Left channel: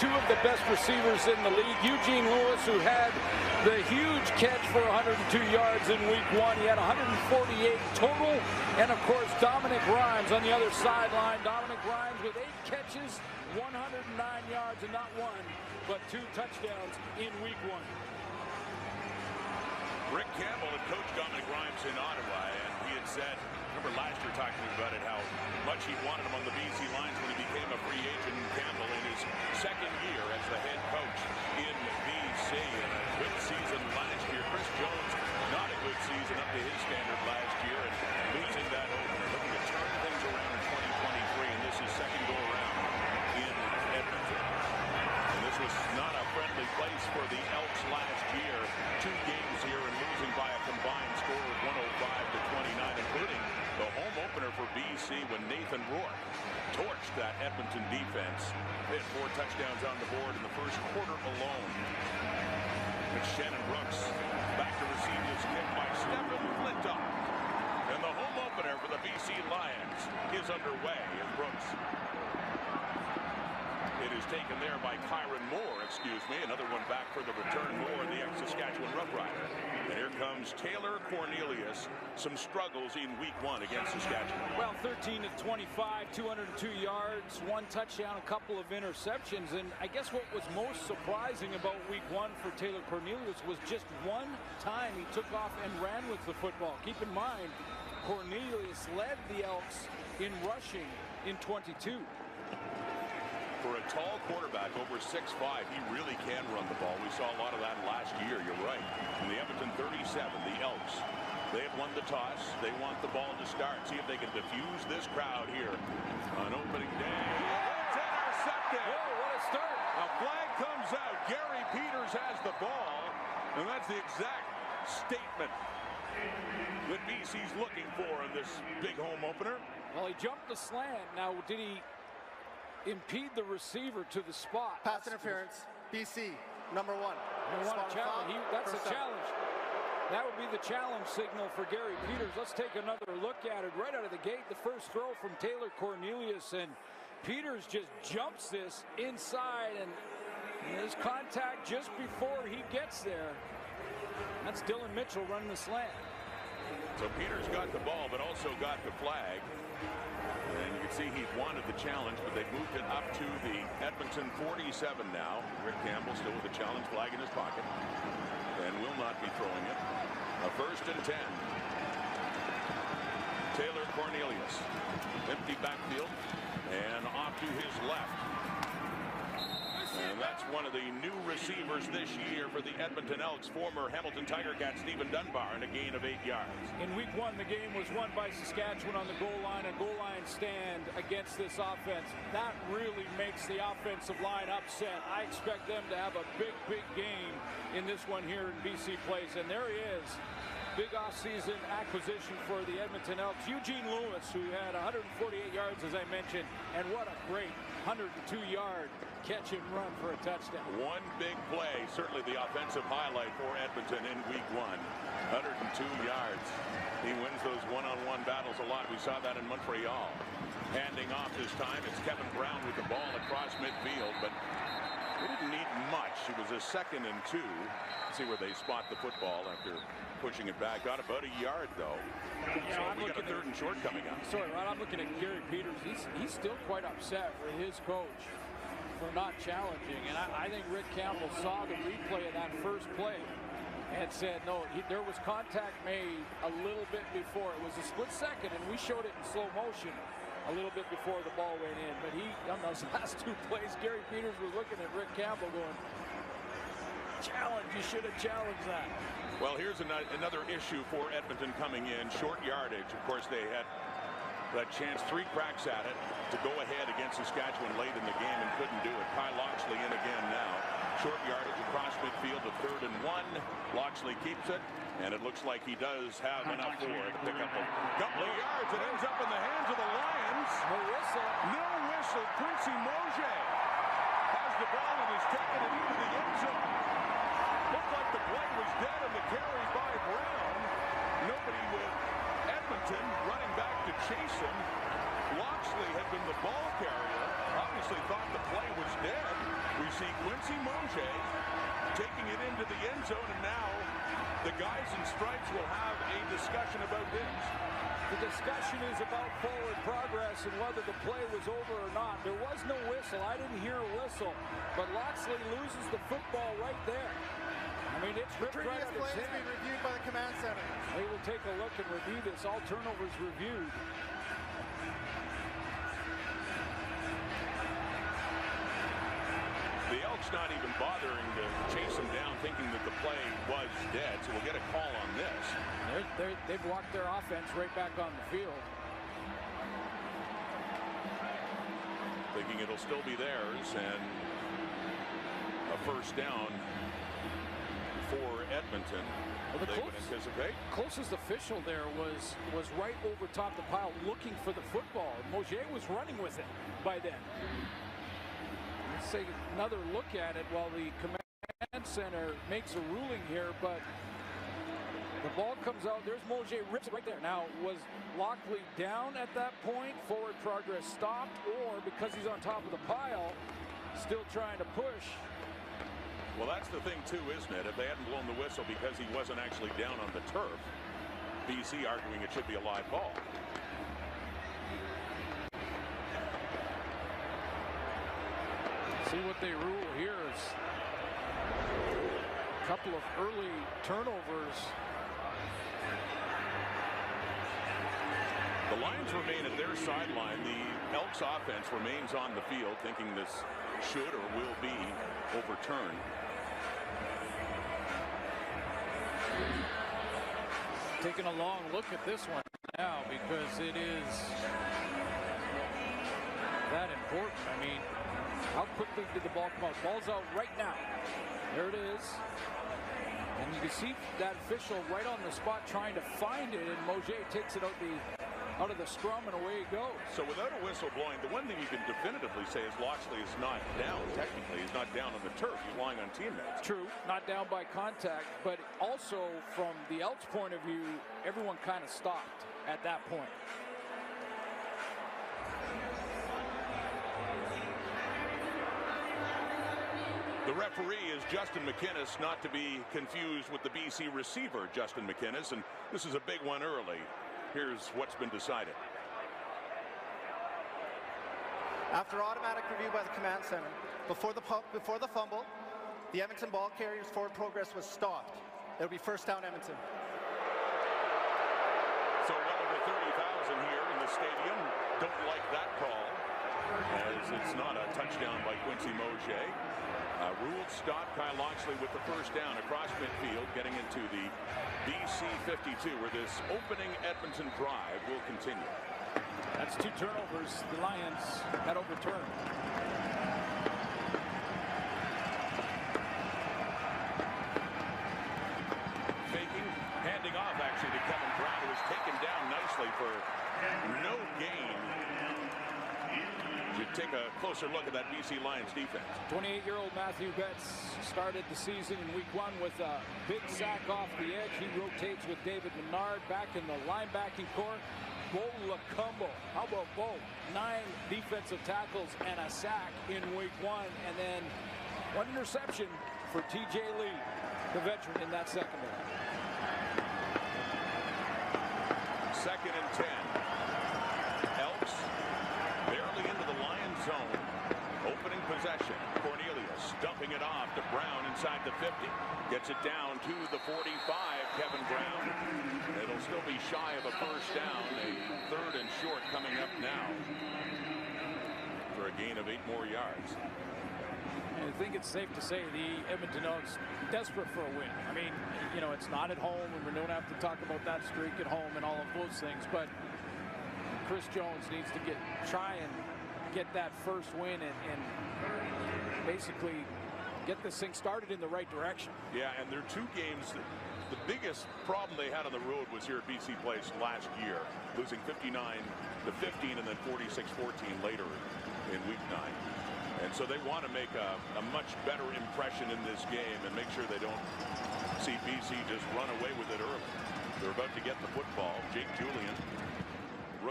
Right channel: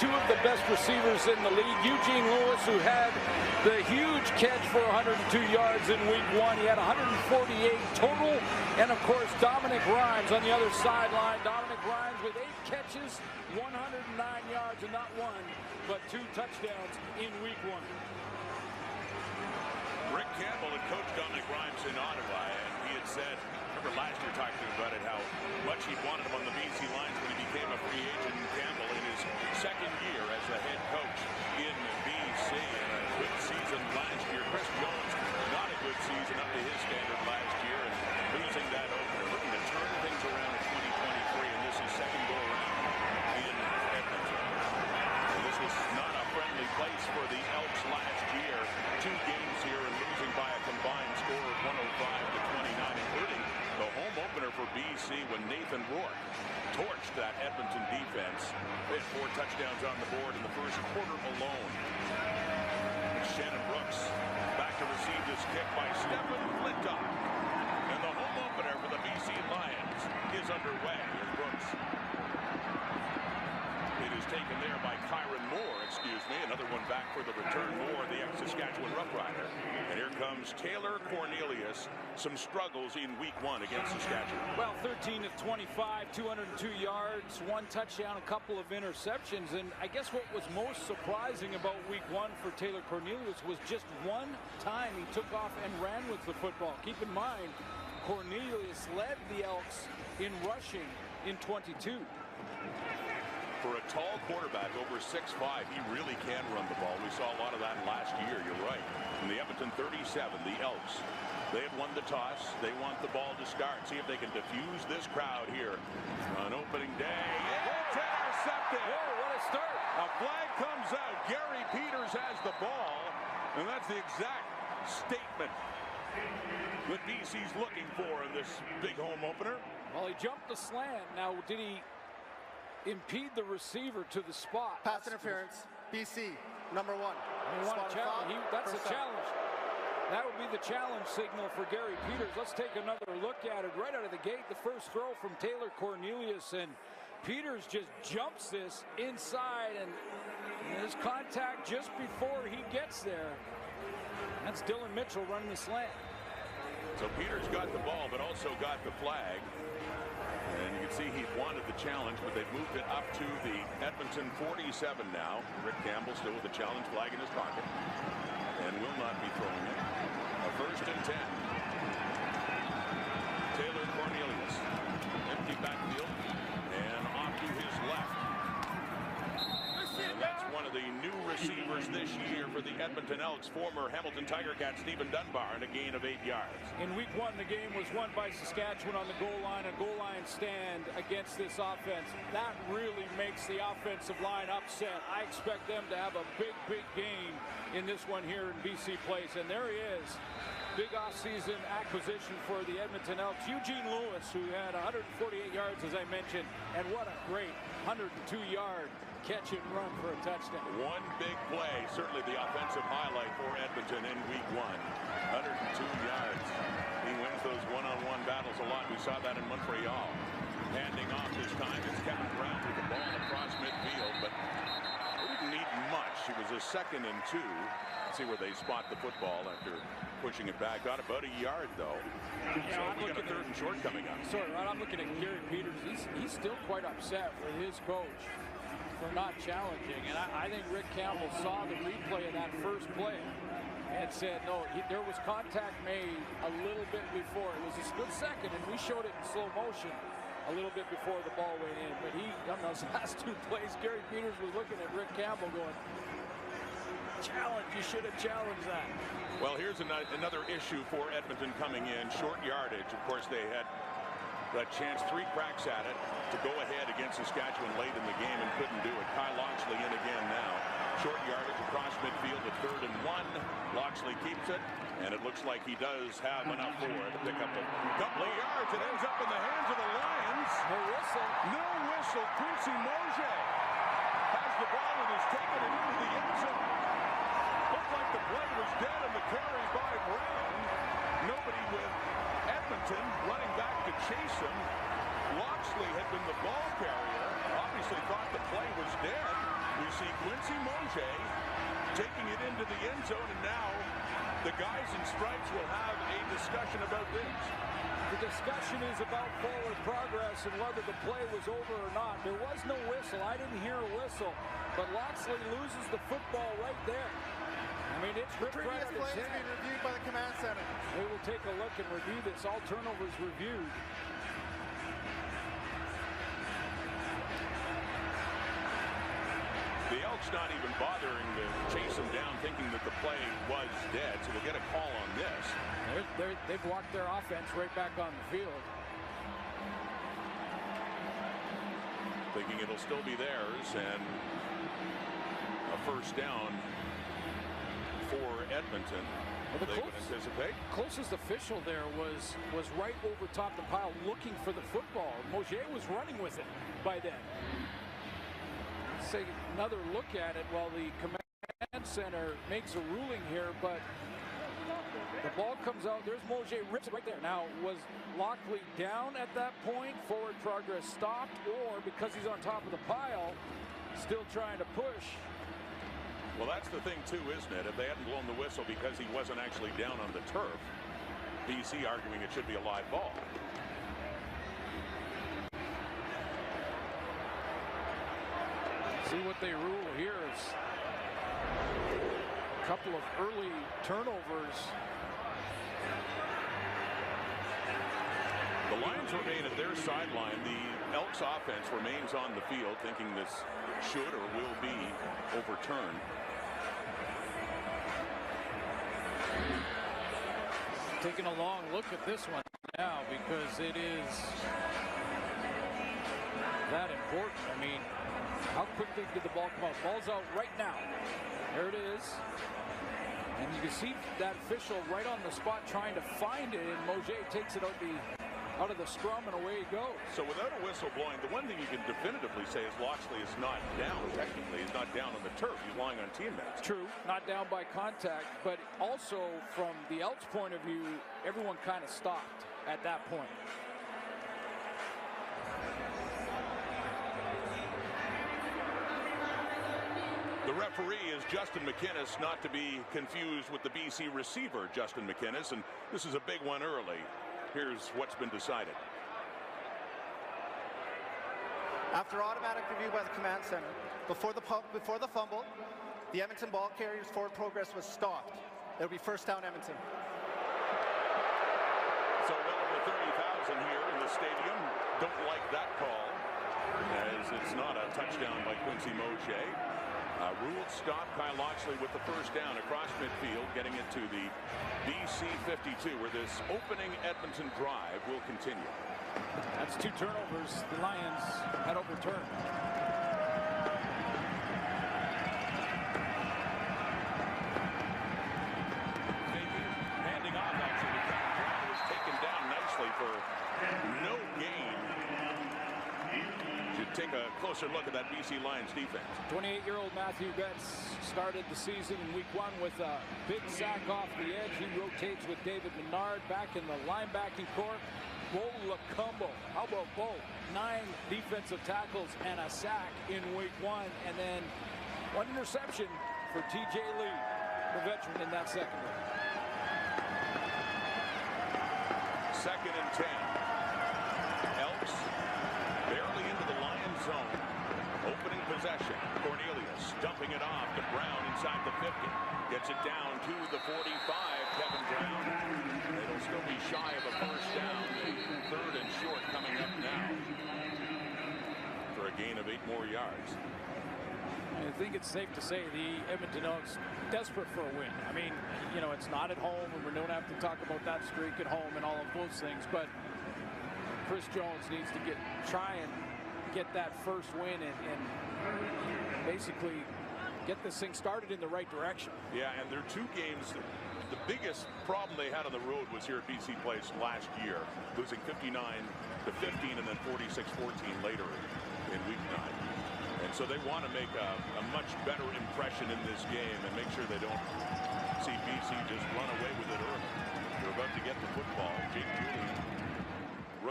two of the best receivers in the league. Eugene Lewis, who had the huge catch for 102 yards in week 1. He had 148 total. And, of course, Dominic Rhymes on the other sideline. Dominic Rhymes with 8 catches, 109 yards, and not one, but 2 touchdowns in week 1. Rick Campbell had coached Dominic Rhymes in Ottawa, and he had said, remember last year talking to him about it, how much he'd wanted him on the BC Lions when he became a free agent. Campbell in his second year as the head coach in BC, and a good season last year. Chris Jones, not a good season up to his standard last year, and losing that opener, looking to turn things around in 2023, and this is second go around in Edmonton. And this was not a friendly place for the Elks last year. 2 games here and losing by a combined score of 105-29, including the home opener for BC when Nathan Rourke torched that Edmonton defense. They had 4 touchdowns on the board in the first quarter alone. And Shannon Brooks back to receive this kick by Stephen Flintoff. And the home opener for the BC Lions is underway as Brooks. It is taken there by Kyron Moore, another one back for the return. Moore, the ex-Saskatchewan Rough Rider. And here comes Taylor Cornelius. Some struggles in week 1 against Saskatchewan. Well, 13 of 25, 202 yards, 1 touchdown, a couple of interceptions. And I guess what was most surprising about week 1 for Taylor Cornelius was just 1 time he took off and ran with the football. Keep in mind, Cornelius led the Elks in rushing in 22. For a tall quarterback over 6'5", he really can run the ball. We saw a lot of that last year. You're right. In the Edmonton 37, the Elks, they had won the toss. They want the ball to start. See if they can diffuse this crowd here on opening day. It's intercepted. Whoa, what a start. A flag comes out. Gary Peters has the ball, and that's the exact statement that BC's looking for in this big home opener. Well, he jumped the slant. Now, did he impede the receiver to the spot? Pass interference. BC, number 1. That's a challenge. That would be the challenge signal for Gary Peters. Let's take another look at it right out of the gate. The first throw from Taylor Cornelius, and Peters just jumps this inside, and there's contact just before he gets there. That's Dylan Mitchell running the slant. So Peters got the ball, but also got the flag. And you can see he wanted the challenge, but they've moved it up to the Edmonton 47 now. Rick Campbell still with the challenge flag in his pocket and will not be throwing it. A 1st and 10. Taylor Cornelius, empty backfield and off to his left. And that's one of the new receivers this year for the Edmonton Elks, former Hamilton Tiger Cat Stephen Dunbar, and a gain of 8 yards. In week 1, the game was won by Saskatchewan on the goal line, a goal line stand against this offense. That really makes the offensive line upset. I expect them to have a big game in this one here in BC Place, and there he is. Big offseason acquisition for the Edmonton Elks. Eugene Lewis, who had 148 yards, as I mentioned, and what a great 102-yard catch and run for a touchdown. One big play, certainly the offensive highlight for Edmonton in week 1. 102 yards. He wins those one-on-one battles a lot. We saw that in Montreal. Handing off this time, it's Kevin Brown with the ball across midfield, but they didn't need much. It was a 2nd and 2. See where they spot the football after pushing it back. Got about a yard, though. Yeah, so we got a 3rd and short coming up. Sorry, Rod, I'm looking at Gary Peters. He's still quite upset with his coach for not challenging, and I think Rick Campbell saw the replay of that first play and said no, there was contact made a little bit before. It was a split second, and we showed it in slow motion a little bit before the ball went in, but on those last 2 plays, Gary Peters was looking at Rick Campbell going, challenge, you should have challenged that. Well, here's another issue for Edmonton coming in. Short yardage. Of course, they had that chance, 3 cracks at it to go ahead against Saskatchewan late in the game and couldn't do it. Kyle Loxley in again now. Short yardage across midfield to 3rd and 1. Loxley keeps it, and it looks like he does have enough for it to pick up a couple of yards. It ends up in the hands of the Lions. No whistle. No whistle. Quincy Mosier has the ball and has taken it into the end zone. Looked like the play was dead and the carry by Brown. Nobody with Edmonton running back to chase him. Loxley had been the ball carrier, obviously thought the play was dead. We see Quincy Mosier taking it into the end zone, and now the guys in stripes will have a discussion about this. The discussion is about forward progress and whether the play was over or not. There was no whistle. I didn't hear a whistle, but Loxley loses the football right there. I mean, it's ripped right out of his hand. Previous plays being reviewed by the command center. They will take a look and review this. All turnovers reviewed. The Elks not even bothering to chase him down, thinking that the play was dead, so we'll get a call on this. They've walked their offense right back on the field. Thinking it'll still be theirs, and a first down for Edmonton. Well, they would anticipate. Closest official there was right over top the pile looking for the football. Mosier was running with it by then. Let's take another look at it while the command center makes a ruling here, but the ball comes out. There's Mosier, rips it right there. Now, was Loxley down at that point? Forward progress stopped, or because he's on top of the pile, still trying to push? Well, that's the thing, too, isn't it? If they hadn't blown the whistle because he wasn't actually down on the turf, BC arguing it should be a live ball. See what they rule here is a couple of early turnovers. The Lions remain at their sideline. The Elks offense remains on the field, thinking this should or will be overturned. Taking a long look at this one now because it is that important. I mean, how quickly did the ball come out? Ball's out right now. There it is. And you can see that official right on the spot trying to find it, and Mosier takes it out of the scrum, and away it goes. So without a whistle blowing, the one thing you can definitively say is Loxley is not down. Technically, he's not down on the turf. He's lying on teammates. True, not down by contact, but also from the Elks' point of view, everyone kind of stopped at that point. The referee is Justin McInnes, not to be confused with the BC receiver, Justin McInnes, and this is a big one early. Here's what's been decided. After automatic review by the command center, before the fumble, the Edmonton ball carrier's forward progress was stopped. It'll be first down, Edmonton. So well over 30,000 here in the stadium don't like that call, as it's not a touchdown by Quincy Mosier. Ruled stop. Kyle Loxley with the first down across midfield, getting it to the BC 52, where this opening Edmonton drive will continue. That's two turnovers the Lions had overturned. Faking, handing off actually to Kevin Brown, who was taken down nicely for no gain. Should take a closer look at that BC Lions defense. 28-year-old Matthew Betts started the season in week 1 with a big sack off the edge. He rotates with David Menard back in the linebacking core. Bo Lacumbo. How about Bo? 9 defensive tackles and a sack in week 1. And then 1 interception for TJ Lee, the veteran in that secondary. 2nd and 10. Elks barely into the Lions zone. Opening possession. Cornelius dumping it off to Brown inside the 50. Gets it down to the 45. Kevin Brown. It'll still be shy of a first down. A 3rd and short coming up now for a gain of 8 more yards. I think it's safe to say the Edmonton Elks desperate for a win. I mean, you know, it's not at home, and we don't have to talk about that streak at home and all of those things, but Chris Jones needs to try and get that first win and basically get this thing started in the right direction. Yeah, and there are 2 games that the biggest problem they had on the road was here at BC Place last year, losing 59-15 and then 46-14 later in week 9. And so they want to make a much better impression in this game and make sure they don't see BC just run away with it early. They're about to get the football. Jake Julian,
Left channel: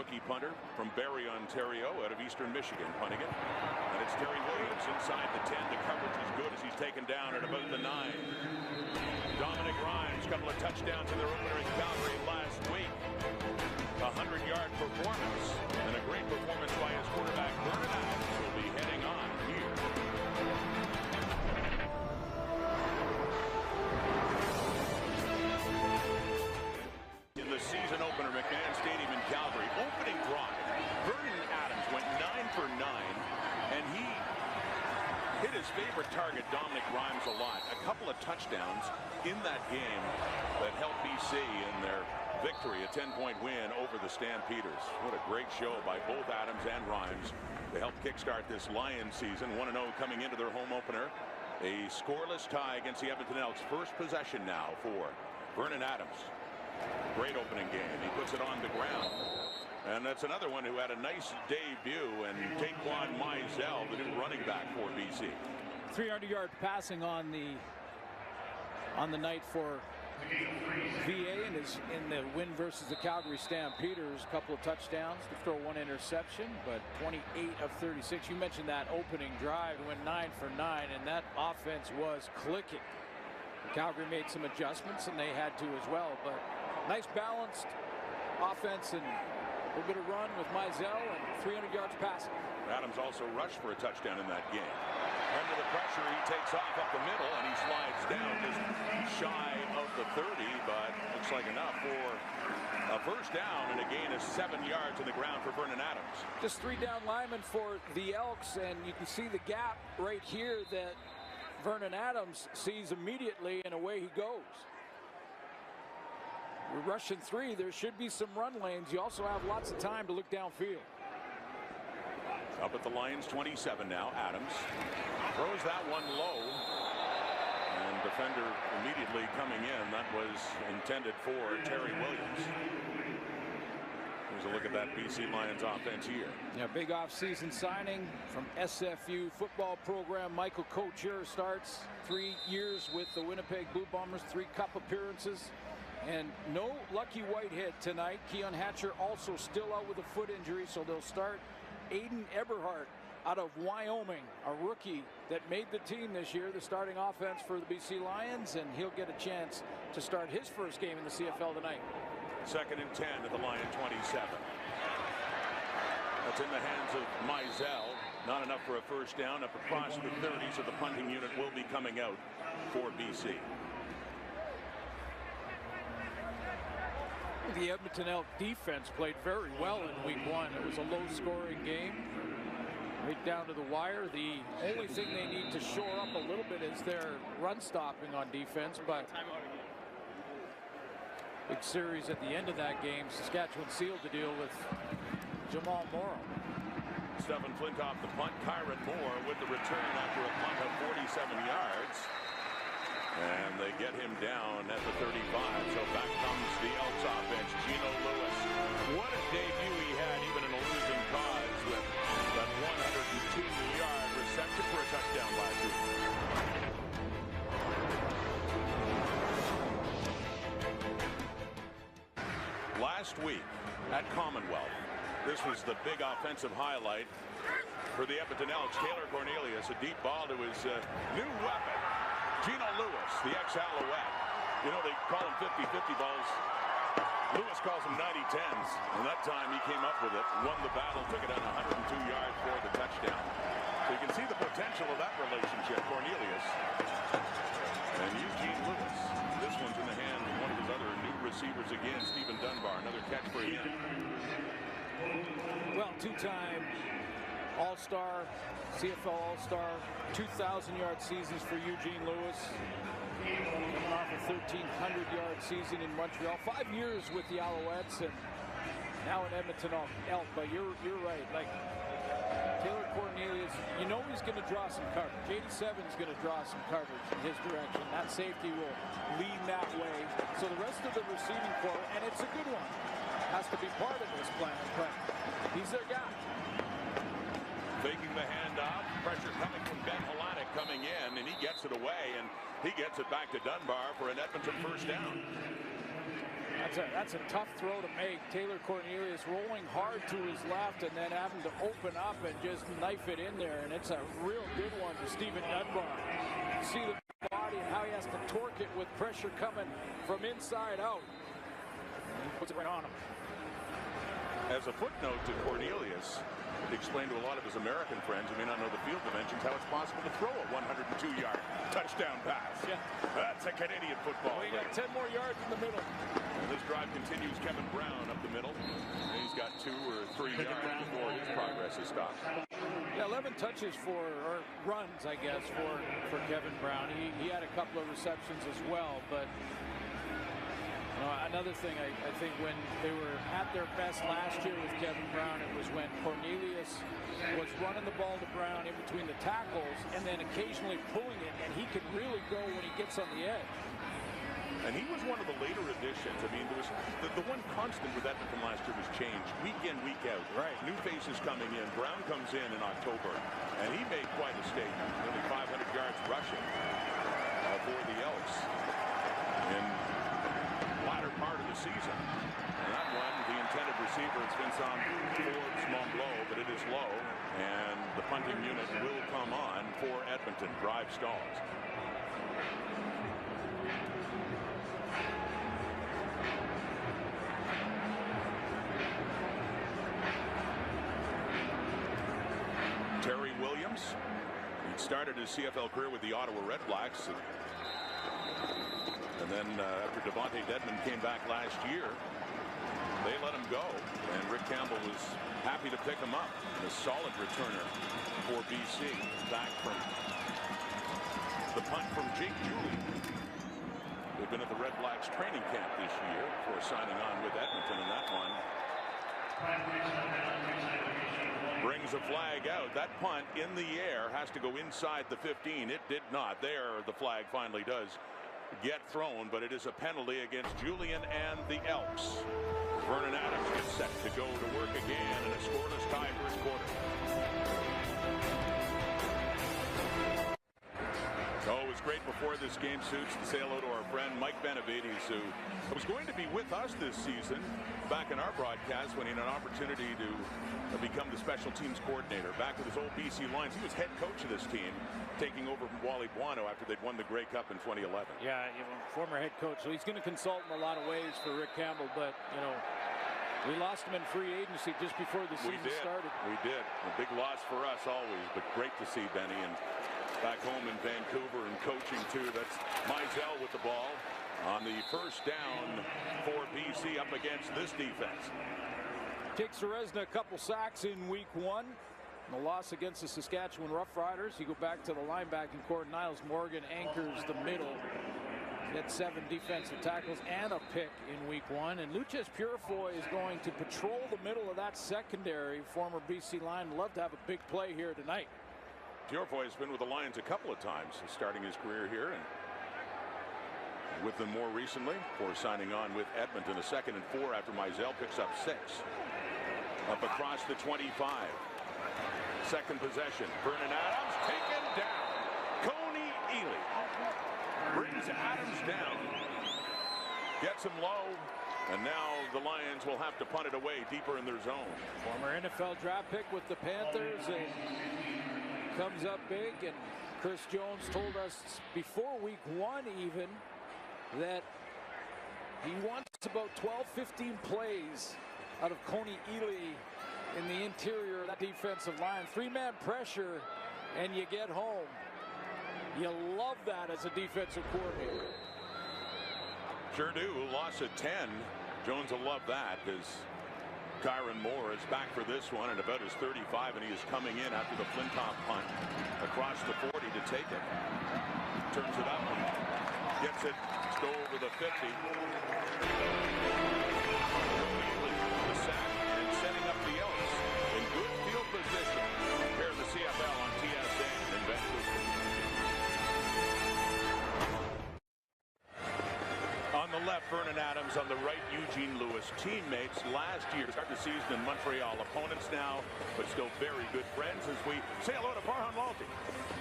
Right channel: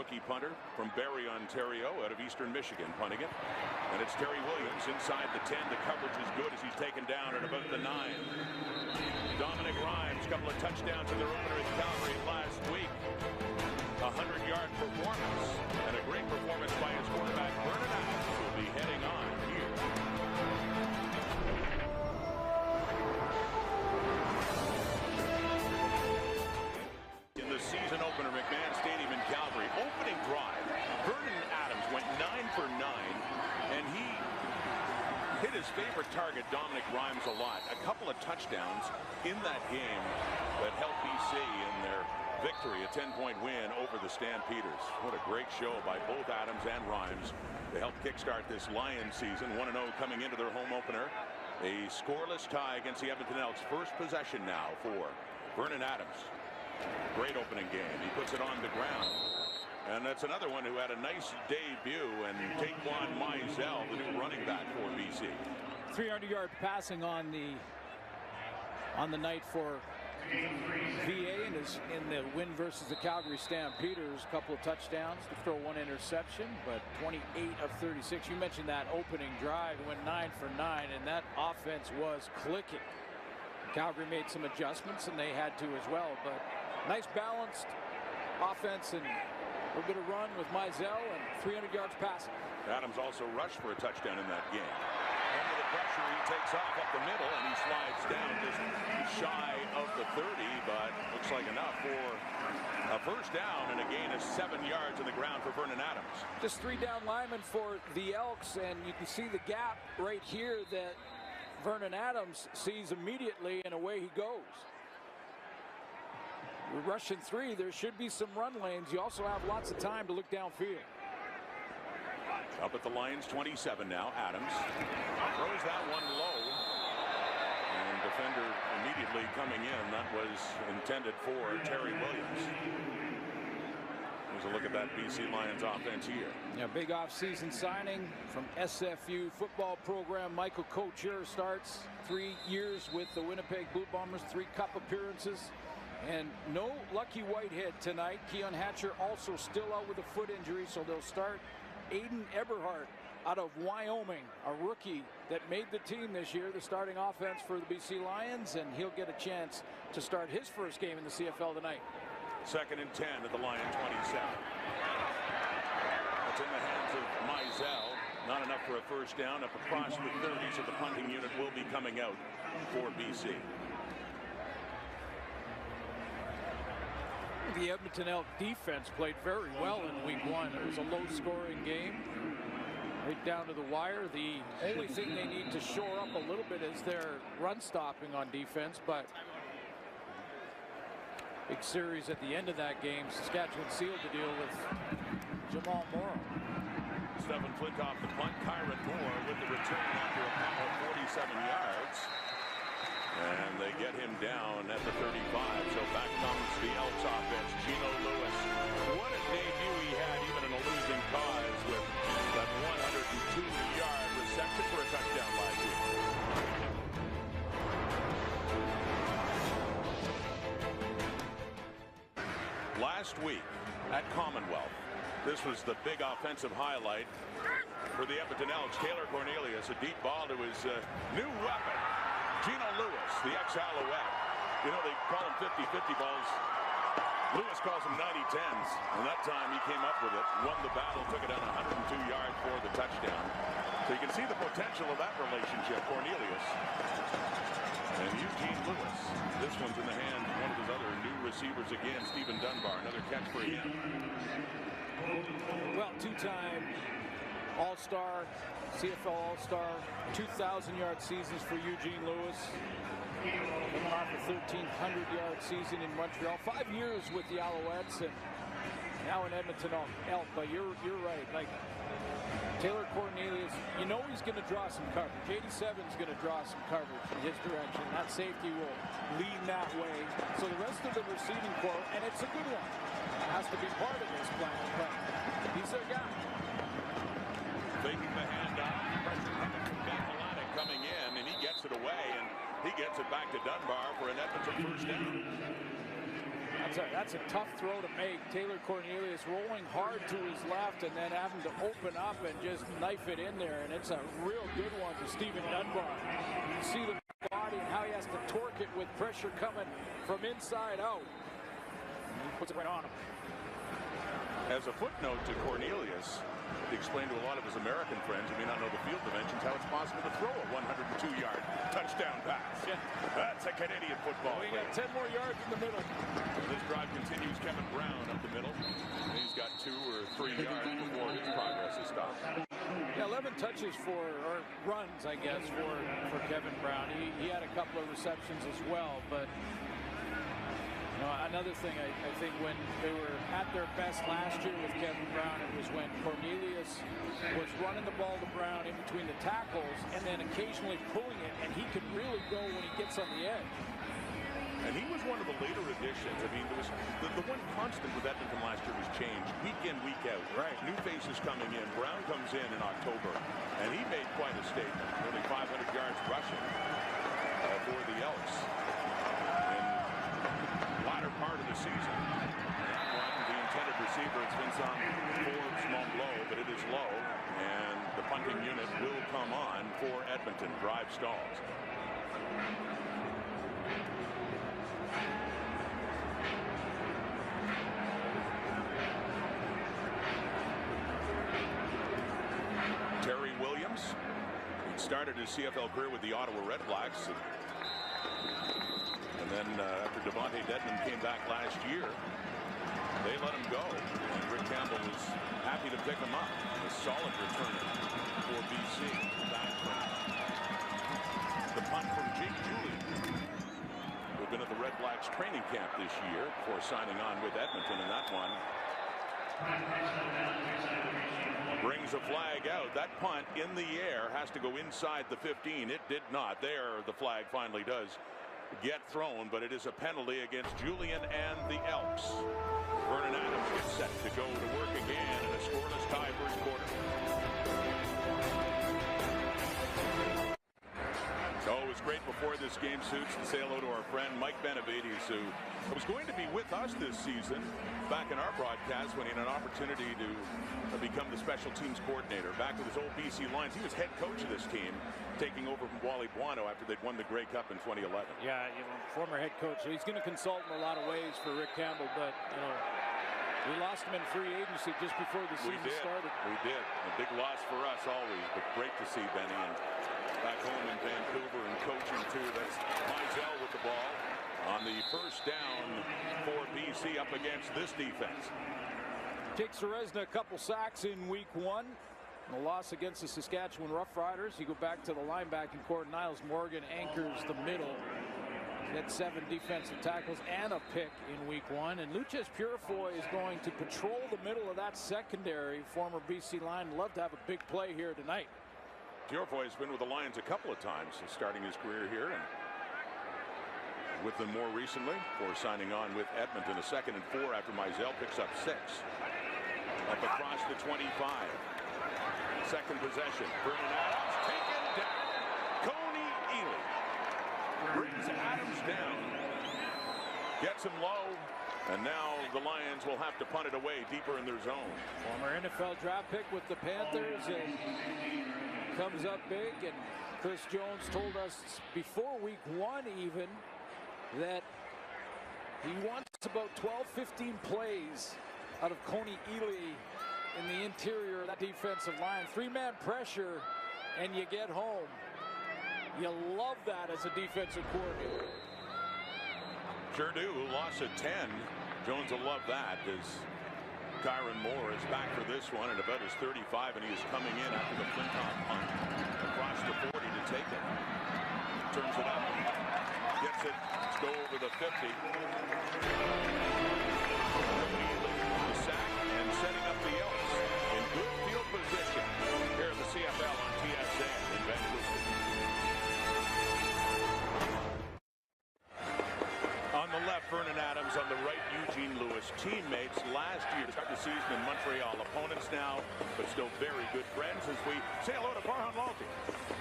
rookie punter from Barrie, Ontario, out of Eastern Michigan, punting it. And it's Terry Williams inside the 10. The coverage is good as he's taken down at about the 9. Dominic Rhymes, couple of touchdowns in their opener in Calgary last week. A 100-yard performance, and a great performance by his quarterback Vernon Adams will be heading on here. In the season opener, McMahon Stadium in Calgary, opening drive, Vernon Adams went 9 for 9, and he hit his favorite target, Dominic Rhymes, a lot. A couple of touchdowns in that game that helped BC in their victory, a 10-point win over the Stampeders. What a great show by both Adams and Rhymes to help kickstart this Lions season. 1-0 coming into their home opener. A scoreless tie against the Edmonton Elks. First possession now for Vernon Adams. Great opening game. He puts it on the ground. And that's another one who had a nice debut, and Taquan Mizell, the new running back for BC. 300-yard passing on the night for VA in the win versus the Calgary Stampeders. A couple of touchdowns to throw one interception, but 28 of 36. You mentioned that opening drive. It went 9 for 9, and that offense was clicking. Calgary made some adjustments, and they had to as well, but nice balanced offense and a little bit of run with Mizell and 300 yards passing. Adams also rushed for a touchdown in that game. Under the pressure, he takes off up the middle, and he slides down just shy of the 30, but looks like enough for a first down and a gain of 7 yards in the ground for Vernon Adams. Just 3 down linemen for the Elks, and you can see the gap right here that Vernon Adams sees immediately, and away he goes. We're rushing 3. There should be some run lanes. You also have lots of time to look downfield. Up at the Lions 27 now. Adams throws that one low, and defender immediately coming in. That was intended for Terry Williams. Here's a look at that BC Lions offense here. Yeah, big offseason signing from SFU football program. Michael Couture starts 3 years with the Winnipeg Blue Bombers, 3 cup appearances. And no Lucky Whitehead tonight. Keon Hatcher also still out with a foot injury, so they'll start Aiden Eberhardt out of Wyoming, a rookie that made the team this year, the starting offense for the BC Lions, and he'll get a chance to start his first game in the CFL tonight. 2nd and 10 at the Lion 27. That's in the hands of Mizell. Not enough for a first down, up across the 30, so the punting unit will be coming out for BC. The Edmonton Elk defense played very well in week 1. It was a low-scoring game, right down to the wire. The only thing they need to shore up a little bit is their run stopping on defense, but big series at the end of that game. Saskatchewan sealed the deal with Jamal Morrow. Stephen Flintoff the punt. Kyron Moore with the return after a punt of 47 yards. And they get him down at the 35. So back comes the Elks offense. Gino Lewis. What a debut he had, even in a losing cause, with that 102-yard reception for a touchdown last week. Last week at Commonwealth, this was the big offensive highlight for the Edmonton Elks. Taylor Cornelius, a deep ball to his new weapon, Gino Lewis, the ex-Alouette. You know, they call him 50-50 balls. Lewis calls them 90-10s. And that time he came up with it, won the battle, took it on 102 yards for the touchdown. So you can see the potential of that relationship, Cornelius and Eugene Lewis. This one's in the hand of one of his other new receivers again, Stephen Dunbar. Another catch for him. Well, 2-time All-Star, CFL All-Star, 2,000-yard seasons for Eugene Lewis. Coming off a 1,300-yard season in Montreal. 5 years with the Alouettes, and now in Edmonton Elk. But you're right. Like Taylor Cornelius, you know he's going to draw some coverage. 87 is going to draw some coverage in his direction. That safety will lean that way. So the rest of the receiving corps, and it's a good one, has to be part of this plan. But he's their guy. Faking the handoff, pressure coming from Ben Polanic coming in, and he gets it away, and he gets it back to Dunbar for an Edmonton first down. That's a tough throw to make. Taylor Cornelius rolling hard to his left and then having to open up and just knife it in there. And it's a real good one to Stephen Dunbar. You can see the body and how he has to torque it with pressure coming from inside out. And he puts it right on him. As a footnote to Cornelius, to explain to a lot of his American friends who may not know the field dimensions how it's possible to throw a 102-yard touchdown pass. Yeah. That's a Canadian football. Well, he got 10 more yards in the middle. And this drive continues. Kevin Brown up the middle. And he's got 2 or 3 yards before his progress is stopped. Yeah, 11 touches or runs, I guess, for Kevin Brown. He had a couple of receptions as well, but another thing, I think when they were at their best last year with Kevin Brown, it was when Cornelius was running the ball to Brown in between the tackles and then occasionally pulling it, and he could really go when he gets on the edge. And he was one of the later additions. I mean, there was the one constant with Edmonton last year was change, week in, week out. Right. New faces coming in. Brown comes in October, and he made quite a statement. Nearly 500 yards rushing for the Elks in latter part of the season. And that one, the intended receiver, it's Vincent Forbes Montbleau, but it is low, and the punting unit will come on for Edmonton. Drive stalls. Terry Williams, he'd started his CFL career with the Ottawa Red Blacks, and then after Devontae Dedmon came back last year, they let him go, and Rick Campbell was happy to pick him up. A solid returner for BC, back from the punt from Jake Julie, who had been at the Red Blacks training camp this year before signing on with Edmonton, and that one brings a flag out. That punt in the air has to go inside the 15. It did not. There, the flag finally does get thrown, but it is a penalty against Julian and the Elks. Vernon Adams gets set to go to work again in a scoreless tie first quarter. Oh, it was great before this game, Suits, to say hello to our friend Mike Benavides, who was going to be with us this season back in our broadcast when he had an opportunity to become the special teams coordinator. Back with his old BC Lions, he was head coach of this team, taking over from Wally Buono after they'd won the Grey Cup in 2011. Yeah, former head coach, so he's going to consult in a lot of ways for Rick Campbell, but we lost him in free agency just before the season started. We did. A big loss for us always, but great to see Benny, and back home in Vancouver and coaching too. That's Mizell with the ball on the first down for BC up against this defense. Jake Serezna, a couple sacks in week 1. The loss against the Saskatchewan Roughriders. You go back to the linebacking core. Niles Morgan anchors the middle. He had 7 defensive tackles and a pick in week 1. And Lucius Purifoy is going to patrol the middle of that secondary. Former BC Lion. Love to have a big play here tonight. Purifoy has been with the Lions a couple of times, starting his career here, and with them more recently for signing on with Edmonton. A 2nd and 4 after Mizell picks up 6. Up across the 25. Second possession. Vernon Adams taken down. Coney Ely brings Adams down. Gets him low. And now the Lions will have to punt it away deeper in their zone. Former NFL draft pick with the Panthers and comes up big. And Chris Jones told us before week 1 even that he wants about 12-15 plays out of Coney Ely in the interior of that defensive line. 3-man pressure, and you get home. You love that as a defensive coordinator. Sure do. Loss of 10. Jones will love that as Kyron Moore is back for this one at about his 35, and he is coming in after the Flintoff punt across the 40 to take it. Turns it up and gets it just over the 50. Coney Ely, the sack, and setting up the Elks in good field position here in the CFL on TSN in Vancouver. On the left, Vernon Adams. On the right, Eugene Lewis. Teammates last year to start the season in Montreal. Opponents now, but still very good friends as we say hello to Farhan Lalji.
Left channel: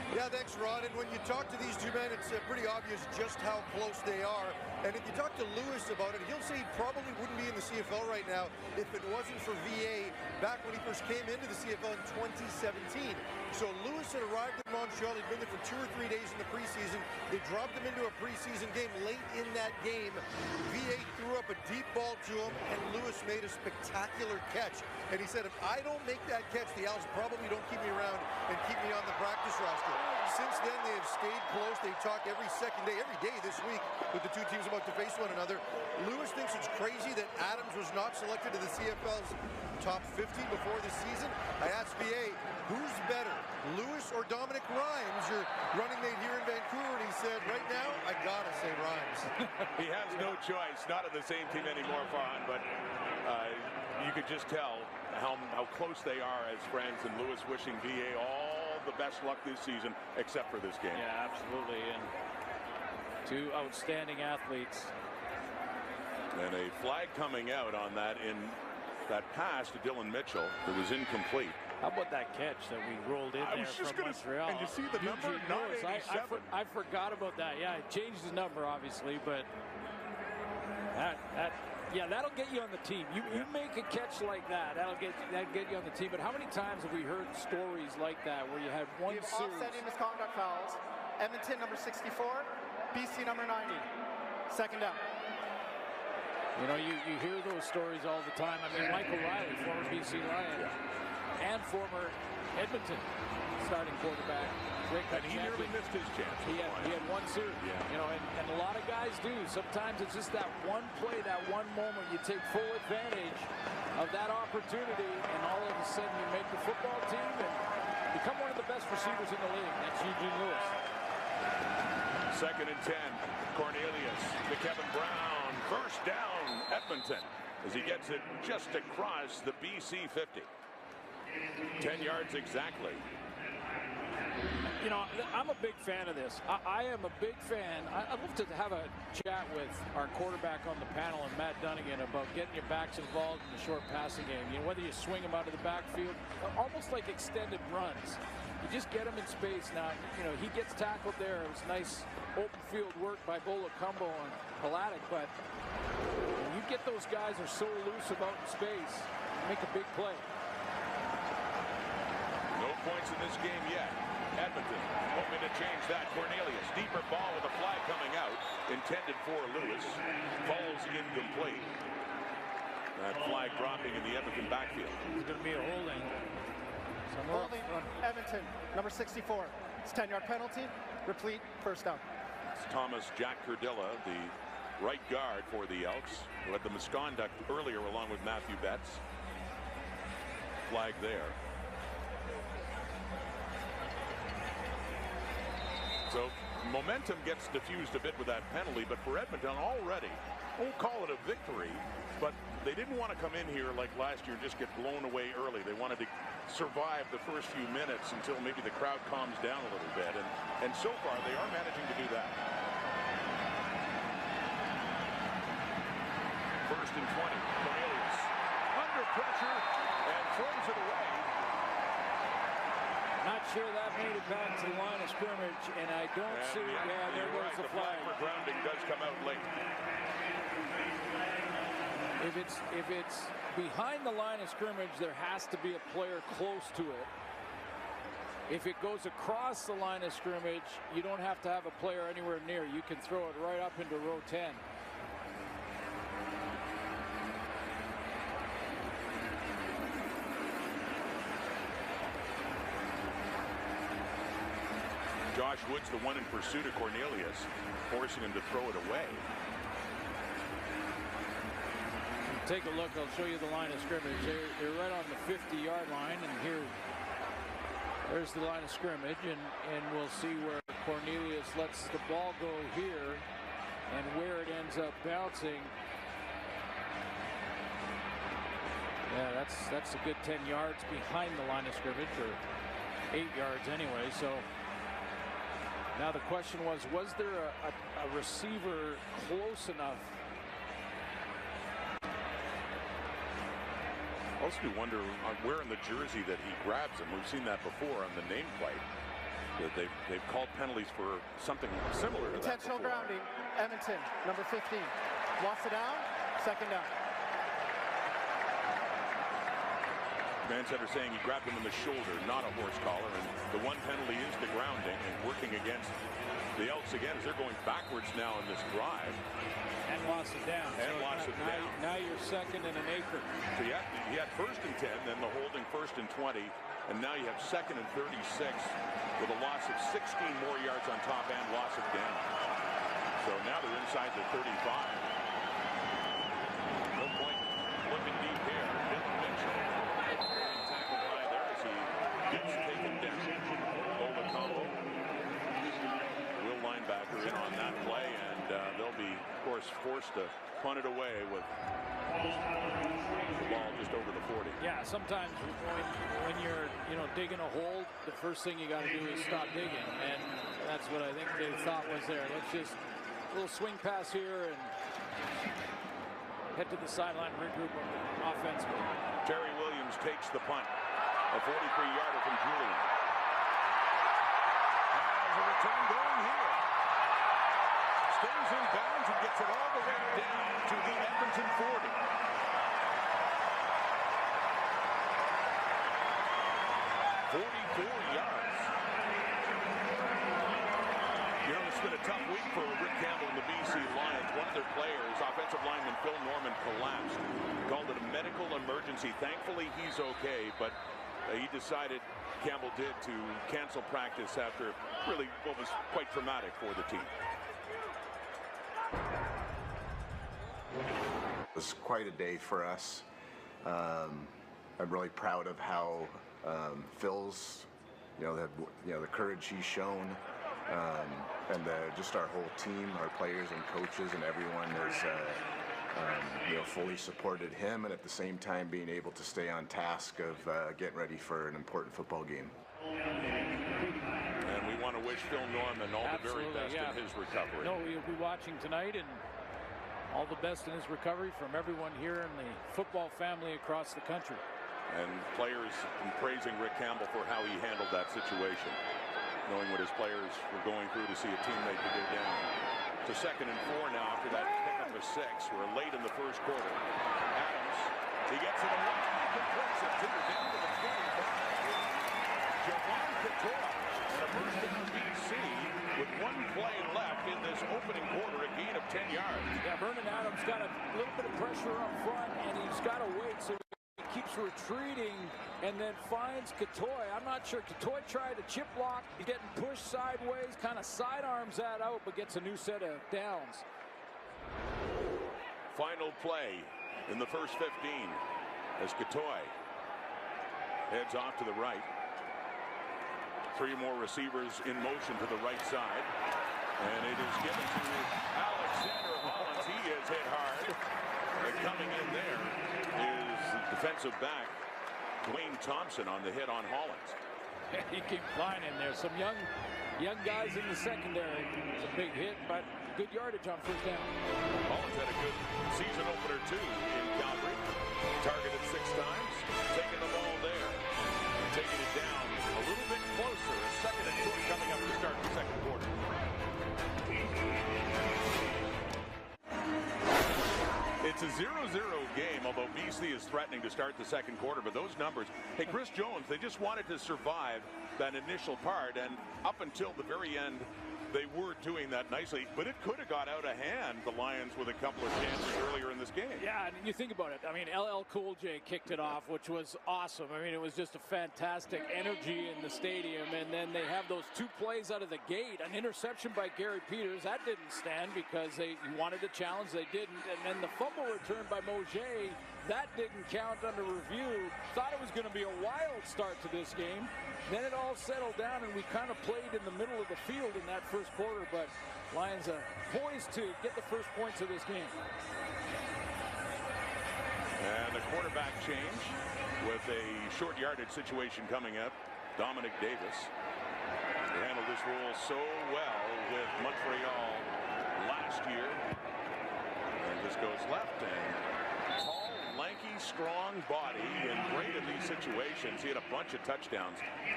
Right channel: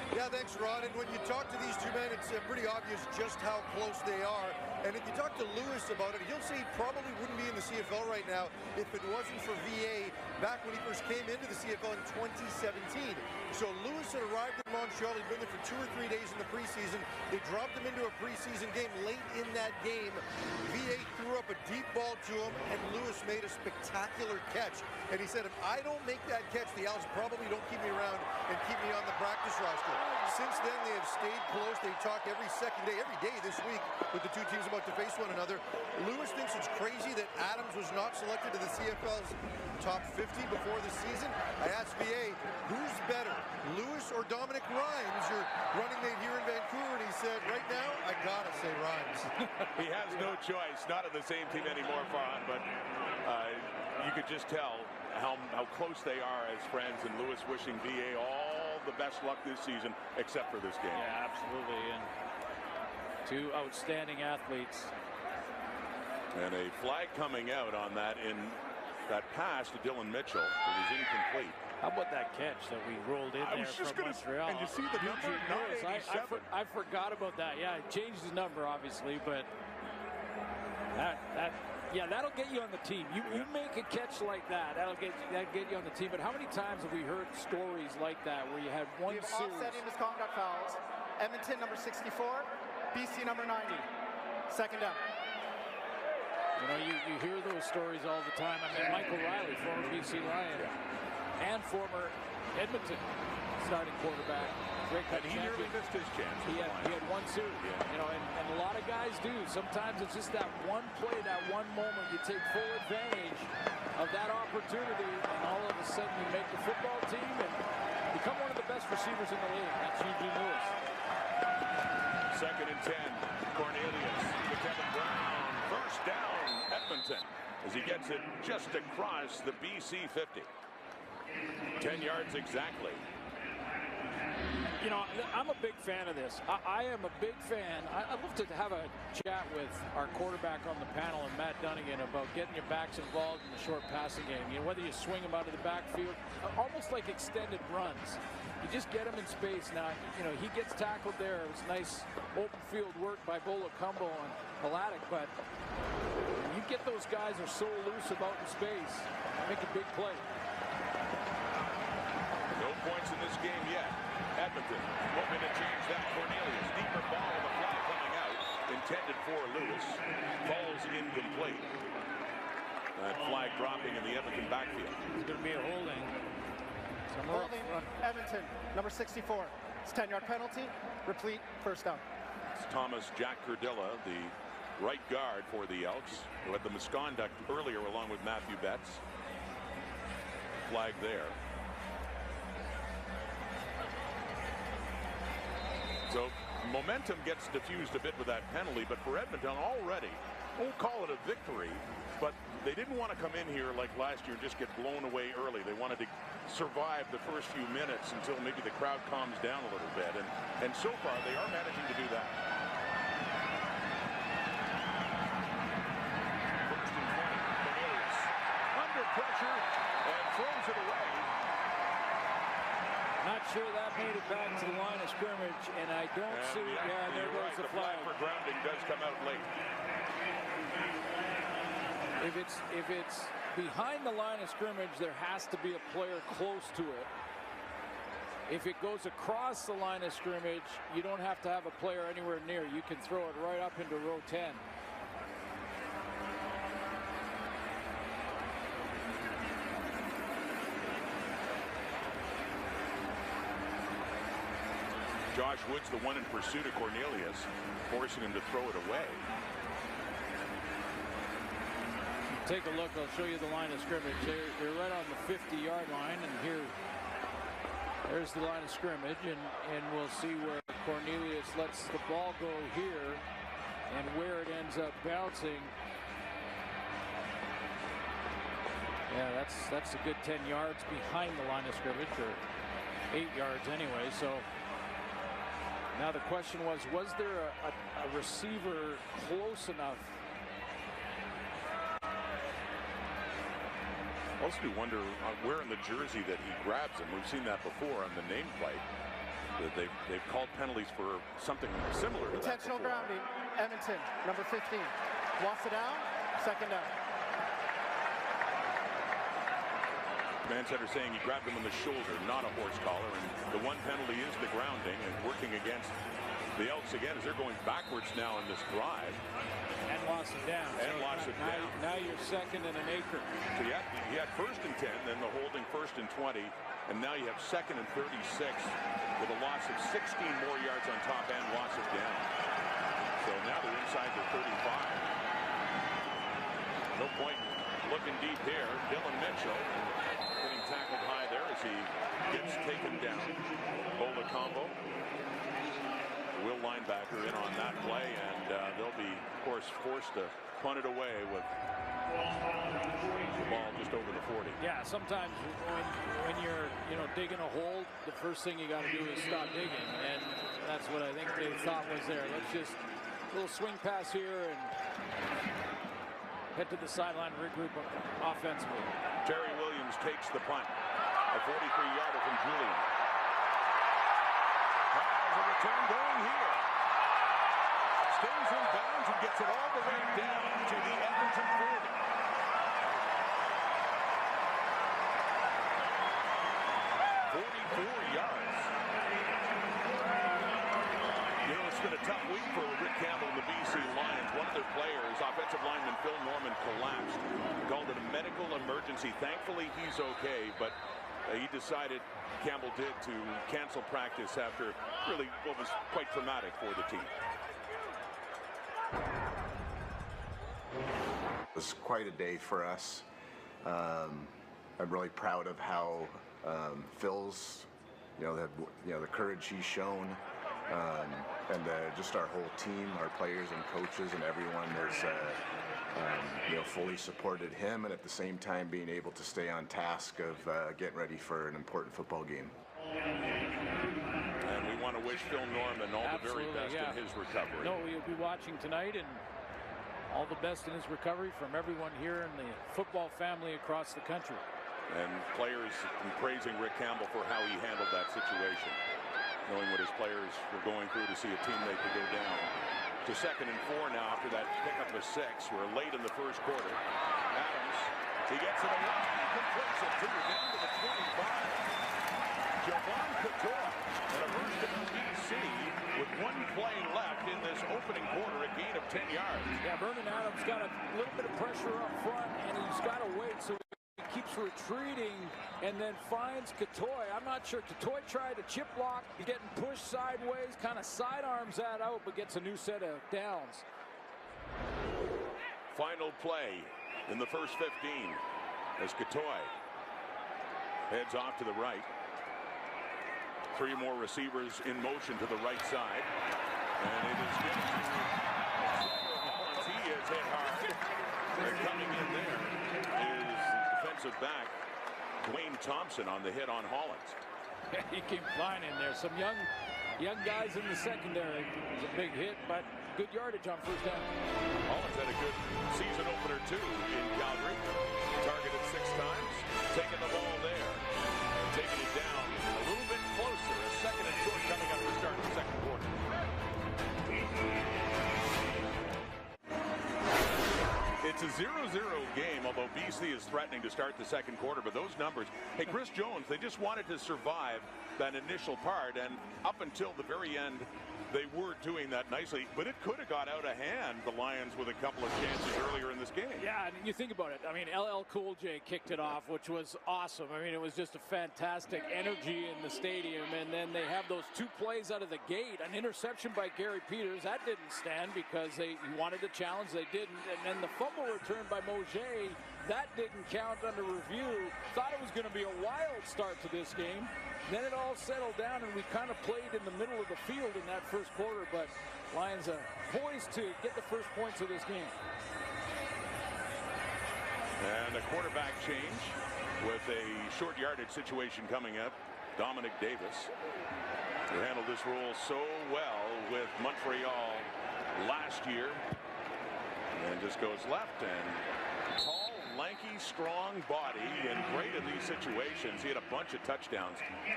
Yeah, thanks, Rod. And when you talk to these two men, it's pretty obvious just how close they are. And if you talk to Lewis about it, he'll say he probably wouldn't be in the CFL right now if it wasn't for VA back when he first came into the CFL in 2017. So Lewis had arrived in Montreal. He'd been there for 2 or 3 days in the preseason. They dropped him into a preseason game. Late in that game, VA threw up a deep ball to him, and Lewis made a spectacular catch. And he said, if I don't make that catch, the Owls probably don't keep me around and keep me on the practice roster. Since then, they have stayed close. They talk every second day, every day this week with the two teams about to face one another. Lewis thinks it's crazy that Adams was not selected to the CFL's top 50 before the season. I asked VA, who's better, Lewis or Dominic Rhymes, your running mate here in Vancouver? And he said, right now, I gotta say Rhymes. He has no choice. Not on the same team anymore, Farhan, but you could just tell how close they are as friends, and Lewis wishing VA all the best luck this season, except for this game. Yeah, absolutely. And two outstanding athletes. And a flag coming out on that pass to Dylan Mitchell that was incomplete. How about that catch that we rolled in there from Montreal? And you see the number, 987. I forgot about that. Yeah, it changed his number, obviously, but that'll get you on the team. You make a catch like that, that'll get you on the team. But how many times have we heard stories like that where you had one We have series? offsetting misconduct fouls. Edmonton number 64, BC number 90. Second down. You know, you hear those stories all the time. I mean, Michael Riley, former BC Lion, and former Edmonton starting quarterback. Grey Cup and he champion. nearly missed his chance. He had one series. Yeah. You know, and a lot of guys do. Sometimes it's just that one play, that one moment. You take full advantage of that opportunity, and all of a sudden you make the football team and become one of the best receivers in the league. That's Eugene Lewis. 2nd and 10. Cornelius to Kevin Brown. First down, Edmonton, as he gets it just across the BC 50. 10 yards exactly. You know, I'm a big fan of this. I am a big fan. I'd love to have a chat with our quarterback on the panel and Matt Dunnigan about getting your backs involved in the short passing game. You know, whether you swing them out of the backfield, almost like extended runs. You just get them in space. Now, you know, he gets tackled there. It was nice open field work by Bolacumbo and Haladic, but when you get those guys are so elusive out in space, you make a big play. No points in this game yet. Edmonton hoping to change that. Cornelius, deeper ball with a flag coming out, intended for Lewis, falls incomplete. That flag dropping in the Edmonton backfield. It's going to be a holding. Holding Edmonton, number 64. It's a 10-yard penalty, replete, first down. It's Thomas Jack Curdilla, the right guard for the Elks, who had the misconduct earlier along with Matthew Betts. Flag there. So momentum gets diffused a bit with that penalty, but for Edmonton already, won't call it a victory, but they didn't want to come in here like last year and just get blown away early. They wanted to survive the first few minutes until maybe the crowd calms down a little bit, and so far they are managing to do that. 1st and 20. Cornelius under pressure and throws it away. Not sure that made it back to the line of scrimmage, and I don't see. Yeah, there goes the flag. The flag for grounding does come out late. If it's behind the line of scrimmage, there has to be a player close to it. If it goes across the line of scrimmage, you don't have to have a player anywhere near. You can throw it right up into row 10. Josh Woods, the one in pursuit of Cornelius, forcing him to throw it away. Take a look. I'll show you the line of scrimmage. They're right on the 50-yard line, and there's the line of scrimmage, and we'll see where Cornelius lets the ball go here and where it ends up bouncing. Yeah, that's a good 10 yards behind the line of scrimmage, or 8 yards anyway. So now the question was there a receiver close enough? Also do wonder where in the jersey that he grabs him. We've seen that before on the nameplate. they've called penalties for something similar to intentional that before. grounding. Edmonton, number 15. Lost it down, second down. Command center saying he grabbed him on the shoulder, not a horse collar, and the one penalty is the grounding, and working against the Elks again as they're going backwards now in this drive. And lost it down. And lost it down. Now you're second and an acre. So you had first and 10, then the holding first and 20, and now you have second and 36 with a loss of 16 more yards on top and loss of down. So now they're inside the 35. No point looking deep here. Dylan Mitchell getting tackled high there as he gets taken down. Bola combo. Will linebacker in on that play, and they'll be, of course, forced to punt it away with the ball just over the 40. Yeah, sometimes when you're digging a hole, the first thing you got to do is stop digging, and that's what I think they thought was there. Let's just a little swing pass here and head to the sideline, regroup offensively. Terry Williams takes the punt, a 43-yarder from Julian. Has a return going here. Stays in bounds and gets it all the way down to the Edmonton 40. "44 yards. You know, it's been a tough week for Rick Campbell and the BC Lions. One of their players, offensive lineman Phil Norman, collapsed. Called it a medical emergency. Thankfully, he's okay, but he decided, Campbell did, to cancel practice after really what was quite traumatic for the team. It was quite a day for us. I'm really proud of how Phil's, the courage he's shown, and just our whole team, our players and coaches and everyone has, fully supported him, and at the same time being able to stay on task of getting ready for an important football game. And we want to wish Phil Norman all the very best in his recovery. No, we'll be watching tonight, and all the best in his recovery from everyone here in the football family across the country. And players praising Rick Campbell for how he handled that situation, knowing what his players were going through to see a teammate to go down. To 2nd and 4 now after that pickup of 6. We're late in the first quarter. Adams, he gets it away, he completes it down to the 25. Javon Couture and a first down BC with 1 play left in this opening quarter, a gain of 10 yards. Yeah, Vernon Adams got a little bit of pressure up front, and he's got to wait, so he keeps retreating and then finds Couture. I'm not sure. Couture tried to chip block. He's getting pushed sideways, kind of sidearms that out, but gets a new set of downs. Final play in the first 15 as Couture heads off to the right. 3 more receivers in motion to the right side. And it is given to Alexander Hollins. He is hit hard. Coming in there is the defensive back, Dwayne Thompson, on the hit on Hollins. He came flying in there. Some young guys in the secondary. It's a big hit, but good yardage on first down. Hollins had a good season opener, too, in Calgary. Targeted 6 times, taking the ball there. And taking it down a little bit closer. A 2nd and short coming up to start the second quarter. It's a 0-0 game, although BC is threatening to start the second quarter. But those numbers, hey, Chris Jones, they just wanted to survive that initial part. And up until the very end, they were doing that nicely. But it could have got out of hand, the Lions, with a couple of chances earlier in this game. Yeah, and you think about it. I mean, LL Cool J kicked it off, which was awesome. I mean, it was just a fantastic energy in the stadium. And then they have those 2 plays out of the gate. An interception by Gary Peters. That didn't stand because he wanted to challenge. They didn't. And then the fumble return by Mauger, that didn't count under review. Thought it was going to be a wild start to this game. Then it all settled down, and we kind of played in the middle of the field in that first quarter, but Lions poised to get the first points of this game. And a quarterback change with a short yardage situation coming up. Dominic Davis, who handled this role so well with Montreal last year, and just goes left. And tall, lanky, strong body, and great in these situations. He had a bunch of touchdowns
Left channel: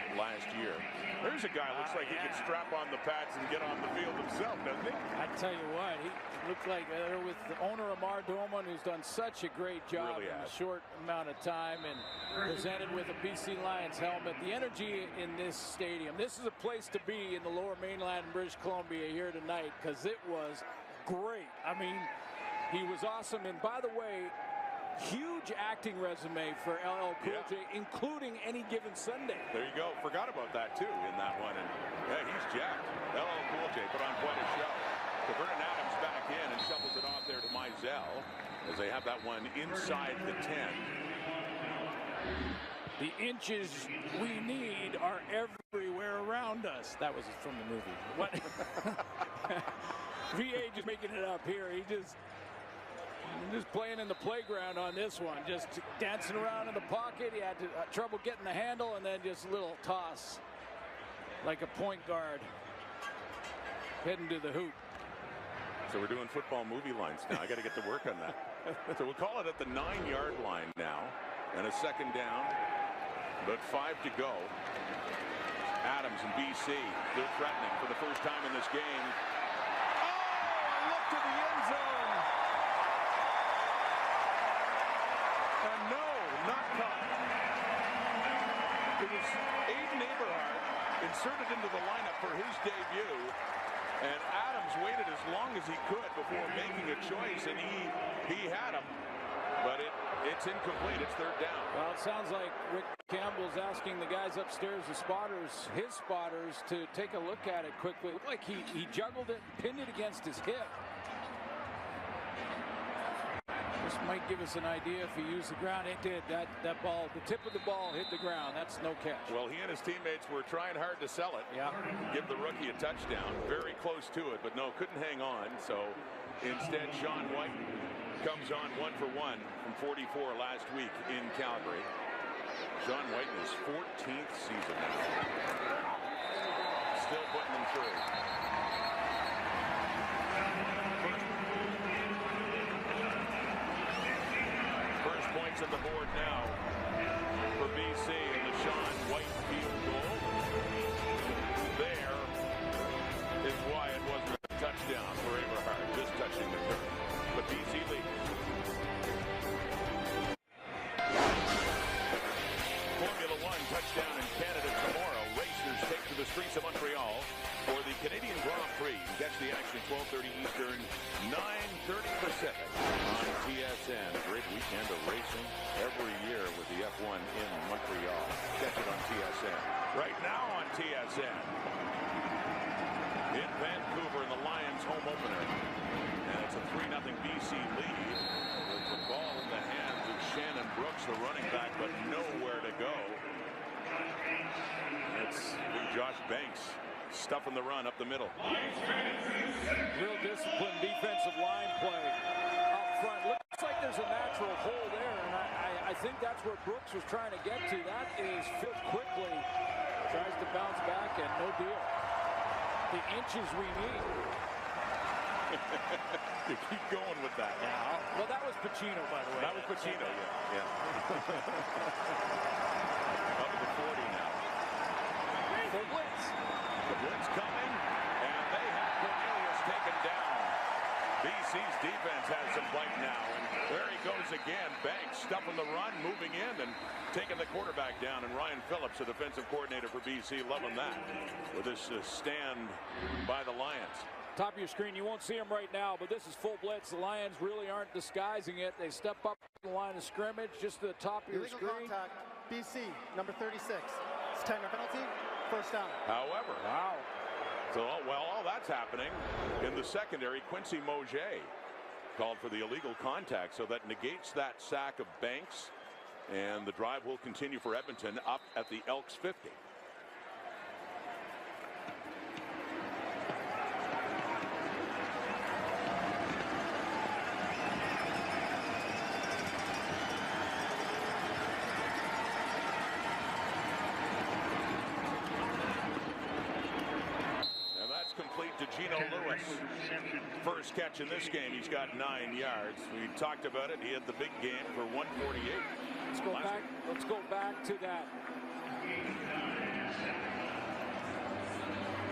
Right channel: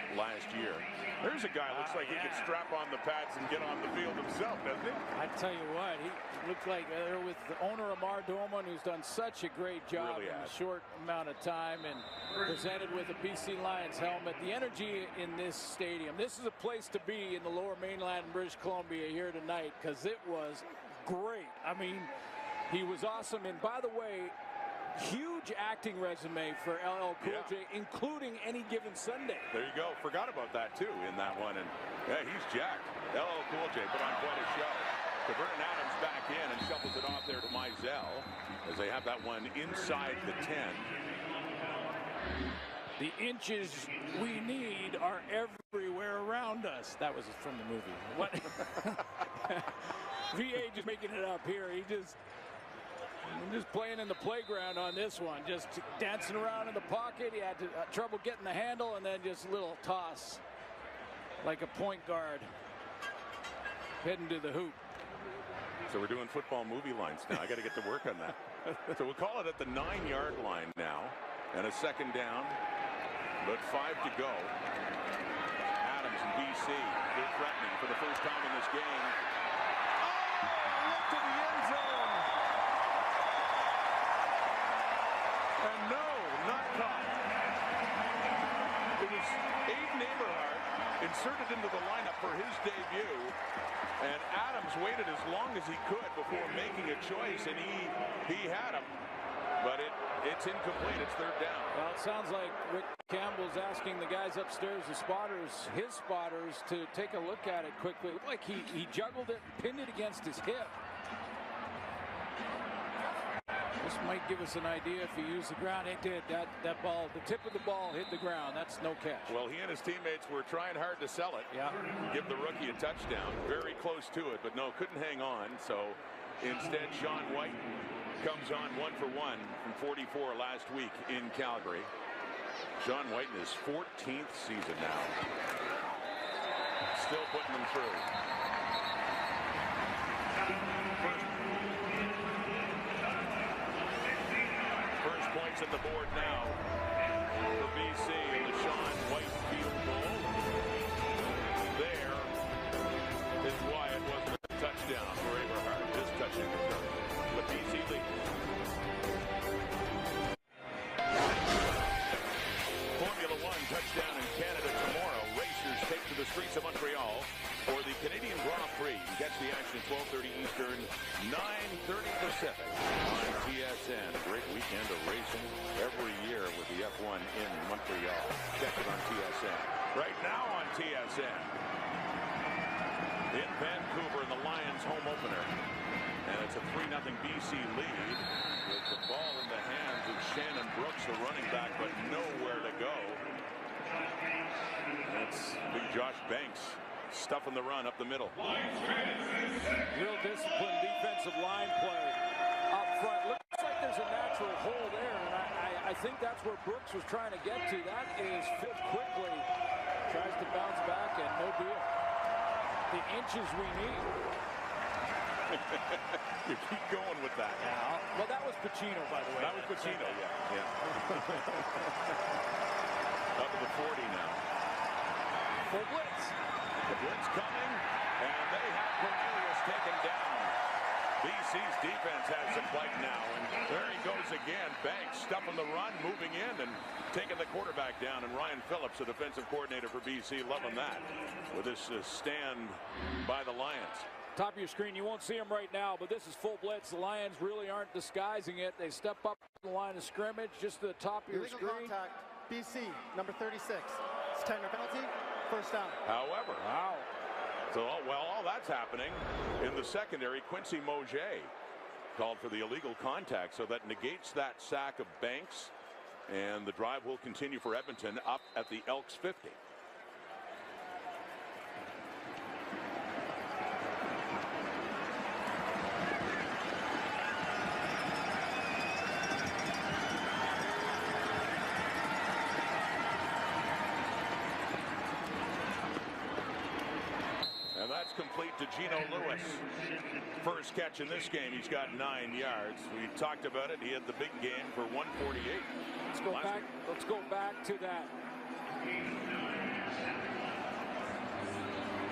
last year. There's a guy who looks like he could strap on the pads and get on the field himself, doesn't he? I tell you what, he looked like they're with the owner Amar Doman, who's done such a great job Really in a short amount of time, and presented with a BC Lions helmet. The energy in this stadium, this is a place to be in the Lower Mainland in British Columbia here tonight, because it was great. I mean, he was awesome. And by the way, huge acting resume for LL Cool J, including Any Given Sunday. There you go. Forgot about that too in that one. And yeah, he's jacked. LL Cool J put on quite a show. So Vernon Adams back in and shovels it off there to Mizell as they have that one inside the 10. The inches we need are everywhere around us. That was from the movie. What? VA just making it up here. He just playing in the playground on this one, just dancing around in the pocket. He had trouble getting the handle, and then just a little toss like a point guard heading to the hoop. So we're doing football movie lines now. I got to get to work on that. So we'll call it at the 9-yard line now, and a second down, but 5 to go. Adams and BC, they're threatening for the first time in this game. Oh, a look to the end zone. And no, not caught. It was Aiden Eberhardt inserted into the lineup for his debut, and Adams waited as long as he could before making a choice, and he had him, but it's incomplete. It's third down. Well, it sounds like Rick Campbell's asking the guys upstairs, the spotters, his spotters, to take a look at it quickly. It looked like he juggled it and pinned it against his hip. This might give us an idea if he used the ground. It did. That ball, the tip of the ball hit the ground. That's no catch. Well, he and his teammates were trying hard to sell it. Yeah. Give the rookie a touchdown. Very close to it, but no, couldn't hang on. So instead, Sean White comes on 1 for 1 from 44 last week in Calgary. Sean White in his 14th season now. Still putting them through. First points on the board now for BC and the Sean White field goal. And there is why it wasn't a touchdown for Eberhardt, just touching the turf. But BC leads. Formula One touchdown in Canada tomorrow. Racers take to the streets of Montreal for the Canadian Grand Prix. You can catch the action at 12:30 Eastern, 9:30 Pacific on TSN. A great weekend of racing every year with the F1 in Montreal. Catch it on TSN. Right now on TSN. In Vancouver in the Lions home opener. And it's a 3-0 BC lead with the ball in the hands of Shannon Brooks, the running back, but nowhere to go. That's big Josh Banks stuffing the run up the middle. Real disciplined defensive line play up front. Looks like there's a natural hole there, and I think that's where Brooks was trying to get to. That is filled quickly. Tries to bounce back, and no deal. The inches we need. You keep going with that. Yeah. Well, that was Pacino, by the way. That was Pacino, yeah. Up at the 40 now. Full blitz. The blitz coming, and they have Cornelius taken down. BC's defense has some bite now, and there he goes again. Banks stuffing the run, moving in, and taking the quarterback down. And Ryan Phillips, the defensive coordinator for BC, loving that with this stand by the Lions. Top of your screen, you won't see them right now, but this is full blitz. The Lions really aren't disguising it. They step up the line of scrimmage just to the top of your Illegal screen. Contact, BC, number 36. It's 10-yard penalty, first down. However, wow. So, well, all that's happening in the secondary. Quincy Moget called for the illegal contact, so that negates that sack of Banks, and the drive will continue for Edmonton up at the Elks 50. Complete to Gino Lewis. First catch in this game. He's got 9 yards. We talked about it. He had the big game for 148. Let's go back to that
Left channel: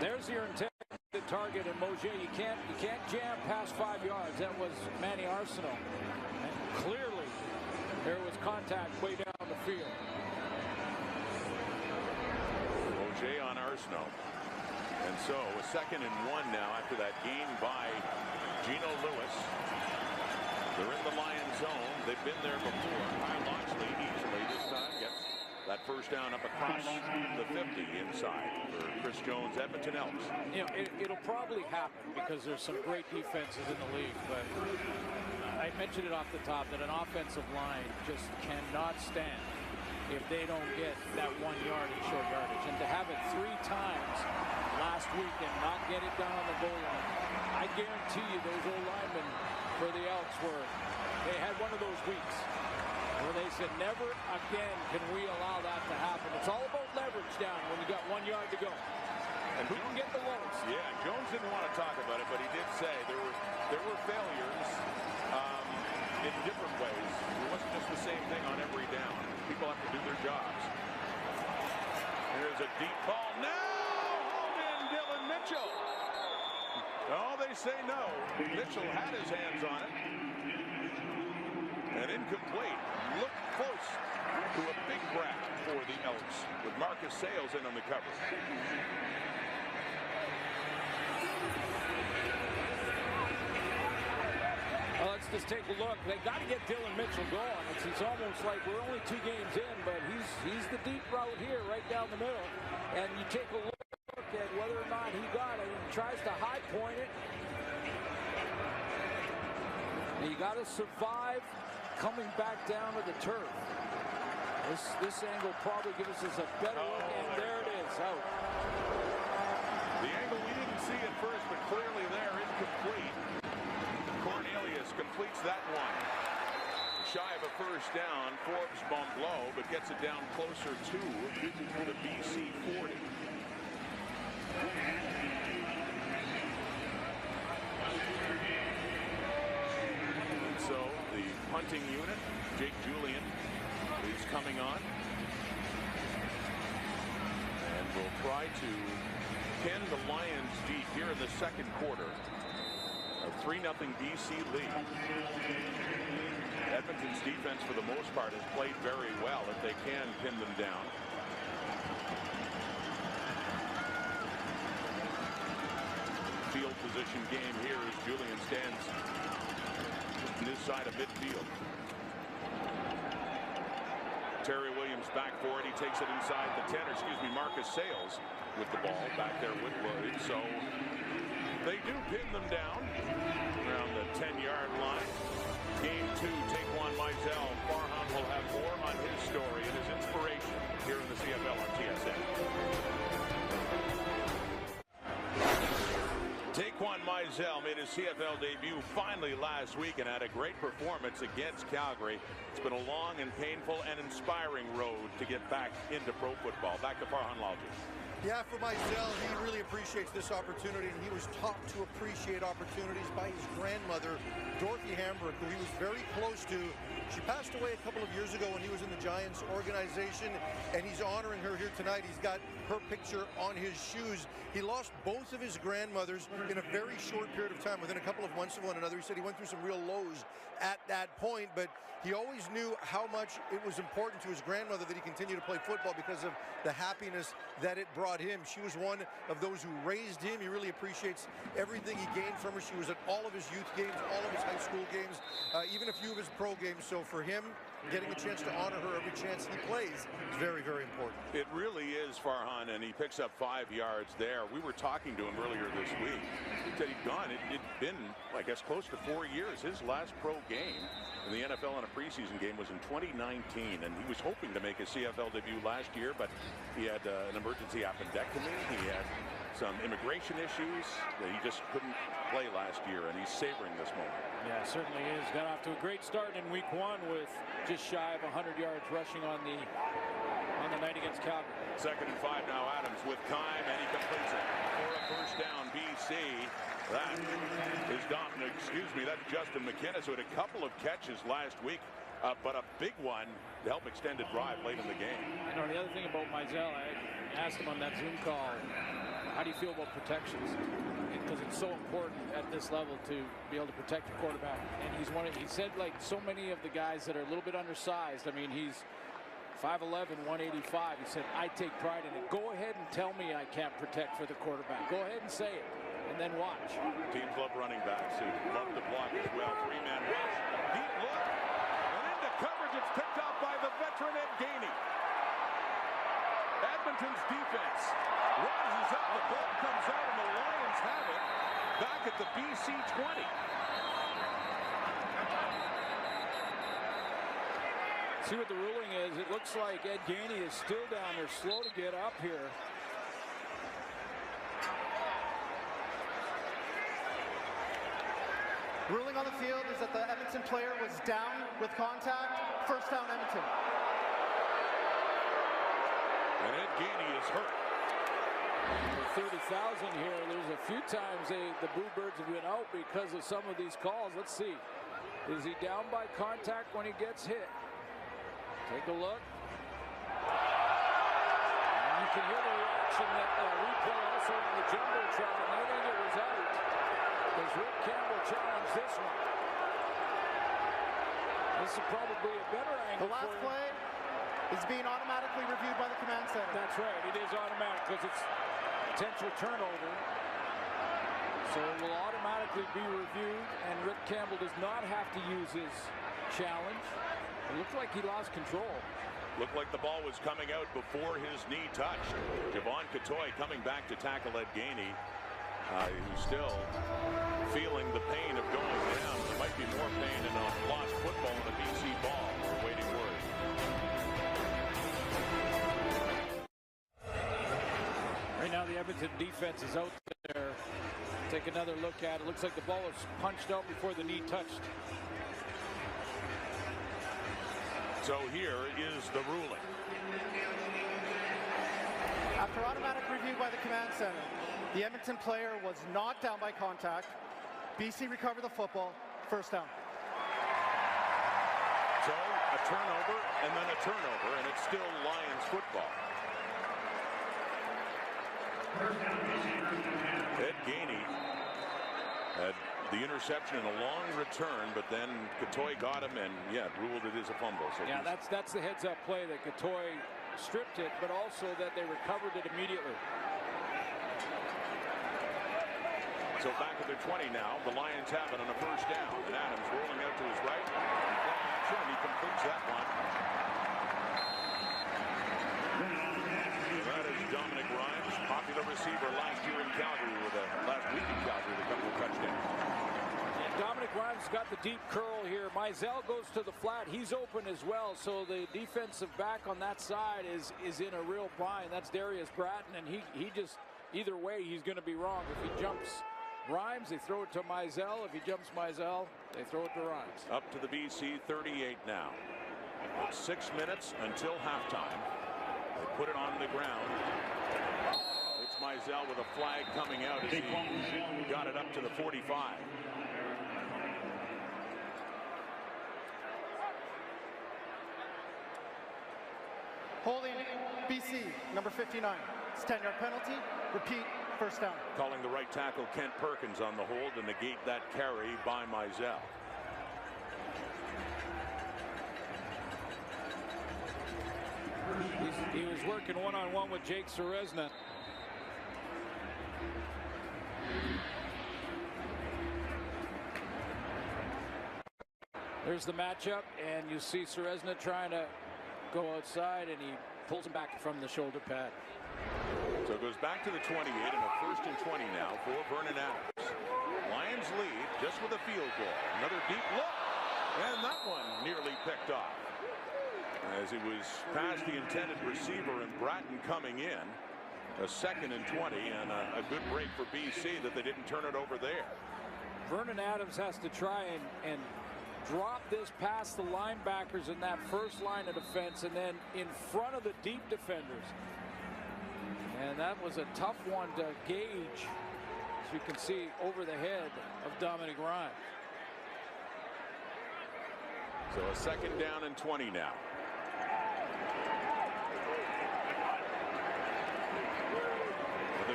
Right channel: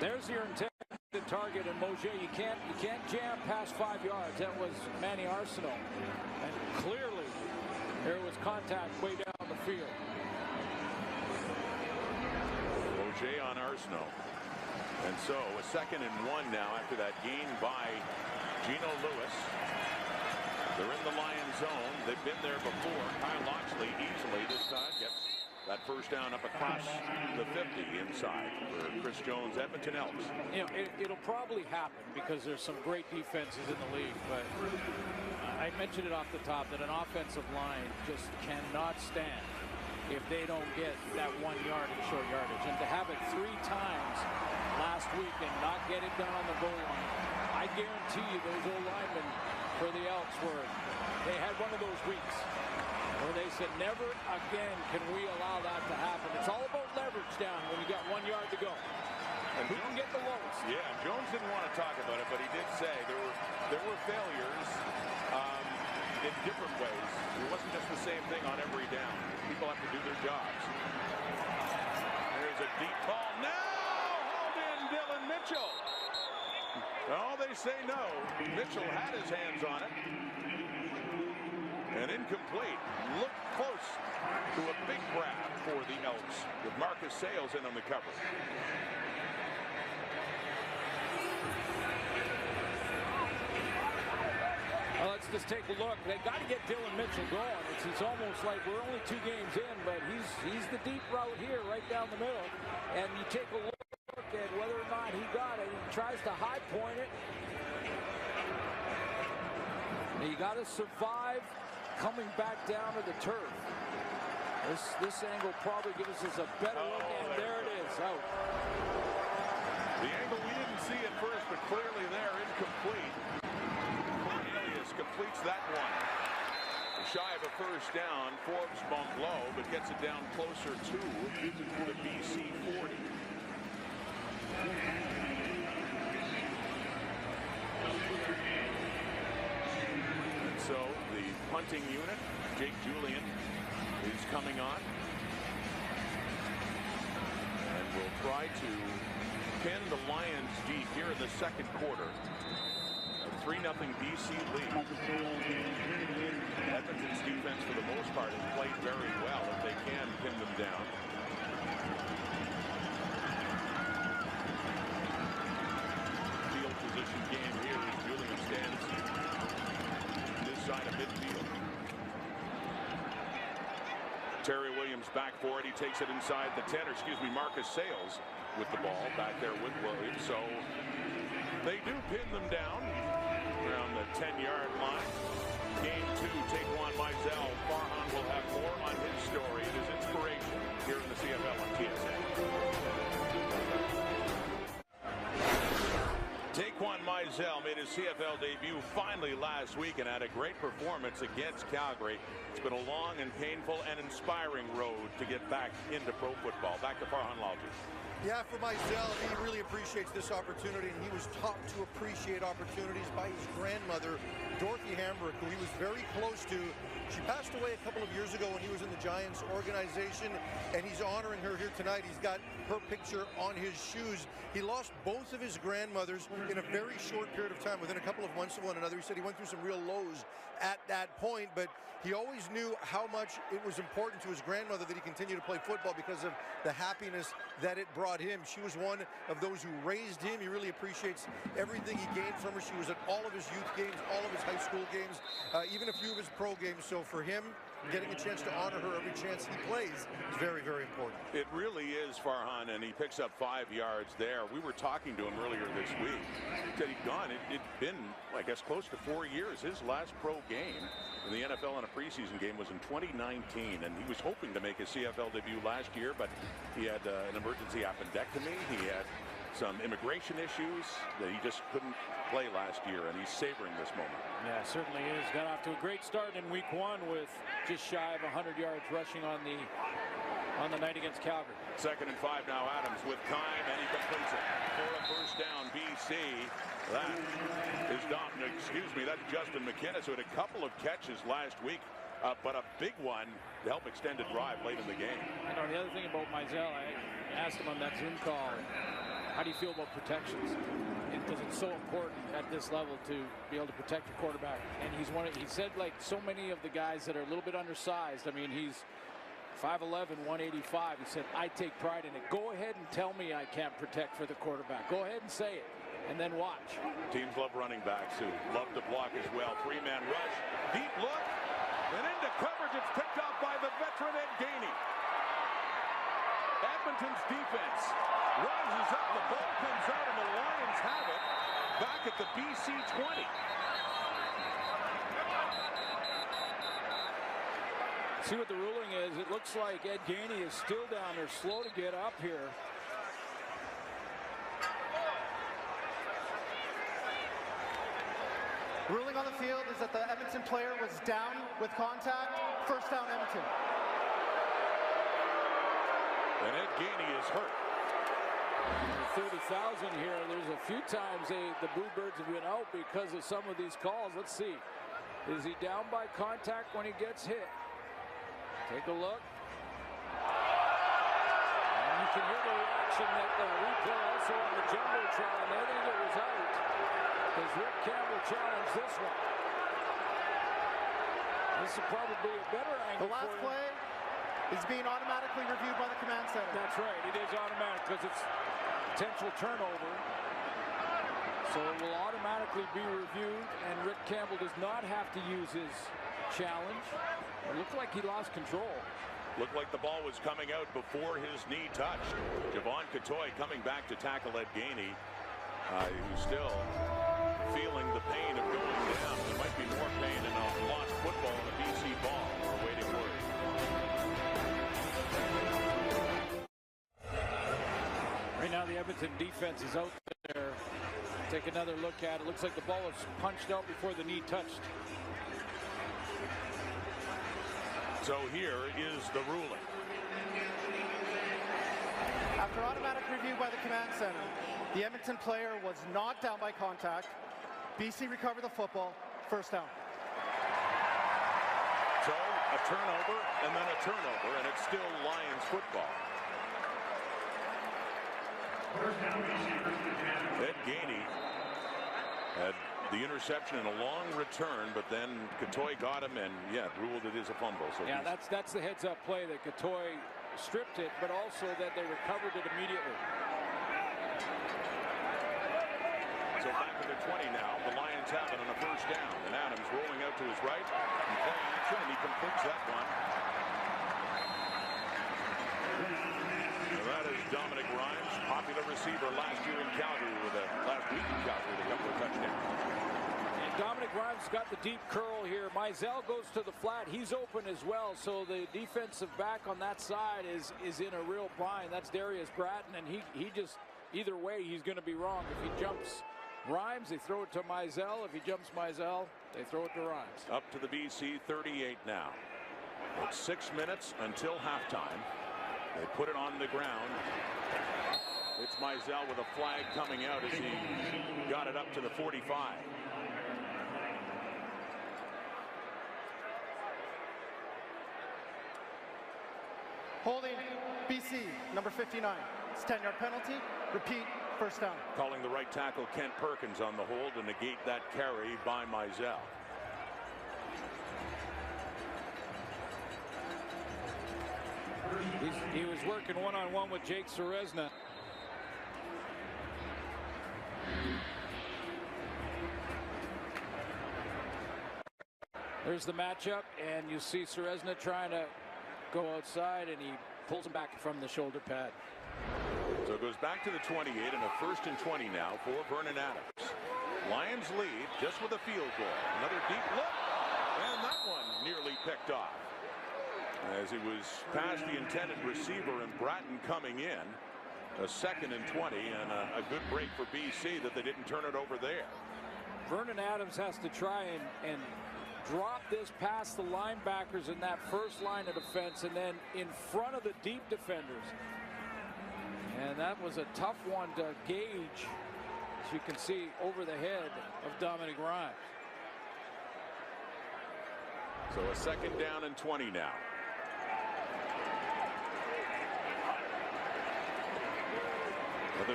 There's your intended target, and Mosier, you can't jam past 5 yards. That was Manny Arsenault, and clearly there was contact way down the field. Mosier on Arsenault. And so a 2nd and 1 now after that gain by Gino Lewis. They're in the Lion zone. They've been there before. Kyle Loxley easily this time gets that first down up across the 50 inside for Chris Jones, Edmonton Elks. You know, it'll probably happen because there's some great defenses in the league, but I mentioned it off the top that an offensive line just cannot stand if they don't get that 1 yard in short yardage. And to have it 3 times last week and not get it done on the goal line, I guarantee you those old linemen for the Elks they had one of those weeks where they said, never again can we allow that to happen. It's all about leverage down when you got 1 yard to go. And who can get the lowest? Yeah, Jones didn't want to talk about it, but he did say there were failures in different ways. It wasn't just the same thing on every down. People have to do their jobs. There's a deep ball now. Hauled in Dylan Mitchell. Oh, they say no. Mitchell had his hands on it. And incomplete. Look close to a big grab for the Elks with Marcus Sayles in on the coverage. Well, let's just take a look. They got to get Dylan Mitchell going. It's almost like we're only 2 games in, but he's the deep route here right down the middle. And you take a look at whether or not he got it. He tries to high point it. Now you got to survive coming back down to the turf. This angle probably gives us a better look, and there it is, out. The angle we didn't see at first, but clearly there, incomplete. Cornelius completes that one. Shy of a first down, Forbes bumped low, but gets it down closer to the BC 40. And so the punting unit, Jake Julian, is coming on. And will try to pin the Lions deep here in the 2nd quarter. A 3-0 BC lead. Edmonton's defense, for the most part, has played very well if they can pin them down. Field position game here as Julian stands on this side of midfield. Terry Williams back for it. He takes it inside the 10, or excuse me, Marcus Sayles with the ball back there with Williams. So they do pin them down around the 10-yard line. Game 2, Taquan Mizell. Farhan will have more on his story and his inspiration here in the CFL on TSN. Taquan Mizell made his CFL debut finally last week and had a great performance against Calgary. It's been a long and painful and inspiring road to get back into pro football. Back to Farhan Lalji. Yeah, for Mizell, he really appreciates this opportunity, and he was taught to appreciate opportunities by his grandmother, Dorothy Hambrick, who he was very close to. She passed away a couple of years ago when he was in the Giants organization, and he's honoring her here tonight. He's got her picture on his shoes. He lost both of his grandmothers in a very short period of time, within a couple of months of one another. He said he went through some real lows at that point, but he always knew how much it was important to his grandmother that he continue to play football because of the happiness that it brought him. She was one of those who raised him. He really appreciates everything he gained from her. She was at all of his youth games, all of his high school games, even a few of his pro games. So for him, getting a chance to honor her every chance he plays is very, very important. It really is, Farhan, and he picks up 5 yards there. We were talking to him earlier this week. He said he'd gone. It'd been, I guess, close to 4 years. His last pro game in the NFL in a preseason game was in 2019, and he was hoping to make his CFL debut last year, but he had an emergency appendectomy. He had some immigration issues that he just couldn't play last year, and he's savoring this moment. Yeah, certainly is. Got off to a great start in week 1 with just shy of 100 yards rushing on the night against Calgary. 2nd and 5 now. Adams with time, and he completes it for a first down. BC. That is that's Justin McInnes, who had a couple of catches last week, but a big one to help extend a drive late in the game. You know, the other thing about Mizell, I asked him on that Zoom call how do you feel about protections? Because it's so important at this level to be able to protect your quarterback. And he said, like so many of the guys that are a little bit undersized, I mean, he's 5'11", 185. He said, I take pride in it. Go ahead and tell me I can't protect for the quarterback. Go ahead and say it, and then watch. Teams love running backs who love to block as well. Three-man rush, deep look, and into coverage. It's picked off by the veteran Ed Gainey. Edmonton's defense rises up. The ball comes out, and the Lions have it back at the BC 20. See what the ruling is. It looks like Ed Gainey is still down there, slow to get up here. Ruling on the field is that the Edmonton player was down with contact. First down, Edmonton. And Ed Gainey is hurt. 30,000 here. There's a few times the Boo Birds have been out because of some of these calls. Let's see. Is he down by contact when he gets hit? Take a look. And you can hear the reaction that replay also on the Jumbotron. They think it was out because Rick Campbell challenged this one. This is probably a better angle. The last play is being automatically reviewed by the command center. That's right. It is automatic because it's potential turnover. So it will automatically be reviewed, and Rick Campbell does not have to use his challenge. It looked like he lost control. Looked like the ball was coming out before his knee touched. Javon Catoy coming back to tackle Ed Gainey, who's still feeling the pain of going down, and there might be more pain in a lost football and a BC ball. We're awaiting word. Right now the Edmonton defense is out there. Take another look at it. Looks like the ball was punched out before the knee touched. So here is the ruling. After automatic review by the command center, the Edmonton player was not down by contact. BC recovered the football. First down. So a turnover and then a turnover, and it's still Lions football. Ed Gainey had the interception and a long return, but then Catoy got him and ruled it is a fumble. So yeah, that's the heads-up play that Catoy stripped it, but also that they recovered it immediately. So back at the 20 now, the Lions have it on a first down, and Adams rolling out to his right and play action, and he completes that one. And that is Dominic Rhymes, popular receiver last year in Calgary last week in Calgary with a couple of touchdowns. Yeah, Dominic Rhymes got the deep curl here. Mizell goes to the flat. He's open as well. So the defensive back on that side is in a real bind. That's Darius Bratton, and he just, either way, he's going to be wrong. If he jumps Rhymes, they throw it to Mizell. If he jumps Mizell, they throw it to Rhymes. Up to the BC 38 now. It's 6 minutes until halftime. They put it on the ground. It's Mizell with a flag coming out as he got it up to the 45. Holding BC, number 59. It's 10-yard penalty. Repeat, first down. Calling the right tackle Kent Perkins on the hold to negate that carry by Mizell. He was working one-on-one with Jake Serezna. There's the matchup, and you see Serezna trying to go outside, and he pulls him back from the shoulder pad. So it goes back to the 28 and a first and 20 now for Vernon Adams. Lions lead just with a field goal. Another deep look, and that one nearly picked off. As he was past the intended receiver and Bratton coming in. A second and 20 and a good break for BC that they didn't turn it over there. Vernon Adams has to try and drop this past the linebackers in that first line of defense and then in front of the deep defenders. And that was a tough one to gauge, as you can see, over the head of Dominic Rhymes. So a second down and 20 now. With a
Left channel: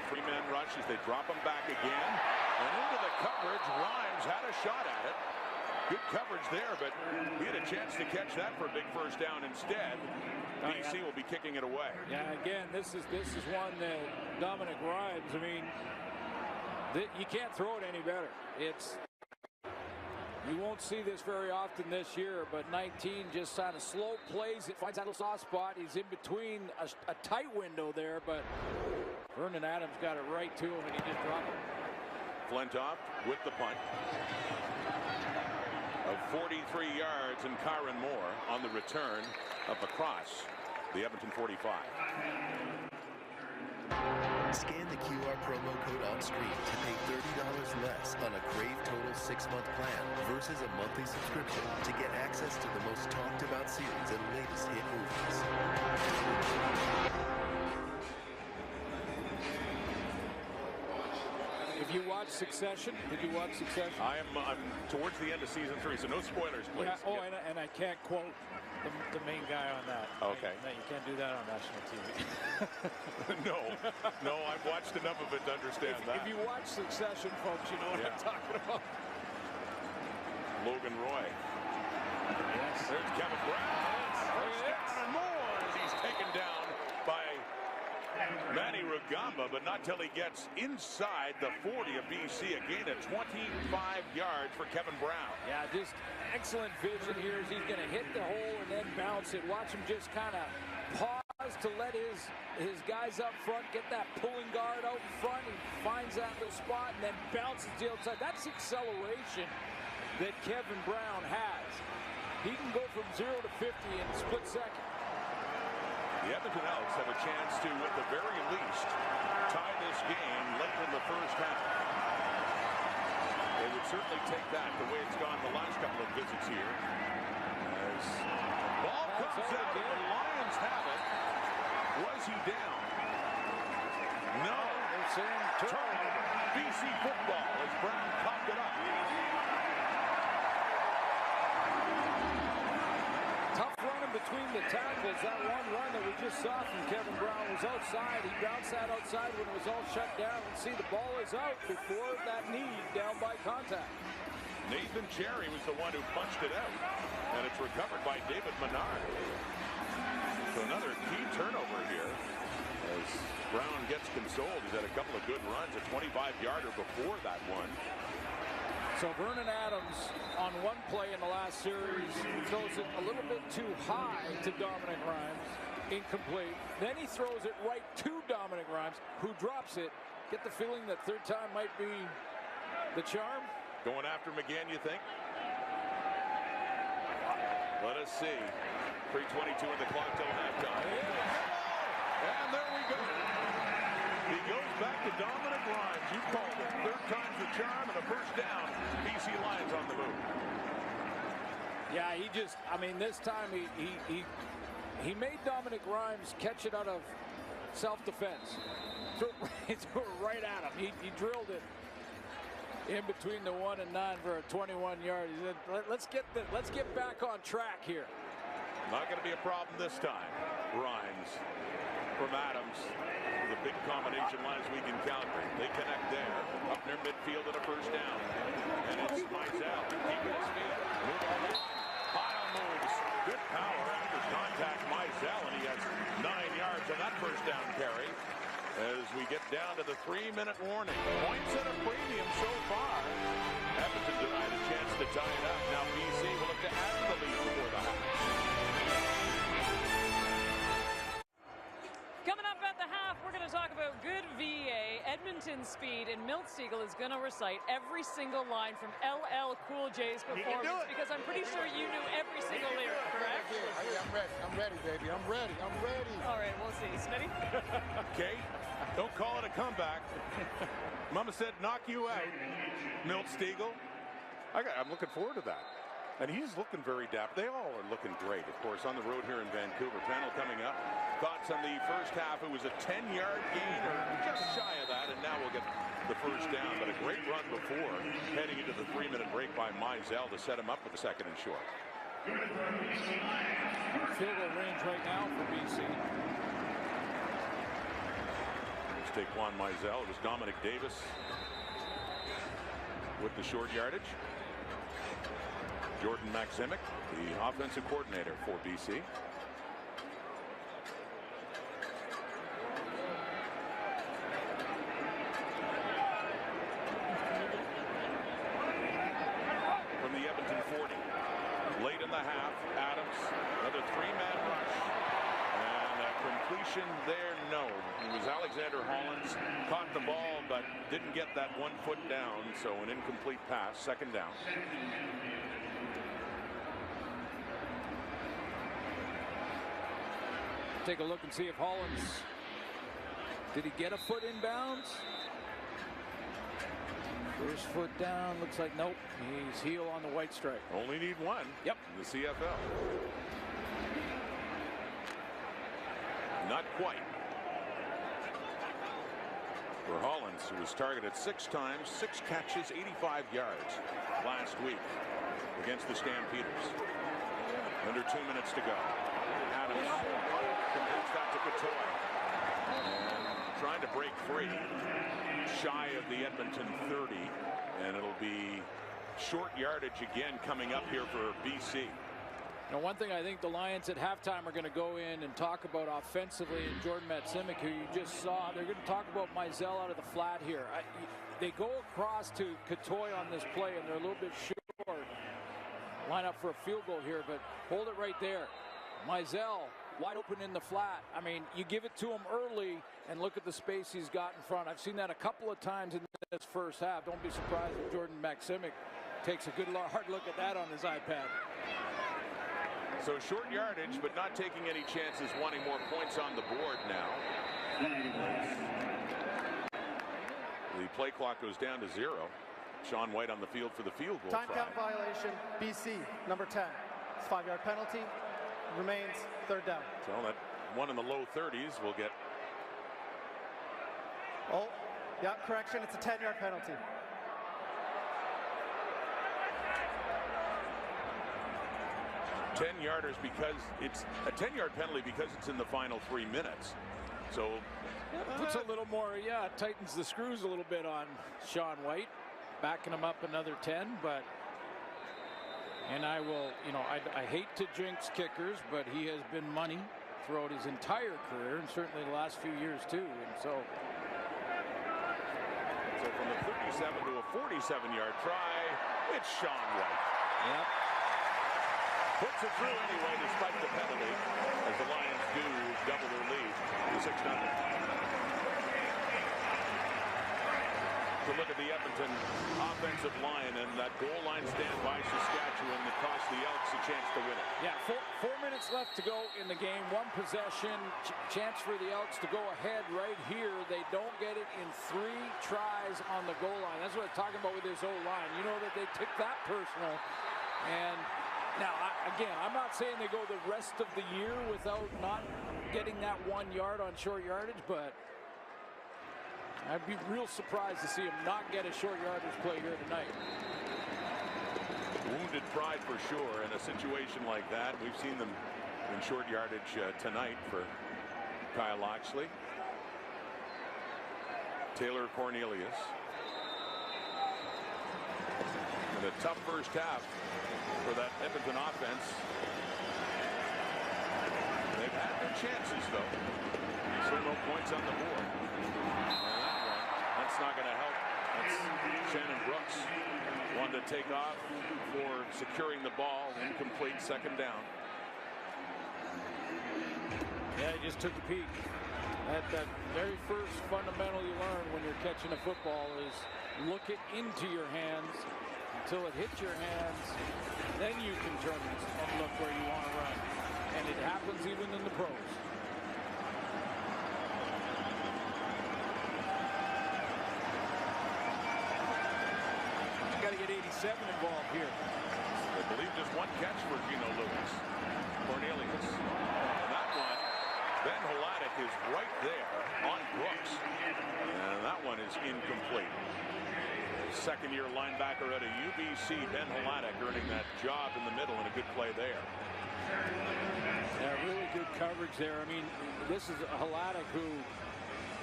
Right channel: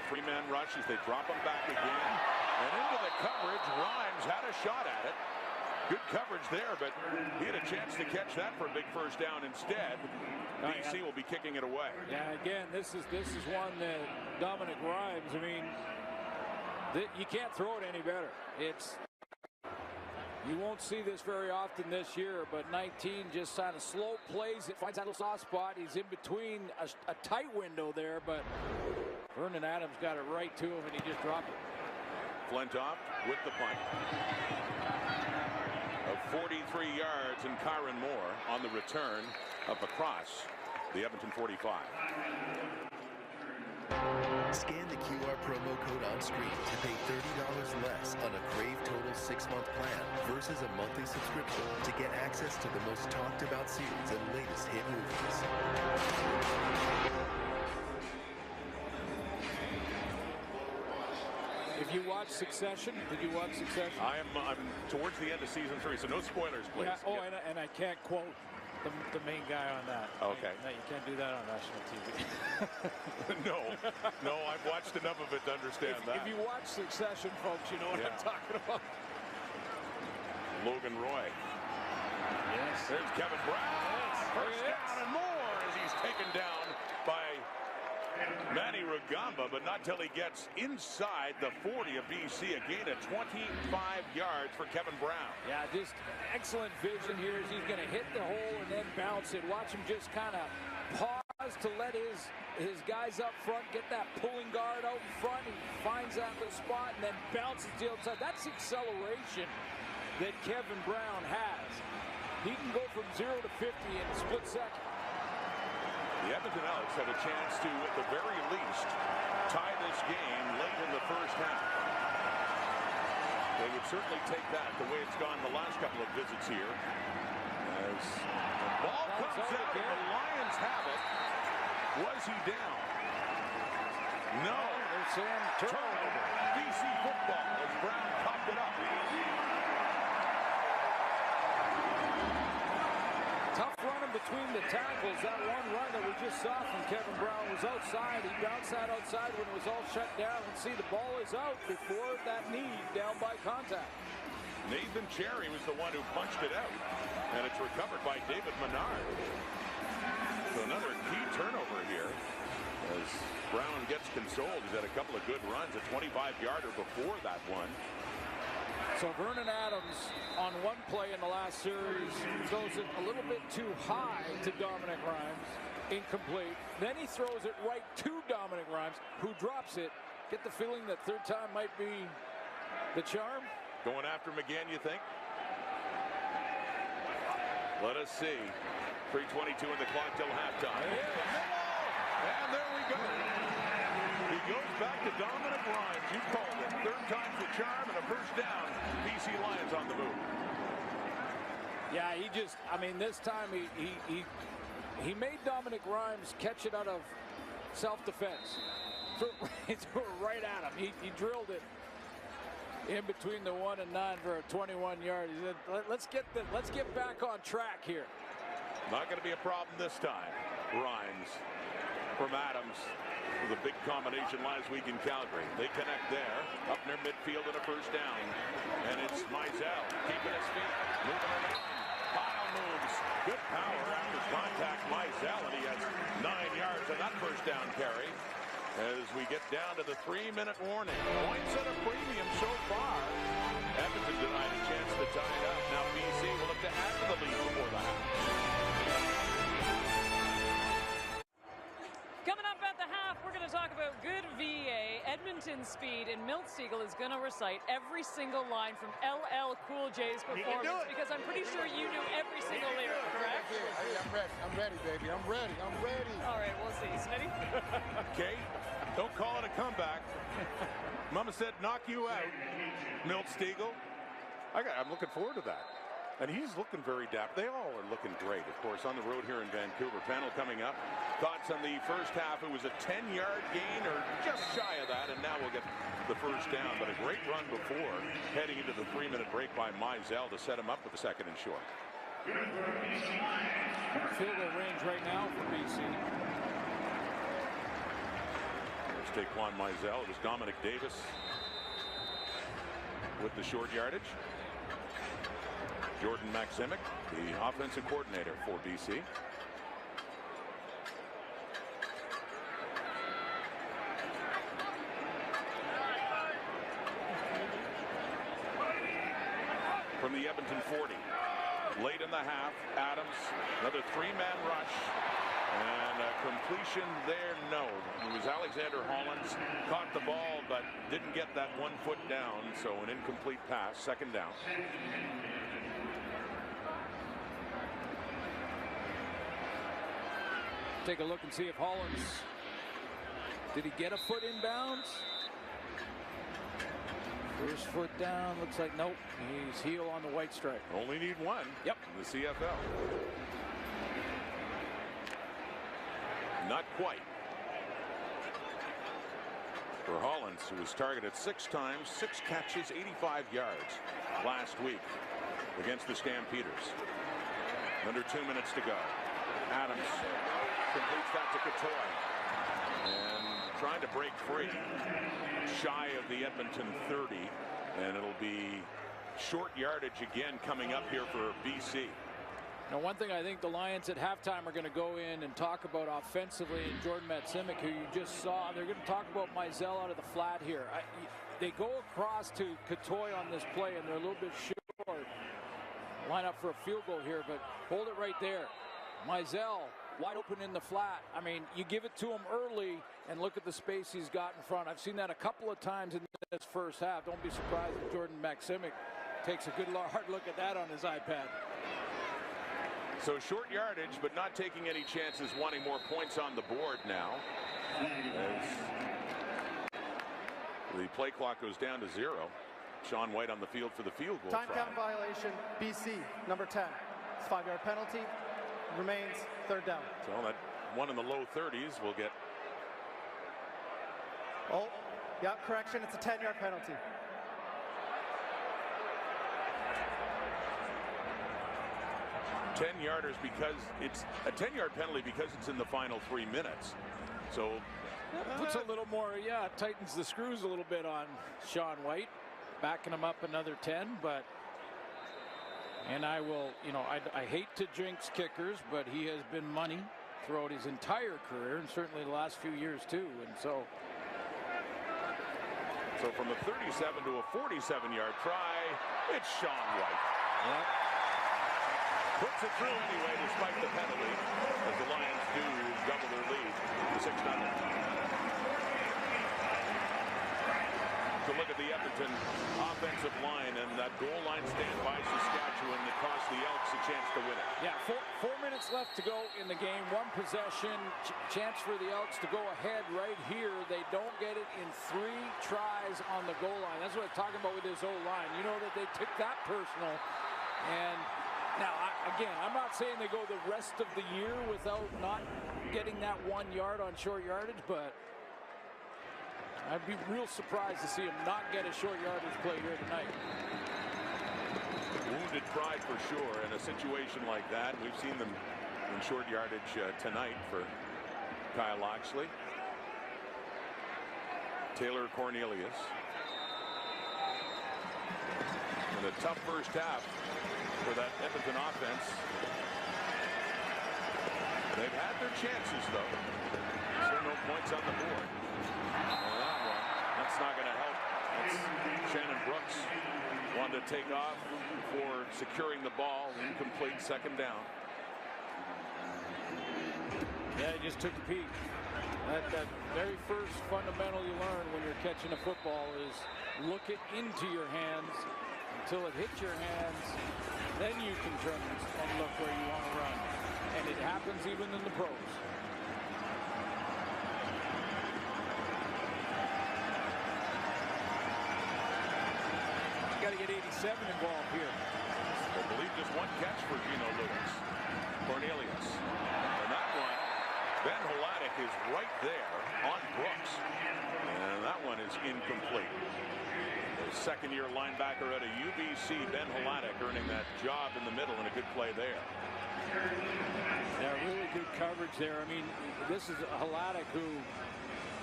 three-man rush as they drop him back again. And into the coverage. Rhymes had a shot at it. Good coverage there, but he had a chance to catch that for a big first down instead. BC will be kicking it away. Yeah, again, this is one that Dominic Rhymes, I mean, you can't throw it any better. You won't see this very often this year, but 19 just kind of slow plays. It finds that little soft spot. He's in between a tight window there, but Vernon Adams got it right to him, and he just dropped it. Flintoff with the punt of 43 yards, and Kyron Moore on the return up across the Edmonton 45. Scan the QR promo code on screen to pay $30 less on a Crave Total 6-month plan versus a monthly subscription to get access to the most talked about series and latest hit movies. If you watch Succession, did you watch Succession? I'm towards the end of season 3, so no spoilers, please. Yeah, and I can't quote the main guy on that. Okay. No, you can't do that on national TV. No, I've watched enough of it to understand that. If you watch Succession, folks, you know what I'm talking about. Logan Roy. Yes. There's Kevin Brown. First down and more as he's taken down by Manny Rugamba, but not till he gets inside the 40 of BC. A gain of 25 yards for Kevin Brown. Yeah, just excellent vision here as he's going to hit the hole and then bounce it. Watch him just kind of pause to let his guys up front get that pulling guard out in front. He finds that little spot and then bounces to the outside. That's the acceleration that Kevin Brown has. He can go from 0 to 50 in a split second. The Edmonton Elks have a chance to, at the very least, tie this game late in the first half. They would certainly take that the way it's gone the last couple of visits here. As the ball comes out and the Lions have it. Was he down? No. They're saying turnover. BC football as Brown copped it up. Tough running between the tackles. That one run that we just saw from Kevin Brown was outside. He bounced that outside when it was all shut down. Let's see, the ball is out before that knee down by contact. Nathan Cherry was the one who punched it out, and it's recovered by David Menard. So another key turnover here as Brown gets consoled. He's had a couple of good runs, a 25-yarder before that one. So Vernon Adams on one play in the last series throws it a little bit too high to Dominic Rhymes. Incomplete. Then he throws it right to Dominic Rhymes, who drops it. Get the feeling that third time might be the charm. Going after him again, you think? Let us see. 3:22 in the clock till halftime. And there we go. He goes back to Dominic Rhymes. You called it. Third time's the charm and a first down. BC Lions on the move. Yeah, this time he made Dominic Rhymes catch it out of self-defense. Threw it right at him. He drilled it in between the 1 and 9 for a 21-yard. He said, let's get back on track here. Not going to be a problem this time. Rhymes from Adams with a big combination last week in Calgary. They connect there, up near midfield and a first down. And it's Mizell keeping his feet, moving around. Pile moves. Good power after contact, Mizell, and he has 9 yards on that first down carry. As we get down to the 3-minute warning. Points at a premium so far. Edmonton denied a chance to tie it up. Now BC will look to add to the lead before the half. Coming up at the half, we're going to talk about good VA, Edmonton speed, and Milt Siegel is going to recite every single line from LL Cool J's performance because I'm pretty sure you knew every single lyric, correct? I'm ready. I'm ready, baby. I'm ready. All right, we'll see. Smitty? Kate, don't call it a comeback. Mama said knock you out. Milt Siegel. I'm looking forward to that. And he's looking very dapper. They all are looking great, of course, on the road here in Vancouver. Panel coming up. Thoughts on the first half? It was a 10-yard gain or just shy of that, and now we'll get the first down. But a great run before heading into the 3-minute break by Mizell to set him up with the second and short. Field goal range right now for BC. There's Taquan Mizell. It was Dominic Davis with the short yardage. Jordan Maximic, the offensive coordinator for BC. From the Edmonton 40. Late in the half, Adams, another three-man rush. And a completion there, no. It was Alexander Hollins, caught the ball, but didn't get that 1 foot down, so an incomplete pass, second down. Take a look and see if Hollins, did he get a foot in bounds? First foot down, looks like nope. He's heel on the white stripe. Only need one. Yep. In the CFL. Not quite. For Hollins, who was targeted 6 times, 6 catches, 85 yards last week against the Stampeders. Under 2 minutes to go. Adams completes that to Katoy. And trying to break free. Shy of the Edmonton 30, and it'll be short yardage again coming up here for BC. Now, one thing I think the Lions at halftime are going to go in and talk about offensively, and Jordan Maximic, who you just saw, they're going to talk about Mizell out of the flat here. They go across to Katoy on this play, and they're a little bit short. Line up for a field goal here, but hold it right there. Mizell wide open in the flat. I mean, you give it to him early and look at the space he's got in front. I've seen that a couple of times in this first half. Don't be surprised that Jordan Maximic takes a good hard look at that on his iPad. So short yardage, but not taking any chances, wanting more points on the board now. The play clock goes down to 0. Sean White on the field for the field goal Time try. count violation, BC, number 10. It's 5-yard penalty. Remains third down. So that one in the low 30s will get. Oh, yeah, correction. It's a 10-yard penalty. Ten-yarders because it's a 10-yard penalty because it's in the final 3 minutes. So puts a little more, tightens the screws a little bit on Sean White, backing him up another 10, but. And I will, I hate to jinx kickers, but he has been money throughout his entire career, and certainly the last few years too. And so from a 37 to a 47-yard try, it's Sean White. Yep. Puts it through anyway, despite the penalty, as the Lions do double their lead to 6-0. To look at the Edmonton offensive line and that goal line stand by Saskatchewan that cost the Elks a chance to win it. Yeah, 4 minutes left to go in the game. 1 possession, chance for the Elks to go ahead right here. They don't get it in 3 tries on the goal line. That's what I'm talking about with this O-line. You know that they took that personal. And now, again, I'm not saying they go the rest of the year without not getting that 1 yard on short yardage, but I'd be real surprised to see him not get a short yardage play here tonight. Wounded pride for sure in a situation like that. We've seen them in short yardage tonight for Kyle Oxley. Taylor Cornelius. And a tough first half for that Edmonton offense. They've had their chances though. Still no points on the board. That's not going to help. That's Shannon Brooks. Wanted to take off for securing the ball. Incomplete, second down. Yeah, he just took a peek. That very first fundamental you learn when you're catching a football is look it into your hands until it hits your hands. Then you can turn and look where you want to run. And it happens even in the pros. Got to get 87 involved here. I believe just 1 catch for Gino Lewis. Cornelius. And that one, Ben Holadik is right there on Brooks. And that one is incomplete. The second-year linebacker out of UBC, Ben Holadik, earning that job in the middle and a good play there. Yeah, really good coverage there. I mean, this is Holadik who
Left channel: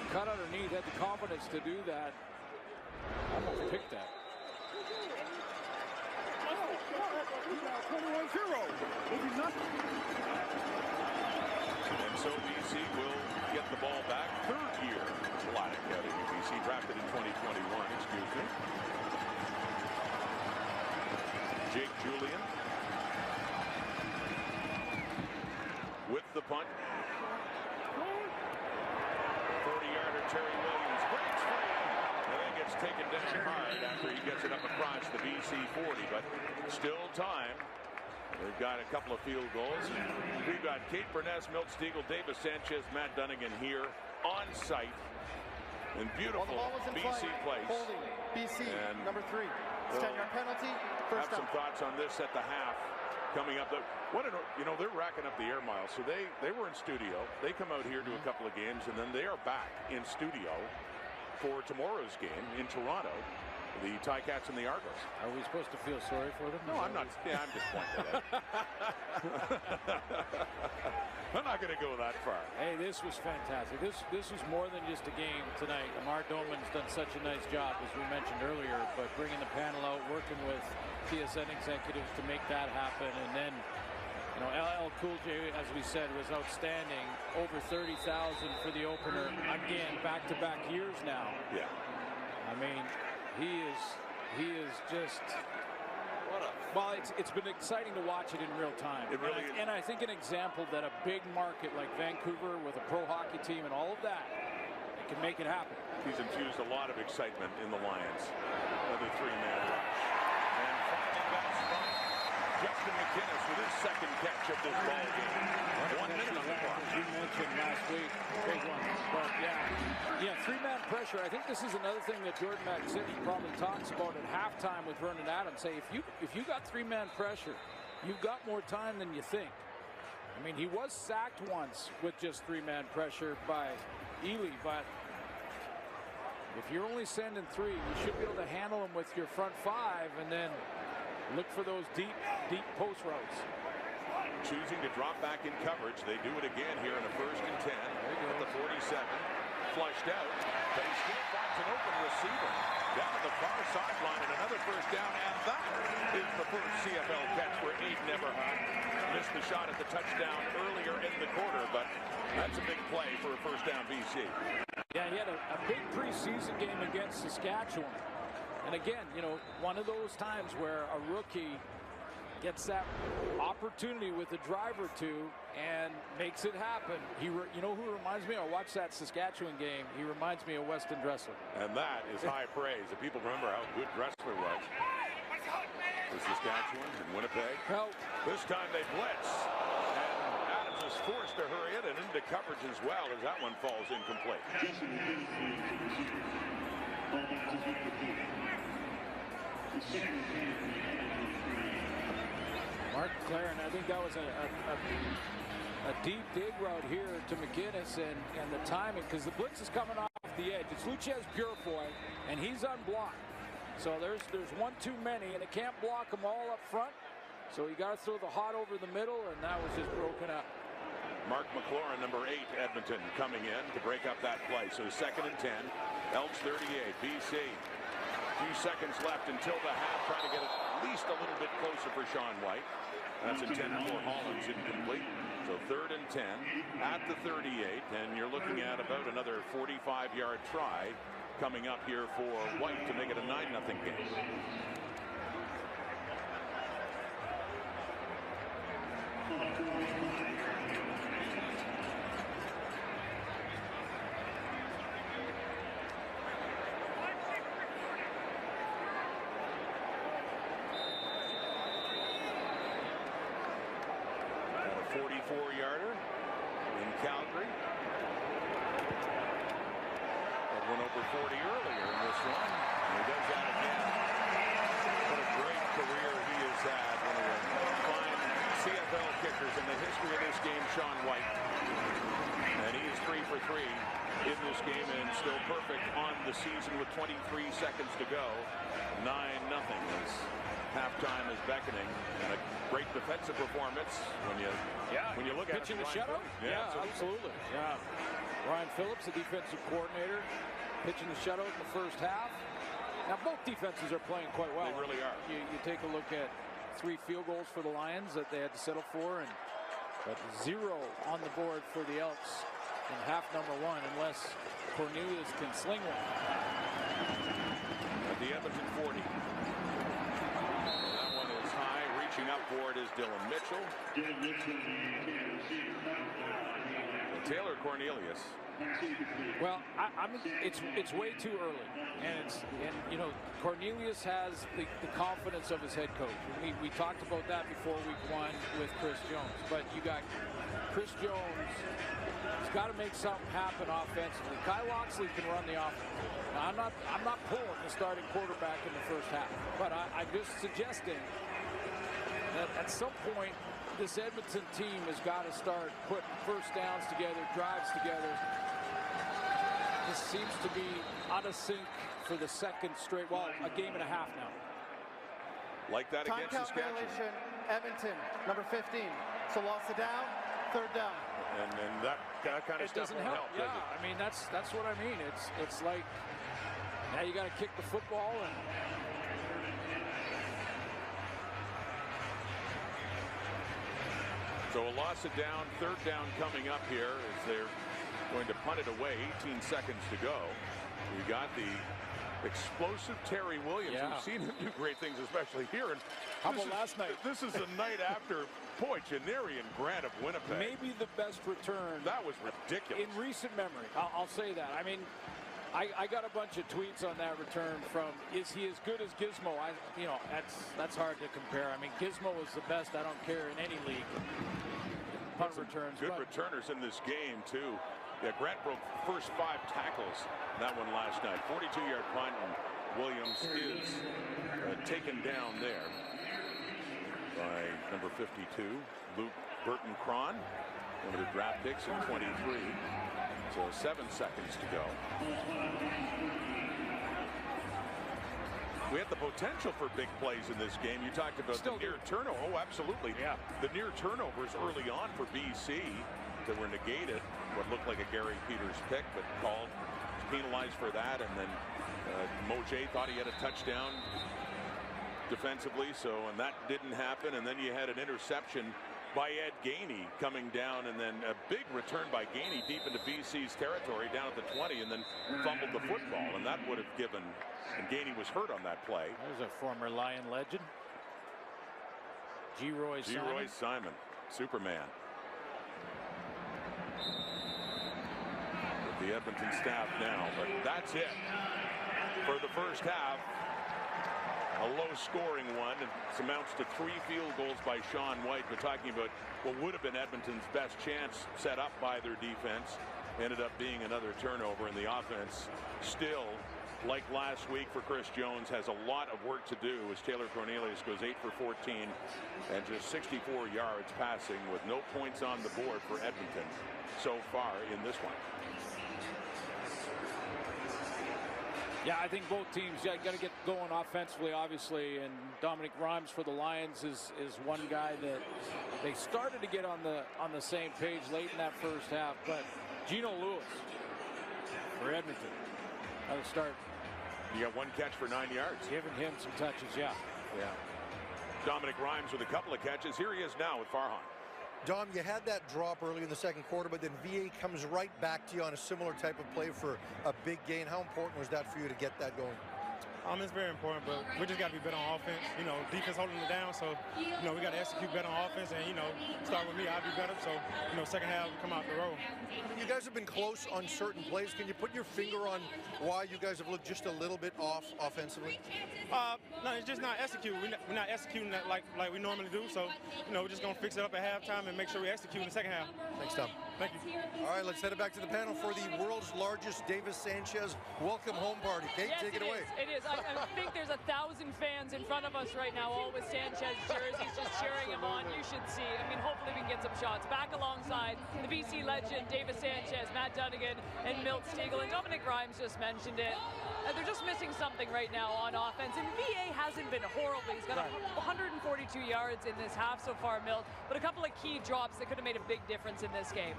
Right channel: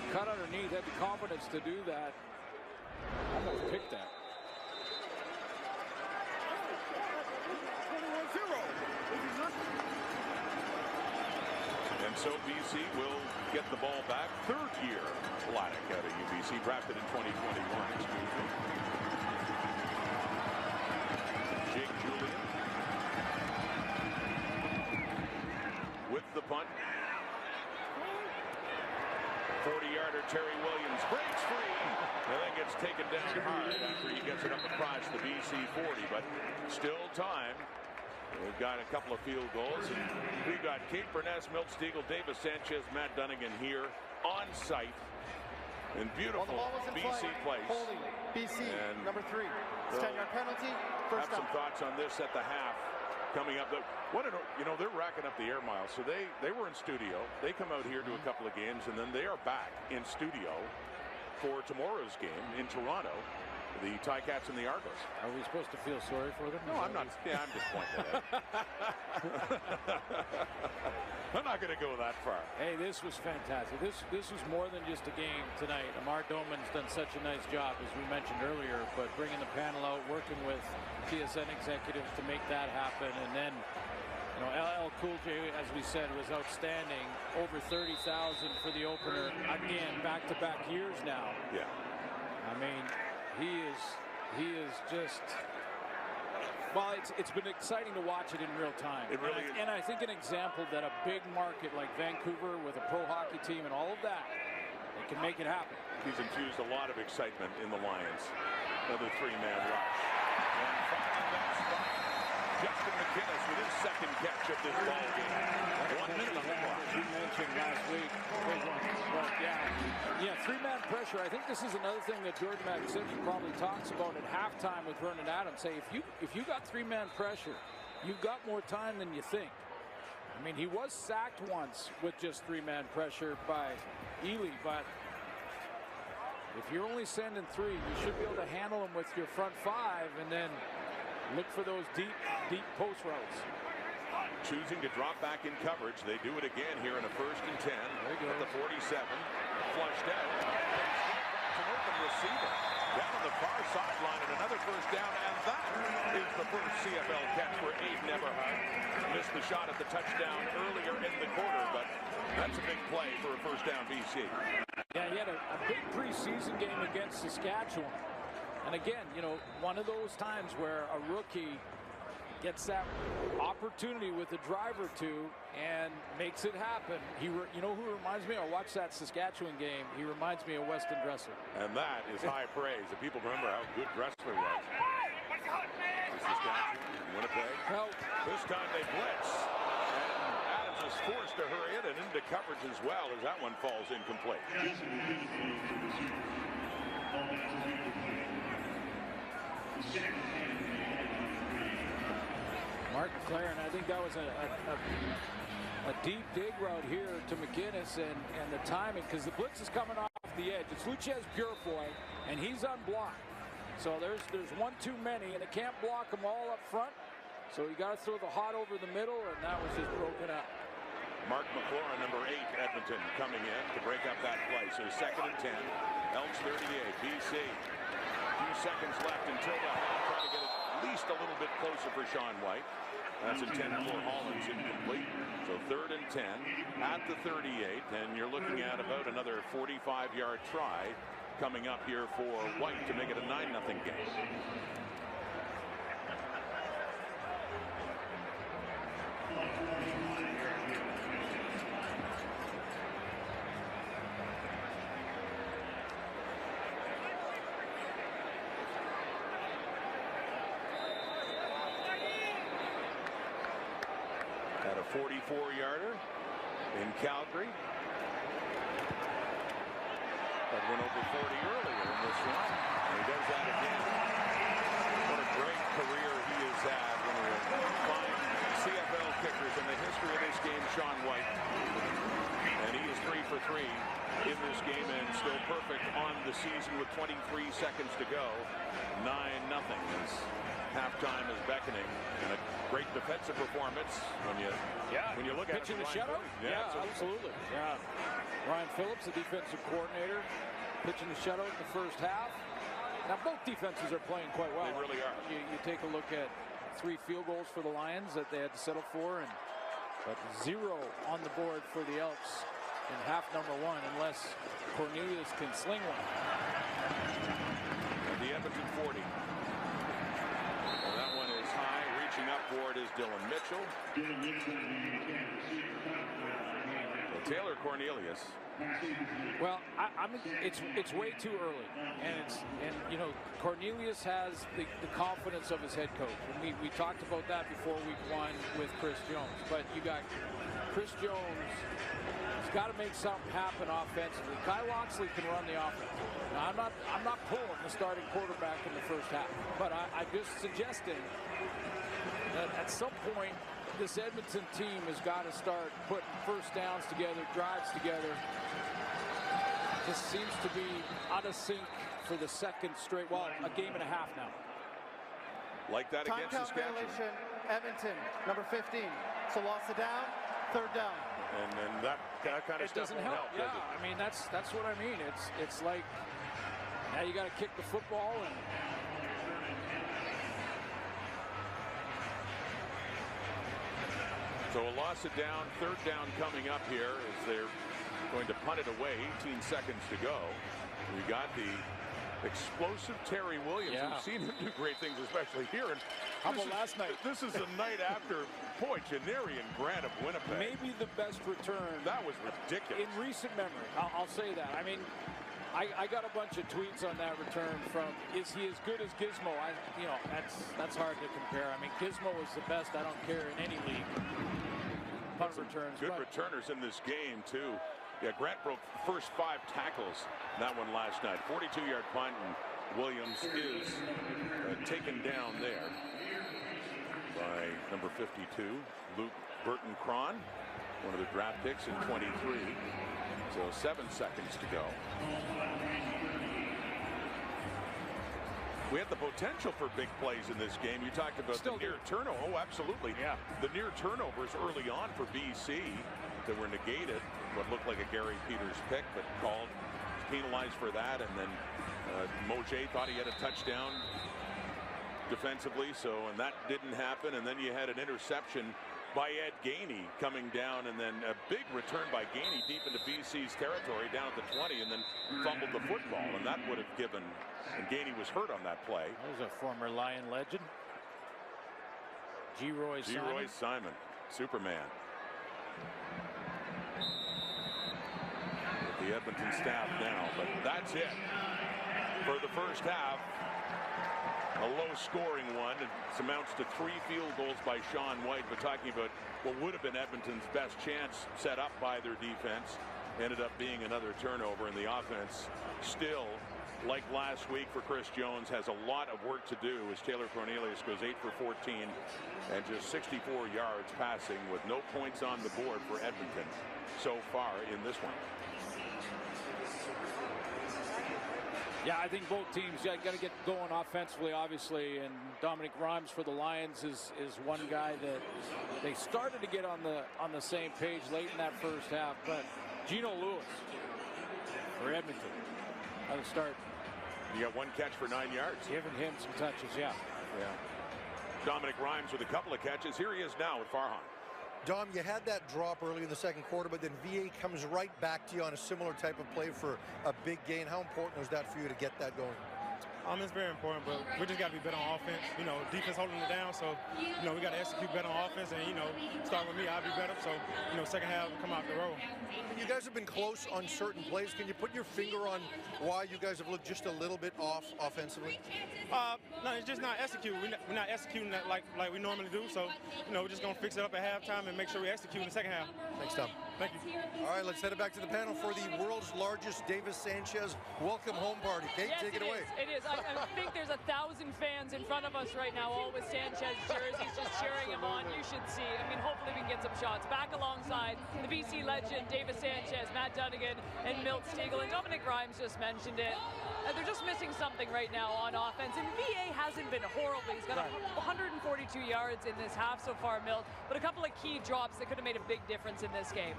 cut underneath, had the confidence to do that. Almost picked that. 21-0. And so BC will get the ball back. Third year Vladeck out of UBC, drafted in 2021, excuse me. Jake Julian with the punt. 40-yarder Terry Williams breaks free and then gets taken down hard after he gets it up across the BC 40, but still time. They've got a couple of field goals, and we've got Kate Burness, Milt Stegall, Davis Sanchez, Matt Dunnigan here on site in beautiful BC place. Holding BC, and number 3. 10-yard penalty, first down. Have some thoughts on this at the half coming up. They're racking up the air miles, so they were in studio. They come out here to a couple of games, and then they are back in studio for tomorrow's game in Toronto. The Ticats and the Argos. Are we supposed to feel sorry for them? No, I'm not. Yeah, I'm just pointing it out. I'm not going to go that far. Hey, this was fantastic. This was more than just a game tonight. Amar Doman's done such a nice job, as we mentioned earlier, but bringing the panel out, working with TSN executives to make that happen, and then, LL Cool J, as we said, was outstanding. Over 30,000 for the opener. Again, back-to-back years now. Yeah. I mean, he is just. Well, it's been exciting to watch it in real time. It really and I think an example that a big market like Vancouver with a pro hockey team and all of that, it can make it happen. He's infused a lot of excitement in the Lions. Another 3-man rush. And finding that spot, Justin McInnes with his second catch of this ball game. 1 minute on the clock. As you mentioned last week, big one. But yeah, 3-man pressure. I think this is another thing that Jordan McSimmey probably talks about at halftime with Vernon Adams. Say, if you got 3-man pressure, you've got more time than you think. I mean, he was sacked once with just 3-man pressure by Ely, but if you're only sending 3, you should be able to handle them with your front 5 and then look for those deep post routes. Choosing to drop back in coverage. They do it again here in a 1st and 10 at the 47. Flushed out, but he still finds an open receiver down on the far sideline, and another first down, and that is the first CFL catch for Aiden Eberhardt. Missed the shot at the touchdown earlier in the quarter, but that's a big play for a first down BC. Yeah, he had a big preseason game against Saskatchewan. And again, one of those times where a rookie gets that opportunity with a drive or two and makes it happen. You know who reminds me? I watched that Saskatchewan game. He reminds me of Weston Dressler. And that is high praise. If people remember how good Dressler was for Saskatchewan and Winnipeg. Well, this time they blitz, and Adams is forced to hurry it and into coverage as well as that one falls incomplete. Mark McLaren, I think that was a deep dig route here to McInnes, and the timing, because the blitz is coming off the edge. It's Luchez Purifoy, and he's unblocked. So there's one too many, and it can't block them all up front. So you got to throw the hot over the middle, and that was just broken up. Mark McLaurin, number 8, Edmonton, coming in to break up that play. So 2nd and 10, Elks 38, BC. Few seconds left until the half, trying to get at least a little bit closer for Sean White. That's intended for Hollins, incomplete. So 3rd and 10 at the 38, and you're looking at about another 45-yard try coming up here for White to make it a 9-0 game. Got a 44-yarder in Calgary. That went over 40 earlier in this one, and he does that again. What a great career he has had. One of the fine CFL kickers in the history of this game, Sean White. And he is 3 for 3 in this game and still perfect on the season with 23 seconds to go. 9-0 as halftime is beckoning, and a great defensive performance when you look at it. Pitching a shutout? Yeah, absolutely. Yeah. Ryan Phillips, the defensive coordinator, pitching the shutout in the first half. Now, both defenses are playing quite well. They really are. You take a look at 3 field goals for the Lions that they had to settle for, but 0 on the board for the Elks in half number 1, unless Cornelius can sling one. At the Edmonton 40. Well, that one is high. Reaching up for it is Dylan Mitchell. So Taylor Cornelius. Well, it's way too early, and you know, Cornelius has the confidence of his head coach, and we talked about that before week 1 with Chris Jones. But you got Chris Jones. He's got to make something happen offensively. Kyle Loxley can run the offense. Now, I'm not pulling the starting quarterback in the first half, but I'm just suggesting that at some point this Edmonton team has got to start putting first downs together, drives together. Just seems to be out of sync for the second straight, well, a game and a half now. Like that Time against count Saskatchewan. violation, Edmonton, number 15. So lost it down, 3rd down. And that kind of stuff won't help, does it? I mean, that's what I mean. It's like now you got to kick the football, and so a loss it down, 3rd down coming up here as they're going to punt it away. 18 seconds to go. We got the explosive Terry Williams. Yeah. We've seen him do great things, especially here. And how about last night? This is the night after Poitras and Grant of Winnipeg. Maybe the best return. That was ridiculous. In recent memory, I'll say that. I mean, I got a bunch of tweets on that return from, is he as good as Gizmo? You know, that's hard to compare. I mean, Gizmo is the best, I don't care, in any league. Punt returns. Good returners in this game, too. Yeah, Grant broke the first 5 tackles in that one last night. 42-yard punt, and Williams is taken down there by number 52, Luke Burton-Cron, one of the draft picks in 23. So 7 seconds to go. We have the potential for big plays in this game. You talked about the near turnover. Oh, absolutely. Yeah. The near turnovers early on for BC that were negated. What looked like a Gary Peters pick, but called, penalized for that. And then Mauger thought he had a touchdown defensively, and that didn't happen. And then you had an interception by Ed Gainey coming down, and then a big return by Gainey deep into BC's territory down at the 20, and then fumbled the football, and that would have given, and Gainey was hurt on that play. There's a former Lion legend, G. Roy Simon, Superman. With the Edmonton staff now, but that's it for the first half. A low-scoring one. It amounts to 3 field goals by Sean White, but talking about what would have been Edmonton's best chance set up by their defense ended up being another turnover, and the offense still, like last week for Chris Jones, has a lot of work to do as Taylor Cornelius goes 8 for 14 and just 64 yards passing with no points on the board for Edmonton so far in this one. Yeah, I think both teams got to get going offensively, obviously, and Dominic Rhymes for the Lions is one guy that they started to get on the same page late in that first half, but Gino Lewis for Edmonton at the start. You got 1 catch for 9 yards. Giving him some touches, yeah. Dominic Rhymes with a couple of catches. Here he is now with Farhan. Dom, you had that drop early in the second quarter, but then VA comes right back to you on a similar type of play for a big gain. How important was that for you to get that going? It's very important, but we just got to be better on offense. You know, defense holding it down, so, we got to execute better on offense, and, start with me, I'll be better. So, second half, we come out the road. I mean, you guys have been close on certain plays. Can you put your finger on why you guys have looked just a little bit off offensively? No, it's just not executing. We're not executing that like we normally do. So, we're just going to fix it up at halftime and make sure we execute in the second half. Thanks, Tom. Thank you. All right, let's head it back to the panel for the world's largest Davis Sanchez welcome home party. Kate, yes, take it away. It is. I think there's 1,000 fans in front of us right now, all with Sanchez jerseys, just cheering him on. You should see. Hopefully we can get some shots. Back alongside the BC legend, Davis Sanchez, Matt Dunnigan, and Milt Stegall. And Dominic Rhymes just mentioned it. They're just missing something right now on offense. And VA hasn't been horrible. He's got 142 yards in this half so far, Milt. But a couple of key drops that could have made a big difference in this game.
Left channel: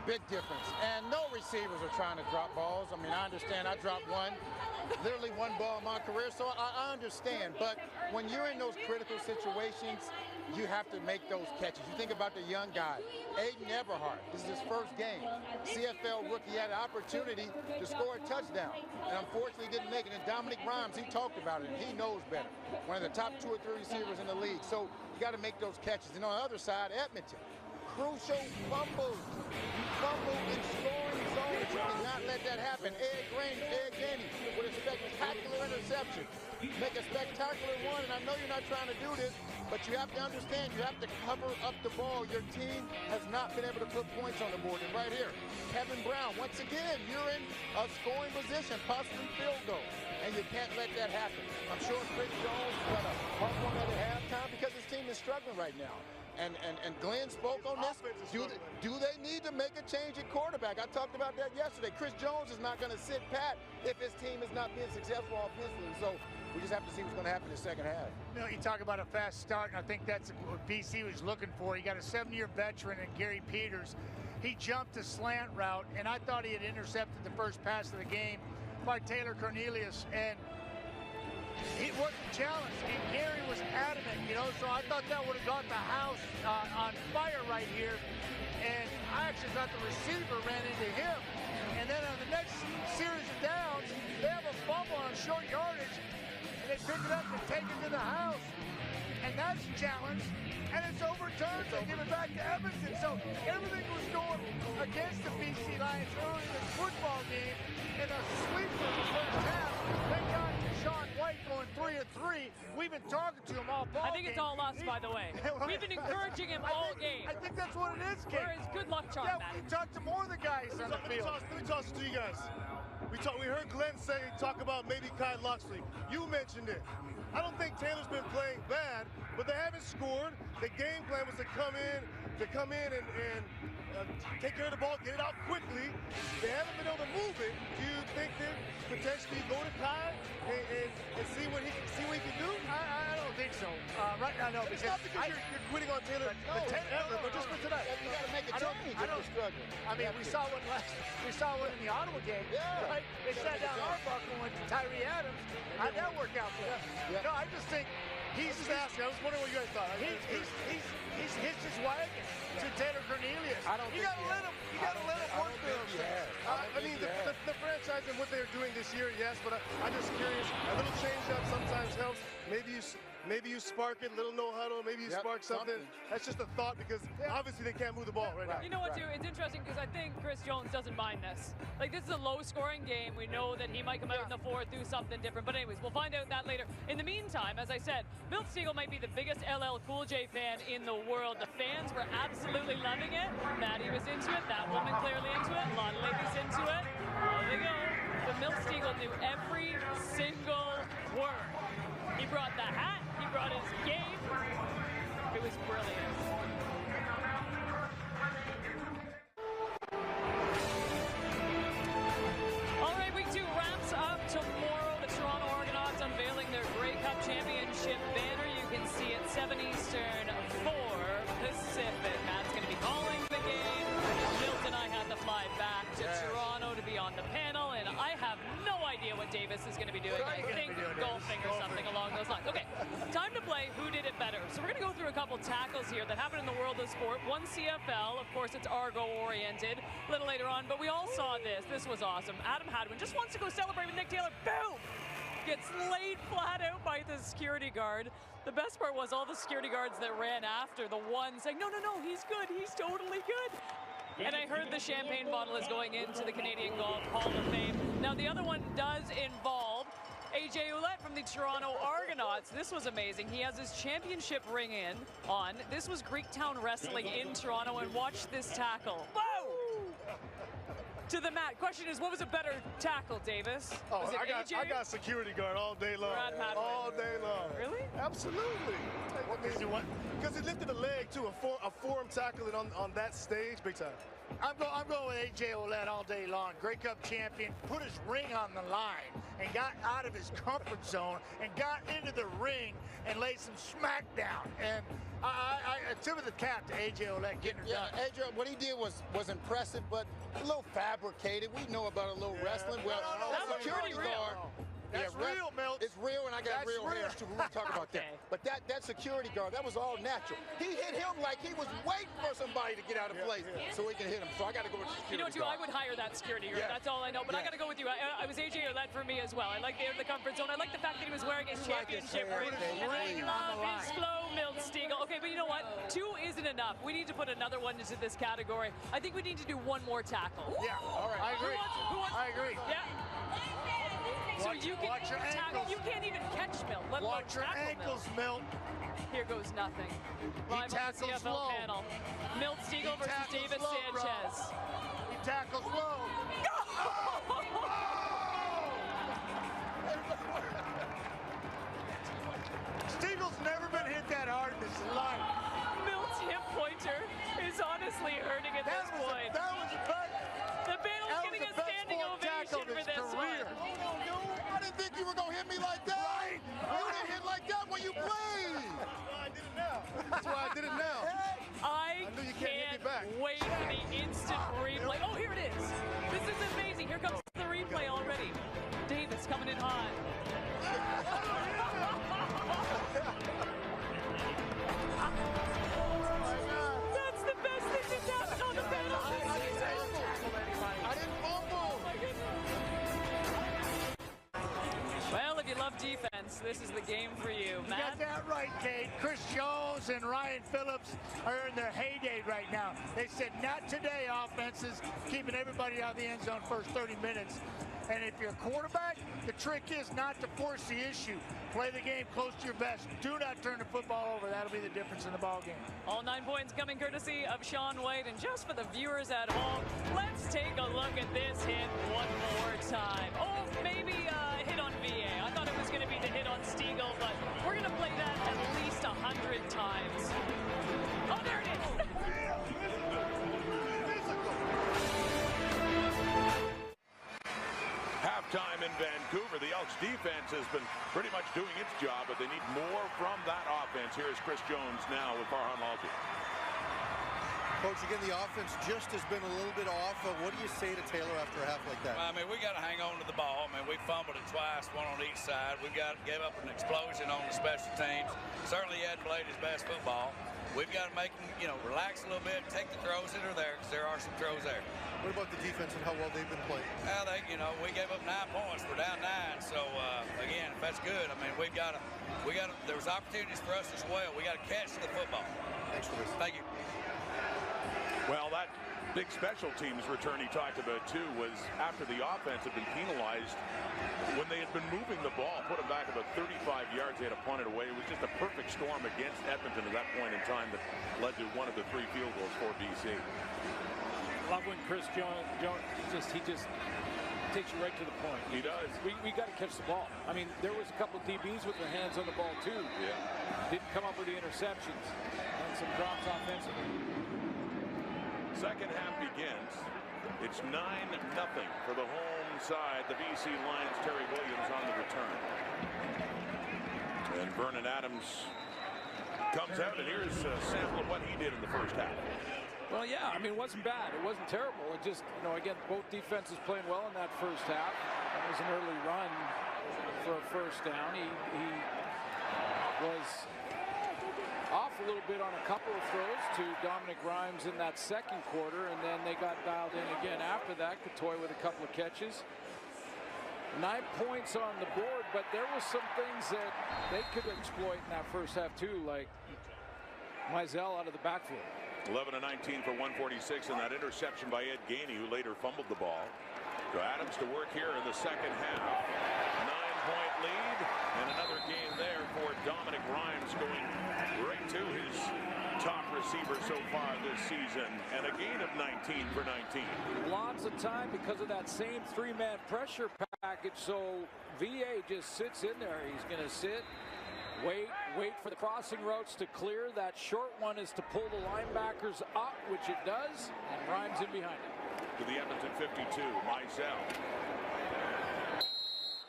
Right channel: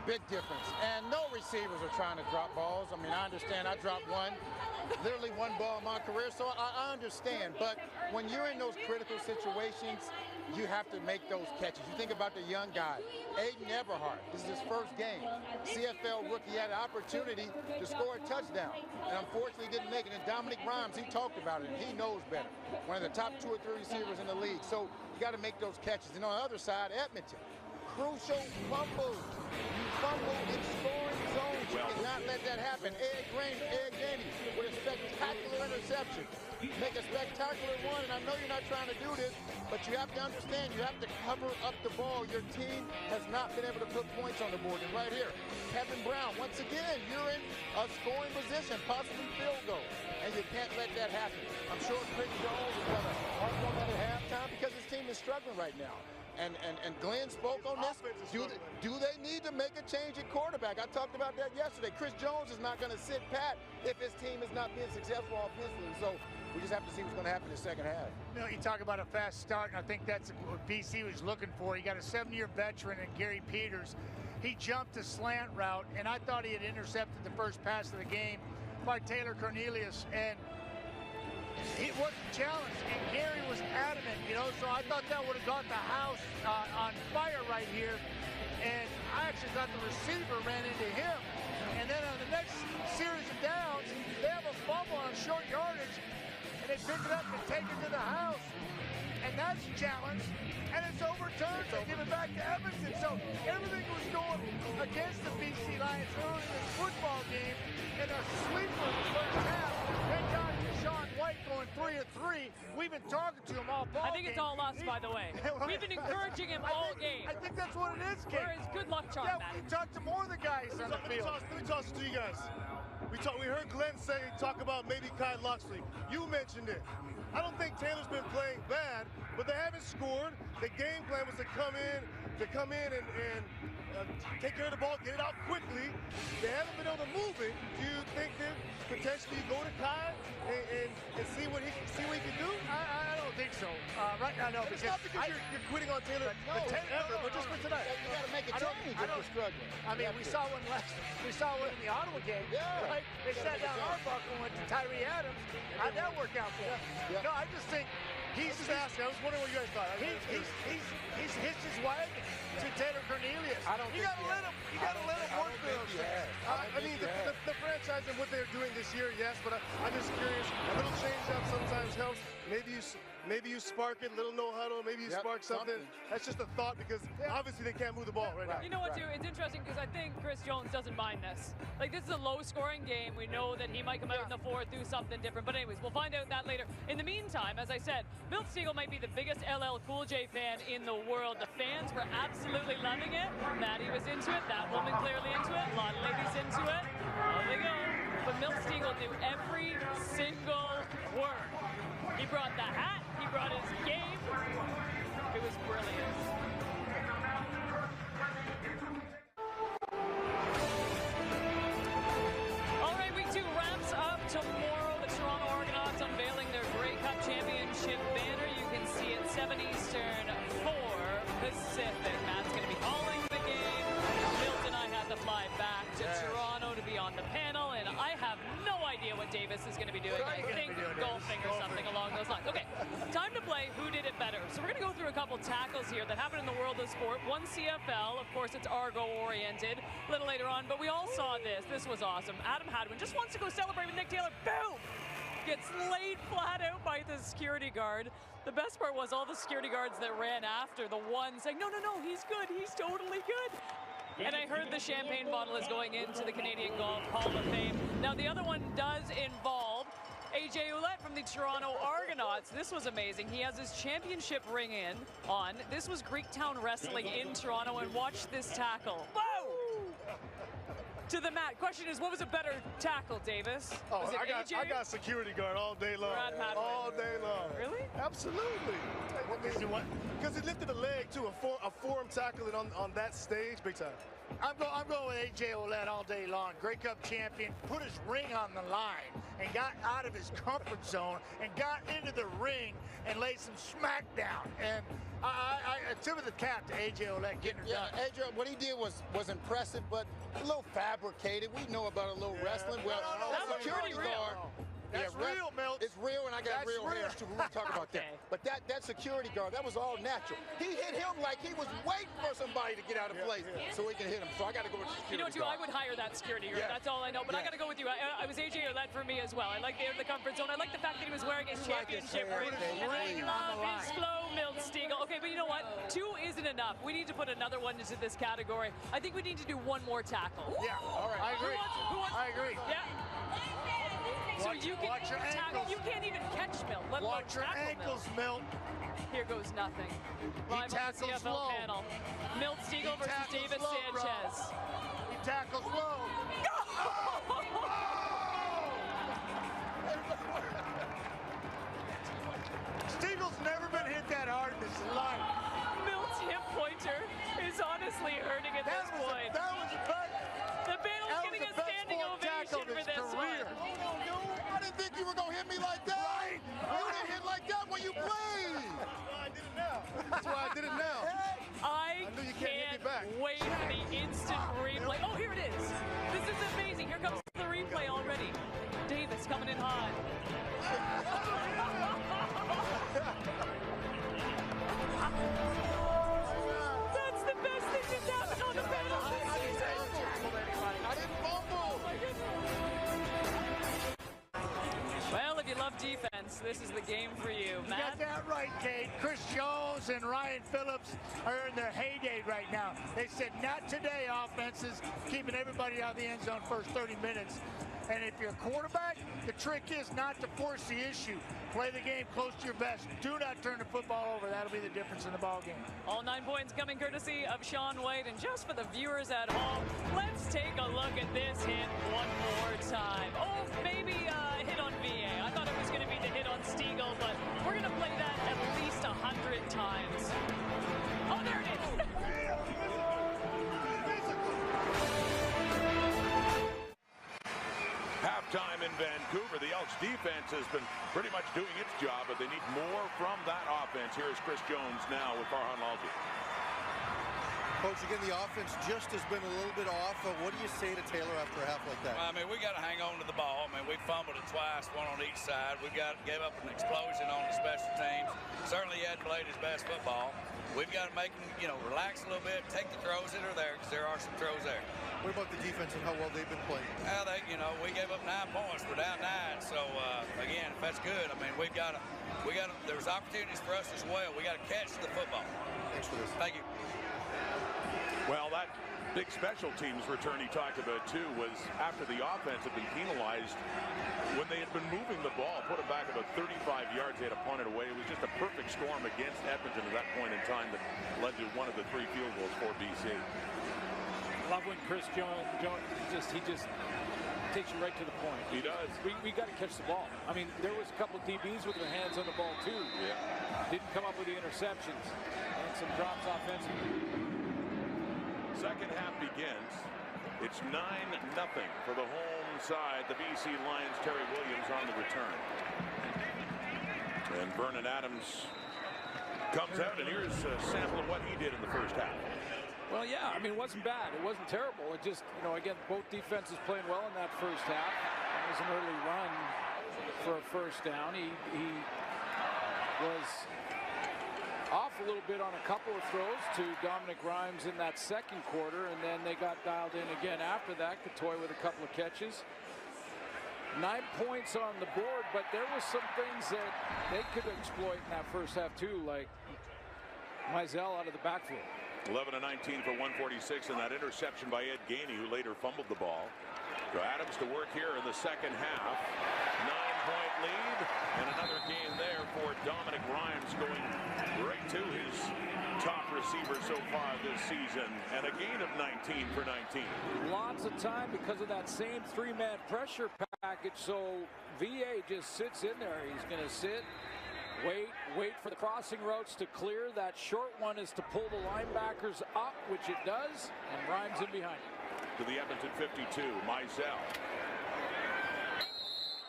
Big difference. And no receivers are trying to drop balls. I mean, I understand I dropped one, literally one ball in my career, so I understand. But when you're in those critical situations, you have to make those catches. You think about the young guy, Aiden Eberhardt. This is his first game. CFL rookie had an opportunity to score a touchdown, and unfortunately didn't make it. And Dominic Rhymes, he talked about it, and he knows better. One of the top 2 or 3 receivers in the league. So you got to make those catches. And on the other side, Edmonton, crucial fumbles. You fumble in scoring zones. You cannot let that happen. Ed Gainey with a spectacular interception. Make a spectacular one, and I know you're not trying to do this, but you have to understand, you have to cover up the ball. Your team has not been able to put points on the board. And right here, Kevin Brown, once again, you're in a scoring position, possibly field goal, and you can't let that happen. I'm sure Chris Jones is going to harp on that at halftime because his team is struggling right now. And Glenn spoke on this. Do they need to make a change at quarterback? I talked about that yesterday. Chris Jones is not going to sit pat if his team is not being successful offensively. So we just have to see what's going to happen in the second half. You know, you talk about a fast start, and I think that's what BC was looking for. You got a 7-year veteran in Gary Peters. He jumped a slant route, and I thought he had intercepted the first pass of the game by Taylor Cornelius, and it wasn't challenged, and Gary was adamant, you know, so I thought that would have got the house on fire right here, and I actually thought the receiver ran into him, and then on the next series of downs, they have a fumble on short yardage, and they pick it up and take it to the house, and that's challenged, and it's overturned. They give it back to Edmonton, so everything was going against the BC Lions early in this football game, in a sleeper of the first half. Thank God for Sean White going 3 of 3. We've been talking to him all ball I think it's all us, by the way. We've been encouraging him all game. I think that's what it is, Kate. We're his good luck charm, Yeah, we talked to more of the guys on the field. Let me toss it to you guys. We heard Glenn talk about maybe Kyle Loxley. You mentioned it. I don't think Taylor's been playing bad, but they haven't scored. The game plan was to come in and take care of the ball, get it out quickly. They haven't been able to move it. Do you think that potentially go to Kyle and see what he can do? I don't think so. Right now, no. It's not because you're quitting on Taylor, but just for tonight. You got to make a change if you're struggling. I mean, we saw one in the Ottawa game, right? They sat down Arbuckle and went to Tyree Adams. How'd that work out for him? No, I just think he's just asking. I was wondering what you guys thought. He's hitched his wagon to Taylor Cornelius. I don't think you gotta let him work through those things. I mean, the franchise and what they're doing this year, yes, but I'm just curious. A little change up sometimes helps. Maybe you spark it, little no huddle. Maybe you spark something. That's just a thought because obviously they can't move the ball right now. You know what, too? It's interesting because I think Chris Jones doesn't mind this. Like, this is a low-scoring game. We know that he might come out in the fourth, do something different. But anyways, we'll find out that later. In the meantime, as I said, Milt Stegall might be the biggest LL Cool J fan in the world. The fans were absolutely loving it. Maddie was into it. That woman clearly into it. A lot of ladies into it. Oh, they go. But Milt Stegall knew every single word. He brought the hat. He brought his game. It was brilliant. All right, week 2 wraps up tomorrow. The Toronto Argonauts unveiling their Grey Cup Championship banner. You can see it 7 Eastern, 4 Pacific. Matt's going to be calling the game. Milt and I had to fly back to Toronto to be on the panel, and I have no idea what Davis is going to be doing. I think golfing or something along those lines. Okay, time to play Who Did It Better. So we're going to go through a couple tackles here that happened in the world of sport. One CFL, of course, it's Argo-oriented a little later on, but we all saw this. This was awesome. Adam Hadwin just wants to go celebrate with Nick Taylor. Boom! Gets laid flat out by the security guard. The best part was all the security guards that ran after the one saying, no, he's good. He's totally good. And I heard the champagne bottle is going into the Canadian Golf Hall of Fame. Now, the other one does involve AJ Ouellette from the Toronto Argonauts. This was amazing. He has his championship ring on. This was Greektown Wrestling in Toronto, and watch this tackle. Whoa! To the mat. Question is, what was a better tackle, Davis? Was it AJ? I got security guard all day long. All day long. Really? Absolutely. Because he lifted a leg too, a forearm tackle on that stage, big time. I'm going with AJ Ouellette all day long. Grey Cup champion, put his ring on the line and got out of his comfort zone and got into the ring and laid some smack down. And I tip of the cap to A.J. Olette getting her done. AJ, what he did was impressive, but a little fabricated. We know about a little wrestling. Well, that security guard. That's real, Milt. It's real, and I got real hair too. We're talking about that. But that security guard, that was all natural. He hit him like he was waiting for somebody to get out of place so he can hit him. So I got to go with the security You know, too, I would hire that security guard. That's all I know. But I got to go with you. I was A.J. Olette for me as well. I like the comfort zone. I like the fact that he was wearing his championship ring. And I love his flow, Milt Stegall. Okay, but you know what? 2 isn't enough. We need to put another one into this category. I think we need to do one more tackle. Yeah, all right. I agree. I agree. Yeah. So you can watch your ankles. You can't even catch Milt. Watch your ankles, Milt. Here goes nothing. Live on the CFL low. panel. Milt Stegall versus Davis Sanchez. He tackles low. Steagall's never been hit that hard in his life. Milt's hip pointer is honestly hurting at this point. That was the panel's getting a standing ovation for this one. I didn't think you were going to hit me like that. Right. You didn't hit like that when you played. That's why I did it now. I knew you can't hit me back. wait for the instant replay. Oh, here it is. This is amazing. Here comes the replay already. Davis coming in hot. That's the best thing that's happened on the panel this season. I didn't fumble. Oh my goodness. Well, if you love defense, this is the game for you, Matt. You got that right, Kate. Chris Jones and Ryan Phillips are in their heyday right now. They said, not today, offenses, keeping everybody out of the end zone first 30 minutes. And if you're a quarterback, the trick is not to force the issue. Play the game close to your vest. Do not turn the football over. That'll be the difference in the ball game. All 9 points coming courtesy of Sean White. And just for the viewers at home, let's take a look at this hit one more time. Oh, maybe a hit on VA. I thought it was going to be the hit on Stegall, but we're going to play that at least 100 times. Oh, there it is. Halftime in Vancouver. The Elks defense has been pretty much doing its job, but they need more from that offense. Here is Chris Jones now with Farhan Lalji. Coach, again, the offense just has been a little bit off. What do you say to Taylor after a half like that? Well, I mean, we got to hang on to the ball. I mean, we fumbled it twice, one on each side. We've got to give up an explosion on the special teams. Certainly, he hadn't played his best football. We've got to make him, relax a little bit, take the throws that are there, because there are some throws there. What about the defense and how well they've been playing? Well, we gave up 9 points. We're down 9. So, again, if that's good, I mean, there's opportunities for us as well. We got to catch the football. Thanks for this. Thank you. Well, that big special teams return he talked about, too, was after the offense had been penalized. When they had been moving the ball, put it back about 35 yards, they had to punt it away. It was just a perfect storm against Edmonton at that point in time that led to one of the 3 field goals for BC. Love when Chris Jones he just takes you right to the point. He does. We got to catch the ball. I mean, there was a couple of DBs with their hands on the ball, too. Yeah. Didn't come up with the interceptions and some drops offensively. Second half begins. It's 9-0 for the home side. The BC Lions, Terry Williams on the return. And Vernon Adams comes out, and here's a sample of what he did in the first half. Well, yeah, I mean, it wasn't bad. It wasn't terrible. It just, again, both defenses playing well in that first half. It was an early run for a first down. He was off a little bit on a couple of throws to Dominic Grimes in that second quarter, and then they got dialed in again after that. Katoy with a couple of catches. 9 points on the board, but there was some things that they could exploit in that first half too, like Mizell out of the backfield. 11 of 19 for 146, and that interception by Ed Gainey, who later fumbled the ball. So Adams to work here in the second half. 9-point lead, and another gain there for Dominic Grimes, going right to his top receiver so far this season, and a gain of 19 for 19. Lots of time because of that same 3-man pressure package, so VA just sits in there. He's going to sit, wait for the crossing routes to clear. That short one is to pull the linebackers up, which it does, and Grimes in behind it. To the Edmonton 52, Mizell.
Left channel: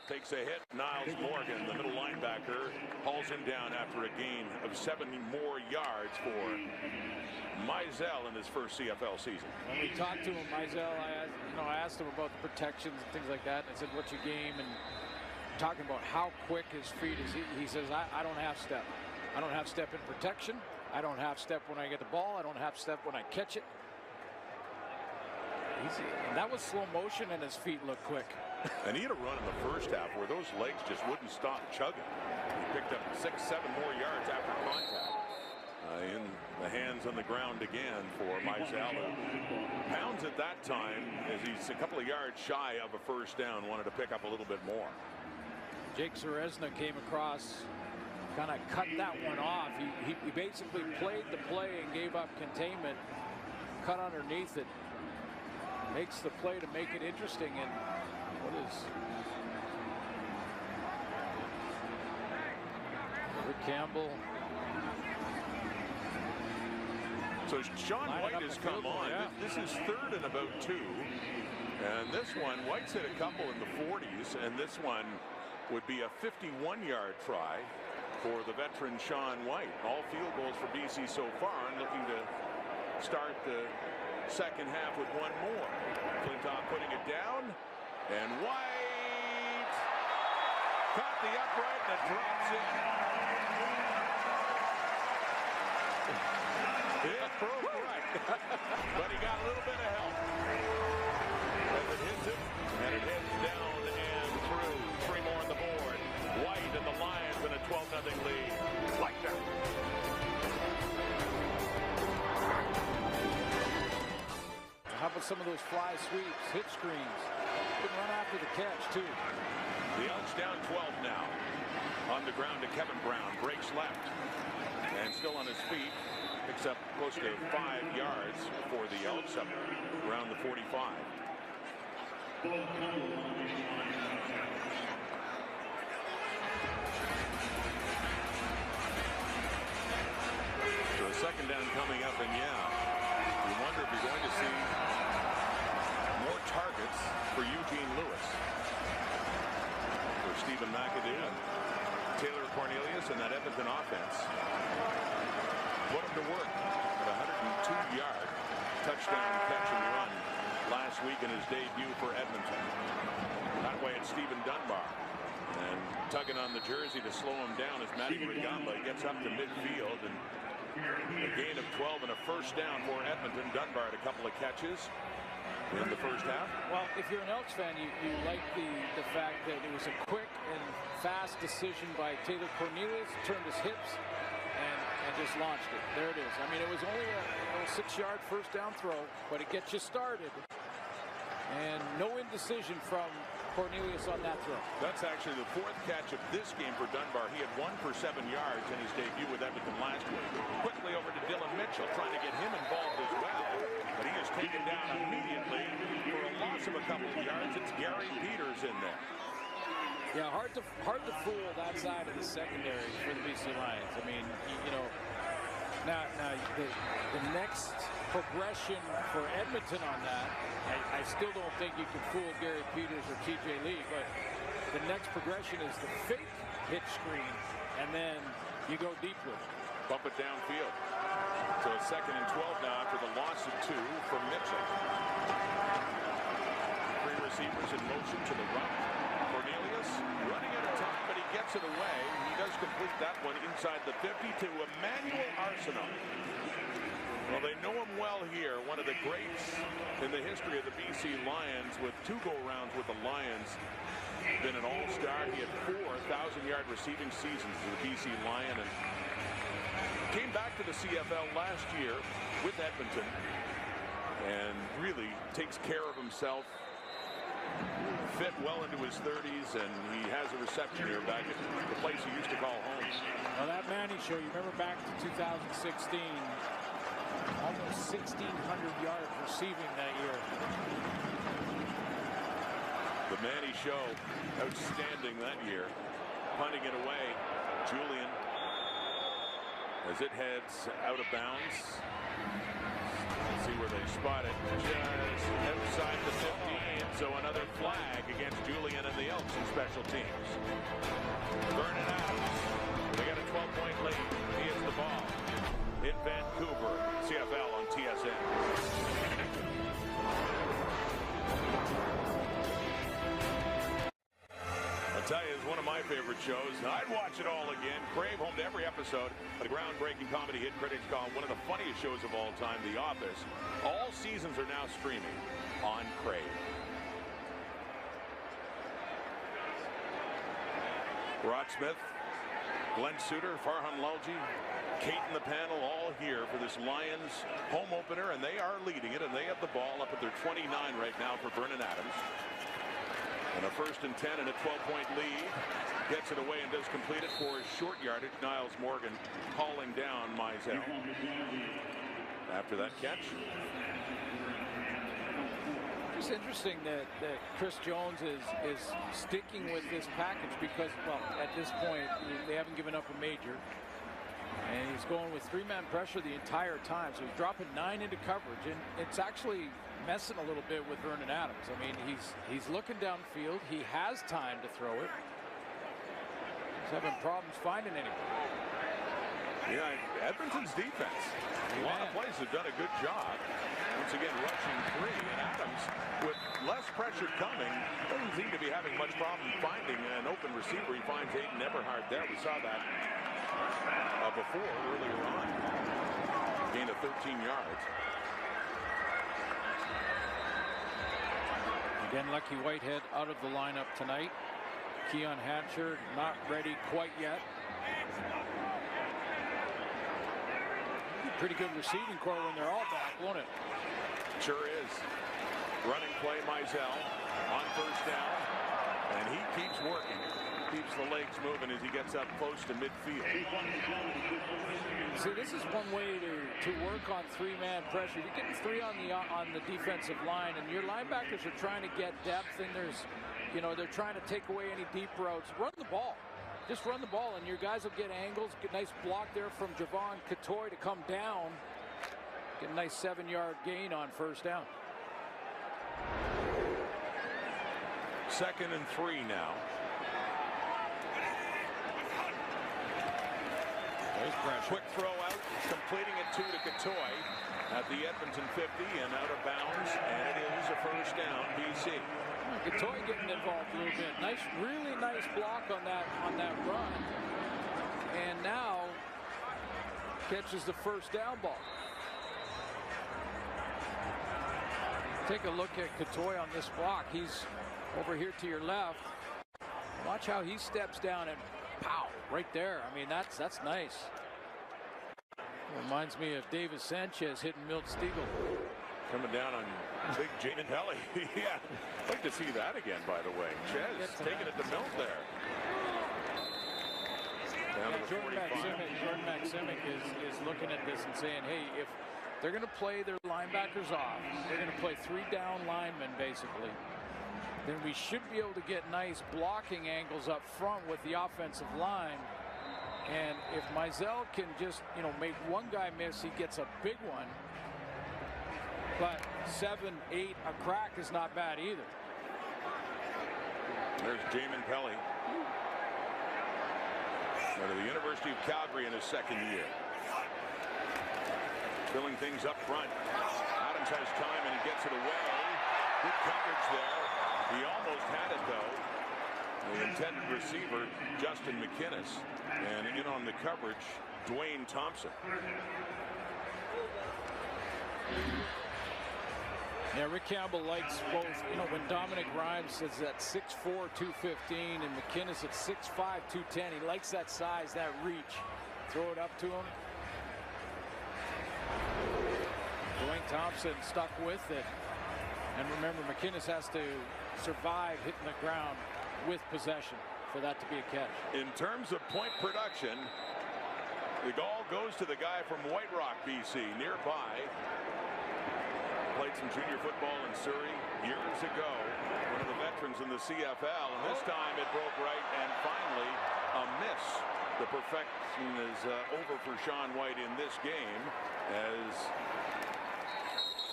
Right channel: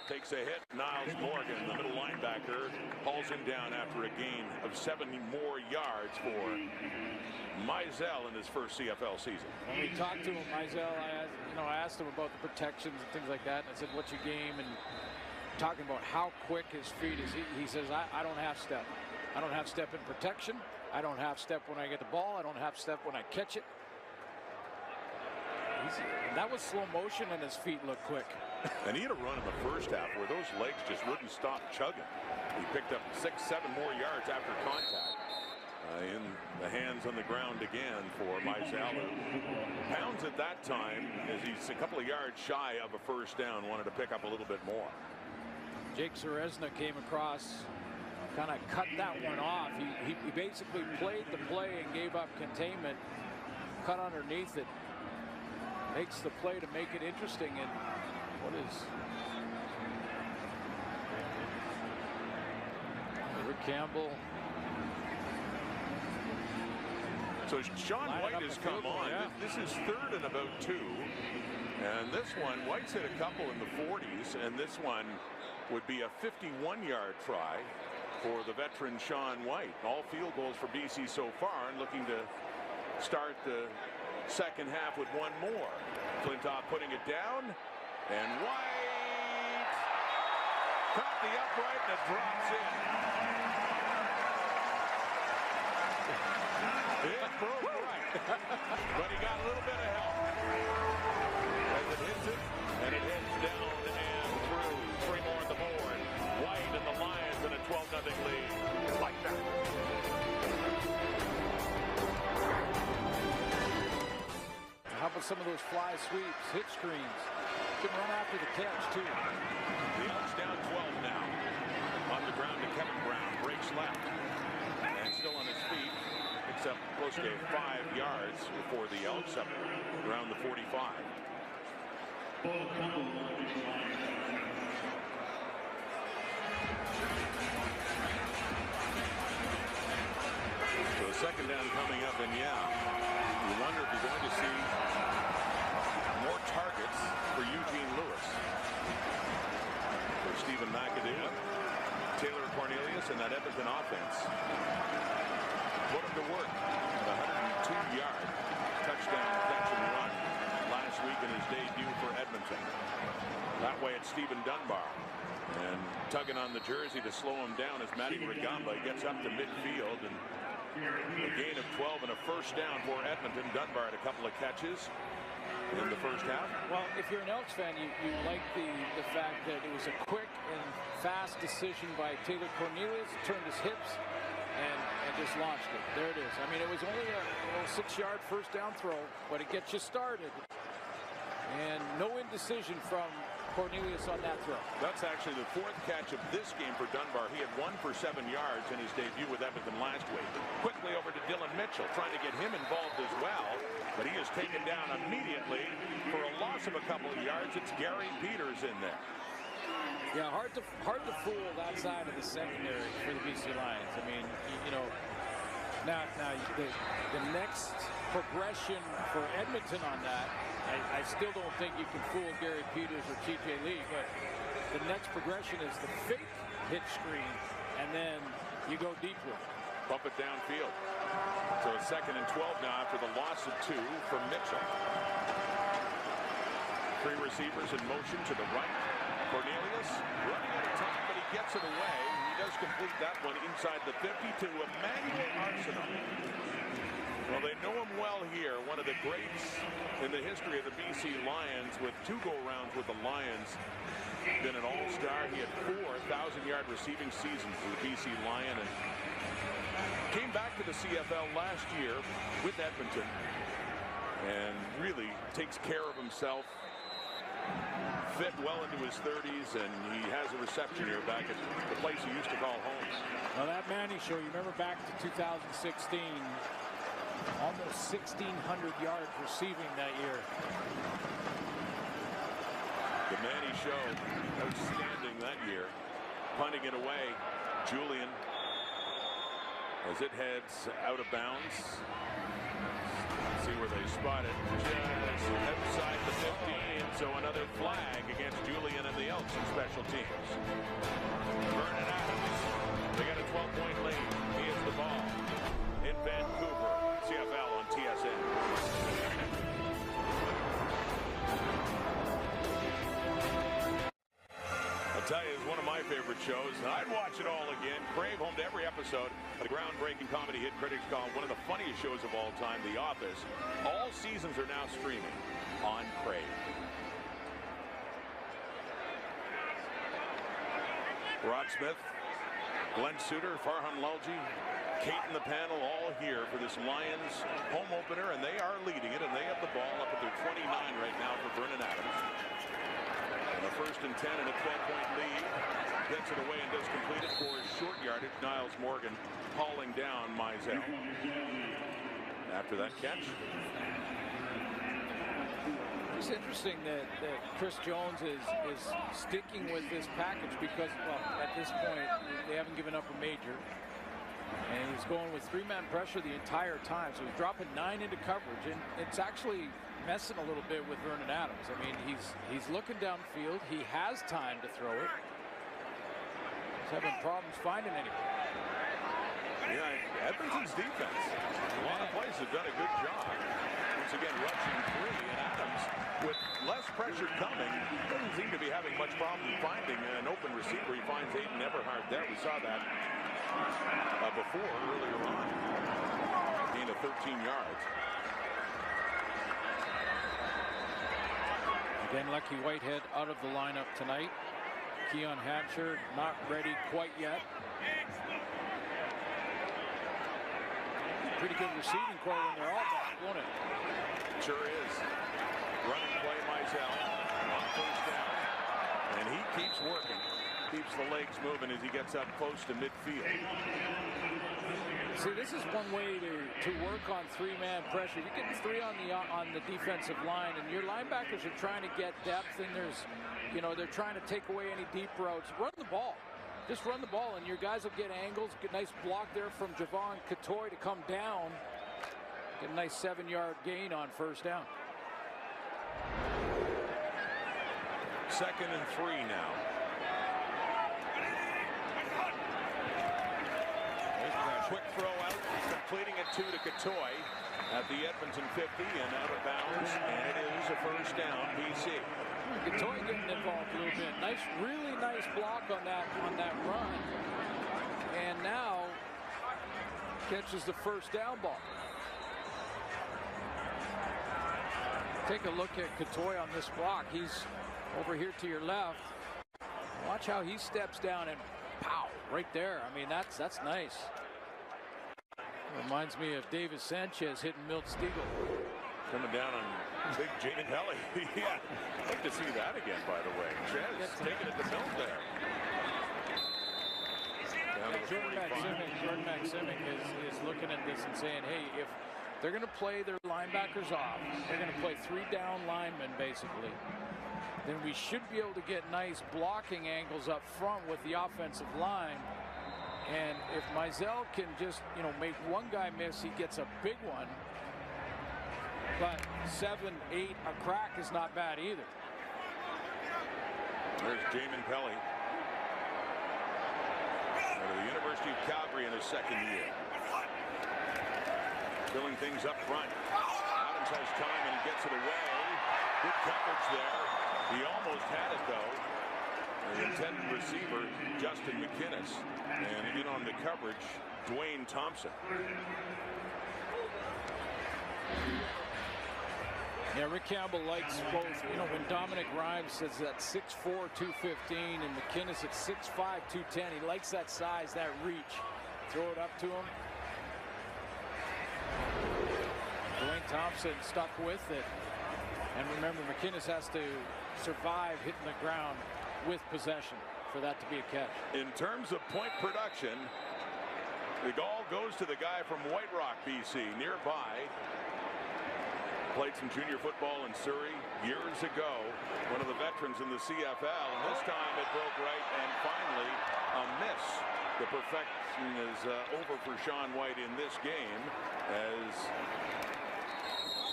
takes a hit. Niles Morgan, the middle linebacker, hauls him down after a gain of 70 more yards for Mizell in his first CFL season. When we talked to him, Mizell, I asked him about the protections and things like that, and I said, "What's your game?" And talking about how quick his feet is. He says, I don't have step. I don't have step in protection. I don't have step when I get the ball. I don't have step when I catch it. And that was slow motion, and his feet look quick. And he had a run in the first half where those legs just wouldn't stop chugging. He picked up 6-7 more yards after contact. In the hands on the ground again for Mizell. Pounds at that time, as he's a couple of yards shy of a first down, wanted to pick up a little bit more. Jake Ceresna came across, kind of cut that one off. He basically played the play and gave up containment, cut underneath it. Makes the play to make it interesting. And what is Rick Campbell? So Sean White has come on. Yeah. This is third and about 2. And this one, White's hit a couple in the 40s, and this one would be a 51-yard try for the veteran Sean White. All field goals for BC so far, and looking to start the second half with one more. Flintoff putting it down, and White caught the upright, and it drops in. It broke right, but he got a little bit of help as it hits it, and it hits down and through. 3 more on the board. White and the Lions in a 12-0 lead. Like that. How about some of those fly sweeps, hit screens? Can run after the catch, too. The Elks down 12 now. On the ground to Kevin Brown. Breaks left. And still on his feet. Picks up close to 5 yards for the Elks up around the 45. So a second down coming up, and yeah, you wonder if you're going to see more targets for Eugene Lewis. For Stephen McAdoo and Taylor Cornelius and that Edmonton offense. Put him to work at a 102-yard touchdown catch and run last week in his debut for Edmonton. That way it's Stephen Dunbar. And tugging on the jersey to slow him down as Matty Rugamba gets up to midfield, and a gain of 12 and a first down for Edmonton. Dunbar had a couple of catches in the first half. Well, if you're an Elks fan, you like the fact that it was a quick and fast decision by Taylor Cornelius, turned his hips and just launched it. There it is. I mean, it was only a little 6-yard first down throw, but it gets you started. And no indecision from Cornelius on that throw. That's actually the 4th catch of this game for Dunbar. He had 1 for 7 yards in his debut with Edmonton last week. Quickly over to Dylan Mitchell, trying to get him involved as well, but he is taken down immediately for a loss of a couple of yards. It's Gary Peters in there. Yeah, hard to fool that side of the secondary for the BC Lions. I mean, you know, now the next progression for Edmonton on that, I still don't think you can fool Gary Peters or TJ Lee, but the next progression is the fake hitch screen, and then you go deep with it. Bump it downfield. So it's 2nd and 12 now after the loss of 2 for Mitchell. 3 receivers in motion to the right. Cornelius running at a time, but he gets it away. He does complete that one inside the 50 to Emmanuel Arsenault. Well, they know him well here. One of the greats in the history of the BC Lions, with 2 go-rounds with the Lions. Been an all-star. He had 4 1,000-yard receiving seasons as a BC Lion, and came back to the CFL last year with Edmonton, and really takes care of himself. Fit well into his 30s, and he has a reception here back at the place he used to call home. Well, that Manny show, you remember back to 2016, almost 1,600 yards receiving that year. The Manny show, outstanding that year. Punting it away, Julian, as it heads out of bounds. See where they spot it, just outside the 15. So another flag against Julian and the Elks in special teams. Vernon Adams, they got a 12-point lead. He has the ball in Vancouver. CFL on TSN. I'll tell you, it's one of my favorite shows. I'd watch it all again. Crave, home to every episode of the groundbreaking comedy hit critics call one of the funniest shows of all time, The Office. All seasons are now streaming on Crave. Rod Smith, Glenn Suter, Farhan Lalji, Kate in the panel, all here for this Lions home opener, and they are leading it, and they have the ball up at their 29 right now for Vernon Adams. And a 1st and 10 and a 12-point lead. Gets it away and does complete it for short yardage. Niles Morgan hauling down Mizell after that catch. It's interesting that Chris Jones is sticking with this package because, well, at this point, they haven't given up a major. And he's going with 3-man pressure the entire time. So he's dropping 9 into coverage. And it's actually messing a little bit with Vernon Adams. I mean, he's looking downfield. He has time to throw it. He's having problems finding anyone. Yeah, Edmonton's defense. A lot of plays have done a good job. Once again, rushing 3. And Adams, with less pressure coming, doesn't seem to be having much problem finding an open receiver. He finds Aiden Eberhard there. We saw that before, earlier on. Gain of 13 yards. Again, Lucky Whitehead out of the lineup tonight. Keon Hatcher not ready quite yet. Pretty good receiving core when they're all back, won't it? Sure is. Running play, Mizell on 1st down. And he keeps working. Keeps the legs moving as he gets up close to midfield. See, this is one way to work on 3-man pressure. If you're getting 3 on the defensive line, and your linebackers are trying to get depth, and they're trying to take away any deep routes. Run the ball. Just run the ball, and your guys will get angles. Get a nice block there from Javon Catoy to come down. Get a nice 7-yard gain on 1st down. 2nd and 3 now. Quick throw out, completing it to Catoy at the Edmonton 50 and out of bounds, and it is a 1st down, BC. Well, Catoy getting involved a little bit. Nice, really nice block on that run, and now catches the 1st down ball. Take a look at Catoy on this block. He's over here to your left. Watch how he steps down and pow, right there. I mean, that's nice. Reminds me of Davis Sanchez hitting Milt Stegall. Coming down on big Jaden Pelly. Yeah, I'd like to see that again, by the way. Chez taking it to Milt there. Down to the Jordan Maksimic is looking at this and saying, hey, if they're going to play their linebackers off, they're going to play 3 down linemen basically, then we should be able to get nice blocking angles up front with the offensive line. And if Mizell can just, make one guy miss, he gets a big one. But 7, 8, a crack is not bad either. There's Jamin Pelly out of the University of Calgary in his 2nd year. Filling things up front. Adams has time and he gets it away. Good coverage there. He almost had it though. The intended receiver, Justin McInnes, and in on the coverage, Dwayne Thompson. Yeah, Rick Campbell likes both. When Dominic Rhymes says that 6'4", 215, and McInnes at 6'5", 210, he likes that size, that reach. Throw it up to him. Dwayne Thompson stuck with it. And remember, McInnes has to survive hitting the ground with possession for that to be a catch. In terms of point production, the all goes to the guy from White Rock, BC, nearby. Played some junior football in Surrey years ago. One of the veterans in the CFL, and this time it broke right, and finally a miss. The perfection is over for Sean White in this game as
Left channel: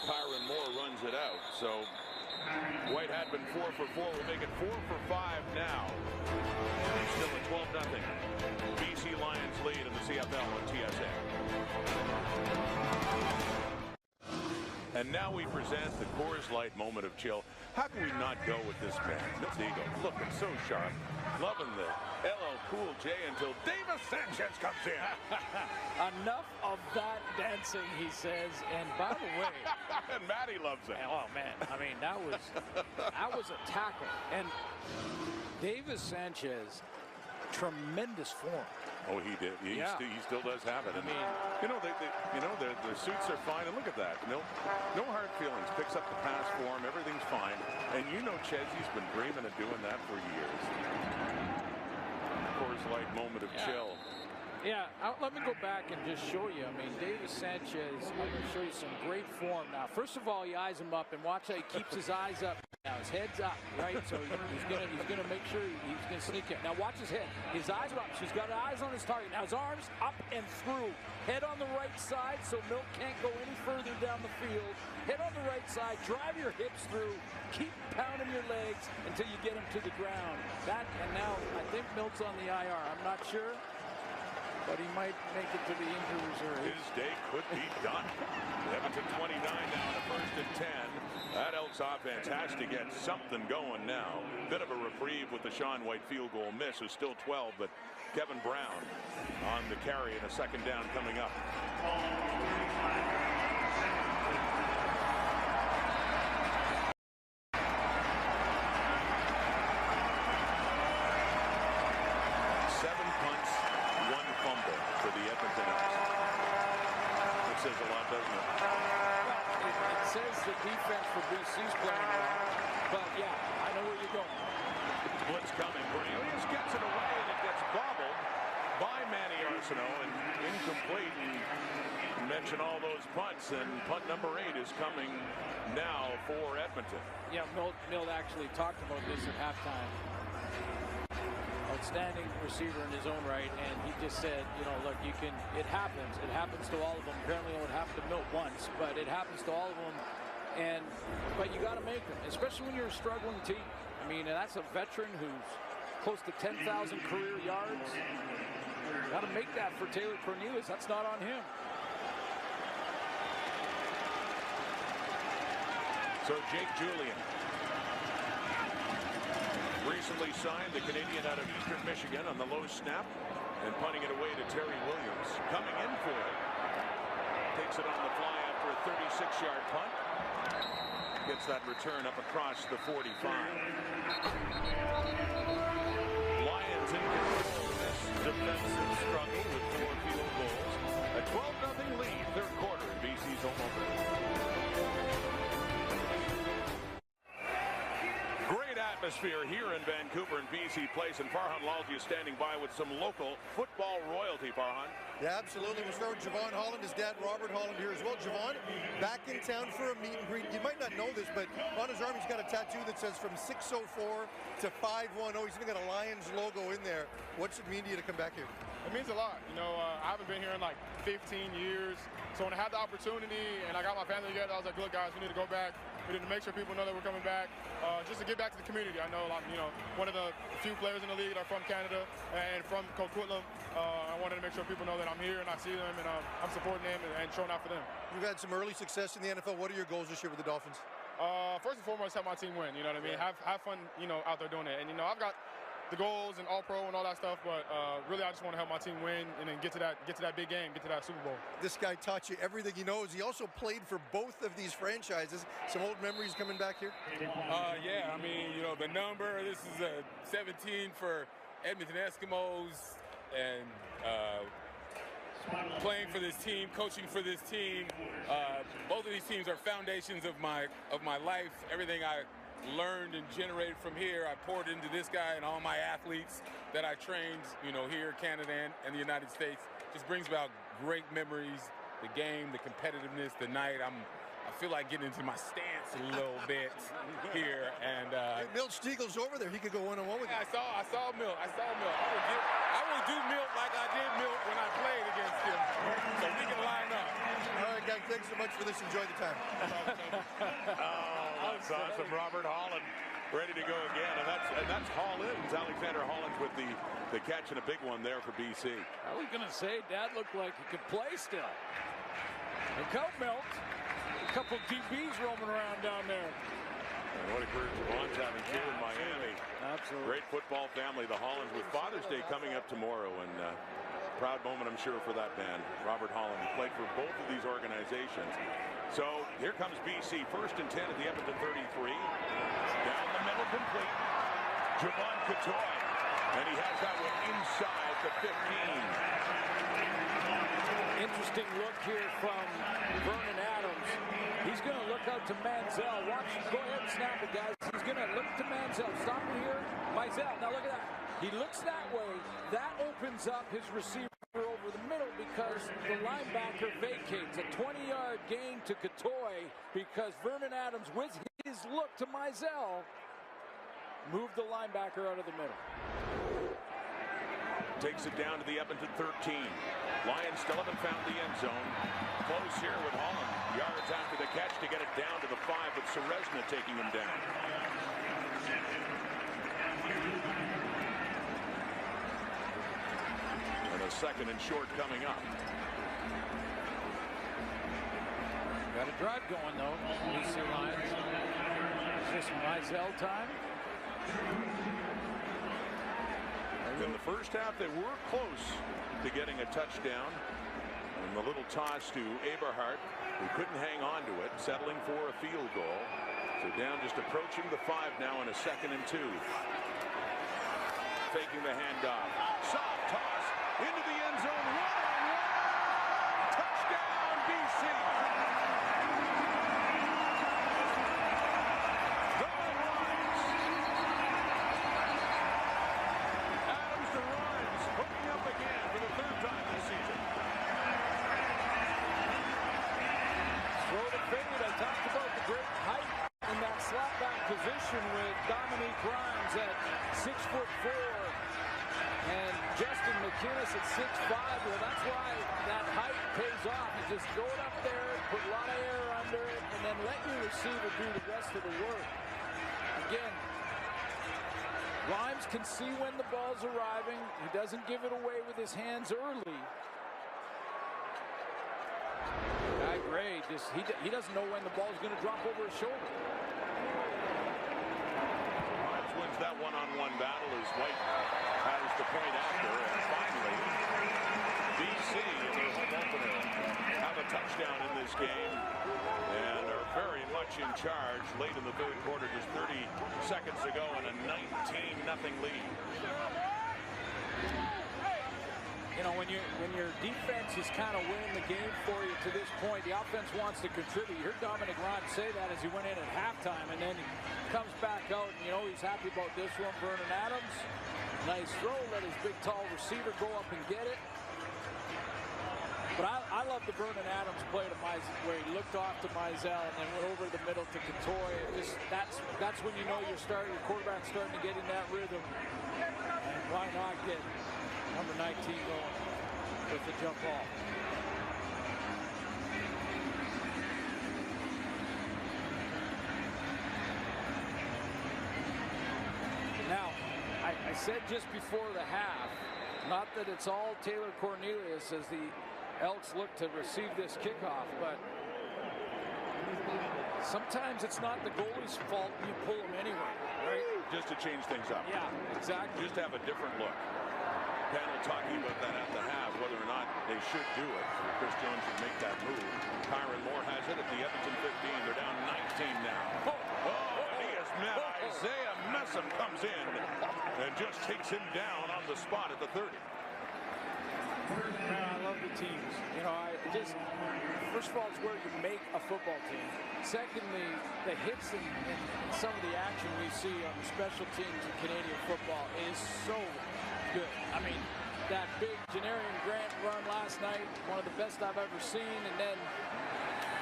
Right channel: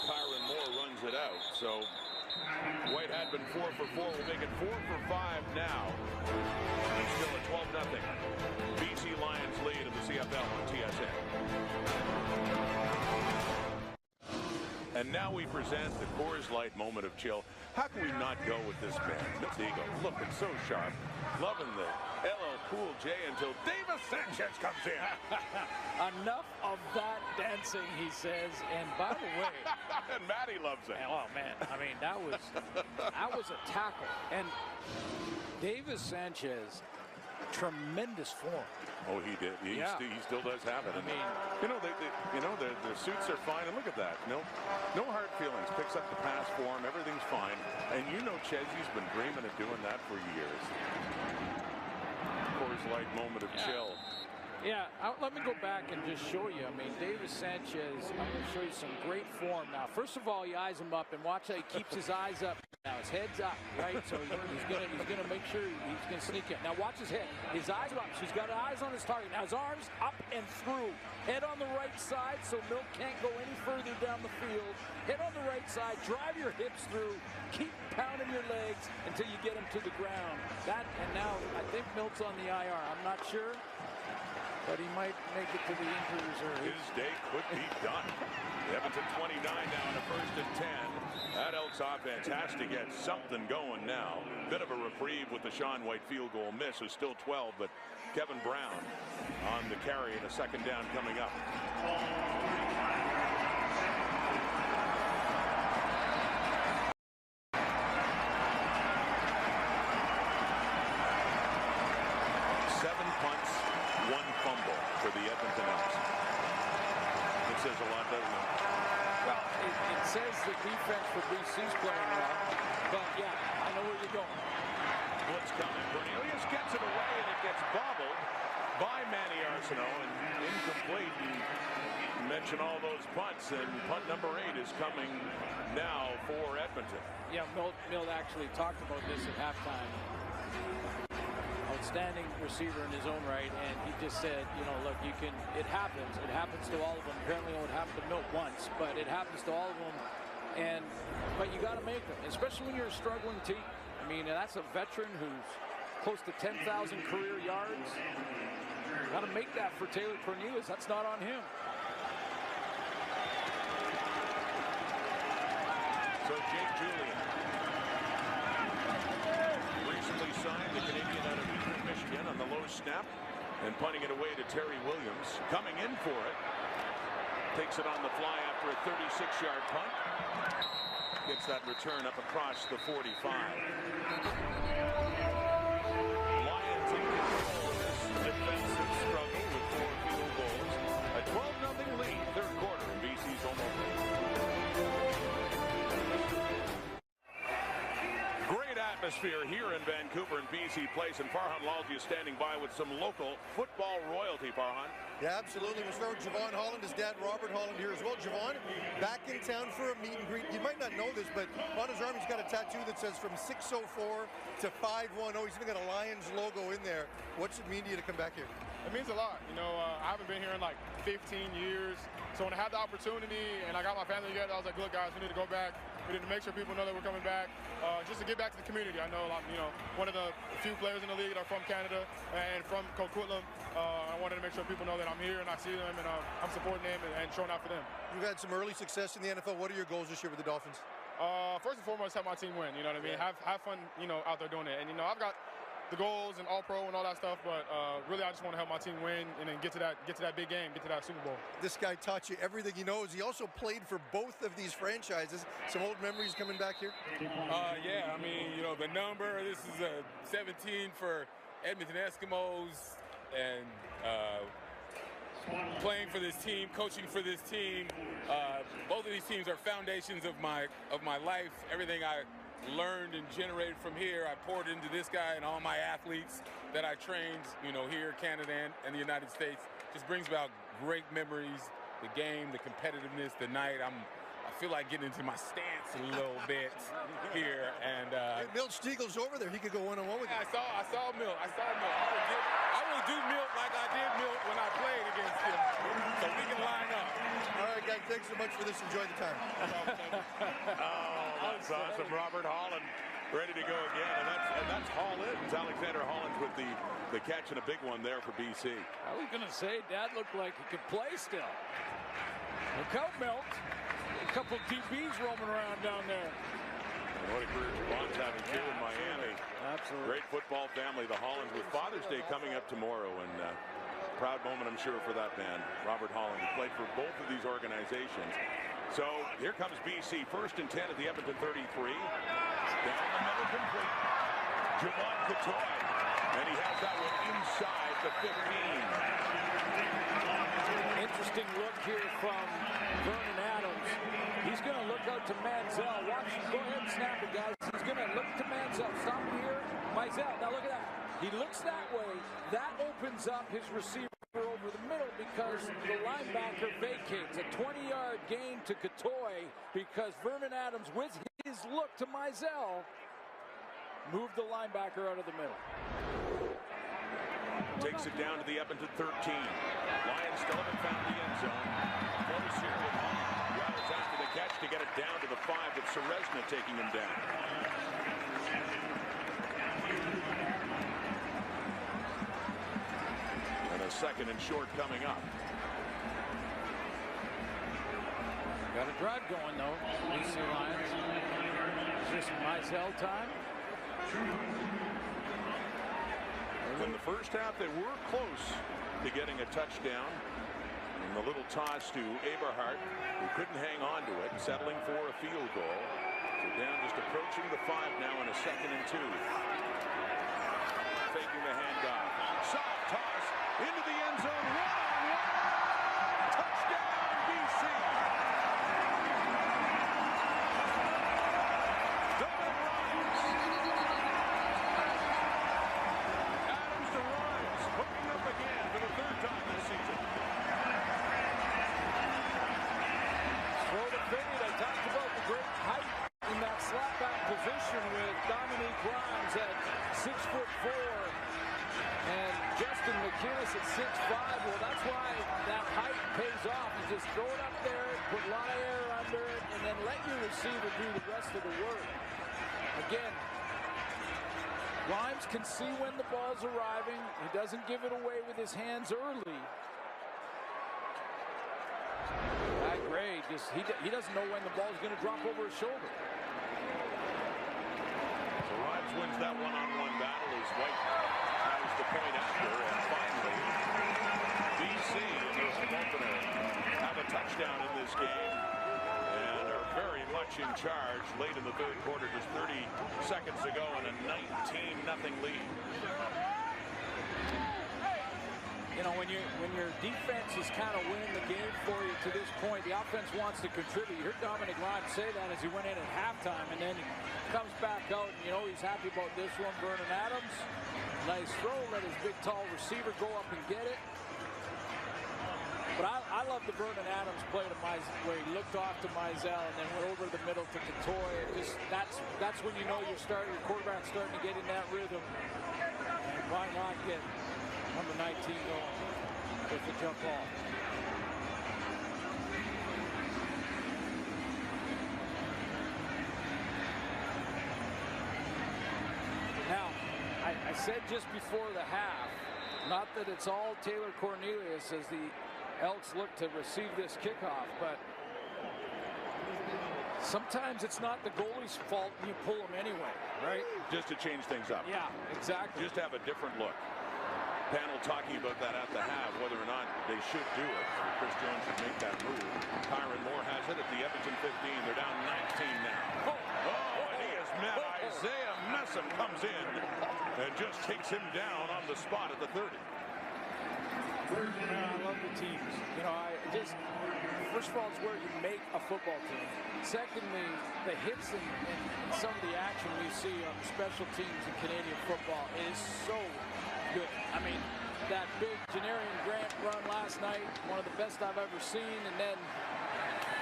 Kyron Moore runs it out. So White had been 4 for 4. We'll make it 4 for 5 now. And still a 12-0 BC Lions lead in the CFL on TSN. And now we present the Coors Light moment of chill. How can we not go with this man? Milt Eagle looking so sharp. Loving the LL Cool J until Davis Sanchez comes in. Enough of that dancing, he says. And by the way, and Matty loves it. Oh man, I mean that was a tackle. And Davis Sanchez, tremendous form. Oh, he did. He still does have it. I mean, their suits are fine. And look at that. No hard feelings. Picks up the pass for him. Everything's fine. And Chesy's been dreaming of doing that for years. Coors Light moment of chill. Yeah, let me go back and just show you. I mean, Davis Sanchez, I'm going to show you some great form now. First of all, he eyes him up, and watch how he keeps his eyes up. Now his head's up, right? So he's gonna make sure he's gonna sneak in. Now watch his head. His eyes are up, so he's got eyes on his target. Now his arms up and through. Head on the right side, so Milt can't go any further down the field. Head on the right side. Drive your hips through. Keep pounding your legs until you get him to the ground. And now I think Milt's on the IR. I'm not sure, but he might make it to the injury reserve. His day could be done. Edmonton 29 now in a 1st and 10. That Elks offense has to get something going now. Bit of a reprieve with the Sean White field goal miss. Is still 12, but Kevin Brown on the carry and a 2nd down coming up. Seven punts, 1 fumble for the Edmonton Elks. It says a lot, doesn't it? Well, it says the defense for BC's playing well, but yeah, I know where you're going. Blitz coming. Cornelius gets it away, and it gets bobbled by Manny Arsenault and incomplete. And mention all those punts, and punt number 8 is coming now for Edmonton. Yeah, Milt actually talked about this at halftime. Outstanding receiver in his own right, and he just said, look, it happens to all of them. Apparently it happened to Milt once, but it happens to all of them, but you got to make them, especially when you're a struggling team. I mean, that's a veteran who's close to 10,000 career yards. Got to make that for Taylor Cornelius. That's not on him. So Jake Julian, recently signed, the Canadian out of Eastern Michigan, on the low snap and punting it away to Terry Williams. Coming in for it. Takes it on the fly after a 36-yard punt. Gets that return up across the 45. Lions in control of this defensive struggle with 4 field goals. A 12-0 lead, 3rd quarter in BC's home opener. Great atmosphere here in Vancouver and BC Place, and Farhan Lalji is standing by with some local football royalty. Farhan. Yeah, absolutely. We'll start with Javon Holland, his dad Robert Holland here as well. Javon, back in town for a meet and greet. You might not know this, but on his arm he's got a tattoo that says from 604 to 510. He's even got a Lions logo in there. What's it mean to you to come back here? It means a lot. I haven't been here in like 15 years. So when I had the opportunity and I got my family together, I was like, look, guys, we need to go back. We need to make sure people know that we're coming back, just to get back to the community. I know I'm, one of the few players in the league that are from Canada and from Coquitlam. I wanted to make sure people know that I'm here and I see them and I'm supporting them and showing out for them. You've had some early success in the NFL. What are your goals this year with the Dolphins? First and foremost, have my team win. You know what I mean? Yeah. Have fun, out there doing it. And I've got the goals and All-Pro and all that stuff, but really I just want to help my team win and then get to that big game, get to that Super Bowl. This guy taught you everything he knows. He also played for both of these franchises. Some old memories coming back here? Yeah, I mean, the number, this is a 17 for Edmonton Eskimos, and playing for this team, coaching for this team. Both of these teams are foundations of my life. Everything I learned and generated from here, I poured into this guy and all my athletes that I trained, here, Canada and the United States. Just brings about great memories, the game, the competitiveness, the night. I'm I feel like getting into my stance a little bit here. And hey, Milt Stiegel's over there. He could go one-on-one with you. I saw Milt. I will do Milt like I did Milt when I played against him. So we can line up. All right, guys. Thanks so much for this. Enjoy the time. Oh, that's awesome. Robert Holland ready to go again, and that's Hollins. Alexander Hollins with the catch and a big one there for BC. I was gonna say Dad looked like he could play still. Look out, Milt. A couple DBs roaming around down there. And what a career Javon's having too in Miami. Absolutely. Great football family, the Hollands, with Father's Day coming up tomorrow, and proud moment, I'm sure, for that man, Robert Holland, who played for both of these organizations. So here comes BC, 1st and 10 at the Edmonton 33. Down the middle, complete. Javon Catoy, and he has that one inside the 15. Interesting look here from Vernon Adams. He's going to look out to Manziel. Watch, go ahead and snap it, guys. He's going to look to Manziel. Stop it here. Mizell, now look at that. He looks that way. That opens up his receiver over the middle because the linebacker vacates. A 20-yard gain to Catoy because Vernon Adams, with his look to Mizell, moved the linebacker out of the middle. Takes it down to the Edmonton 13. Lions still haven't found the end zone. Close here with Holland. Yards after the catch to get it down to the 5, with Seresna taking him down. And a 2nd and short coming up. Got a drive going, though, BC Lions. Is this Mizell time? In the first half, they were close to getting a touchdown. And the little toss to Eberhardt, who couldn't hang on to it, settling for a field goal. So down, just approaching the 5 now, in a 2nd and 2. Faking the handoff. Soft toss into the end zone. One-on-one. Touchdown, BC. Dominic Rhymes. Adams to Rhymes, hooking up again for the 3rd time this season. Throw the fade. I talked about the great height in that slot back position with Dominique Rhymes at 6'4", and Justin McInnes at 6'5". Well, that's why that height pays off. You just throw it up there, put a lot of air under it, and then let your receiver do the rest of the work. Again, Rhymes can see when the ball's arriving. He doesn't give it away with his hands early. Guy Gray, just he doesn't know when the ball's going to drop over his shoulder. So Rhymes wins that one-on-one battle as White has the point after, and finally BC in their home opener have a touchdown in this game and are very much in charge late in the 3rd quarter, just 30 seconds ago, and a 19-0 lead. You know, when your defense is kind of winning the game for you to this point, the offense wants to contribute. You heard Dominic Rhymes say that as he went in at halftime, and then he comes back out, and you know he's happy about this one. Vernon Adams, nice throw, let his big tall receiver go up and get it. But I love the Vernon Adams play to where he looked off to Mizell and then went over the middle to Catoy. It just that's when you know your quarterback's starting to get in that rhythm. And why not get number 19 going with the jump ball? Now, I said just before the half, not that it's all Taylor Cornelius as the Elks look to receive this kickoff, but sometimes it's not the goalie's fault and you pull them anyway, right? Just to change things up. Yeah, exactly. Just to have a different look. Panel talking about that at the half, whether or not they should do it. Chris Jones should make that move. Kyron Moore has it at the Edmonton 15. They're down 19 now. And he has met Isaiah Messam, comes in and just takes him down on the spot at the 30. Man, I love the teams. You know, first of all, it's where you make a football team. Secondly, the hits and some of the action we see on the special teams in Canadian football is so good. I mean, that big Janarian Grant run last night, one of the best I've ever seen, and then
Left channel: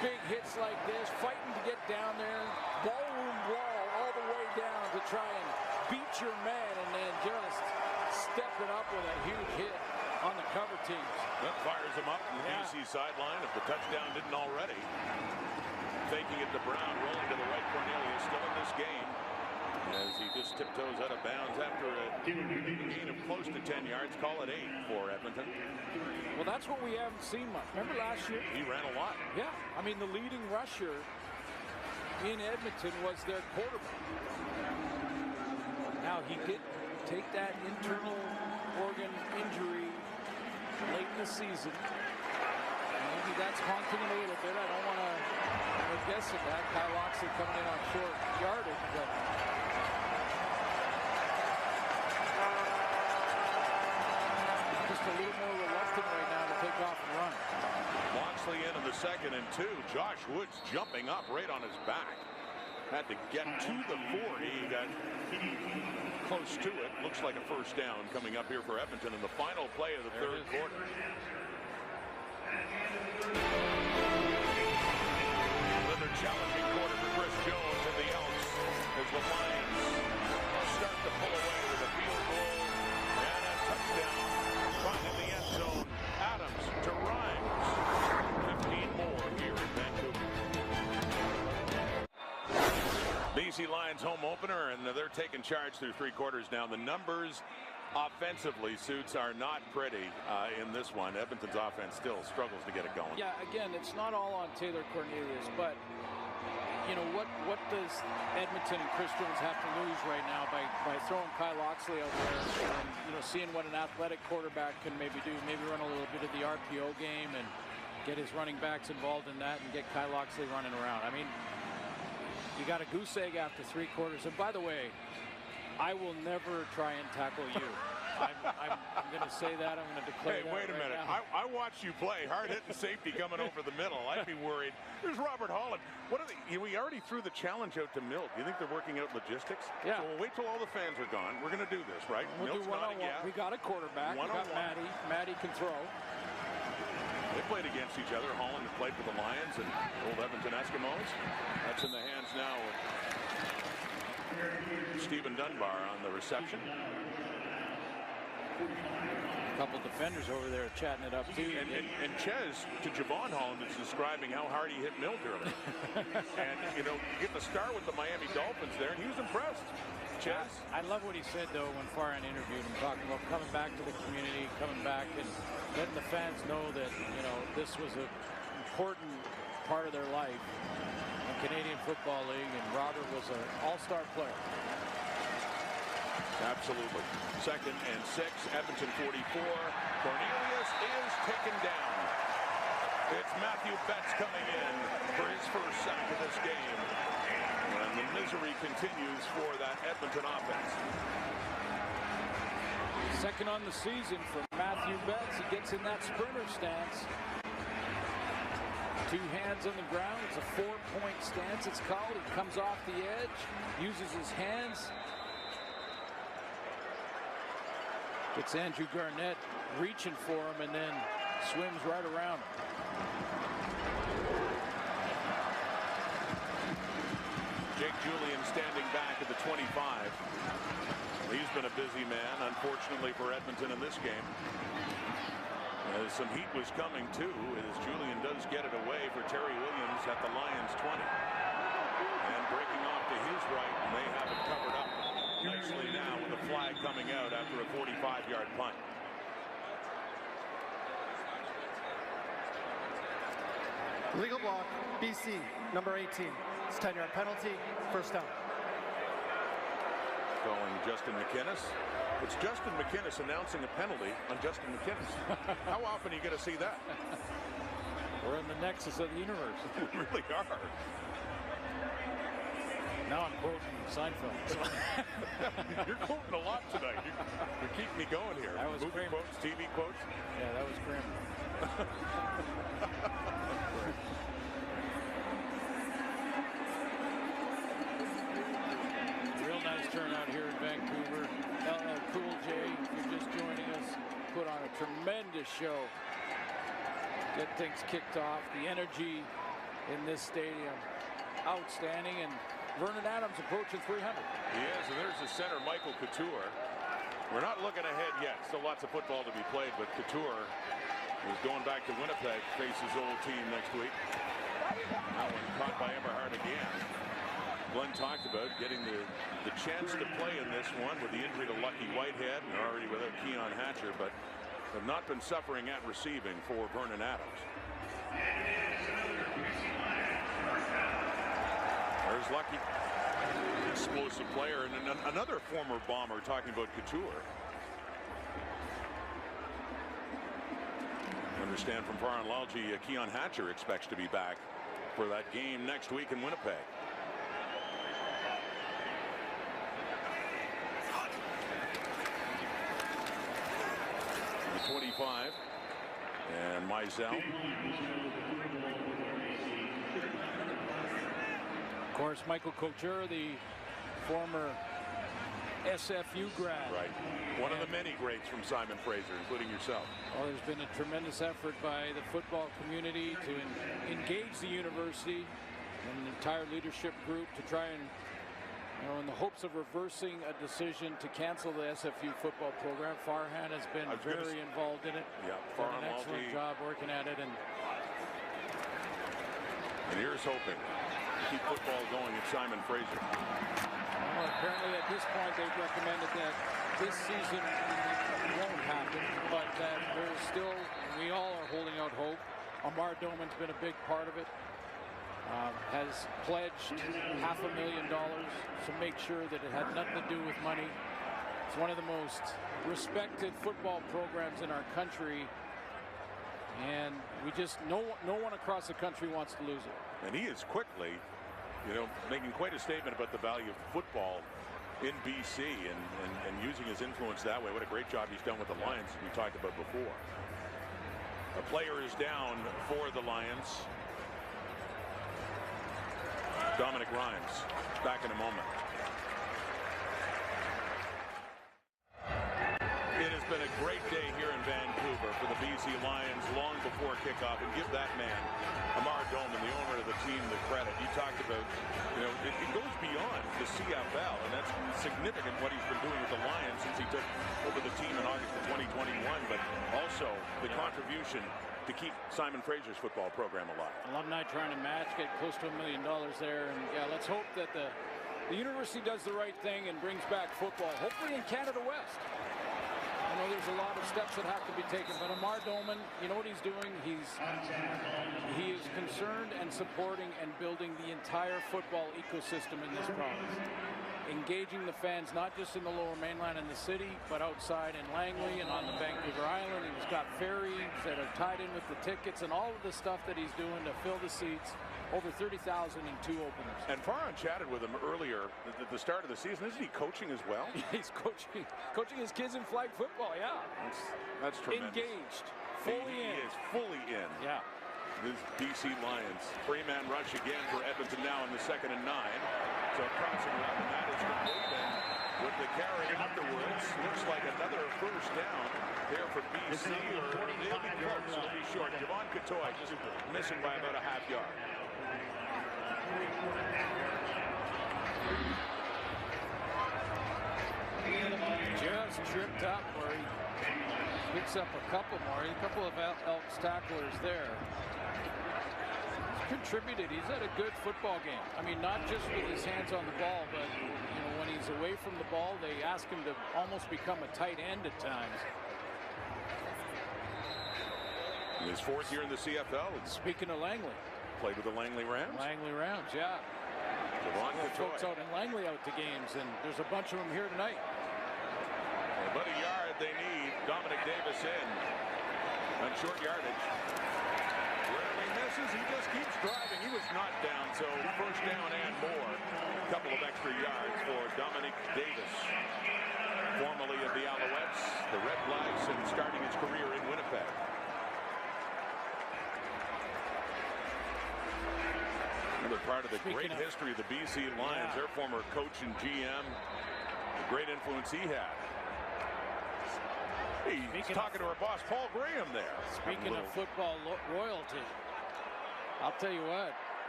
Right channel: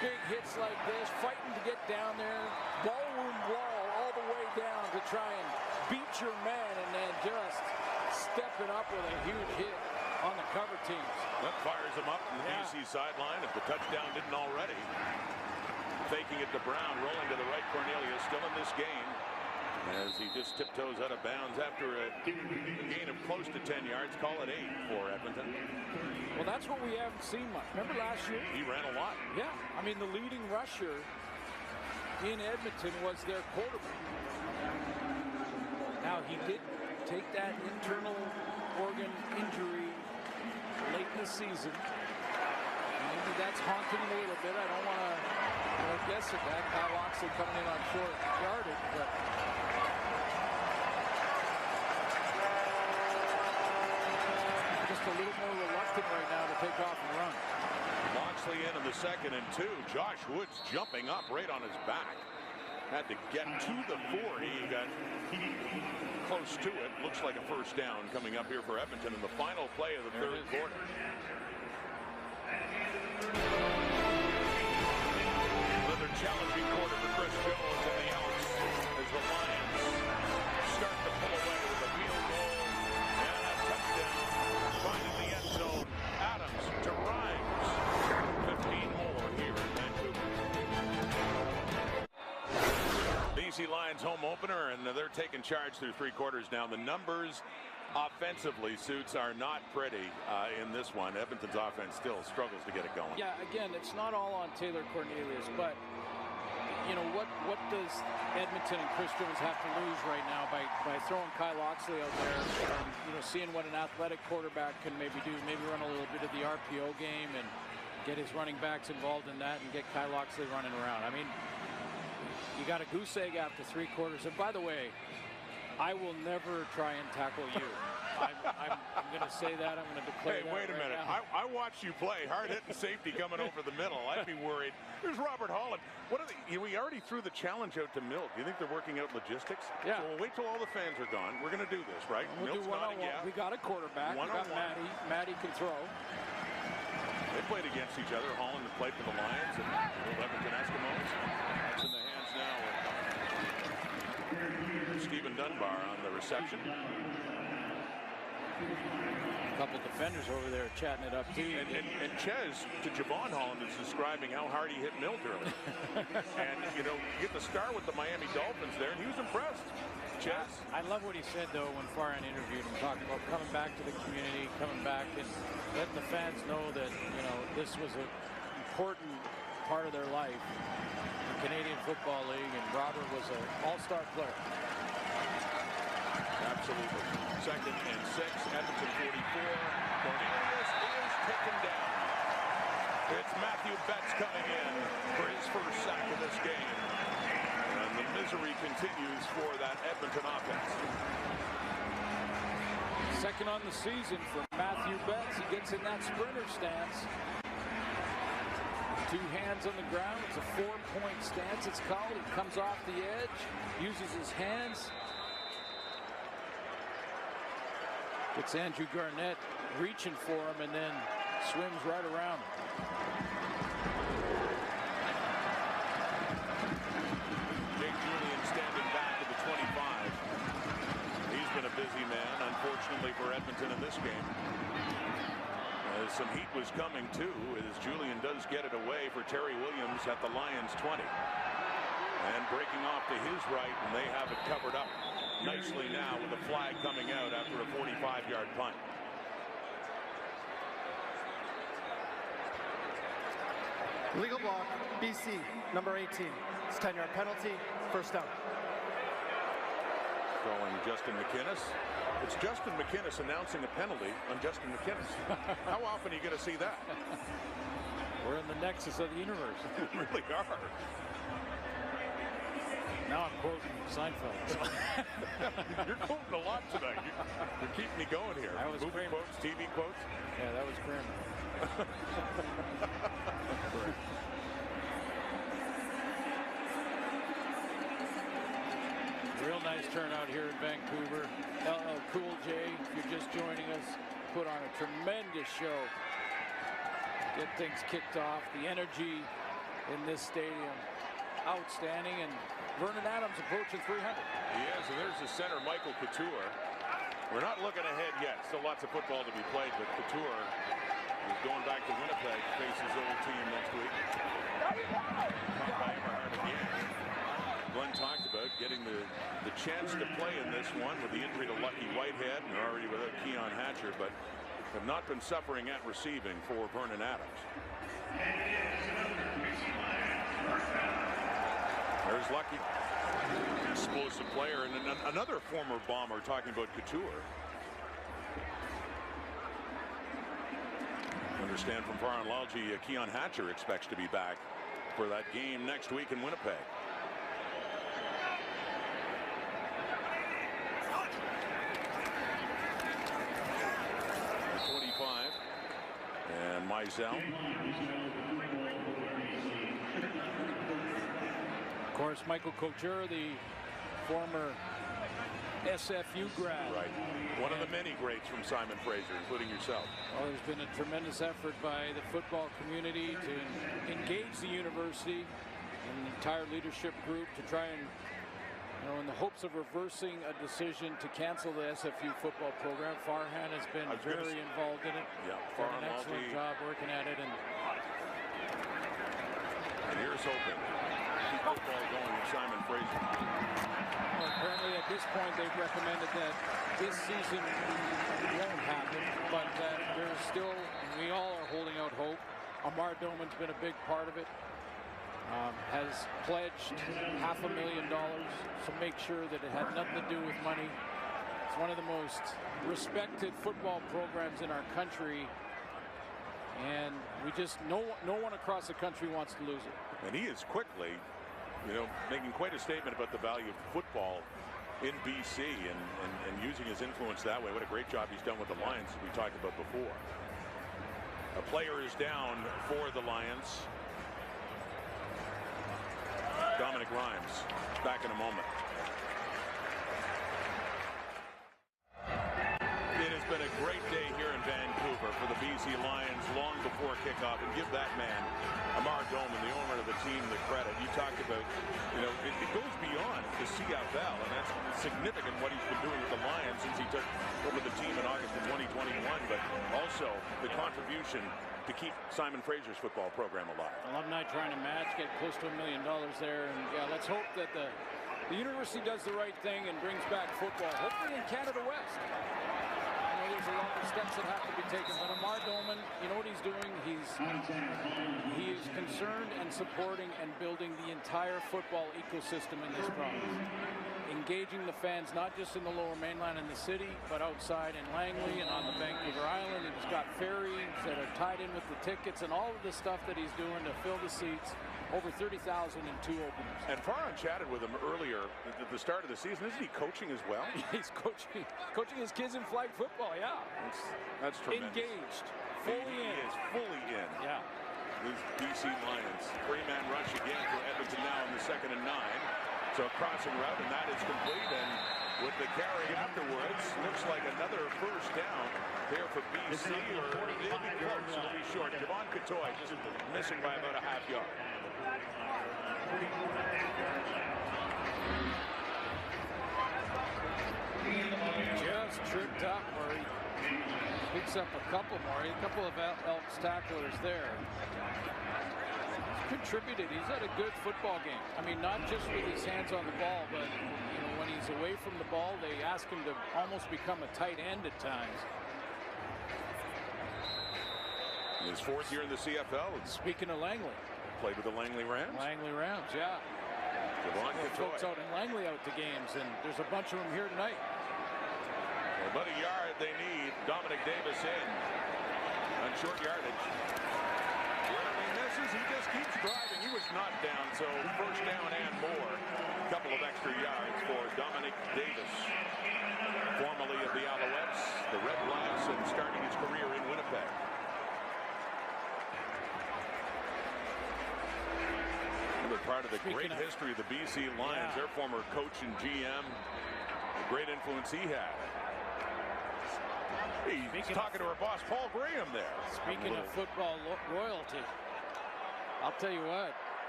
big hits like this, fighting to get down there, ballroom brawl all the way down to try and beat your man, and then just stepping up with a huge hit on the cover teams. That fires him up to the BC sideline if the touchdown didn't already. Faking it to Brown, rolling to the right. Cornelius still in this game as he just tiptoes out of bounds after a gain of close to 10 yards. Call it 8 for Edmonton. Well, that's what we haven't seen much. Remember last year? He ran a lot. Yeah. I mean, the leading rusher in Edmonton was their quarterback. Now, he did take that internal organ injury late in the season. Maybe that's haunting him a little bit. I don't want to, guess at that. Kyle Loxley coming in on short yardage, but just a little more reluctant right now to take off and run. Loxley in the 2nd and 2. Josh Woods jumping up right on his back. Had to get to the 40. He got close to it. Looks like a first down coming up here for Edmonton in the final play of the third quarter. Another challenging quarter for Chris Jones and the Elks as the Lions start to pull away with a field goal and a touchdown. Finding the end zone. Adams to Rhymes. 15 more here in Vancouver. BC Lions home opener, and they're taking charge through 3 quarters now. The numbers offensively, Suits, are not pretty in this one. Edmonton's offense still struggles to get it going. Yeah, again, it's not all on Taylor Cornelius, but what does Edmonton and Chris Jones have to lose right now by throwing Kyle Loxley out there and seeing what an athletic quarterback can maybe do, maybe run a little bit of the RPO game and get his running backs involved in that and get Kyle Loxley running around. I mean, you got a goose egg after 3 quarters. And by the way, I will never try and tackle you. I'm going to say that. I'm going to declare that. Hey, wait a minute. I watched you play. Hard-hitting safety coming over the middle. I'd be worried. Here's Robert Holland. What are we already threw the challenge out to Mill. Do you think they're working out logistics? Yeah. So we'll wait till all the fans are gone. We're going to do this, right? We'll do one-on-one. We got a quarterback. We got Maddie. Maddie can throw. They played against each other. Holland had played for the Lions and old Edmonton Eskimos. That's in the hands now of Stephen Dunbar on the reception. A couple defenders over there chatting it up too. And Ches to Javon Holland is describing how hard he hit Milt earlier. And you get the star with the Miami Dolphins there, and he was impressed. Ches. I love what he said though when Farhan interviewed him, talking about coming back to the community, coming back and letting the fans know that this was an important part of their life in Canadian Football League, and Robert was an all-star player. Absolutely. 2nd and 6, Edmonton 44. Cornelius is taken down. It's Matthew Betts coming in for his first sack of this game. And the misery continues for that Edmonton offense. 2nd on the season for Matthew Betts. He gets in that sprinter stance. 2 hands on the ground. It's a 4-point stance, it's called. He comes off the edge, uses his hands. Gets Andrew Garnett reaching for him and then swims right around him. Jake Julian standing back at the 25. He's been a busy man, unfortunately for Edmonton in this game. As some heat was coming too, as Julian does get it away for Terry Williams at the Lions 20. And breaking off to his right, and they have it covered up nicely now with a flag coming out after a 45-yard punt. Legal block, BC, number 18. It's 10-yard penalty, first down. Going Justin McInnes. It's Justin McInnes announcing a penalty on Justin McInnes. How often are you going to see that? We're in the nexus of the universe. We really are. Now I'm quoting Seinfeld. So. You're quoting a lot tonight. You're keeping me going here. That was movie Kramer. Quotes, TV quotes. Yeah, that was Kramer. Real nice turnout here in Vancouver. LL Cool J, if you're just joining us, put on a tremendous show. Get things kicked off. The energy in this stadium. Outstanding, and Vernon Adams approaching 300. He is, and there's the center, Michael Couture. We're not looking ahead yet. Still lots of football to be played, but Couture is going back to Winnipeg to face his old team next week. Caught by Eberhard again. Glenn talked about getting the chance to play in this one with the injury to Lucky Whitehead, and they're already without Keon Hatcher, but have not been suffering at receiving for Vernon Adams. There's Lucky. Explosive player, and another former Bomber talking about Couture. Understand from Faran Lalji, Keon Hatcher expects to be back for that game next week in Winnipeg. The 25 and Mizell. Of course, Michael Couture, the former SFU grad. Right. One of the many greats from Simon Fraser, including yourself. Well, there's been a tremendous effort by the football community to engage the university and the entire leadership group to try and, in the hopes of reversing a decision to cancel the SFU football program. Farhan has been very involved in it. Yeah, done an excellent job working at it. And here's hoping. Keep football going at Simon Fraser. Well, apparently at this point they've recommended that this season won't happen, but that there is still, and we all are holding out hope. Amar Doman's been a big part of it. Has pledged $500,000 to make sure that it had nothing to do with money. It's one of the most respected football programs in our country, and we just no one across the country wants to lose it. And he is quickly, making quite a statement about the value of football in BC and using his influence that way. What a great job he's done with the Lions, as we talked about before. A player is down for the Lions. Dominic Rhymes back in a moment. It has been a great day here in Vancouver for the BC Lions long before kickoff, and give that man, Amar Doman, the owner of the team, the credit. You talked about, it goes beyond the CFL, and that's significant what he's been doing with the Lions since he took over the team in August of 2021, but also the contribution to keep Simon Fraser's football program alive. Alumni trying to match, get close to $1 million there, and let's hope that the university does the right thing and brings back football, hopefully in Canada West. I know there's a lot of steps that have to be taken, but Amar Doman, you know what he's doing? He is concerned and supporting and building the entire football ecosystem in this province. Engaging the fans, not just in the Lower Mainland and the city, but outside in Langley and on the Vancouver Island. He's got ferries that are tied in with the tickets and all of the stuff that he's doing to fill the seats. Over 30,000 in 2 openers. And Farhan chatted with him earlier at the start of the season. Isn't he coaching as well? He's coaching his kids in flag football, yeah. That's tremendous. Engaged, fully in. He is fully in. Yeah. This BC Lions. 3-man rush again for Edmonton now in the 2nd and 9. So crossing route, and that is complete. And with the carry afterwards, looks like another first down there for BC, or it'll be close, it'll be short. Javon Katoy just missing by about a half yard. Just tripped up where he picks up a couple more. A couple of Elks tacklers there. He's contributed. He's had a good football game. I mean, not just with his hands on the ball, but when he's away from the ball, they ask him to almost become a tight end at times. In his 4th year in the CFL. And speaking of Langley. Played with the Langley Rams. Langley Rams, yeah. Javon Katoy. Folks out in Langley out to games, and there's a bunch of them here tonight. About a yard they need. Dominic Davis in on short yardage. Wherever he misses, he just keeps driving. He was not down, so first down and more. Couple of extra yards for Dominic Davis, formerly of the Alouettes, the Red Blacks, and starting his career in Winnipeg. Another part of the great history of the BC Lions, their former coach and GM, the great influence he had. He's talking to our boss, Paul Graham, there. Speaking of football royalty, I'll tell you what,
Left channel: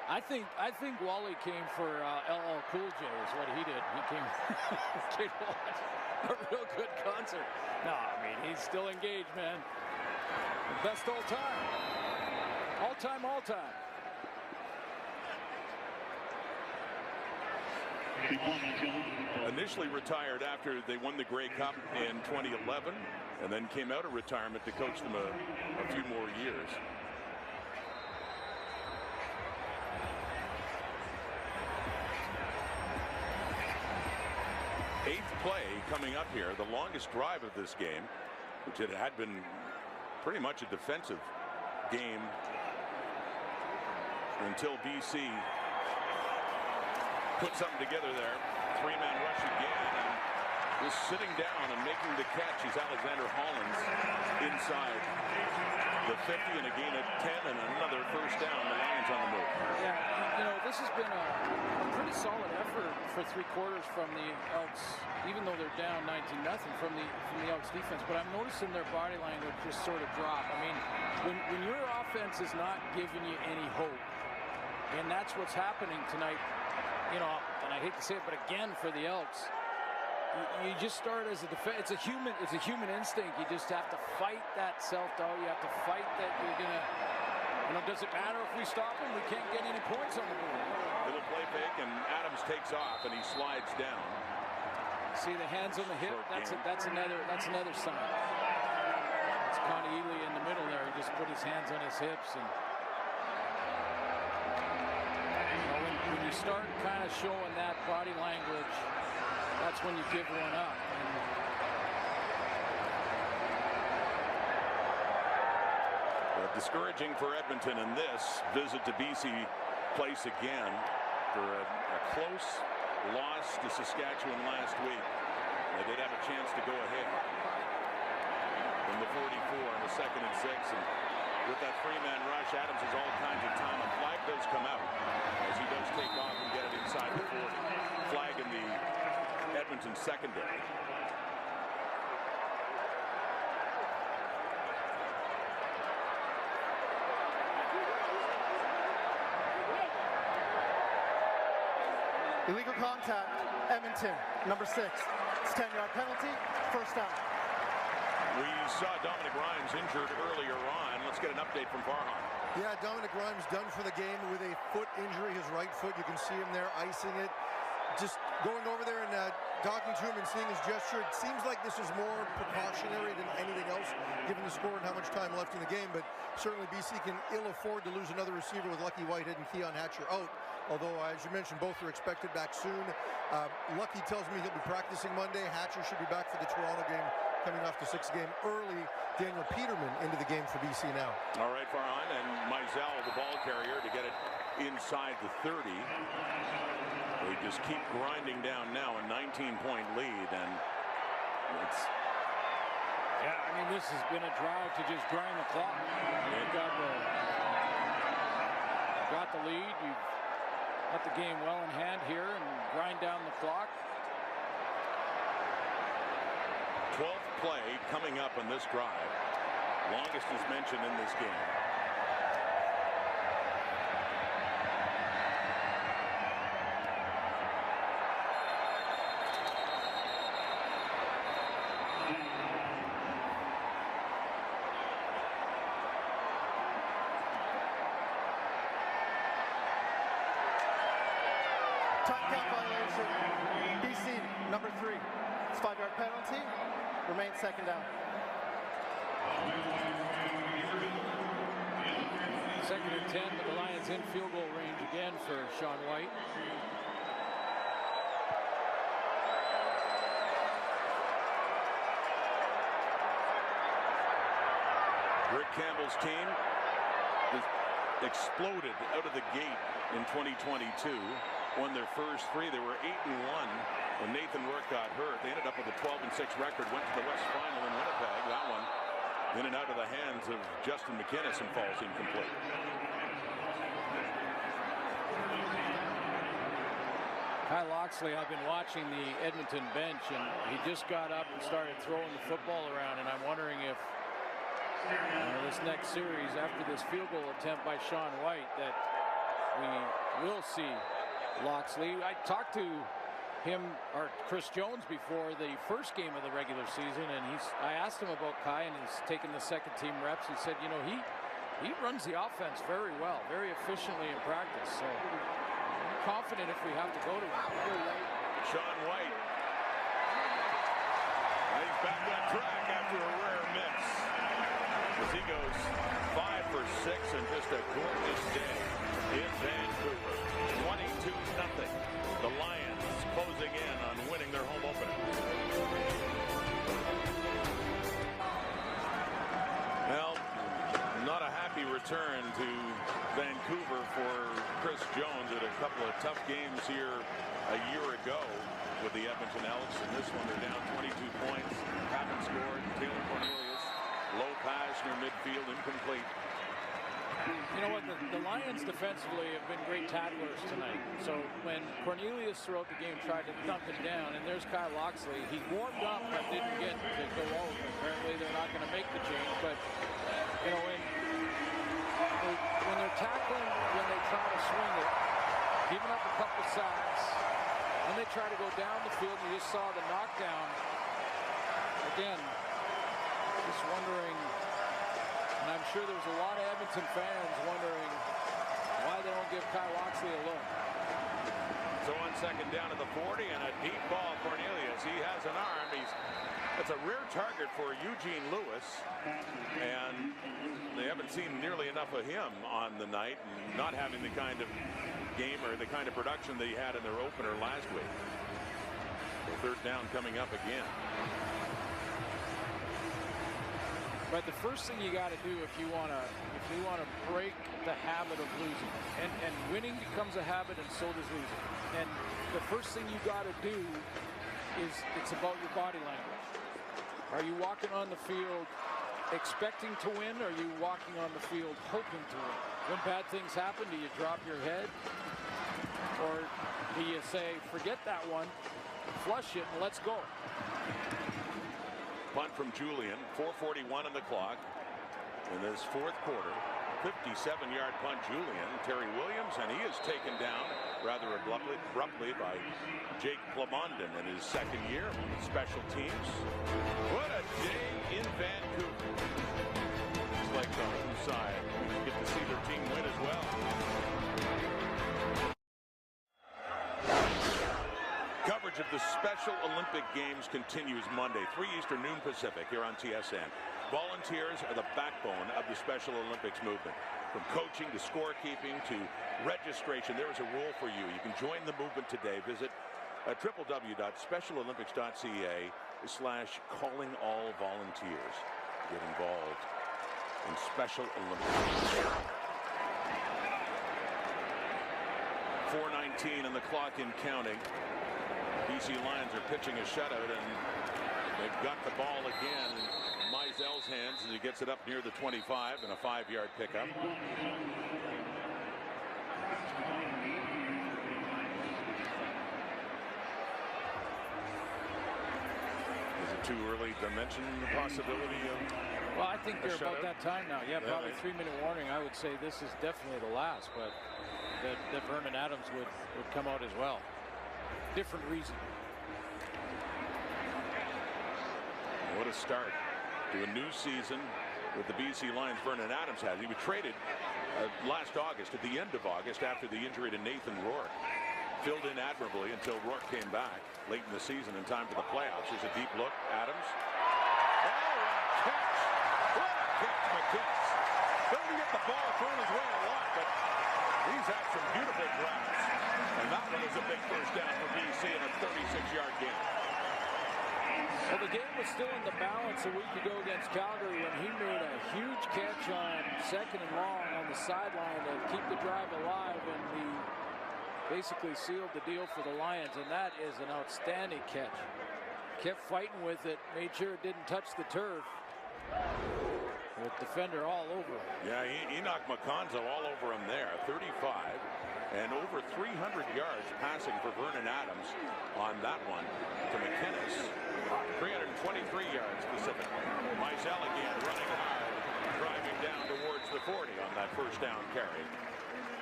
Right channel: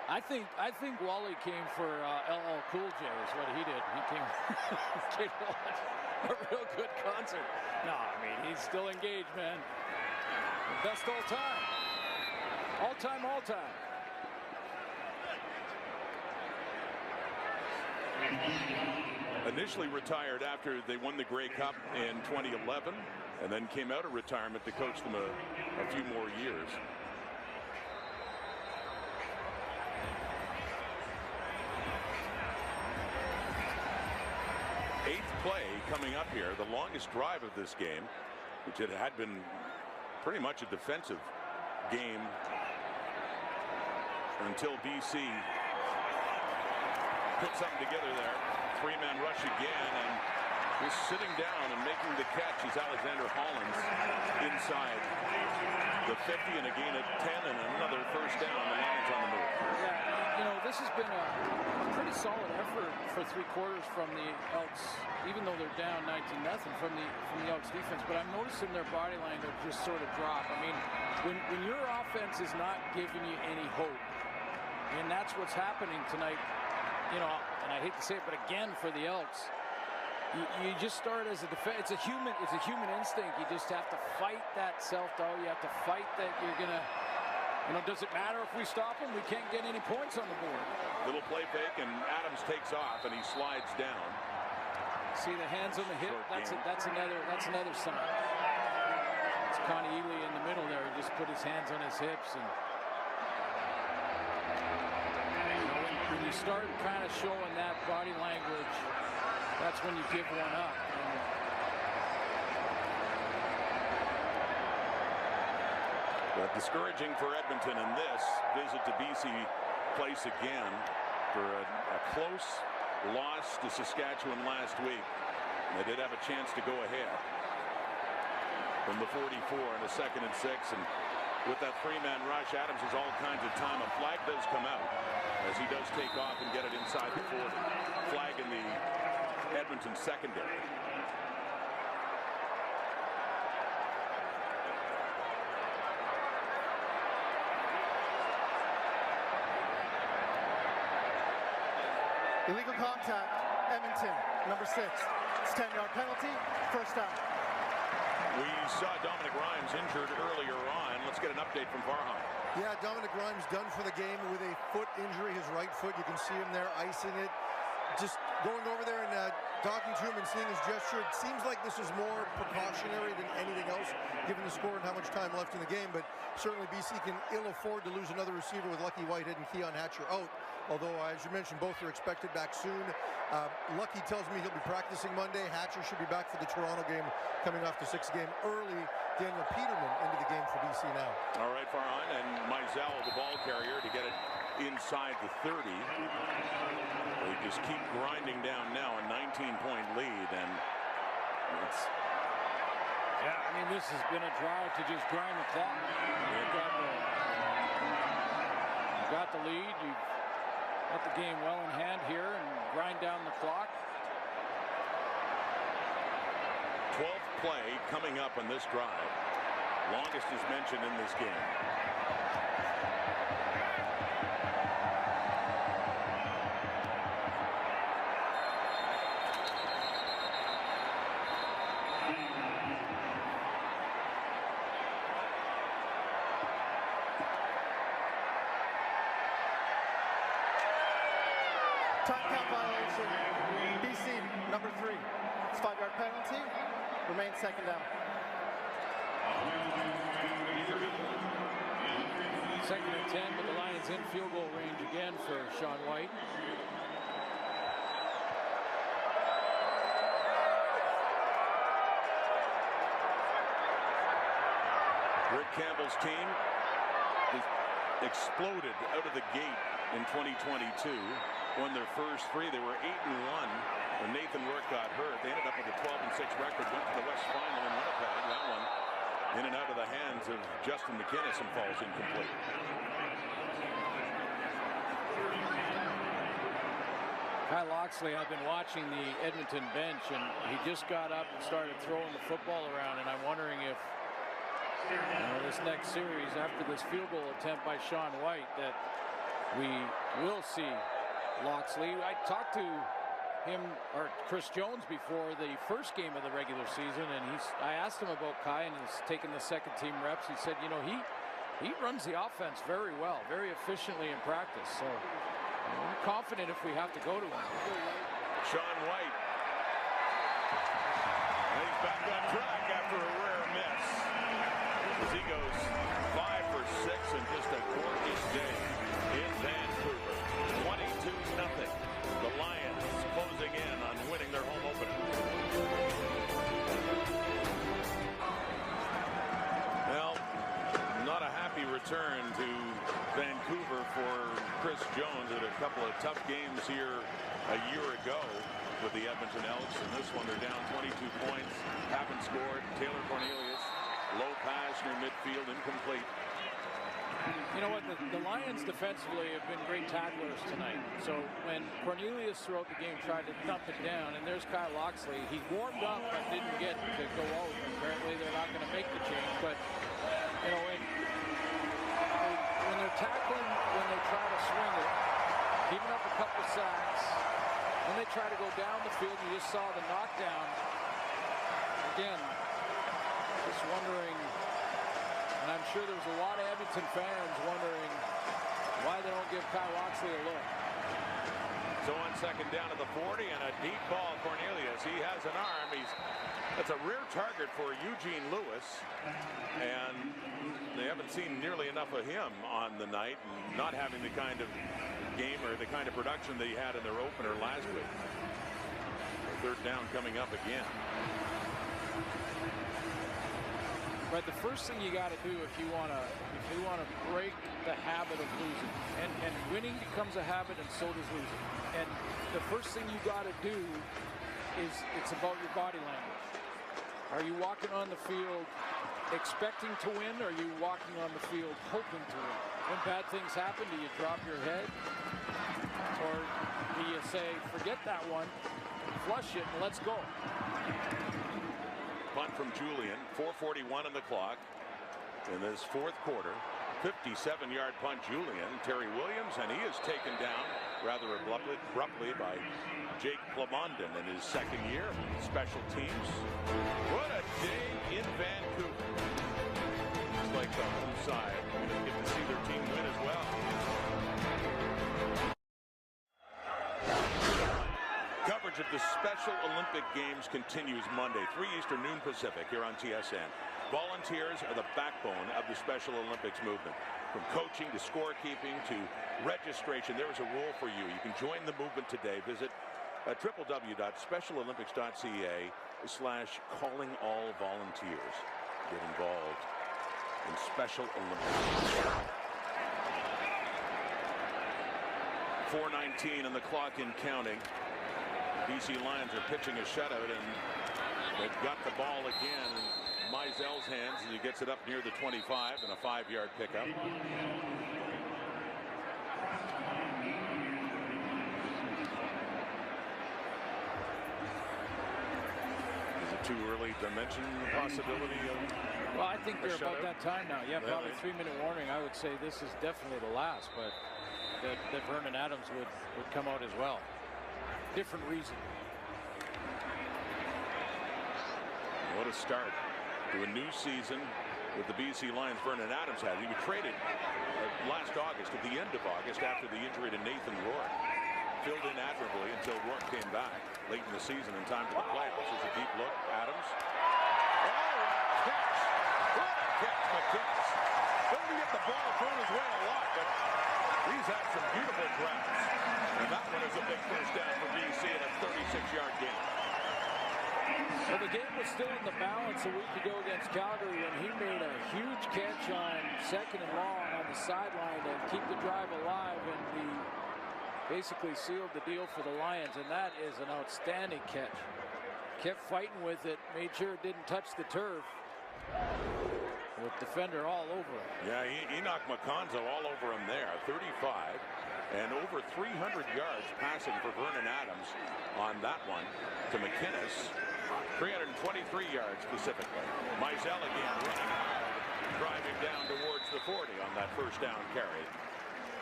I think Wally came for LL Cool J is what he did. He came to watch a real good concert. No, I mean, he's still engaged, man. The best all time. All time, all time. Initially retired after they won the Grey Cup in 2011, and then came out of retirement to coach them a few more years. Eighth play coming up here, the longest drive of this game, which it had been pretty much a defensive game until BC put something together there. Three-man rush again, and just sitting down and making the catch is Alexander Hollins inside the 50, and again at 10, and another first down. The Lions on the move. Yeah, you know, this has been a pretty solid effort for three quarters from the Elks, even though they're down 19-0 from the Elks defense. But I'm noticing their body language just sort of drop. I mean, when your offense is not giving you any hope, and that's what's happening tonight, you know, and I hate to say it, but again for the Elks, you just start as a defense. It's a human instinct. You just have to fight that self-doubt. You have to fight that you're gonna, you know, does it matter if we stop them? We can't get any points on the board. Little play fake, and Adams takes off, and he slides down. See the hands on the hip. That's another sign. It's Connie Ely in the middle there. He just put his hands on his hips, and you know, when you start kind of showing that body language, that's when you give one up. But discouraging for Edmonton in this visit to BC Place again for a close loss to Saskatchewan last week. They did have a chance to go ahead from the 44 and a 2nd and 6, and with that three-man rush, Adams has all kinds of time. A flag does come out as he does take off and get it inside the 40. Flag in the Edmonton secondary. Illegal contact, Edmonton, number 6. It's 10-yard penalty, first down. We saw Dominic Rhymes injured earlier on. Let's get an update from Farhan. Yeah, Dominic Rhymes done for the game with a foot injury, his right foot. You can see him there icing it. Just going over there and talking to him and seeing his gesture, it seems like this is more precautionary than anything else, given the score and how much time left in the game. But certainly BC can ill afford to lose another receiver with Lucky Whitehead and Keon Hatcher out. Although, as you mentioned, both are expected back soon. Lucky tells me he'll be practicing Monday. Hatcher should be back for the Toronto game, coming off the 6th game early. Daniel Peterman into the game for BC now. All right, Farhan, and Mizell, the ball carrier, to get it inside the 30. They just keep grinding down now, a 19-point lead, and it's... Yeah, I mean, this has been a drive to just grind the clock. You've got the lead. You've got the game well in hand here and grind down the clock. 12th play coming up on this drive. Longest is mentioned in this game. Time count violation, BC, number 3. It's 5-yard penalty, remains 2nd down. 2nd and 10, but the Lions in field goal range again for Sean White. Rick Campbell's team just exploded out of the gate in 2022. Won their first 3. They were 8-1 when Nathan Rourke got hurt. They ended up with a 12-6 record, went to the West Final in Winnipeg. That one in and out of the hands of Justin McInnes and falls incomplete. Kyle Loxley, I've been watching the Edmonton bench, and he just got up and started throwing the football around, and I'm wondering if, you know, this next series, after this field goal attempt by Sean White, that we will see Loxley. I talked to him or Chris Jones before the first game of the regular season, and I asked him about Kai and he's taking the second team reps. He said, you know, he runs the offense very well, very efficiently in practice. So I'm confident if we have to go to him. Sean White. He's back on track after a rare miss, as he goes 5 for 6 and just a gorgeous day in Vancouver. 22-0. The Lions closing in on winning their home opener. Well, not a happy return to Vancouver for Chris Jones at a couple of tough games here a year ago with the Edmonton Elks. And this one, they're down 22 points. Haven't scored. Taylor Cornelius, low pass near midfield, incomplete. You know what? The Lions defensively have been great tacklers tonight. So when Cornelius throughout the game tried to dump it down, and there's Kyle Loxley. He warmed up but didn't get to go out. Apparently they're not going to make the change. But, you know, when they're tackling, when they try to swing it, giving up a couple sacks, then they try to go down the field. You just saw the knockdown. Again, just wondering. And I'm sure there's a lot of Edmonton fans wondering why they don't give Kyle Loxley a look. So on second down at the 40 and a deep ball, Cornelius. He has an arm. That's a rare target for Eugene Lewis. And they haven't seen nearly enough of him on the night, and not having the kind of game or the kind of production that he had in their opener last week. So third down coming up again. But the first thing you got to do if you want to break the habit of losing, and winning becomes a habit, and so does losing. And the first thing you got to do is it's about your body language. Are you walking on the field expecting to win, or are you walking on the field hoping to win? When bad things happen, do you drop your head, or do you say, forget that one, flush it, and let's go? Punt from Julian. 4:41 on the clock in this fourth quarter. 57-yard punt, Julian. Terry Williams, and he is taken down rather abruptly by Jake Plamondon in his second year. Special teams. What a day in Vancouver. Looks like the home side going to get to see their team win as well. Coverage of the Special Olympic Games continues Monday, 3 Eastern, noon Pacific, here on TSN. Volunteers are the backbone of the Special Olympics movement. From coaching to scorekeeping to registration, there is a role for you. You can join the movement today. Visit www.specialolympics.ca/callingallvolunteers. Get involved in Special Olympics. 4:19 on the clock and counting. BC Lions are pitching a shutout, and they've got the ball again in Meisel's hands as he gets it up near the 25 and a 5-yard pickup. Is it too early to mention the possibility of? Well, I think they're about that time now. Yeah, probably 3-minute warning. I would say this is definitely the last, but that Vernon Adams would come out as well. Different reason. What a start to a new season with the BC Lions. Vernon Adams had. He was traded last August, at the end of August, after the injury to Nathan Rourke. Filled in admirably until Rourke came back late in the season in time for the playoffs. There's a deep look. Adams. Oh, what a catch. What a catch, McInnes. Doesn't get the ball thrown his way a lot, but he's had some beautiful grabs. And that one is a big first down for BC in a 36-yard game. Well, the game was still in the balance a week ago against Calgary when he made a huge catch on second and long on the sideline to keep the drive alive, and basically sealed the deal for the Lions, and that is an outstanding catch. Kept fighting with it, made sure it didn't touch the turf, with defender all over him. Yeah, he knocked McConzo all over him there. 35 and over 300 yards passing for Vernon Adams on that one to McInnes. 323 yards specifically. Meisel again running hard, driving down towards the 40 on that first down carry.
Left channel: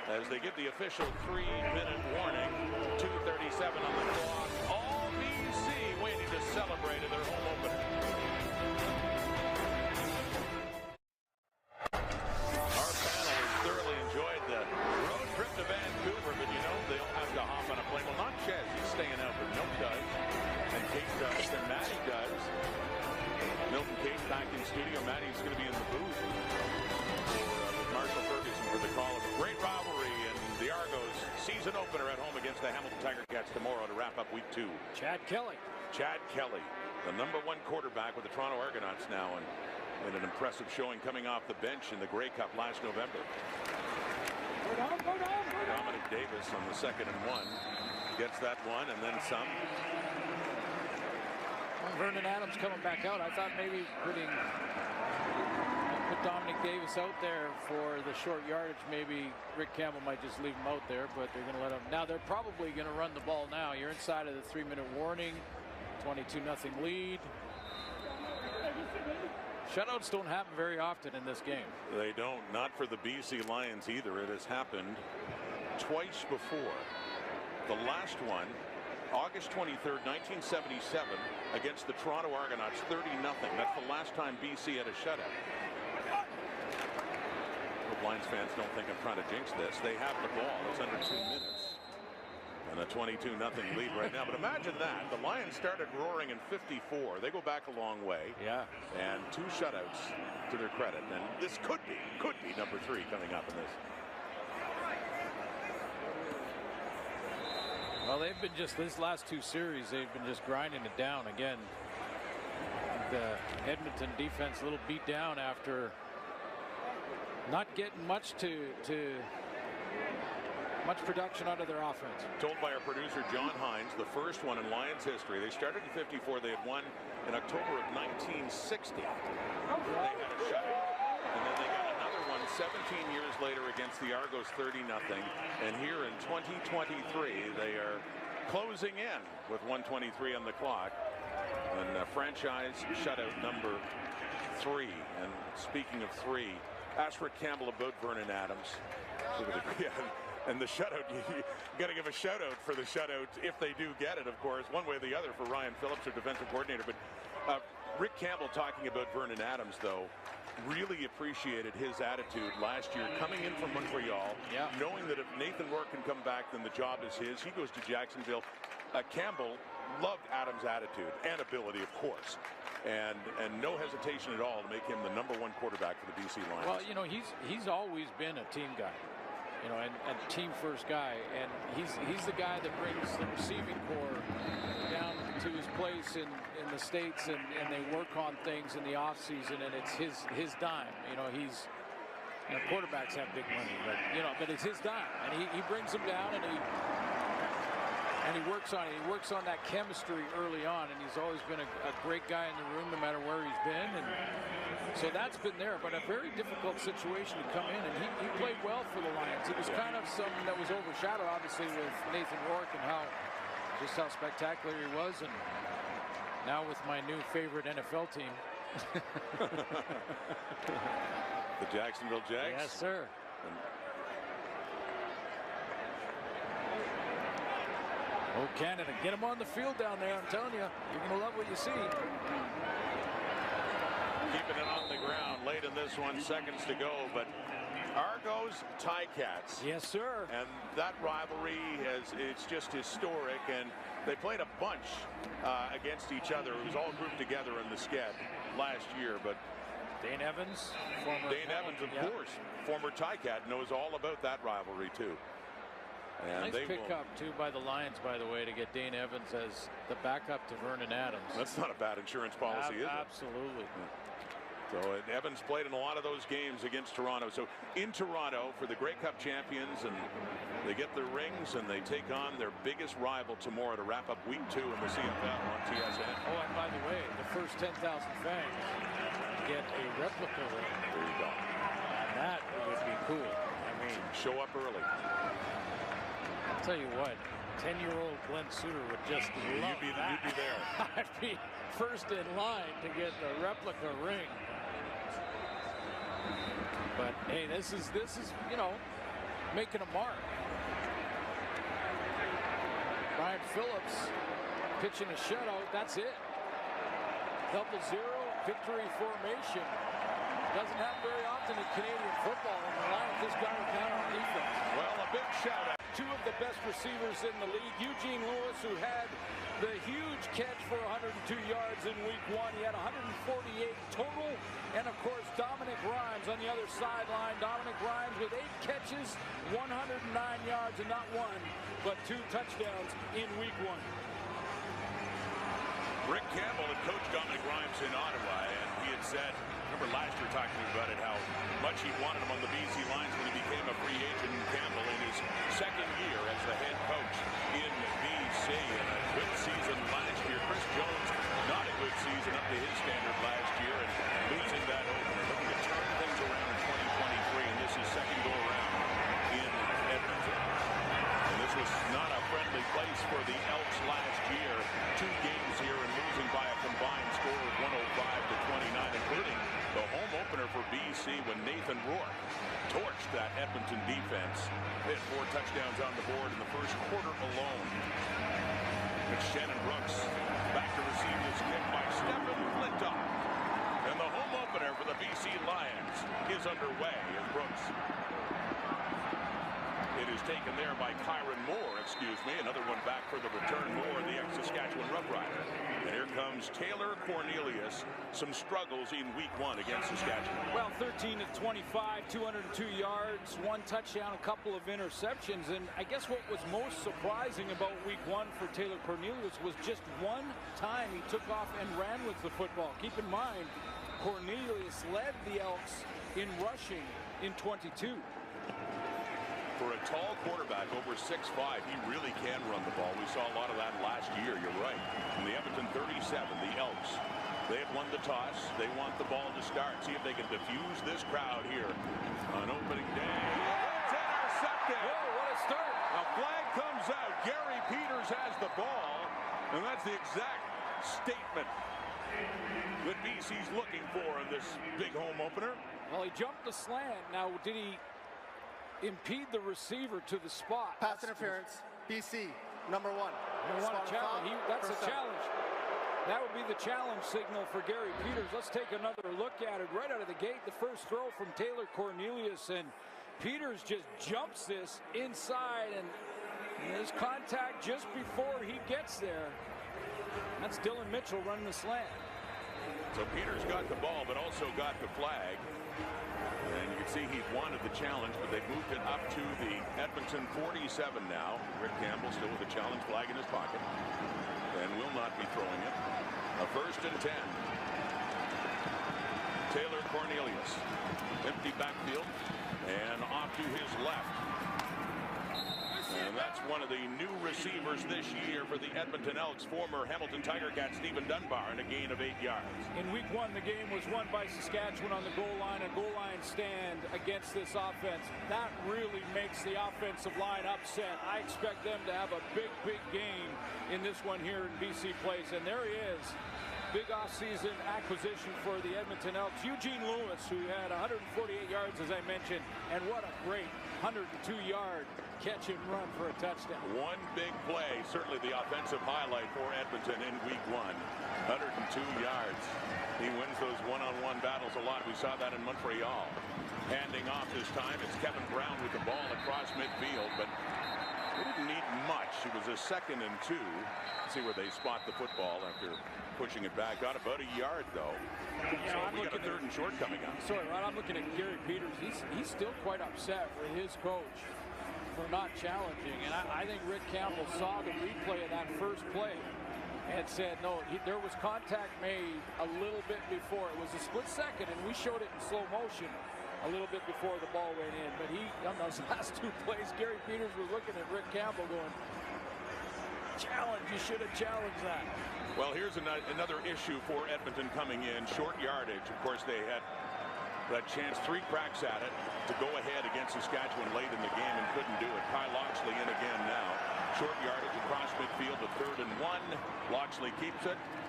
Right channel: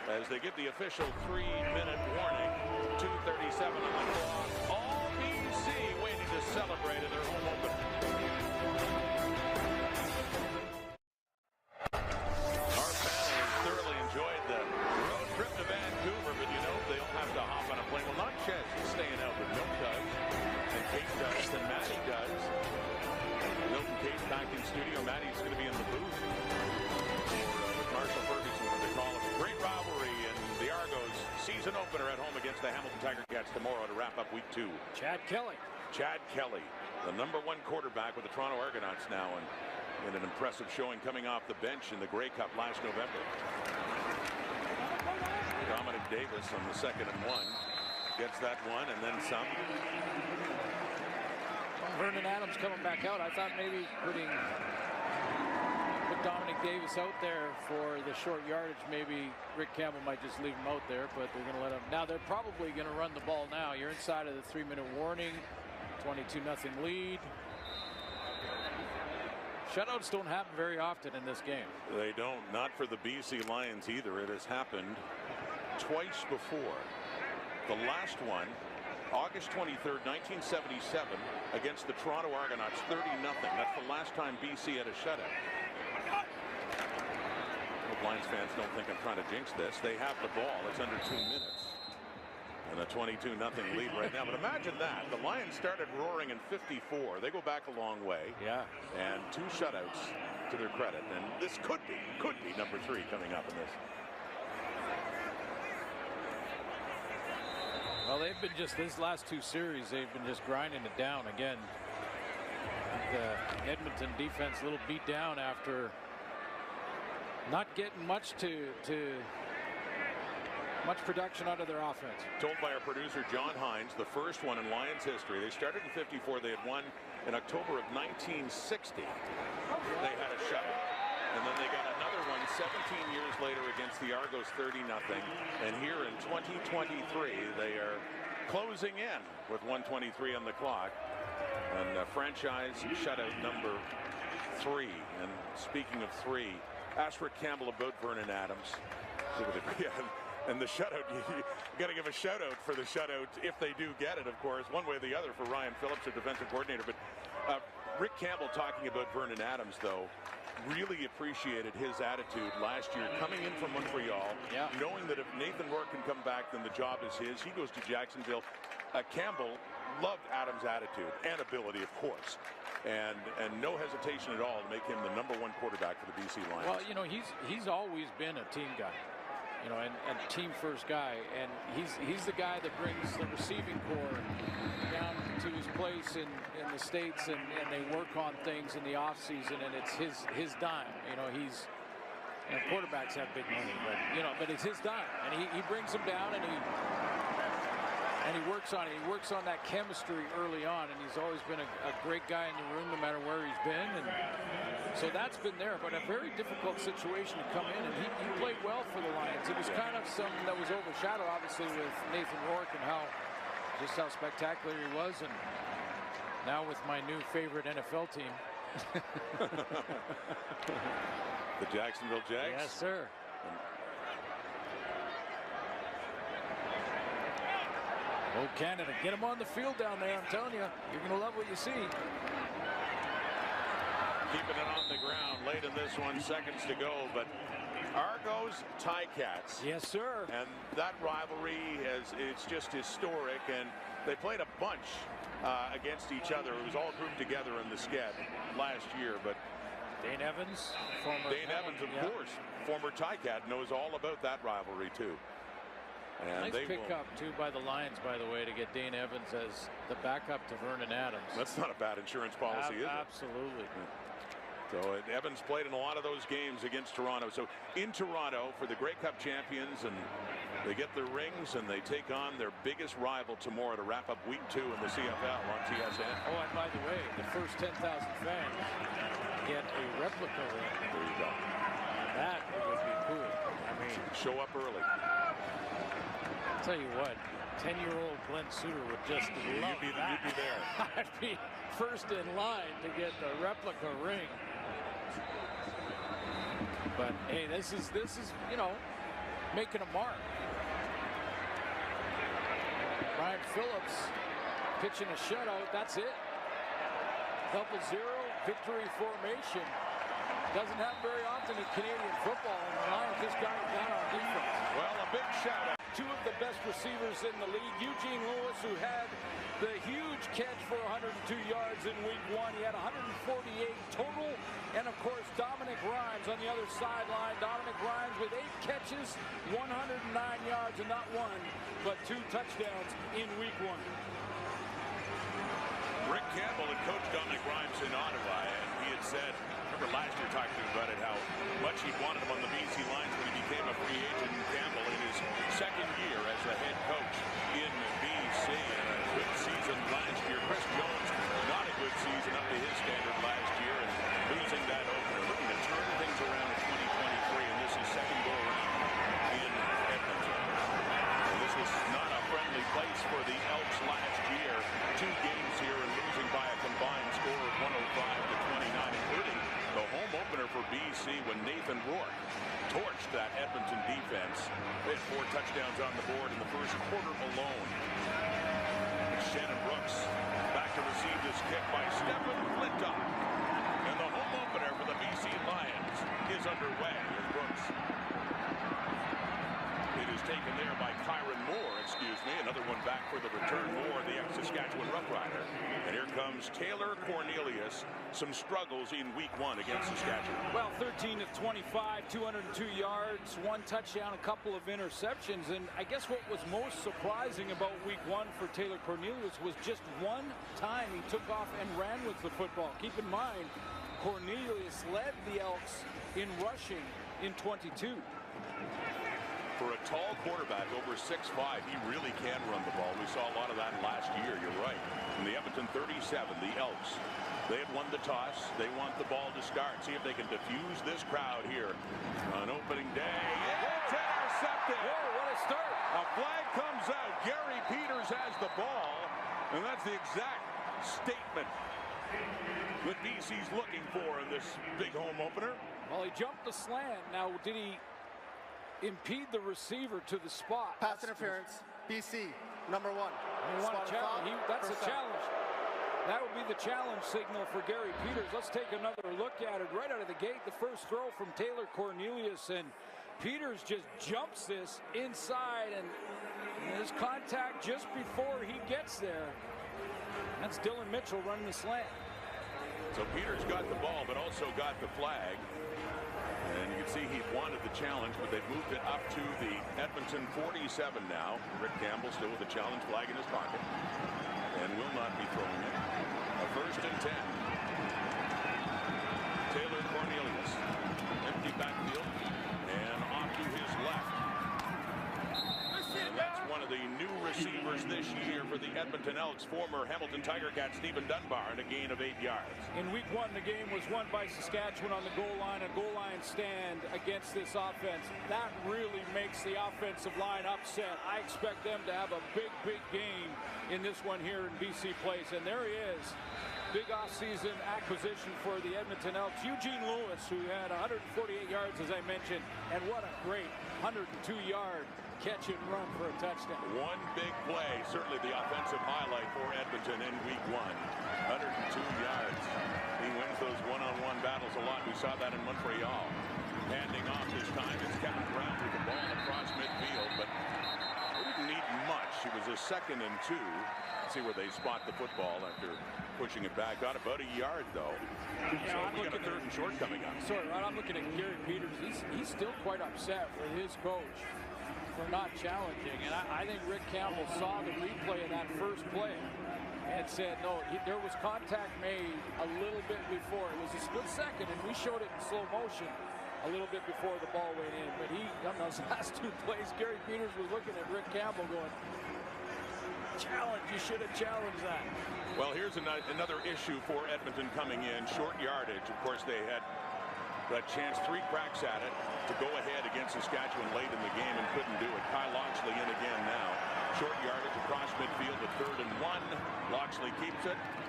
as they give the official 3-minute warning. 2:37 on the clock. All BC waiting to celebrate in their home opener. Our panel has thoroughly enjoyed the road trip to Vancouver, but you know, they all have to hop on a plane. Well, not Ches, he's staying out, but Milt does, and Kate does, and Maddie does. Milt and Kate back in studio. Maddie's going to be in the booth with Marshall Ferguson for the call of a great rivalry in the Argos season opener at home against the Hamilton Tiger Cats tomorrow to wrap up week 2. Chad Kelly, the #1 quarterback with the Toronto Argonauts now, and in an impressive showing coming off the bench in the Grey Cup last November. Dominic Davis on the 2nd and 1 gets that one and then some. Well, Vernon Adams coming back out. I thought maybe put Dominic Davis out there for the short yardage. Maybe Rick Campbell might just leave him out there, but they're going to let him. Now they're probably going to run the ball now. You're inside of the 3-minute warning. 22-0 lead. Shutouts don't happen very often in this game. They don't. Not for the BC Lions either. It has happened twice before. The last one, August 23rd, 1977, against the Toronto Argonauts, 30-0. That's the last time BC had a shutout. Hope Lions fans don't think I'm trying to jinx this. They have the ball. It's under 2 minutes. And a 22-0 lead right now. But imagine that. The Lions started roaring in 54. They go back a long way. Yeah. And 2 shutouts to their credit. And this could be number 3 coming up in this. Well, they've been just, this last 2 series, they've been just grinding it down again. The Edmonton defense a little beat down after not getting much much production out of their offense. Told by our producer John Hines, the first one in Lions history. They started in 54. They had won in October of 1960. They had a shutout, and then they got another one 17 years later against the Argos, 30-0. And here in 2023, they are closing in with 1:23 on the clock. And franchise shutout number 3. And speaking of 3, ask Rick Campbell about Vernon Adams. And the shutout, you got to give a shout out for the shutout if they do get it, of course, one way or the other for Ryan Phillips, their defensive coordinator. But Rick Campbell talking about Vernon Adams, though, really appreciated his attitude last year coming in from Montreal, knowing that if Nathan Rourke can come back, then the job is his. He goes to Jacksonville. Campbell loved Adams' attitude and ability, of course. And no hesitation at all to make him the #1 quarterback for the BC Lions. Well, you know, he's always been a team guy. You know, and team first guy, and he's the guy that brings the receiving corps down to his place in the States, and they work on things in the off season, and it's his dime. You know, quarterbacks have big money, but it's his dime, and he brings them down, and he works on it. He works on that chemistry early on, and he's always been a great guy in the room no matter where he's been, and so that's been there, but a very difficult situation to come in, and he played well for the Lions. It was kind of something that was overshadowed, obviously, with Nathan Rourke and how spectacular he was, and now with my new favorite NFL team. The Jacksonville Jags? Yes, sir. Oh, Canada, get him on the field down there, I'm telling you. You're going to love what you see. Keeping it on the ground late in this one, seconds to go, but Argos Ticats. Yes, sir. And that rivalry it's just historic, and they played a bunch against each other. It was all grouped together in the Sked last year, but Dane Evans, of course, former Ticat, knows all about that rivalry too. And nice pickup too by the Lions, by the way, to get Dane Evans as the backup to Vernon Adams. That's not a bad insurance policy, is it? Absolutely. Yeah. So Evans played in a lot of those games against Toronto. So in Toronto for the Grey Cup champions, and they get their rings, and they take on their biggest rival tomorrow to wrap up week 2 in the CFL on TSN. Oh, and by the way, the first 10,000 fans get a replica ring. There you go. And that would be cool. I mean, show up early. I'll tell you what, 10-year-old Glenn Suter would just love that. You'd be there. I'd be first in line to get the replica ring. But hey, this is you know, making a mark. Brian Phillips pitching a shutout. That's it. 0-0 victory formation. Doesn't happen very often in Canadian football, and the Lions just got it done on defense. Well, a big shout out. Two of the best receivers in the league. Eugene Lewis, who had the huge catch for 102 yards in week 1. He had 148 total. And, of course, Dominic Rhymes on the other sideline. Dominic Rhymes with 8 catches, 109 yards, and not 1, but 2 touchdowns in week 1. Rick Campbell had coached Dominic Rhymes in Ottawa, and he had said, remember last year talking to him about it, how much he'd wanted him on the BC Lions when he became a free agent. Campbell in his second year as the head coach in BC, and a good season last year. Chris Jones, not a good season up to his standard last year, and losing that opener. Looking to turn things around in 2023, and this is second go around in Edmonton. And this was not a friendly place for the Elks last year. 2 games here and losing by a combined score of 105-29, including the home opener for BC when Nathan Rourke torched that Edmonton defense. They had 4 touchdowns on the board in the first quarter alone. But Shannon Brooks back to receive this kick by Stephen Flintoff. And the home opener for the BC Lions is underway as Brooks. It is taken there by Kyron Moore, another one back for the return. Moore, the ex-Saskatchewan Rough Rider. And here comes Taylor Cornelius. Some struggles in week 1 against Saskatchewan. Well, 13 of 25, 202 yards, 1 touchdown, a couple of interceptions. And I guess what was most surprising about week 1 for Taylor Cornelius was just 1 time he took off and ran with the football. Keep in mind, Cornelius led the Elks in rushing in 22. For a tall quarterback over 6'5", he really can run the ball. We saw a lot of that last year. You're right. From the Edmonton 37, the Elks, they had won the toss. They want the ball to start. See if they can diffuse this crowd here on opening day. It's intercepted. Whoa, what a start. A flag comes out. Gary Peters has the ball, and that's the exact statement that BC's looking for in this big home opener. Well, he jumped the slant. Now, did he impede the receiver to the spot? Pass interference, BC, number 1. You want a challenge. That's a challenge. That would be the challenge signal for Gary Peters. Let's take another look at it right out of the gate. The first throw from Taylor Cornelius, and Peters just jumps this inside, and there's contact just before he gets there. That's Dylan Mitchell running the slant. So Peters got the ball, but also got the flag. And you can see he wanted the challenge, but they've moved it up to the Edmonton 47 now. Rick Campbell still with the challenge flag in his pocket and will not be throwing it. A 1st and 10. Taylor Cornelius, empty backfield and off to his left. And that's one of the new receivers this year for the Edmonton Elks, former Hamilton Tiger Cat Stephen Dunbar, and a gain of 8 yards. In week 1, the game was won by Saskatchewan on the goal line, a goal line stand against this offense. That really makes the offensive line upset. I expect them to have a big, big game in this one here in BC Place. And there he is. Big offseason acquisition for the Edmonton Elks. Eugene Lewis, who had 148 yards, as I mentioned, and what a great 102-yard catch and run for a touchdown. One big play, certainly the offensive highlight for Edmonton in week 1. 102 yards. He wins those one-on-one battles a lot. We saw that in Montreal. Handing off this time, it's Kevin Brown with the ball across midfield, but they didn't need much. It was a 2nd and 2. See where they spot the football after pushing it back. Got about a yard, though. So we got a 3rd and short coming up. Sorry, Rod, I'm looking at Gary Peters. He's still quite upset with his coach for not challenging. And I think Rick Campbell saw the replay of that first play and said, no, there was contact made a little bit before. It was a split second, and we showed it in slow motion a little bit before the ball went in. But on those last 2 plays, Gary Peters was looking at Rick Campbell going, challenge, you should have challenged that. Well, here's another issue for Edmonton coming in. Short yardage. Of course, they had that chance, 3 cracks at it to go ahead against Saskatchewan late in the game and couldn't do it. Kyle Loxley in again now. Short yardage across midfield, a 3rd and 1. Loxley keeps it.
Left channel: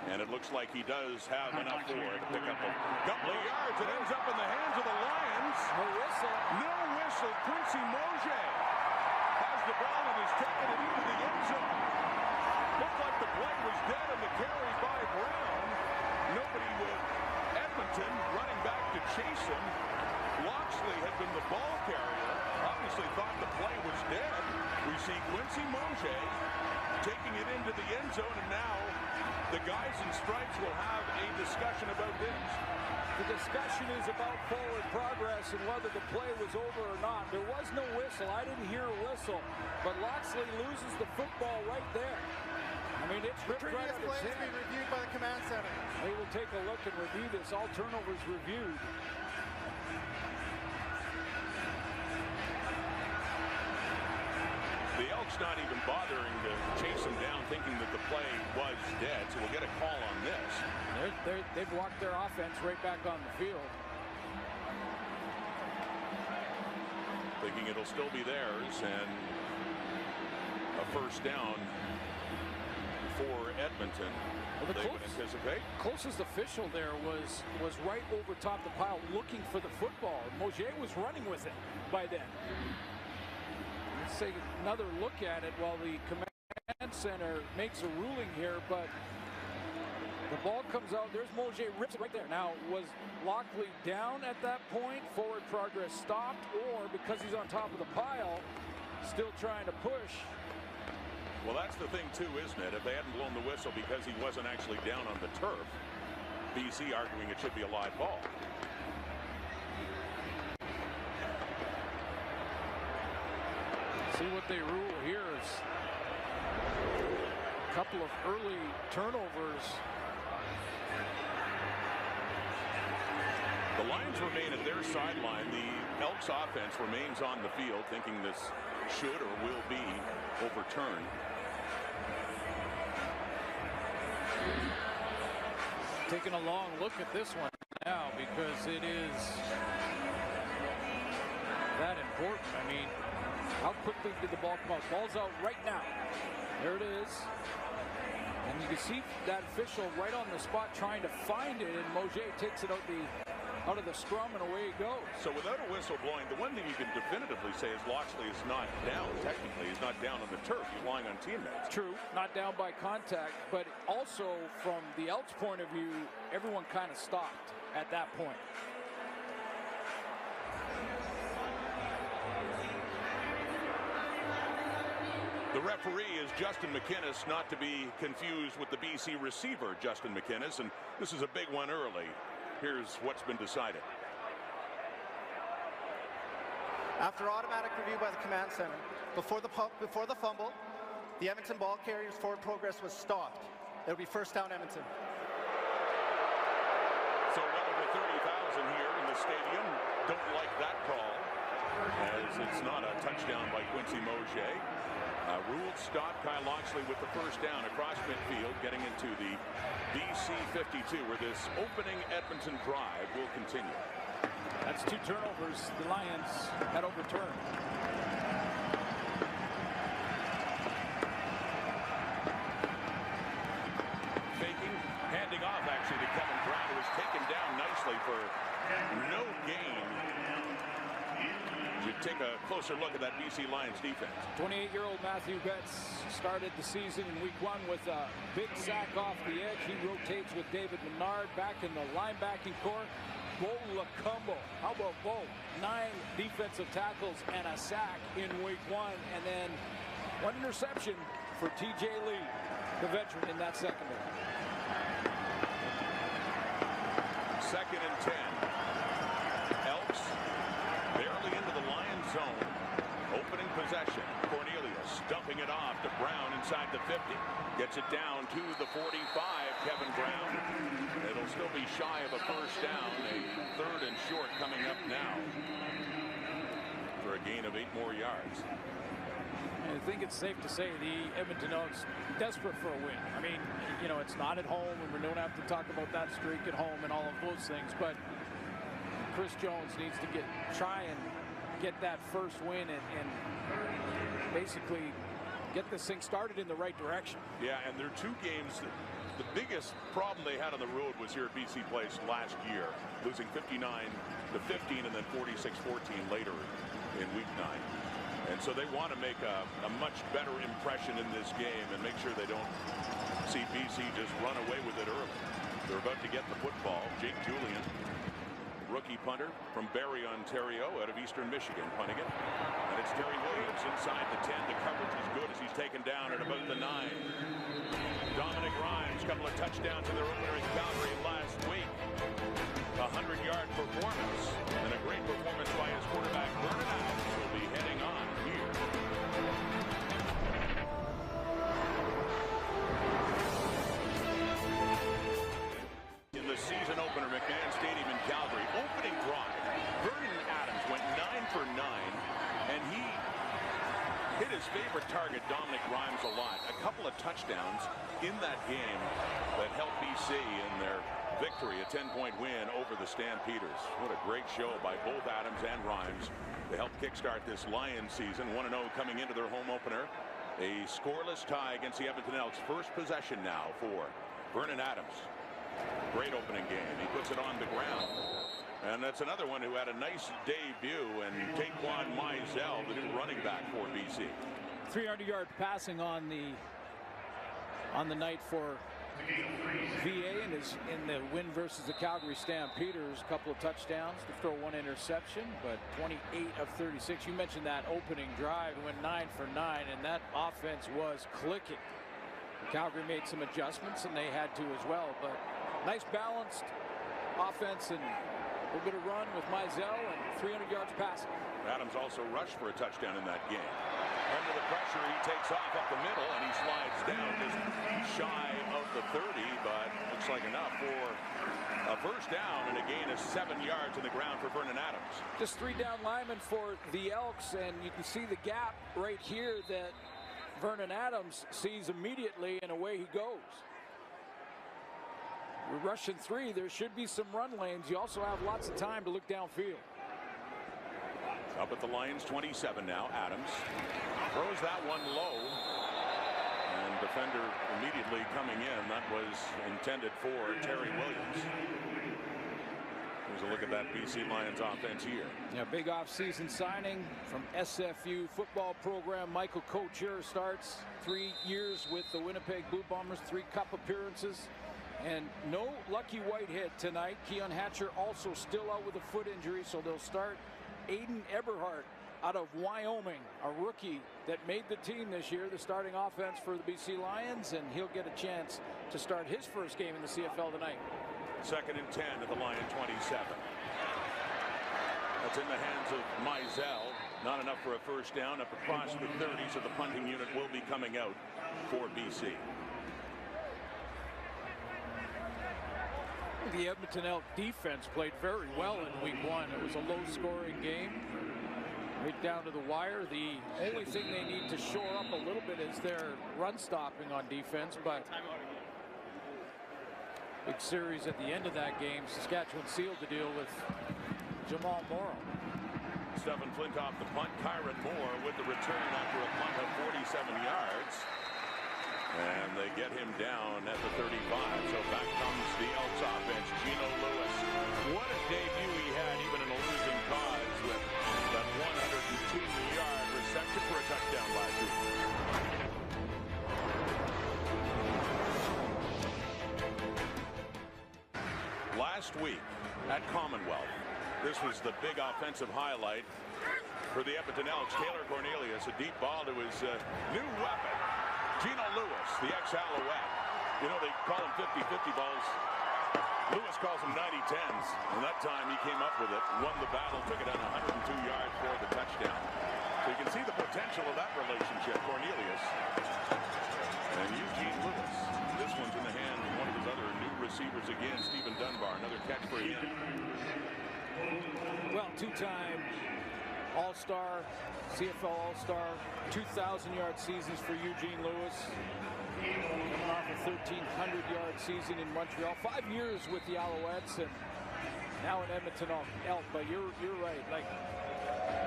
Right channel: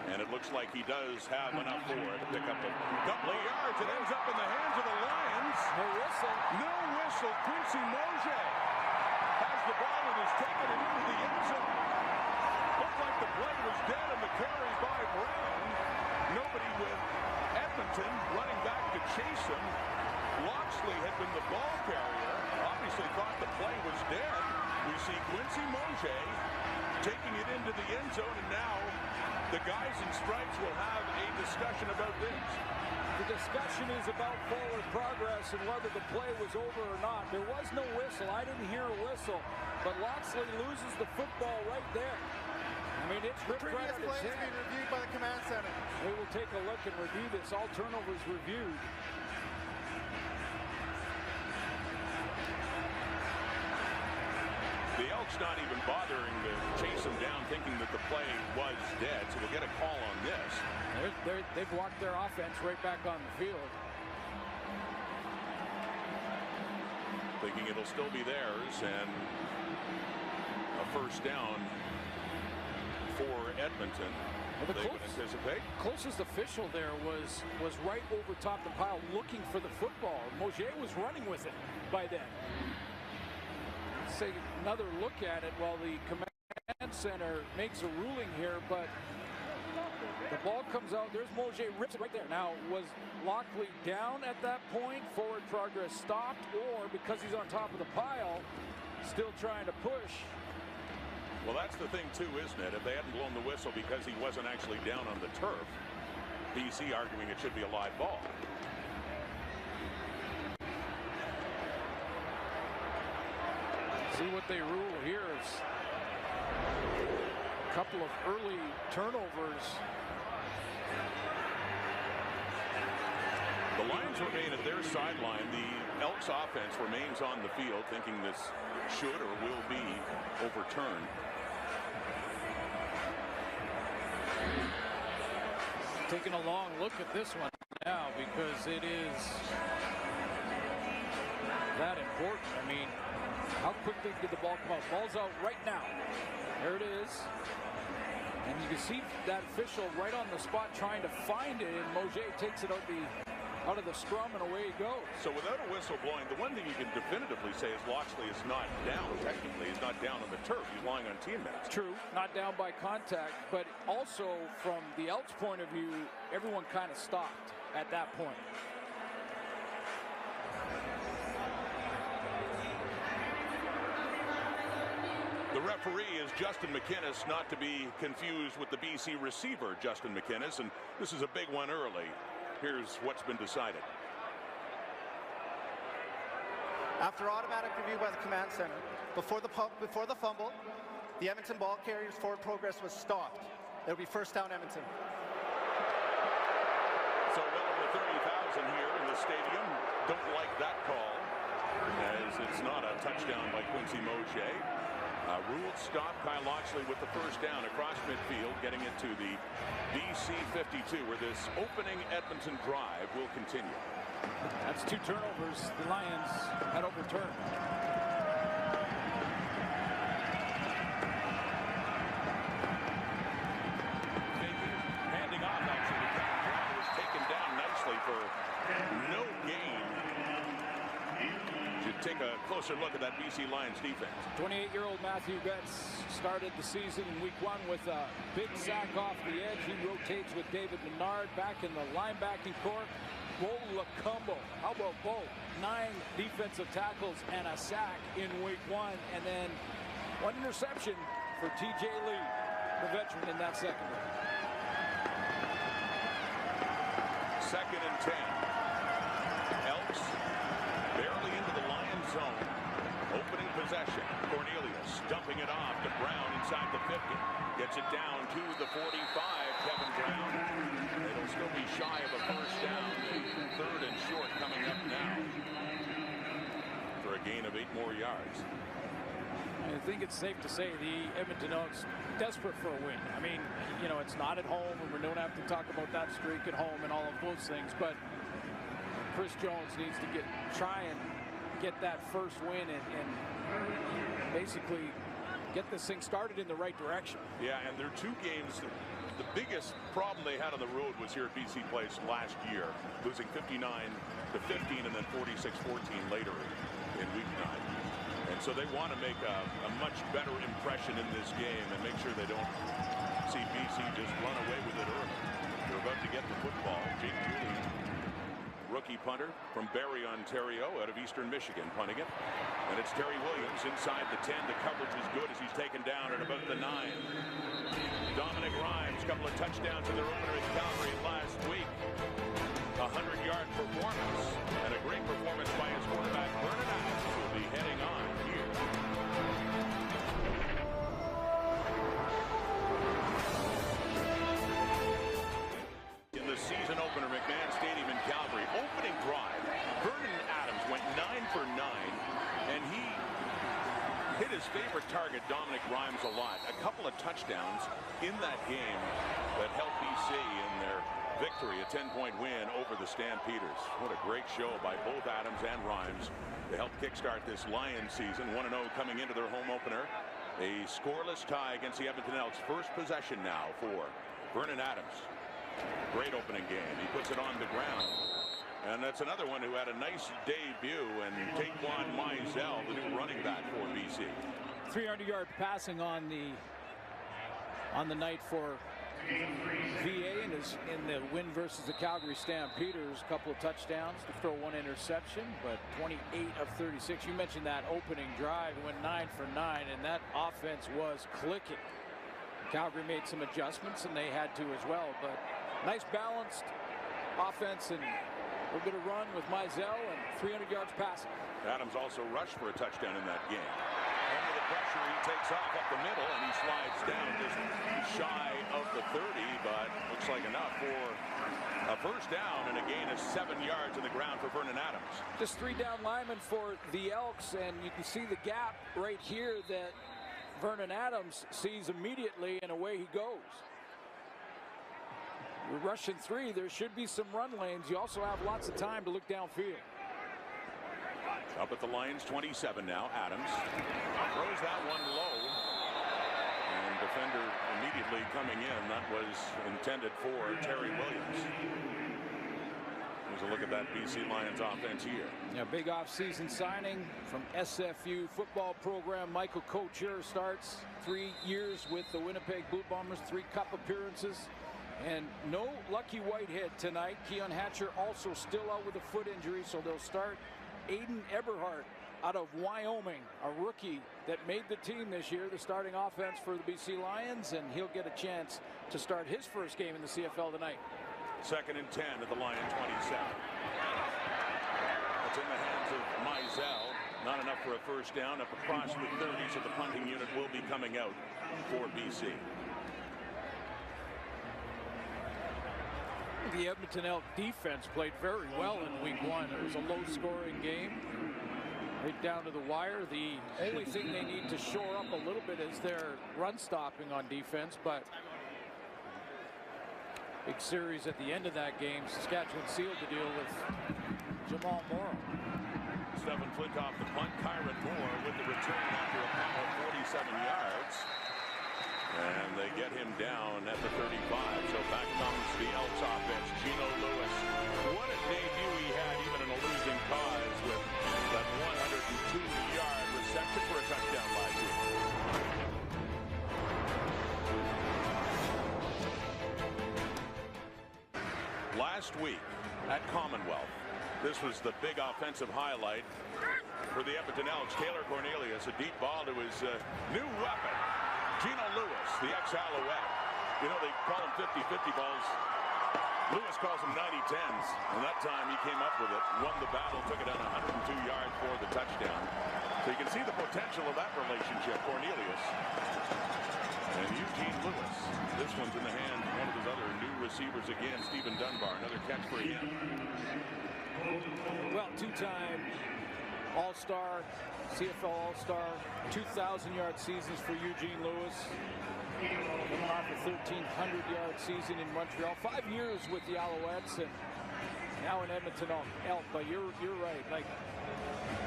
And it looks like he does have enough for it to pick up a couple of yards. It ends up in the hands of the Lions. No whistle. No whistle. Quincy Mosier has the ball and has taken it into the end zone. Looked like the play was dead on the carry by Brown. Nobody with Edmonton running back to chase him. Loxley had been the ball carrier. Obviously thought the play was dead. We see Quincy Mosier taking it into the end zone, and now the guys in stripes will have a discussion about this. The discussion is about forward progress and whether the play was over or not. There was no whistle. I didn't hear a whistle, but Loxley loses the football right there. I mean, it's ripped right out of his hand. Previous play is being reviewed by the command center. They will take a look and review this. All turnovers reviewed. The Elks not even bothering to chase him down, thinking that the play was dead. So we'll get a call on this. They've walked their offense right back on the field. Thinking it'll still be theirs, and a first down for Edmonton. Well, they would anticipate. Closest official there was right over top the pile looking for the football. Mosier was running with it by then. Let's take another look at it while the command center makes a ruling here, but the ball comes out. There's Mosier, rips it right there. Now, was Loxley down at that point? Forward progress stopped, or because he's on top of the pile, still trying to push? Well, that's the thing, too, isn't it? If they hadn't blown the whistle because he wasn't actually down on the turf, BC arguing it should be a live ball. See what they rule here is a couple of early turnovers. The Lions remain at their sideline. The Elks offense remains on the field, thinking this should or will be overturned. Taking a long look at this one now because it is that important. I mean, how quickly did the ball come out? Ball's out right now. There it is. And you can see that official right on the spot trying to find it, and Mosier takes it out of the scrum, and away he goes. So without a whistle blowing, the one thing you can definitively say is Loxley is not down. Technically, he's not down on the turf. He's lying on teammates. True, not down by contact, but also from the Elks' point of view, everyone kind of stopped at that point. The referee is Justin McInnes, not to be confused with the BC receiver, Justin McInnes, and this is a big one early. Here's what's been decided. After automatic review by the command center, before the fumble, the Edmonton ball carrier's forward progress was stopped. It'll be first down Edmonton. So well over 30,000 here in the stadium don't like that call, as it's not a touchdown by Quincy Mosier. Ruled stop. Kyle Loxley with the first down across midfield, getting into the BC 52, where this opening Edmonton drive will continue. That's two turnovers the Lions had overturned. Faking, handing off actually to Kevin Brown, who was taken down nicely for no gain. Should take a closer look at that BC Lions defense. 28-year-old Matthew Betts started the season in week 1 with a big sack off the edge. He rotates with David Menard back in the linebacking core. Bo Lacumbo. How about Bo? 9 defensive tackles and a sack in week 1. And then 1 interception for TJ Lee, the veteran in that secondary. 2nd and 10. Elks barely into the Lions zone. Opening possession. Cornelius dumping it off to Brown inside the 50. Gets it down to the 45. Kevin Brown. It'll still be shy of a first down. A 3rd and short coming up now for a gain of 8 more yards. I think it's safe to say the Edmonton Elks desperate for a win. I mean, you know, it's not at home, and we don't have to talk about that streak at home and all of those things, but Chris Jones needs to try and get that first win and basically get this thing started in the right direction. Yeah, and there are 2 games the biggest problem they had on the road was here at BC Place last year, losing 59-15 and then 46-14 later in week 9. And so they want to make a much better impression in this game and make sure they don't see BC just run away with it early. They're about to get the football. Jake Julian, rookie punter from Barrie, Ontario, out of Eastern Michigan, punting it. And it's Terry Williams inside the 10. The coverage is good as he's taken down at about the 9. Dominic Rhymes, couple of touchdowns in their opener in Calgary last week. 100-yard performance and a great performance by his quarterback Vernon Adams will be heading on here. In the season opener, McMahon Stadium in Calgary, opening drive, Vernon Adams went 9 for 9, and he hit his favorite target, Dominic Rhymes, a lot. A couple of touchdowns in that game that helped BC in their victory, a 10-point win over the Stampeders. What a great show by both Adams and Rhymes to help kickstart this Lions season. 1-0 coming into their home opener. A scoreless tie against the Edmonton Elks. First possession now for Vernon Adams. Great opening game. He puts it on the ground. And that's another one who had a nice debut, and Taquan Mizell, the new running back for BC. 300-yard passing on the night for VA in the win versus the Calgary Stampeders. A couple of touchdowns to throw one interception, but 28 of 36. You mentioned that opening drive, went 9 for 9, and that offense was clicking. Calgary made some adjustments, and they had to as well, but nice balanced offense and a little bit of run with Mizell and 300 yards passing. Adams also rushed for a touchdown in that game. Under the pressure, he takes off up the middle, and he slides down just shy of the 30, but looks like enough for a first down and a gain of 7 yards in the ground for Vernon Adams. Just 3 down linemen for the Elks, and you can see the gap right here that Vernon Adams sees immediately, and away he goes. We're rushing 3. There should be some run lanes. You also have lots of time to look downfield. Up at the Lions 27 now. Adams throws that one low, and defender immediately coming in. That was intended for Terry Williams. Here's a look at that BC Lions offense here. Yeah, big offseason signing from SFU football program. Michael Couture starts 3 years with the Winnipeg Blue Bombers, 3 cup appearances. And no Lucky Whitehead tonight. Keon Hatcher also still out with a foot injury, so they'll start Aiden Eberhardt out of Wyoming, a rookie that made the team this year, the starting offense for the BC Lions, and he'll get a chance to start his first game in the CFL tonight. 2nd and 10 at the Lion 27. That's in the hands of Mizell. Not enough for a first down, up across the 30, so the punting unit will be coming out for BC. The Edmonton Elk defense played very well in week 1. It was a low-scoring game, right down to the wire. The only thing they need to shore up a little bit is their run stopping on defense, but big series at the end of that game. Saskatchewan sealed the deal with Jamal Morrow. Stephen Flintoff the punt. Kyron Moore with the return after a punt of 47 yards. And they get him down at the 35. So back comes the Elks offense. Gino Lewis. What a debut he had, even in a losing cause, with that 102-yard reception for a touchdown last week. Last week at Commonwealth, this was the big offensive highlight for the Edmonton Elks. Taylor Cornelius, a deep ball to his new weapon, Gino Lewis, the ex-Alouette. You know, they call him 50-50 balls. Lewis calls them 90-10s. And that time he came up with it, won the battle, took it on 102 yards for the touchdown. So you can see the potential of that relationship. Cornelius and Eugene Lewis. This one's in the hands of one of his other new receivers again, Stephen Dunbar. Another catch for him. Well, 2-time All-Star, CFL All-Star, 2,000-yard seasons for Eugene Lewis. Coming off a 1,300-yard season in Montreal. 5 years with the Alouettes, and now in Edmonton Elk. But you're right. Like,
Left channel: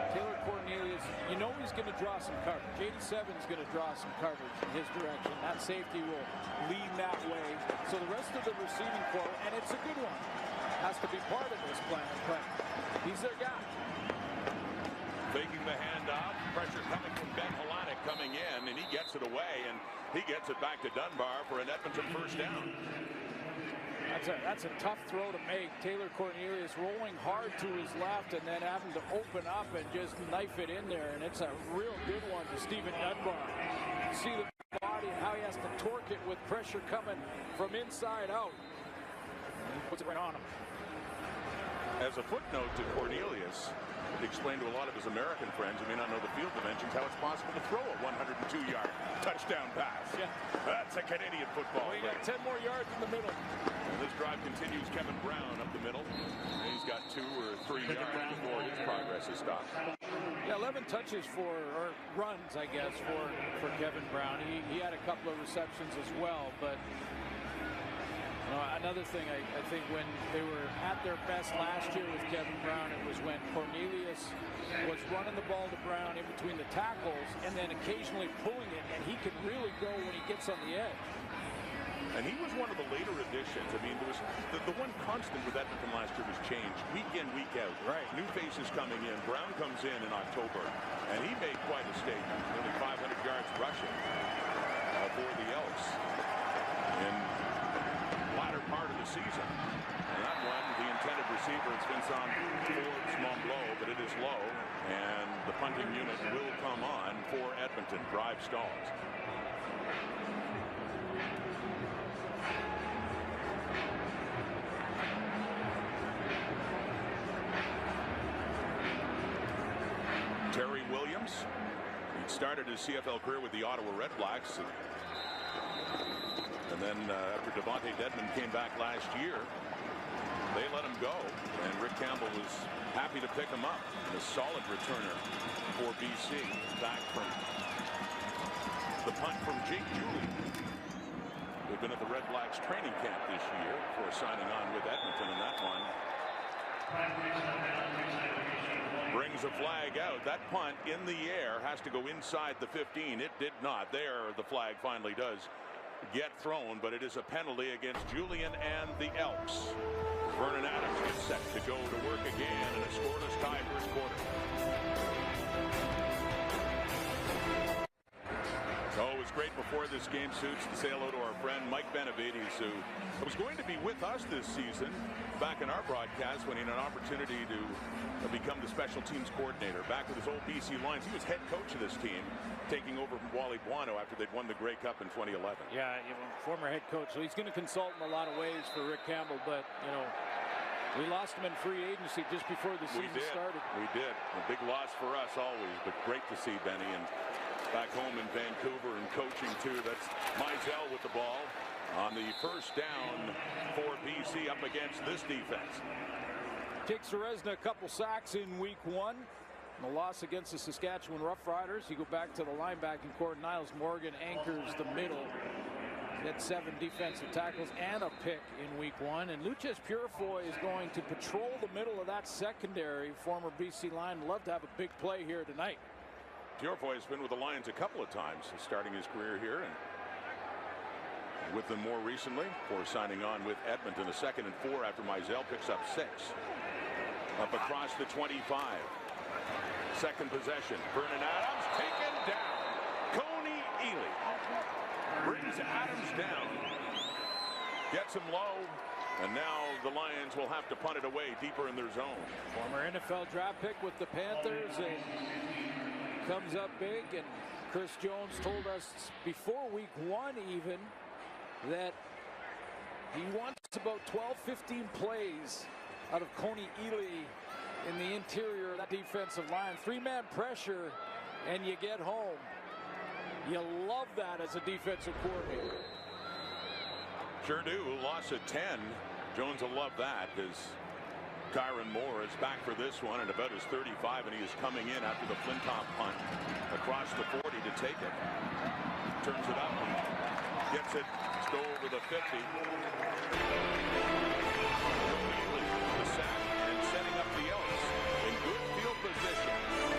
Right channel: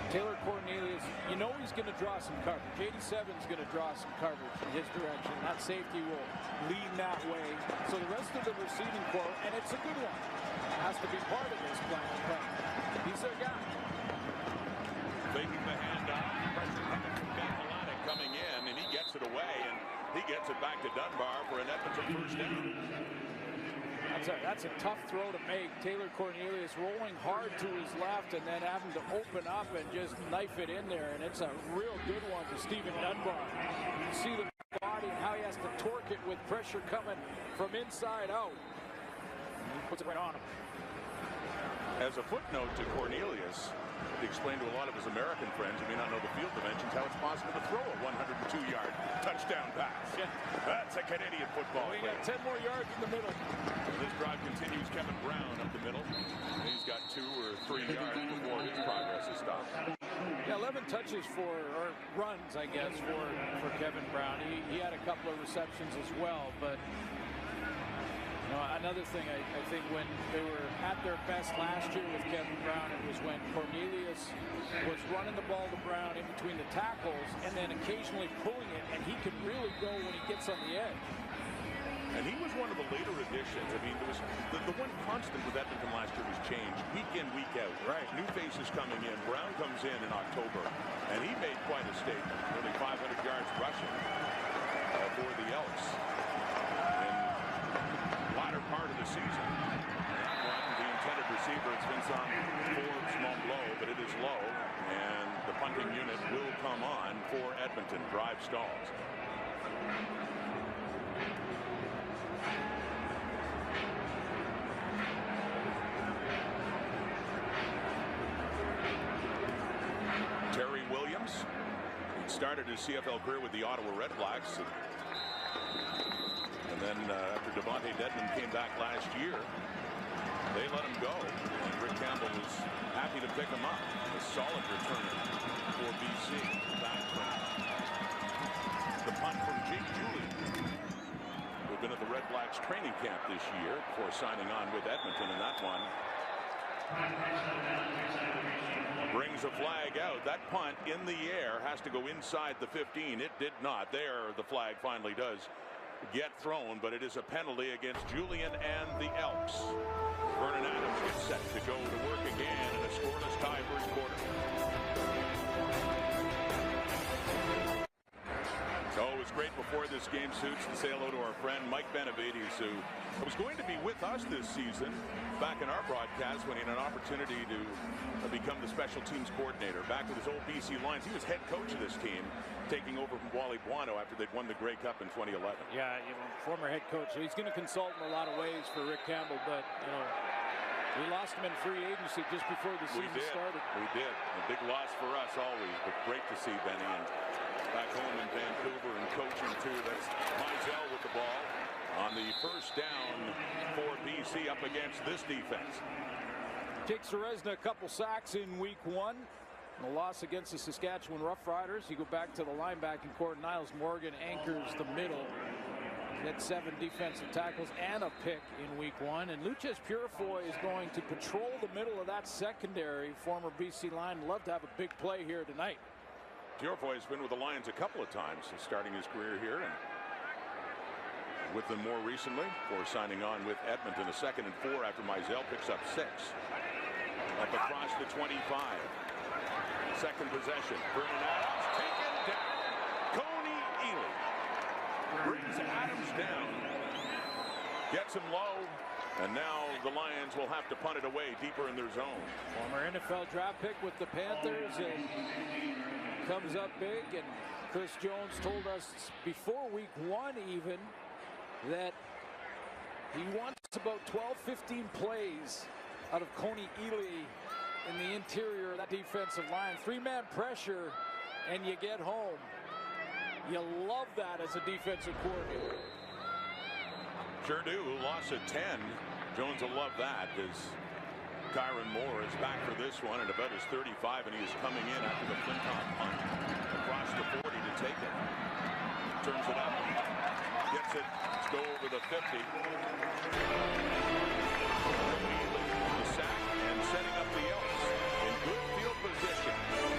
Taylor Cornelius, you know he's going to draw some coverage. 87's going to draw some coverage in his direction. That safety will lean that way. So the rest of the receiving corps, and it's a good one, has to be part of this plan, but he's their guy. Faking the handoff, pressure coming from Ben Halanek coming in, and he gets it away, and he gets it back to Dunbar for an Edmonton first down. That's a tough throw to make. Taylor Cornelius rolling hard to his left and then having to open up and just knife it in there, and it's a real good one to Stephen Dunbar. You can see the body and how he has to torque it with pressure coming from inside out. And he puts it right on him. As a footnote to Cornelius, to explain to a lot of his American friends who may not know the field dimensions how it's possible to throw a 102-yard touchdown pass. Yeah. That's a Canadian football We play. got 10 more yards in the middle. And this drive continues. Kevin Brown up the middle. And he's got 2 or 3 yards before his progress is stopped. Yeah, 11 touches or runs, I guess, for Kevin Brown. He had a couple of receptions as well, but another thing, I think when they were at their best last year with Kevin Brown, it was when Cornelius was running the ball to Brown in between the tackles and then occasionally pulling it, and he could really go when he gets on the edge. And he was one of the later additions. I mean, there was the one constant with Edmonton last year was change, week in, week out. Right. New faces coming in. Brown comes in October, and he made quite a statement. Nearly 500 yards rushing for the Elks in latter part of the season. And that one, the intended receiver, it's Vincent Forbes Montbleau, but it is low, and the punting unit will come on for Edmonton. Drive stalls. Terry Williams, he'd started his CFL career with the Ottawa Redblacks. And then after Devontae Dedmon came back last year, they let him go. And Rick Campbell was happy to pick him up. A solid returner for BC. Back from the punt from Jake Julie, who'd been at the Redblacks training camp this year before signing on with Edmonton. And that one brings a flag out. That punt in the air has to go inside the 15. It did not. There, the flag finally does get thrown, but it is a penalty against Julian and the Elks. Vernon Adams gets set to go to work again in a scoreless tie first quarter. Oh, it was great before this game, Suits, to say hello to our friend Mike Benavides, who was going to be with us this season back in our broadcast when he had an opportunity to become the special teams coordinator. Back with his old BC Lions. He was head coach of this team, taking over from Wally Buono after they'd won the Grey Cup in 2011. Yeah, former head coach. So he's going to consult in a lot of ways for Rick Campbell, but, we lost him in free agency just before the season started. We did. A big loss for us always, but great to see Benny. And back home in Vancouver and coaching, too. That's Mizell with the ball on the first down for BC up against this defense. Jake Serezna, a couple sacks in week 1. The loss against the Saskatchewan Roughriders. You go back to the linebacking core. Niles Morgan anchors the middle. He had 7 defensive tackles and a pick in week 1. And Luches Purifoy is going to patrol the middle of that secondary. Former BC Lion. Love to have a big play here tonight. Purifoy has been with the Lions a couple of times, starting his career here, and with them more recently for signing on with Edmonton. A 2nd and 4 after Mizell picks up 6. Up across the 25. Second possession. Vernon Adams taken down. Coney Ely brings Adams down. Gets him low. And now the Lions will have to punt it away deeper in their zone. Former NFL draft pick with the Panthers and comes up big. And Chris Jones told us before week 1 even that he wants about 12-15 plays out of Coney Ely in the interior of that defensive line. 3-man pressure and you get home. You love that as a defensive coordinator. Sure do. Loss of 10. Jones will love that as Kyron Moore is back for this one at about his 35, and he is coming in after the Flintoff punt across the 40 to take it. Turns it up and gets it to go over the 50. Coney Ely, the sack, and setting up the Elks in good field position.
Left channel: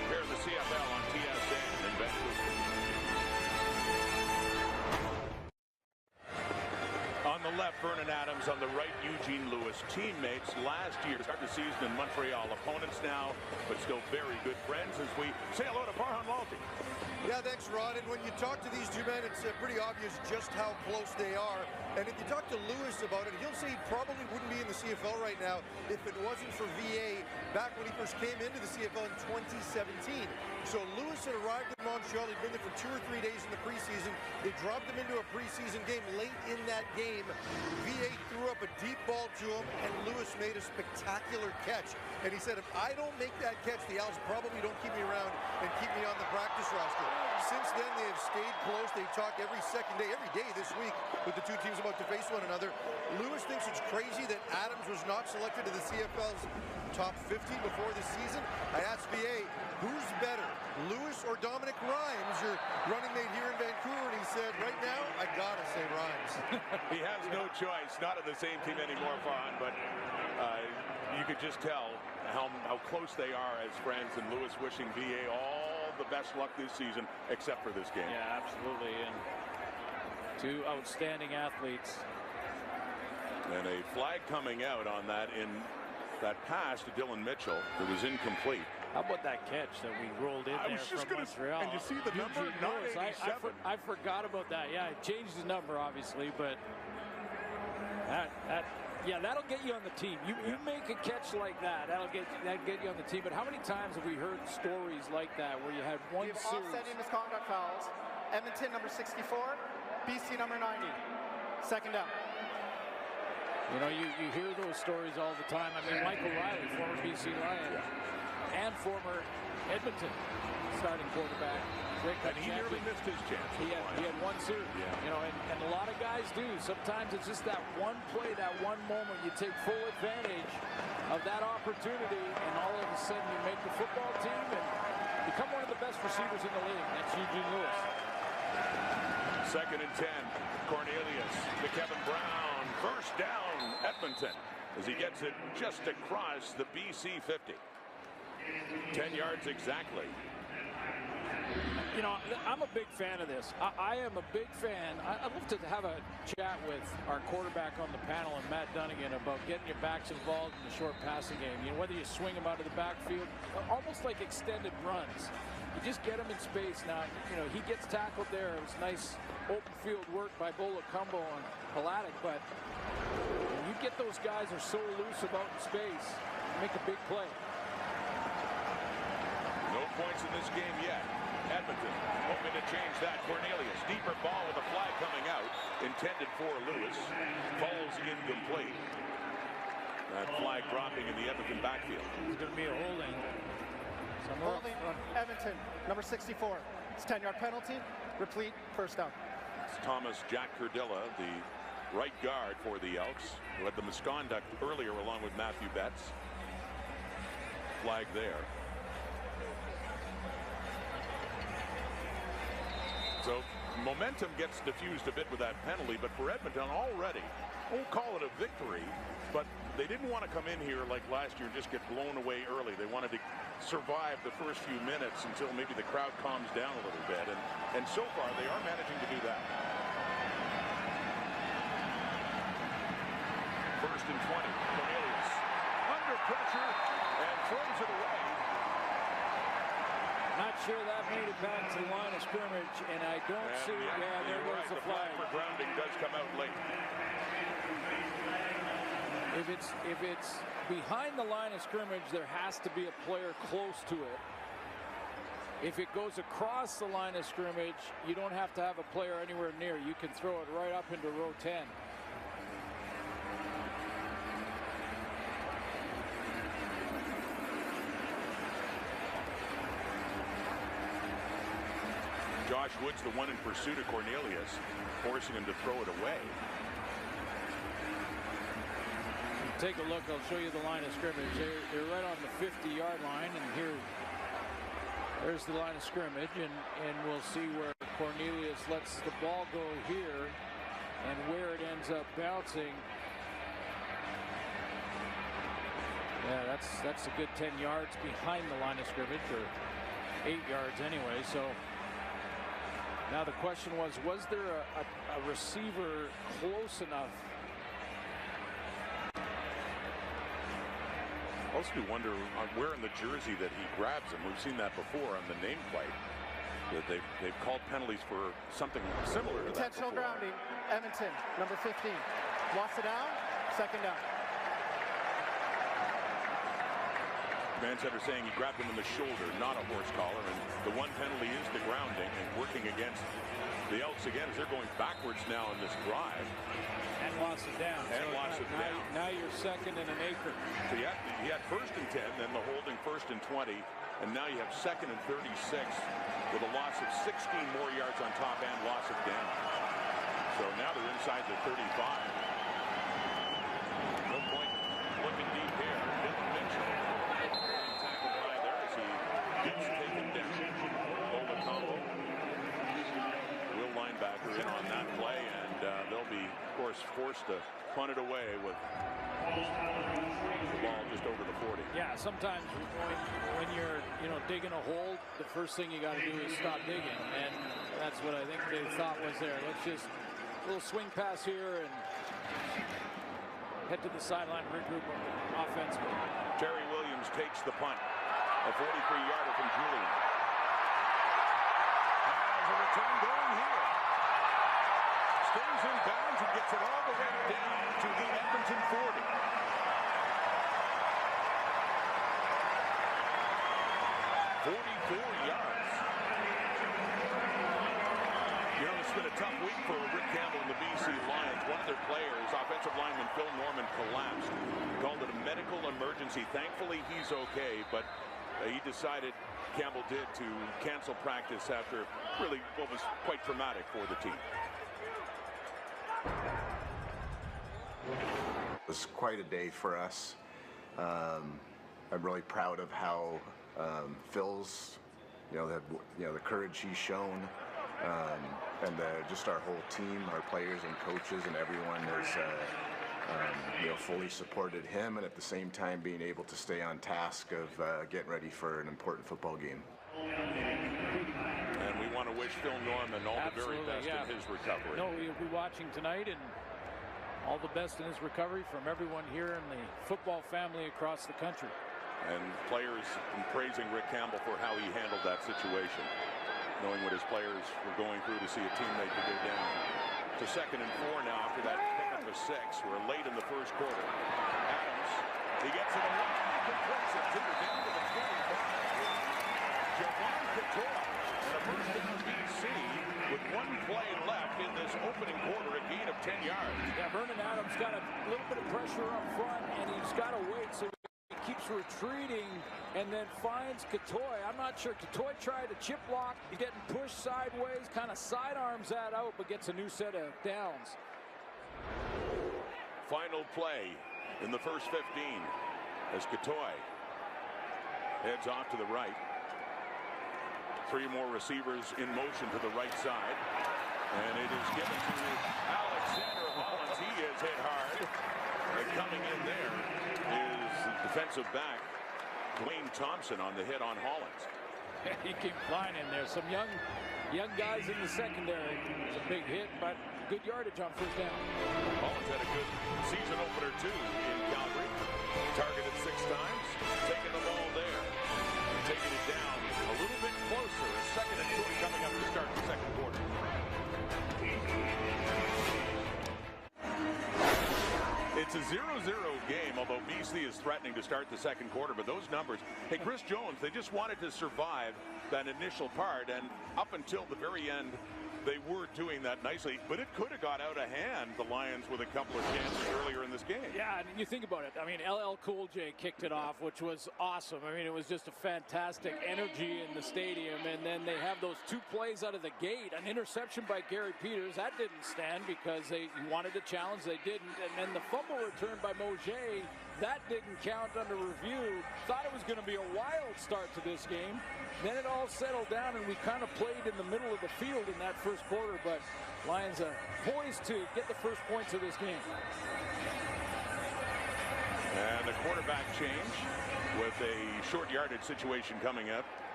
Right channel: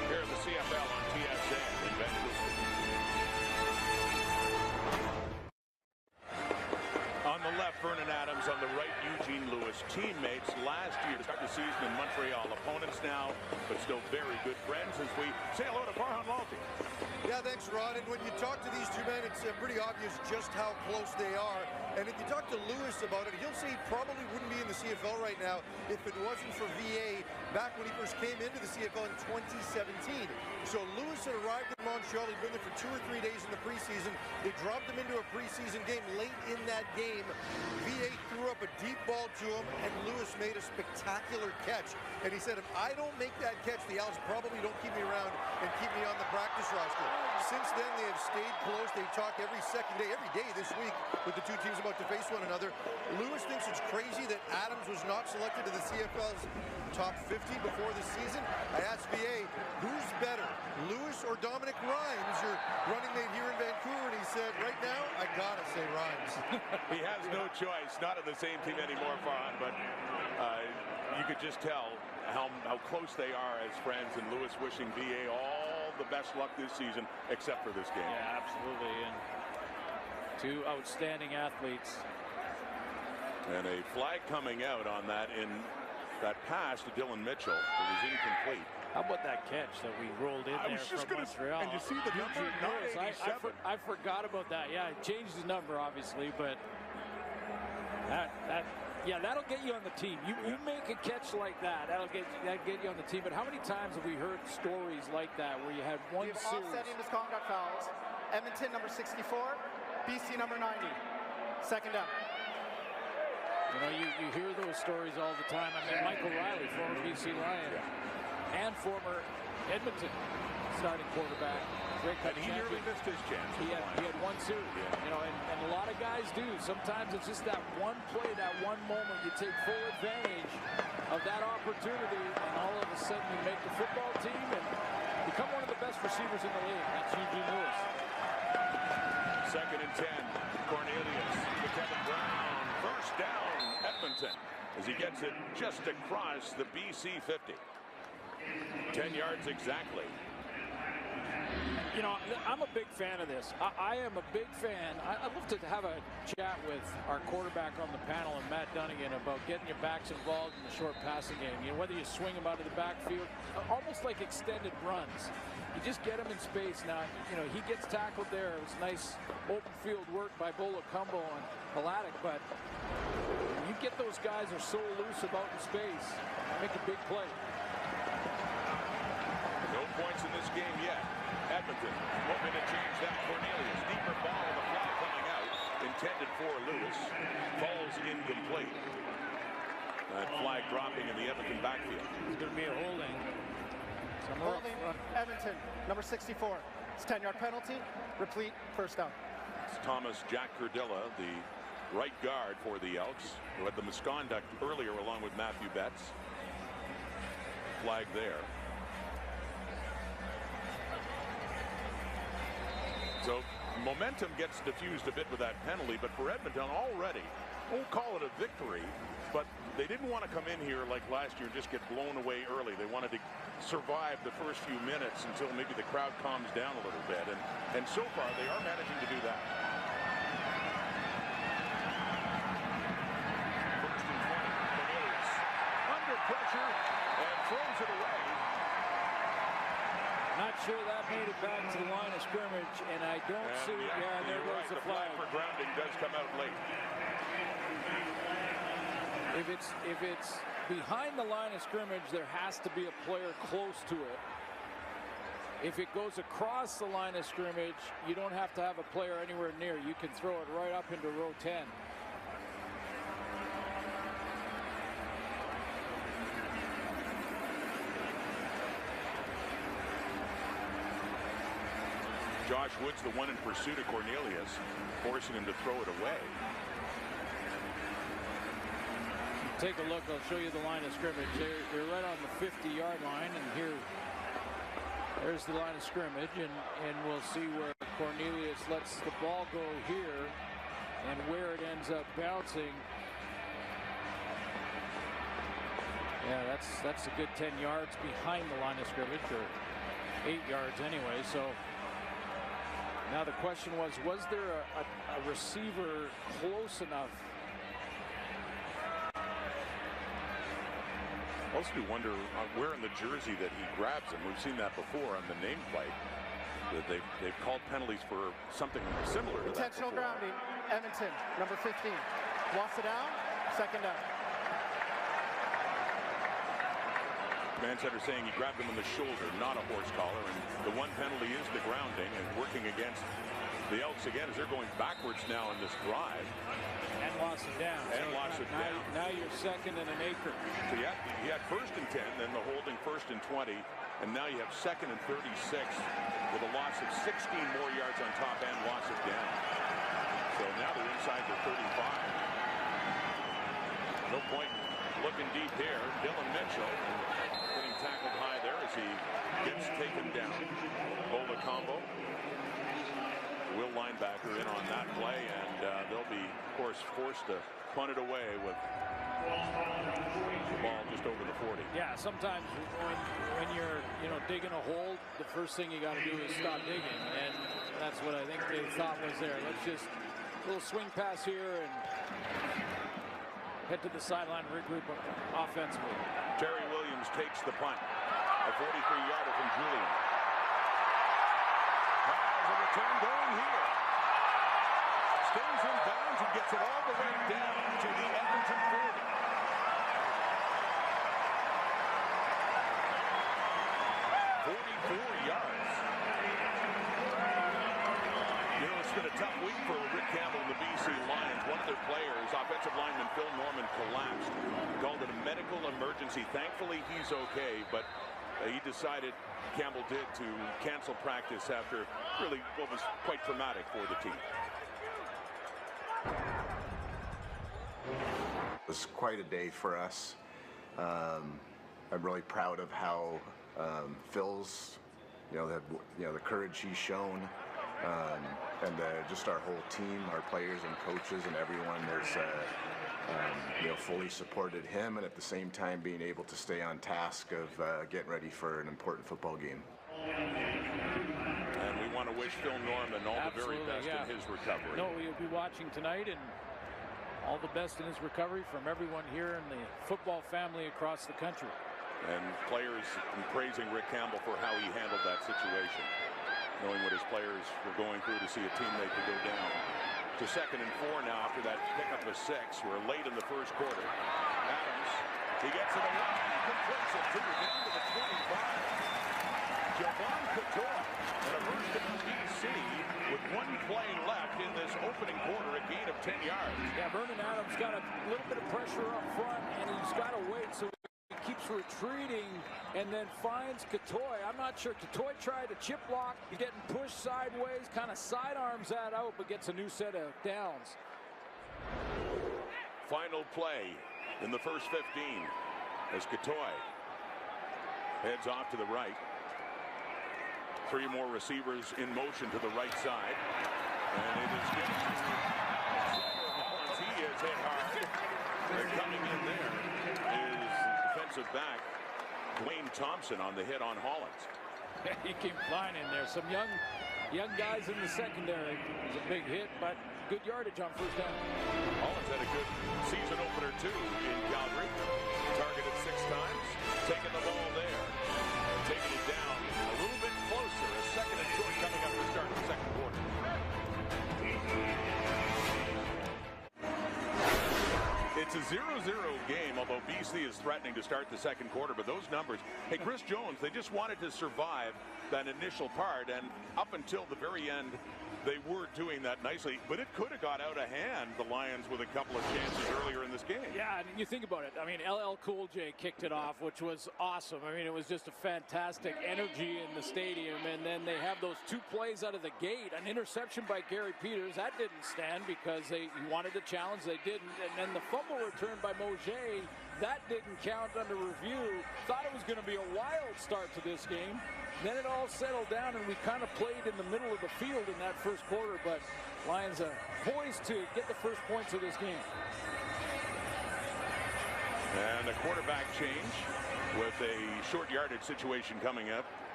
here in the CFL on TSN in Vancouver. On the left, Vernon Adams. On the right, Eugene Lewis. Teammates last year to start the season in Montreal. Opponents now, but still very good friends as we say hello to Farhan Lalji. Yeah, thanks, Rod. And when you talk to these two men, it's pretty obvious just how close they are. And if you talk to Lewis about it, he'll say he probably wouldn't be in the CFL right now if it wasn't for VA back when he first came into the CFL in 2017. So Lewis had arrived in Montreal. He'd been there for 2 or 3 days in the preseason. They dropped him into a preseason game. Late in that game, VA threw up a deep ball to him, and Lewis made a spectacular catch. And he said, if I don't make that catch, the Owls probably don't keep me around and keep me on the practice roster. Since then, they have stayed close. They talk every second day, every day this week with the two teams about to face one another. Lewis thinks it's crazy that Adams was not selected to the CFL's top 50 before the season. I asked VA, who's better, Lewis or Dominic Rhymes, your running mate here in Vancouver? And he said, right now, I gotta say Rhymes. He has no choice. Not on the same team anymore, Farhan, but you could just tell how close they are as friends, and Lewis wishing VA all the best luck this season, except for this game. Yeah, absolutely. And two outstanding athletes. And a flag coming out on that in that pass to Dylan Mitchell that was incomplete. How about that catch that we rolled in there from Montreal? And you see the number, not 87. I forgot about that. Yeah, it changed his number, obviously, but yeah, that'll get you on the team. You make a catch like that, that'll get you on the team. But how many times have we heard stories like that where you had one series? We have offsetting misconduct fouls. Edmonton number 64, BC number 90. Second down. You know, you hear those stories all the time. I mean, Michael Riley, former BC Lion, and former Edmonton starting quarterback. Grey Cup and he champion. nearly missed his chance. He had one series. Yeah. You know, and a lot of guys do. Sometimes it's just that one play, that one moment. You take full advantage of that opportunity, and all of a sudden you make the football team and become one of the best receivers in the league. That's Eugene Lewis. 2nd and 10. Cornelius to Kevin Brown. First down, Edmonton, as he gets it just across the BC 50. 10 yards exactly. You know, I'm a big fan of this. I am a big fan. I'd love to have a chat with our quarterback on the panel and Matt Dunnigan about getting your backs involved in the short passing game. You know, whether you swing them out of the backfield, almost like extended runs. You just get him in space. Now, you know, he gets tackled there. It was nice open field work by Bolacumbo and Haladic, but when you get those guys are so loose about in space, you make a big play. No points in this game yet. Edmonton hoping to change that. Cornelius, deeper ball with a flag coming out, intended for Lewis, falls incomplete. That flag dropping in the Edmonton backfield. It's going to be a holding. Holding Edmonton, number 64. It's a 10-yard penalty. Replete, first down. It's Thomas Jack Curdilla, the right guard for the Elks, who had the misconduct earlier along with Matthew Betts. Flag there. So momentum gets diffused a bit with that penalty, but for Edmonton already, won't call it a victory, but they didn't want to come in here like last year and just get blown away early. They wanted to survive the first few minutes until maybe the crowd calms down a little bit, and so far they are managing to do that. 1st and 20. Cornelius under pressure and throws it away. Not sure that made it back to the line of scrimmage, and I don't see. Yeah, there goes the flag. The flag for grounding does come out late. If it's behind the line of scrimmage, there has to be a player close to it. If it goes across the line of scrimmage, you don't have to have a player anywhere near. You can throw it right up into row 10. Josh Woods, the one in pursuit of Cornelius, forcing him to throw it away. Take a look. I'll show you the line of scrimmage. They're right on the 50-yard line, and there's the line of scrimmage, and we'll see where Cornelius lets the ball go here and where it ends up bouncing. Yeah, that's a good 10 yards behind the line of scrimmage, or 8 yards anyway. So now the question was there a receiver close enough? Also do wonder where in the jersey that he grabs him. We've seen that before on the nameplate. That they've called penalties for something similar to that before. Intentional grounding, Edmonton, number 15. Lost it down, second down. Command center saying he grabbed him on the shoulder, not a horse collar, and the one penalty is the grounding, and working against the Elks again as they're going backwards now in this drive. And lost it down. And lost it down. Now you're second and an acre. So you had first and 10, then the holding first and 20, and now you have second and 36 with a loss of 16 more yards on top and loss of down. So now they're inside the 35. No point looking deep here. Dylan Mitchell getting tackled high there as he gets taken down. Bola combo. Will linebacker in on that play, and they'll be, of course, forced to punt it away with the ball just over the 40. Yeah, sometimes when you're digging a hole, the first thing you got to do is stop digging, and that's what I think they thought was there. Let's just a little swing pass here and head to the sideline, regroup offensively. Terry Williams takes the punt, a 43-yarder from Julian. Has a return going here. Stays in bounds and gets it all the way down to the Edmonton 40. "44 yards. You know, it's been a tough week for Rick Campbell and the BC Lions. One of their players, offensive lineman Phil Norman, collapsed. He called it a medical emergency. Thankfully, he's okay, but he decided, Campbell did, to cancel practice after really what was quite traumatic for the team. It was quite a day for us. I'm really proud of how Phil's, the courage he's shown, and just our whole team, our players and coaches and everyone has, fully supported him, and at the same time being able to stay on task of getting ready for an important football game. And we want to wish Phil Norman all the very best in his recovery. No, we'll be watching tonight, and all the best in his recovery from everyone here in the football family across the country. And players praising Rick Campbell for how he handled that situation, knowing what his players were going through to see a teammate to go down. To 2nd and 4 now after that pickup of 6. We're late in the first quarter. Adams, he gets it away. He completes it down to the 25. Javon Couture and a first down BC with 1 play left in this opening quarter, a gain of 10 yards. Yeah, Vernon Adams got a little bit of pressure up front, and he's got to wait, so he keeps retreating and then finds Couture. I'm not sure. Couture tried to chip block. He's getting pushed sideways, kind of sidearms that out, but gets a new set of downs. Final play in the first 15 as Couture heads off to the right. 3 more receivers in motion to the right side. And it is given to Alexander Hollins. He is hit hard. Coming in there is defensive back Dwayne Thompson on the hit on Hollins. He came flying in there. Some young guys in the secondary. It's a big hit, but good yardage on first down. Hollins had a good season opener too in Calgary. Targeted 6 times, taking the ball there. And taking it down a little bit closer. A 2nd and short coming up to start the second quarter. It's a 0-0 game, although BC is threatening to start the second quarter. But those numbers, hey, Chris Jones, they just wanted to survive that initial part. And up until the very end, they were doing that nicely, but it could have got out of hand, the Lions, with a couple of chances earlier in this game. Yeah, and you think about it. I mean, LL Cool J kicked it off, which was awesome. I mean, it was just a fantastic energy in the stadium, and then they have those 2 plays out of the gate. An interception by Gary Peters. That didn't stand because he wanted the challenge. They didn't. And then the fumble return by Mojay, that didn't count under review. Thought it was going to be a wild start to this game. Then it all settled down, and we kind of played in the middle of the field in that first quarter, but Lions poised to get the first points of this game. And a quarterback change with a short yardage situation coming up.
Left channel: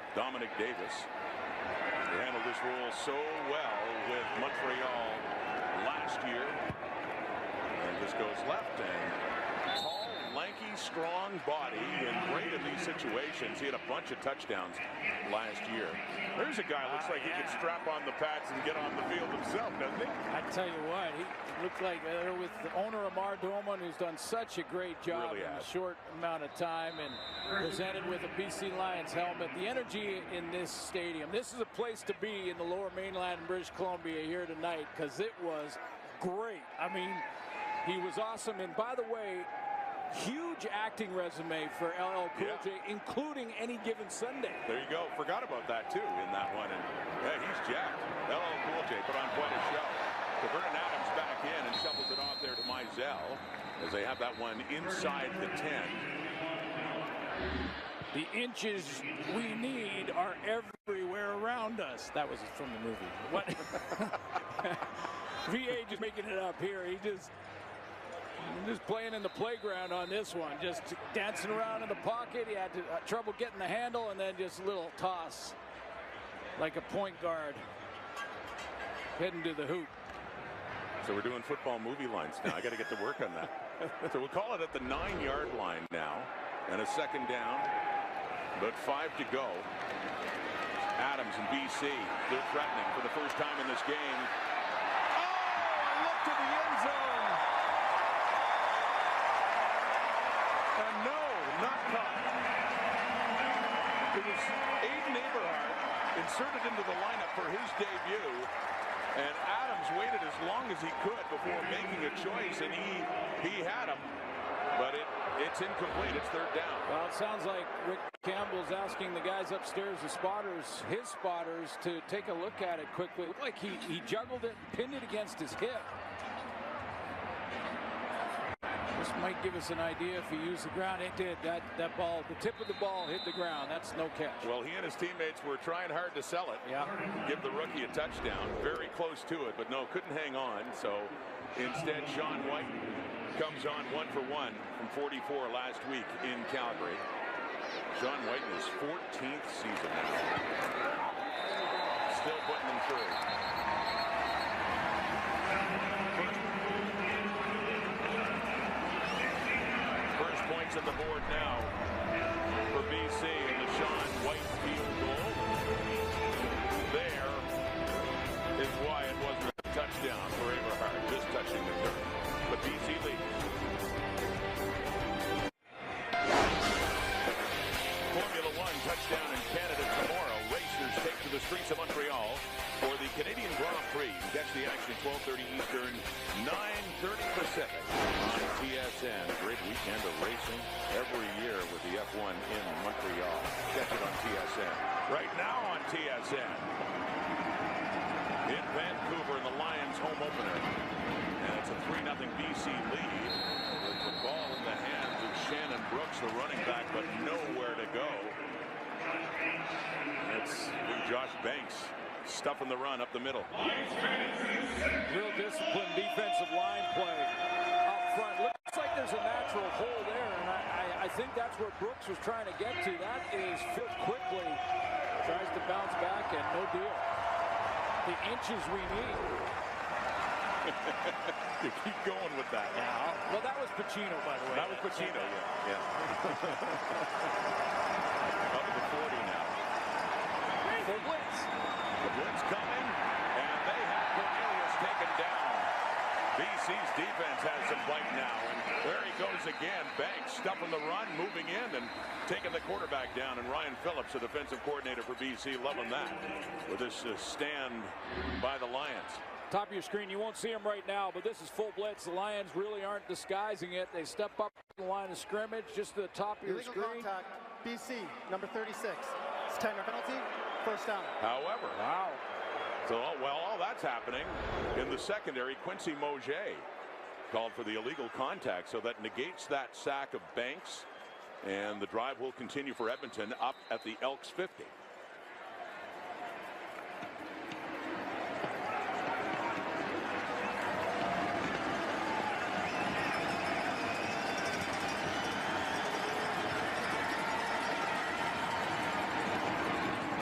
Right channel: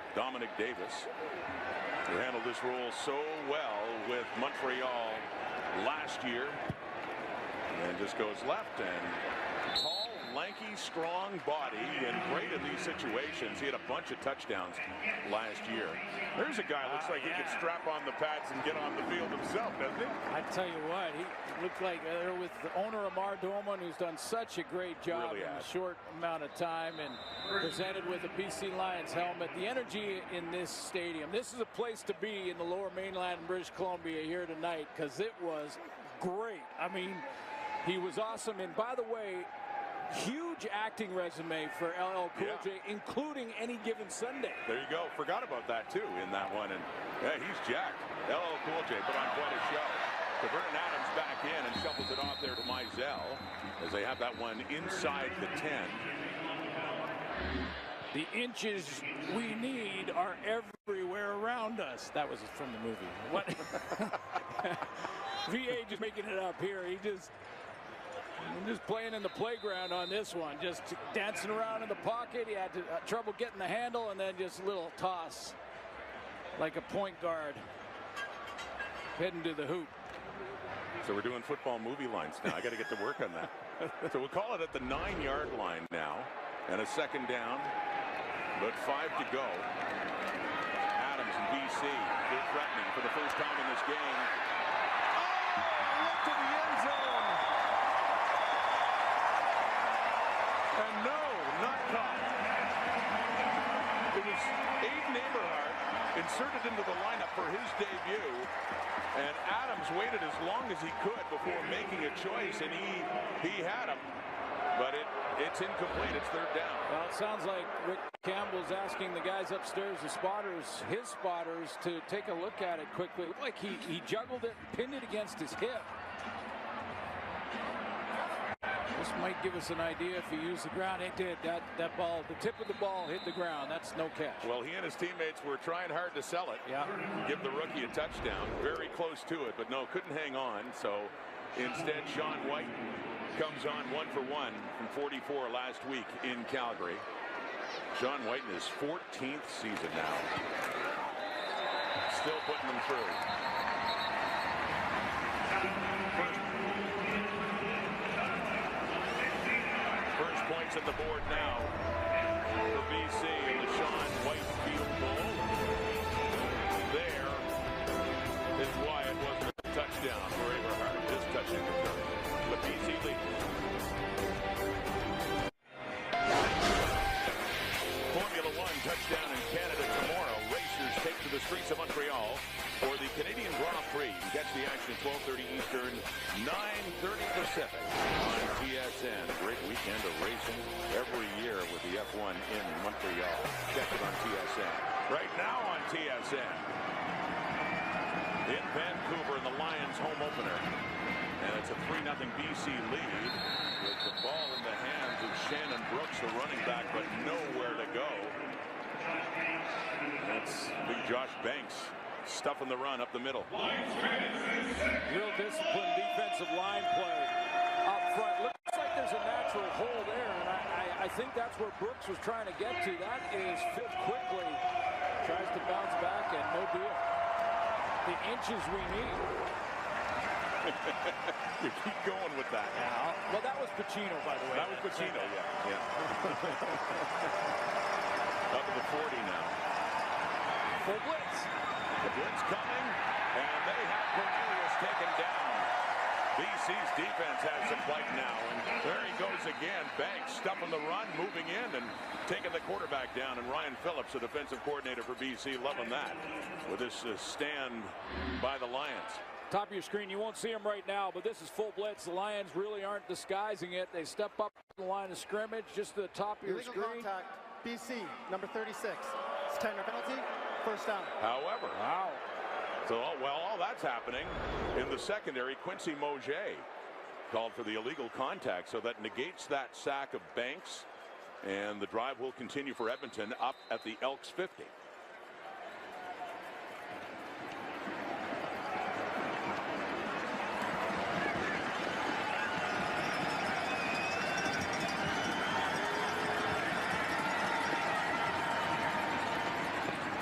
Dominic Davis, who handled this role so well with Montreal last year. And just goes left, and tall, lanky, strong body, and great in these situations. He had a bunch of touchdowns last year. There's a guy looks like he could strap on the pads and get on the field himself, doesn't he? I tell you what, he looked like they're with the owner Amar Doman, who's done such a great job in a short amount of time, and presented with a BC Lions helmet. The energy in this stadium, this is a place to be in the Lower Mainland in British Columbia here tonight, because it was great. I mean, he was awesome, and by the way, huge acting resume for LL Cool J, including Any Given Sunday. There you go. Forgot about that too in that one, and yeah, he's jacked. LL Cool J put on quite a show. So Vernon Adams back in and shuffles it off there to Mizell as they have that one inside the 10. The inches we need are everywhere around us. That was from the movie. What? VA just making it up here. I'm just playing in the playground on this one, just dancing around in the pocket. He had trouble getting the handle, and then just a little toss like a point guard heading to the hoop. So we're doing football movie lines now. I got to get to work on that. So we'll call it at the 9-yard line now, and a second down, but 5 to go. Adams and BC, they're threatening for the first time in this game. Oh, a look to the end zone. And no, not caught. It was Aiden Eberhardt inserted into the lineup for his debut, and Adams waited as long as he could before making a choice, and he had him, but it's incomplete. It's third down. Well, it sounds like Rick Campbell's asking the guys upstairs, the spotters, his spotters, to take a look at it quickly. It looked like he juggled it and pinned it against his hip. This might give us an idea if he used the ground. It did. That ball, the tip of the ball hit the ground. That's no catch. Well, he and his teammates were trying hard to sell it. Yeah. Give the rookie a touchdown. Very close to it, but no, couldn't hang on. So instead, Sean White comes on 1 for 1 from 44 last week in Calgary. Sean White in his 14th season now. Still putting them through. First points on the board now for BC and the Sean White field goal. And there is why it wasn't a touchdown for Eberhardt, just touching the turf. But BC leads. Formula One touchdown in Canada tomorrow. Racers take to the streets of Montreal for the Canadian Grand Prix. You can catch the action at 12:30 Eastern, 9:30 Pacific on TSN. A great weekend of racing every year with the F1 in Montreal. Catch it on TSN. Right now on TSN. In Vancouver in the Lions home opener. And it's a 3-0 BC lead with the ball in the hands of Shannon Brooks, the running back, but nowhere to go. That's big Josh Banks stuffing the run up the middle. Real disciplined defensive line play up front. Looks like there's a natural hole there, and I think that's where Brooks was trying to get to. That is filled quickly. Tries to bounce back, and no deal. The inches we need. You keep going with that. Yeah. Well, that was Pacino, by the way. That was Pacino, yeah. Up at the 40 now. Full blitz. The blitz coming, and they have Cornelius taken down. BC's defense has some bite now, and there he goes again. Banks stuffing the run, moving in, and taking the quarterback down. And Ryan Phillips, the defensive coordinator for BC, loving that with this stand by the Lions. Top of your screen, you won't see them right now, but this is full blitz. The Lions really aren't disguising it. They step up the line of scrimmage just to the top of your Illegal screen. Contact, BC, number 36. It's 10-yard penalty, first down. However, wow. So, well, all that's happening in the secondary. Quincy Moget called for the illegal contact, so that negates that sack of Banks, and the drive will continue for Edmonton up at the Elks 50.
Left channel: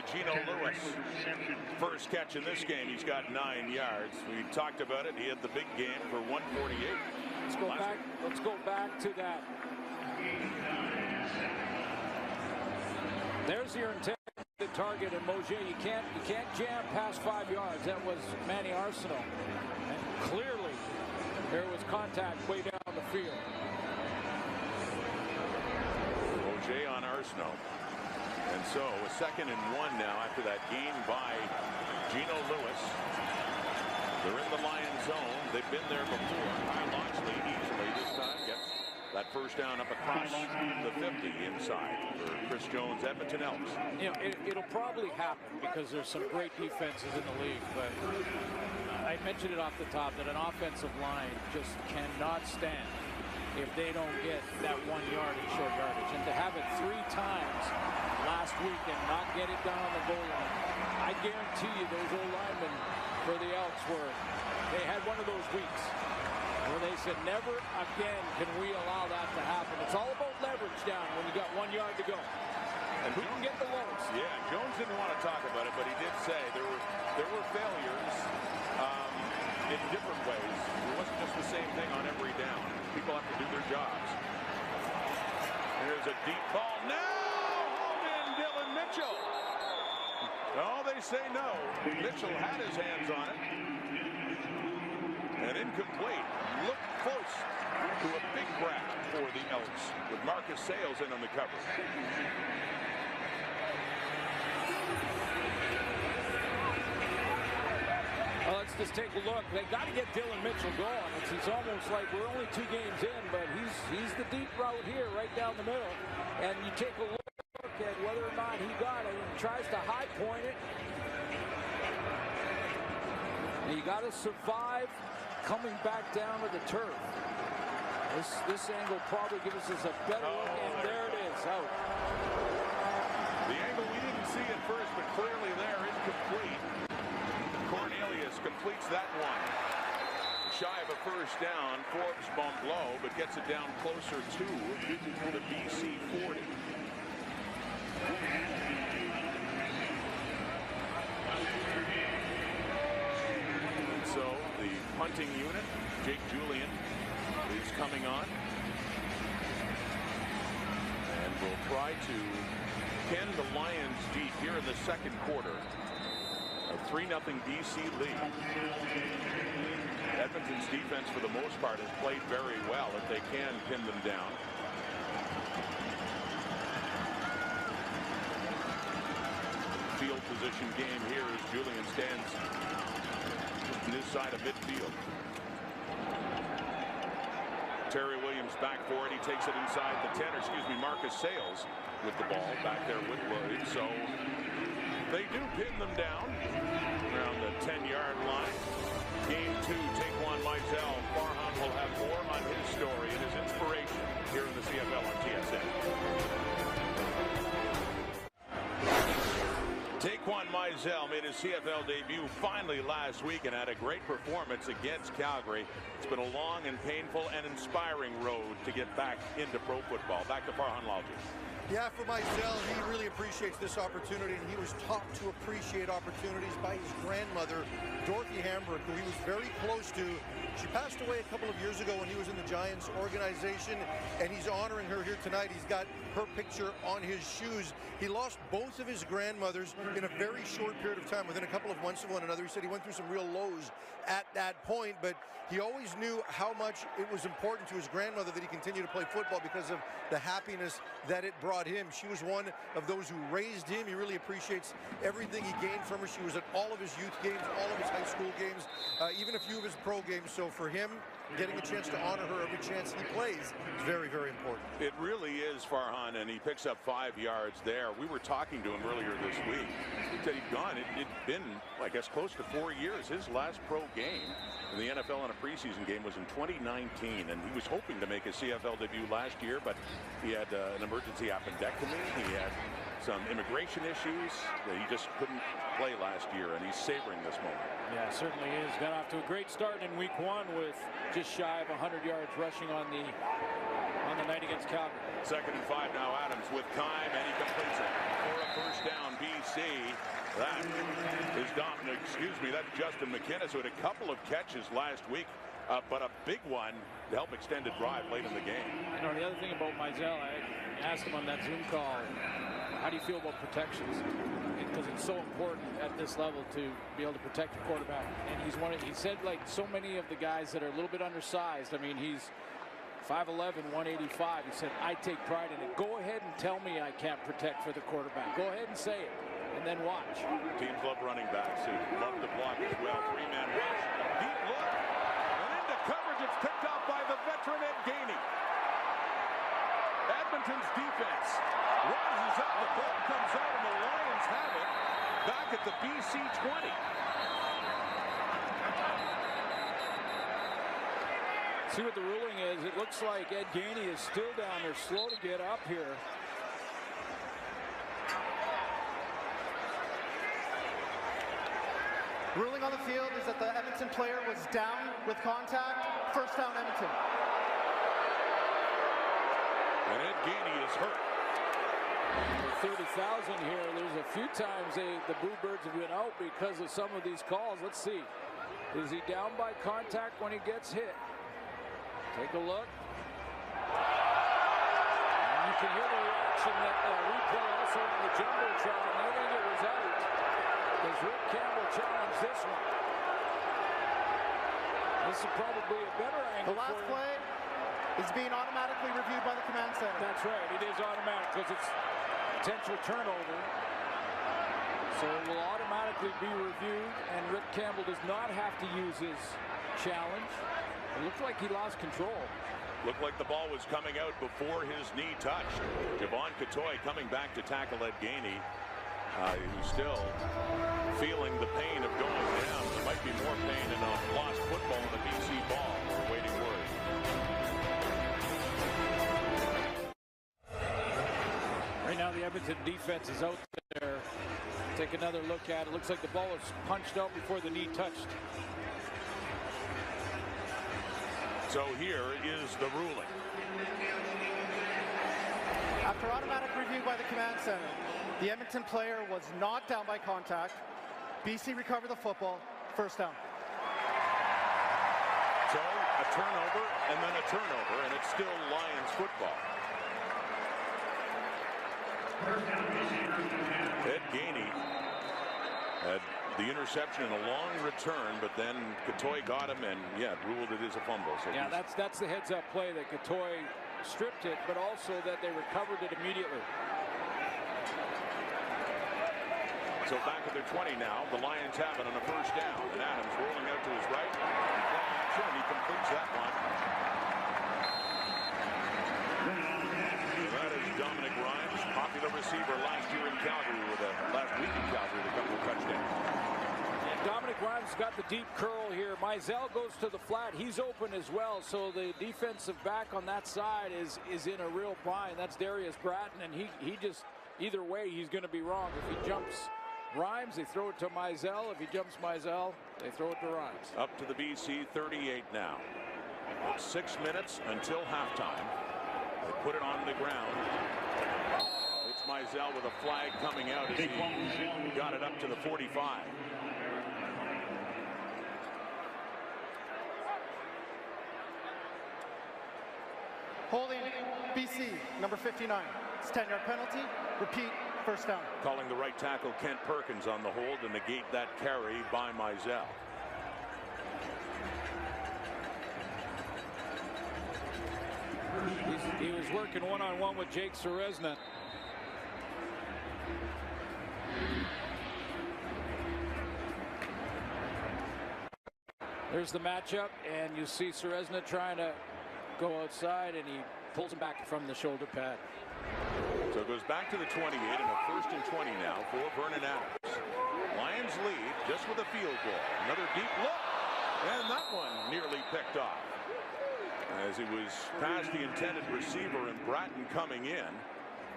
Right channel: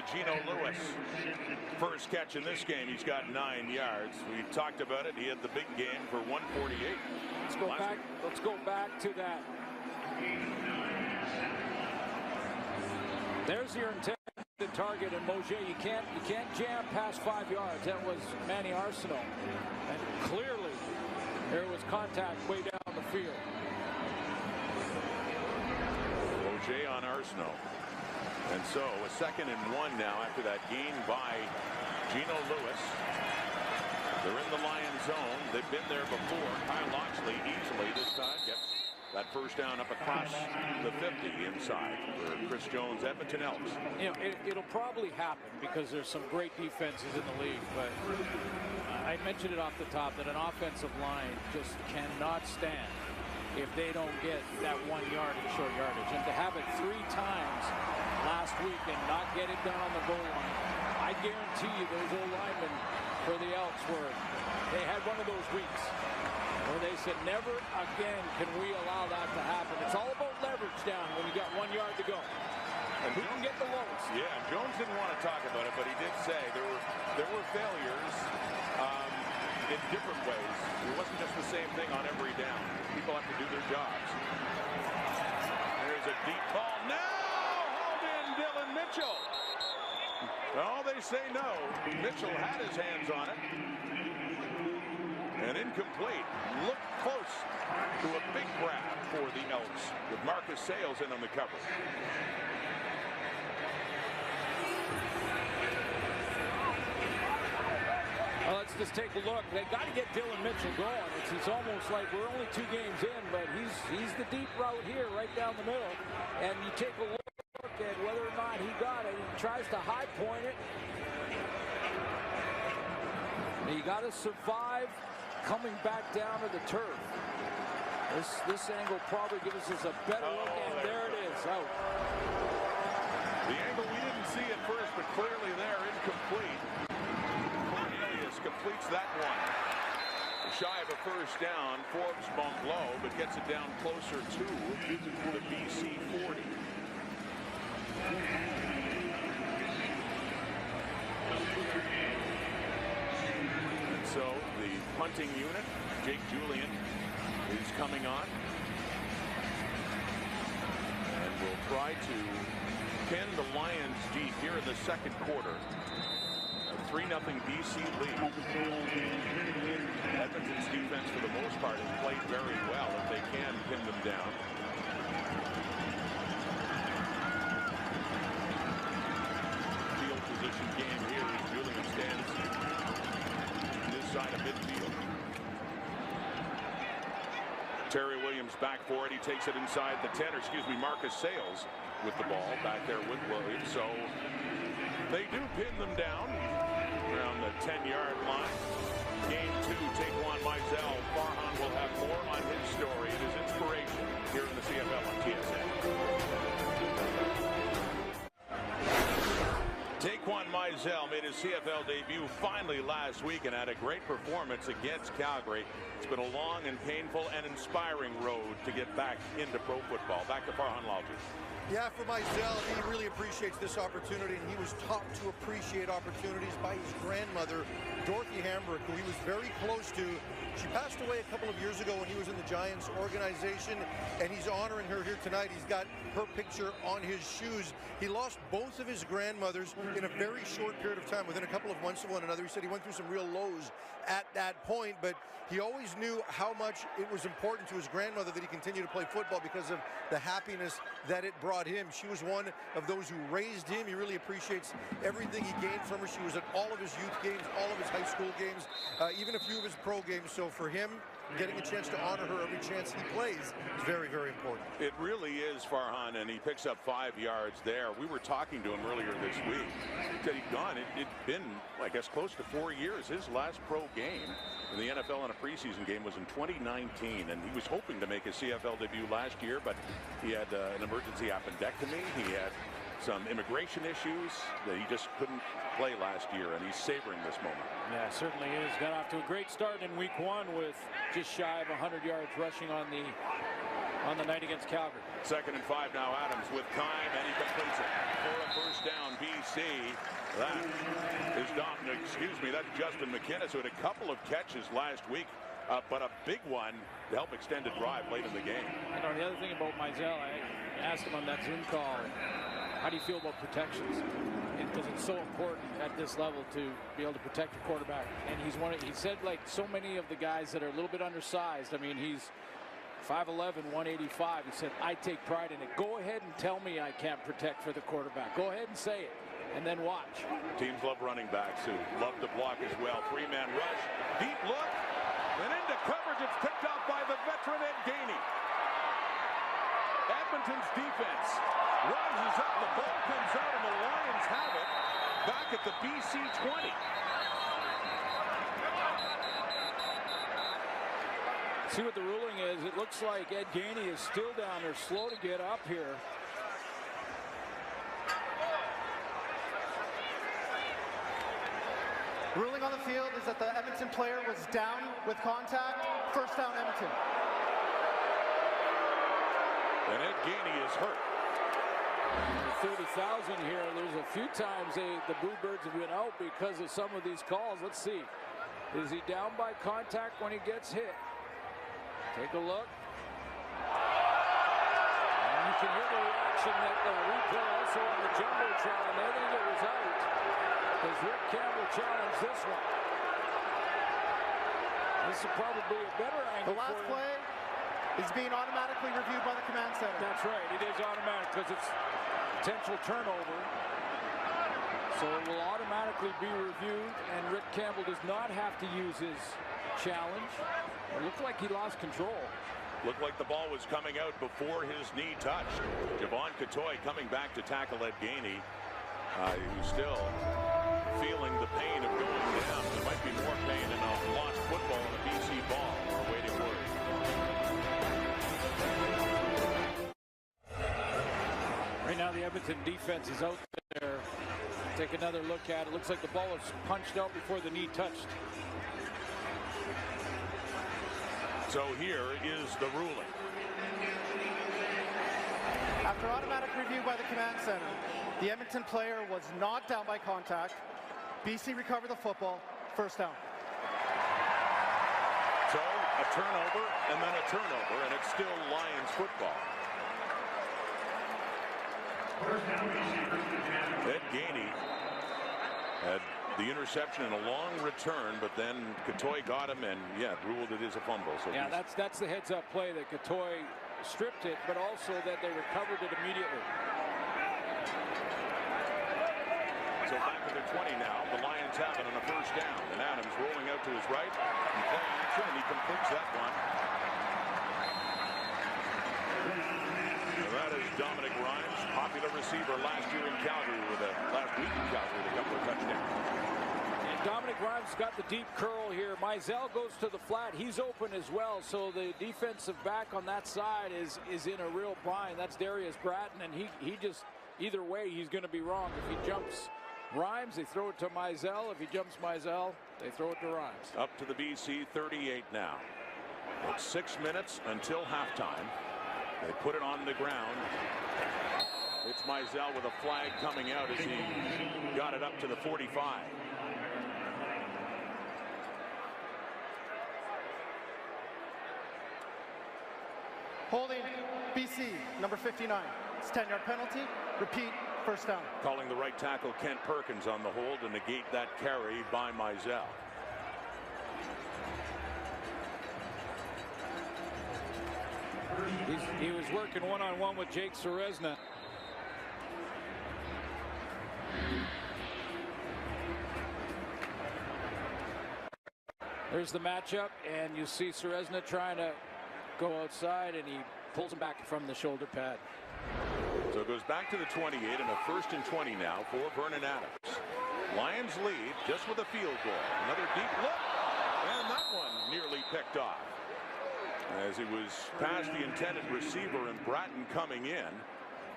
to Geno Lewis. First catch in this game. He's got 9 yards. We talked about it. He had the big game for 148. Let's go back to that. There's your intended target, and Mosier, you can't jam past 5 yards. That was Manny Arsenault, and clearly there was contact way down the field. Mosier on Arsenault. And so a 2nd and 1 now after that gain by Geno Lewis. They're in the Lion zone. They've been there before. Kyle Loxley easily this time gets that first down up across the 50 inside for Chris Jones, Edmonton Elks. You know, it'll probably happen because there's some great defenses in the league, but I mentioned it off the top that an offensive line just cannot stand if they don't get that 1 yard in short yardage. And to have it 3 times last week and not get it done on the goal line, I guarantee you those old linemen for the Elks they had one of those weeks where they said, never again can we allow that to happen. It's all about leverage down when you got 1 yard to go. And who can get the lowest? Yeah, and Jones didn't want to talk about it, but he did say there were failures in different ways. It wasn't just the same thing on every down. People have to do their jobs. There's a deep ball now. Hauled in Dylan Mitchell. Oh, they say no. Mitchell had his hands on it. And incomplete. Look close to a big grab for the Elks with Marcus Sayles in on the coverage. Well, let's just take a look. They got to get Dylan Mitchell going. It's almost like we're only 2 games in, but he's the deep route here, right down the middle. And you take a look at whether or not he got it. He tries to high point it. And you got to survive coming back down to the turf. This angle probably gives us a better look, and there it is, out. The angle we didn't see at first, but clearly there, incomplete. Cornelius completes that one. Shy of a first down. Forbes bumped low, but gets it down closer to the BC 40. And so the punting unit, Jake Julian, is coming on. And will try to pin the Lions deep here in the second quarter. A 3-0 BC lead. Edmonton's defense, for the most part, has played very well if they can pin them down. Field position game here as Julian stands on his side of midfield. Terry Williams back for it. He takes it inside the 10, or excuse me, Marcus Sayles with the ball back there with Williams. So they do pin them down around the 10-yard line. Game 2, Taquan Mizell. Farhan will have more on his story and his inspiration here in the CFL on TSN. Taquan Mizell made his CFL debut finally last week and had a great performance against Calgary. It's been a long and painful and inspiring road to get back into pro football. Back to Farhan Lalji. Yeah, for Mizell, he really appreciates this opportunity, and he was taught to appreciate opportunities by his grandmother, Dorothy Hambrick, who he was very close to. She passed away a couple of years ago when he was in the Giants organization, and he's honoring her here tonight. He's got her picture on his shoes. He lost both of his grandmothers in a very short period of time, within a couple of months of one another. He said he went through some real lows at that point, but he always knew how much it was important to his grandmother that he continue to play football because of the happiness that it brought him. She was one of those who raised him. He really appreciates everything he gained from her. She was at all of his youth games, all of his high school games, even a few of his pro games. So for him, getting a chance to honor her every chance he plays is very, very important. It really is, Farhan, and he picks up 5 yards there. We were talking to him earlier this week. He said he'd gone. It'd been, I guess, close to 4 years. His last pro game in the NFL in a preseason game was in 2019, and he was hoping to make his CFL debut last year, but he had an emergency appendectomy. He had some immigration issues that he just couldn't play last year, and he's savoring this moment. Yeah, certainly is. Got off to a great start in week 1 with just shy of 100 yards rushing on the night against Calgary. 2nd and 5 now. Adams with time, and he completes it for a first down. BC. That is that's Justin McKinnis, who had a couple of catches last week, but a big one to help extend a drive late in the game. You know, the other thing about Mizell, I asked him on that Zoom call, how do you feel about protections? Because it's so important at this level to be able to protect your quarterback. And he said, like so many of the guys that are a little bit undersized, I mean, he's 5'11", 185. He said, I take pride in it. Go ahead and tell me I can't protect for the quarterback. Go ahead and say it, and then watch. Teams love running backs who love to block as well. 3-man rush, deep look, and into coverage. It's picked off by the veteran Ed Gainey. Edmonton's defense rises up, the ball comes out, and the Lions have it back at the BC 20. See what the ruling is. It looks like Ed Gainey is still down there, slow to get up here. Ruling on the field is that the Edmonton player was down with contact. First down, Edmonton. And Ed Gainey is hurt. 30,000 here. There's a few times the Boo Birds have been out because of some of these calls. Let's see. Is he down by contact when he gets hit? Take a look. And you can hear the reaction that replay also on the Jumbotron. They think it was out. Does Rick Campbell challenge this one? This is probably a better angle. The last play is being automatically reviewed by the command center. That's right. It is automatic because it's potential turnover. So it will automatically be reviewed, and Rick Campbell does not have to use his challenge. It looked like he lost control. Looked like the ball was coming out before his knee touched. Javon Catoy coming back to tackle Ed Gainey, who's still feeling the pain of going down, and there might be more pain in a lost football and a BC ball. We're awaiting word. Right now the Edmonton defense is out there. Take another look at it. Looks like the ball was punched out before the knee touched. So here is the ruling. After automatic review by the command center, the Edmonton player was not down by contact. BC recovered the football. First down. So a turnover and then a turnover, and it's still Lions football. Ed Gainey had the interception and a long return, but then Catoy got him and ruled it is a fumble. So yeah, that's the heads-up play that Catoy stripped it, but also that they recovered it immediately. So back at their 20 now, the Lions have it on a first down, and Adams rolling out to his right in play action, and he completes that one. That is Dominic Rhymes, popular receiver last year in Calgary last week in Calgary with a couple of touchdowns. And Dominic Rhymes got the deep curl here. Mizell goes to the flat. He's open as well. So the defensive back on that side is in a real bind. That's Darius Bratton, and he just, either way, he's going to be wrong. If he jumps Rhymes, they throw it to Mizell. If he jumps Mizell, they throw it to Rhymes. Up to the BC 38 now. It's 6 minutes until halftime. They put it on the ground. It's Mizell with a flag coming out as he got it up to the 45. Holding BC, number 59. It's a 10-yard penalty. Repeat, first down. Calling the right tackle Kent Perkins on the hold to negate that carry by Mizell. He was working one-on-one with Jake Serezna. There's the matchup, and you see Serezna trying to go outside, and he pulls him back from the shoulder pad. So it goes back to the 28 and a 1st and 20 now for Vernon Adams. Lions lead just with a field goal. Another deep look, and that one nearly picked off as he was past the intended receiver and Bratton coming in.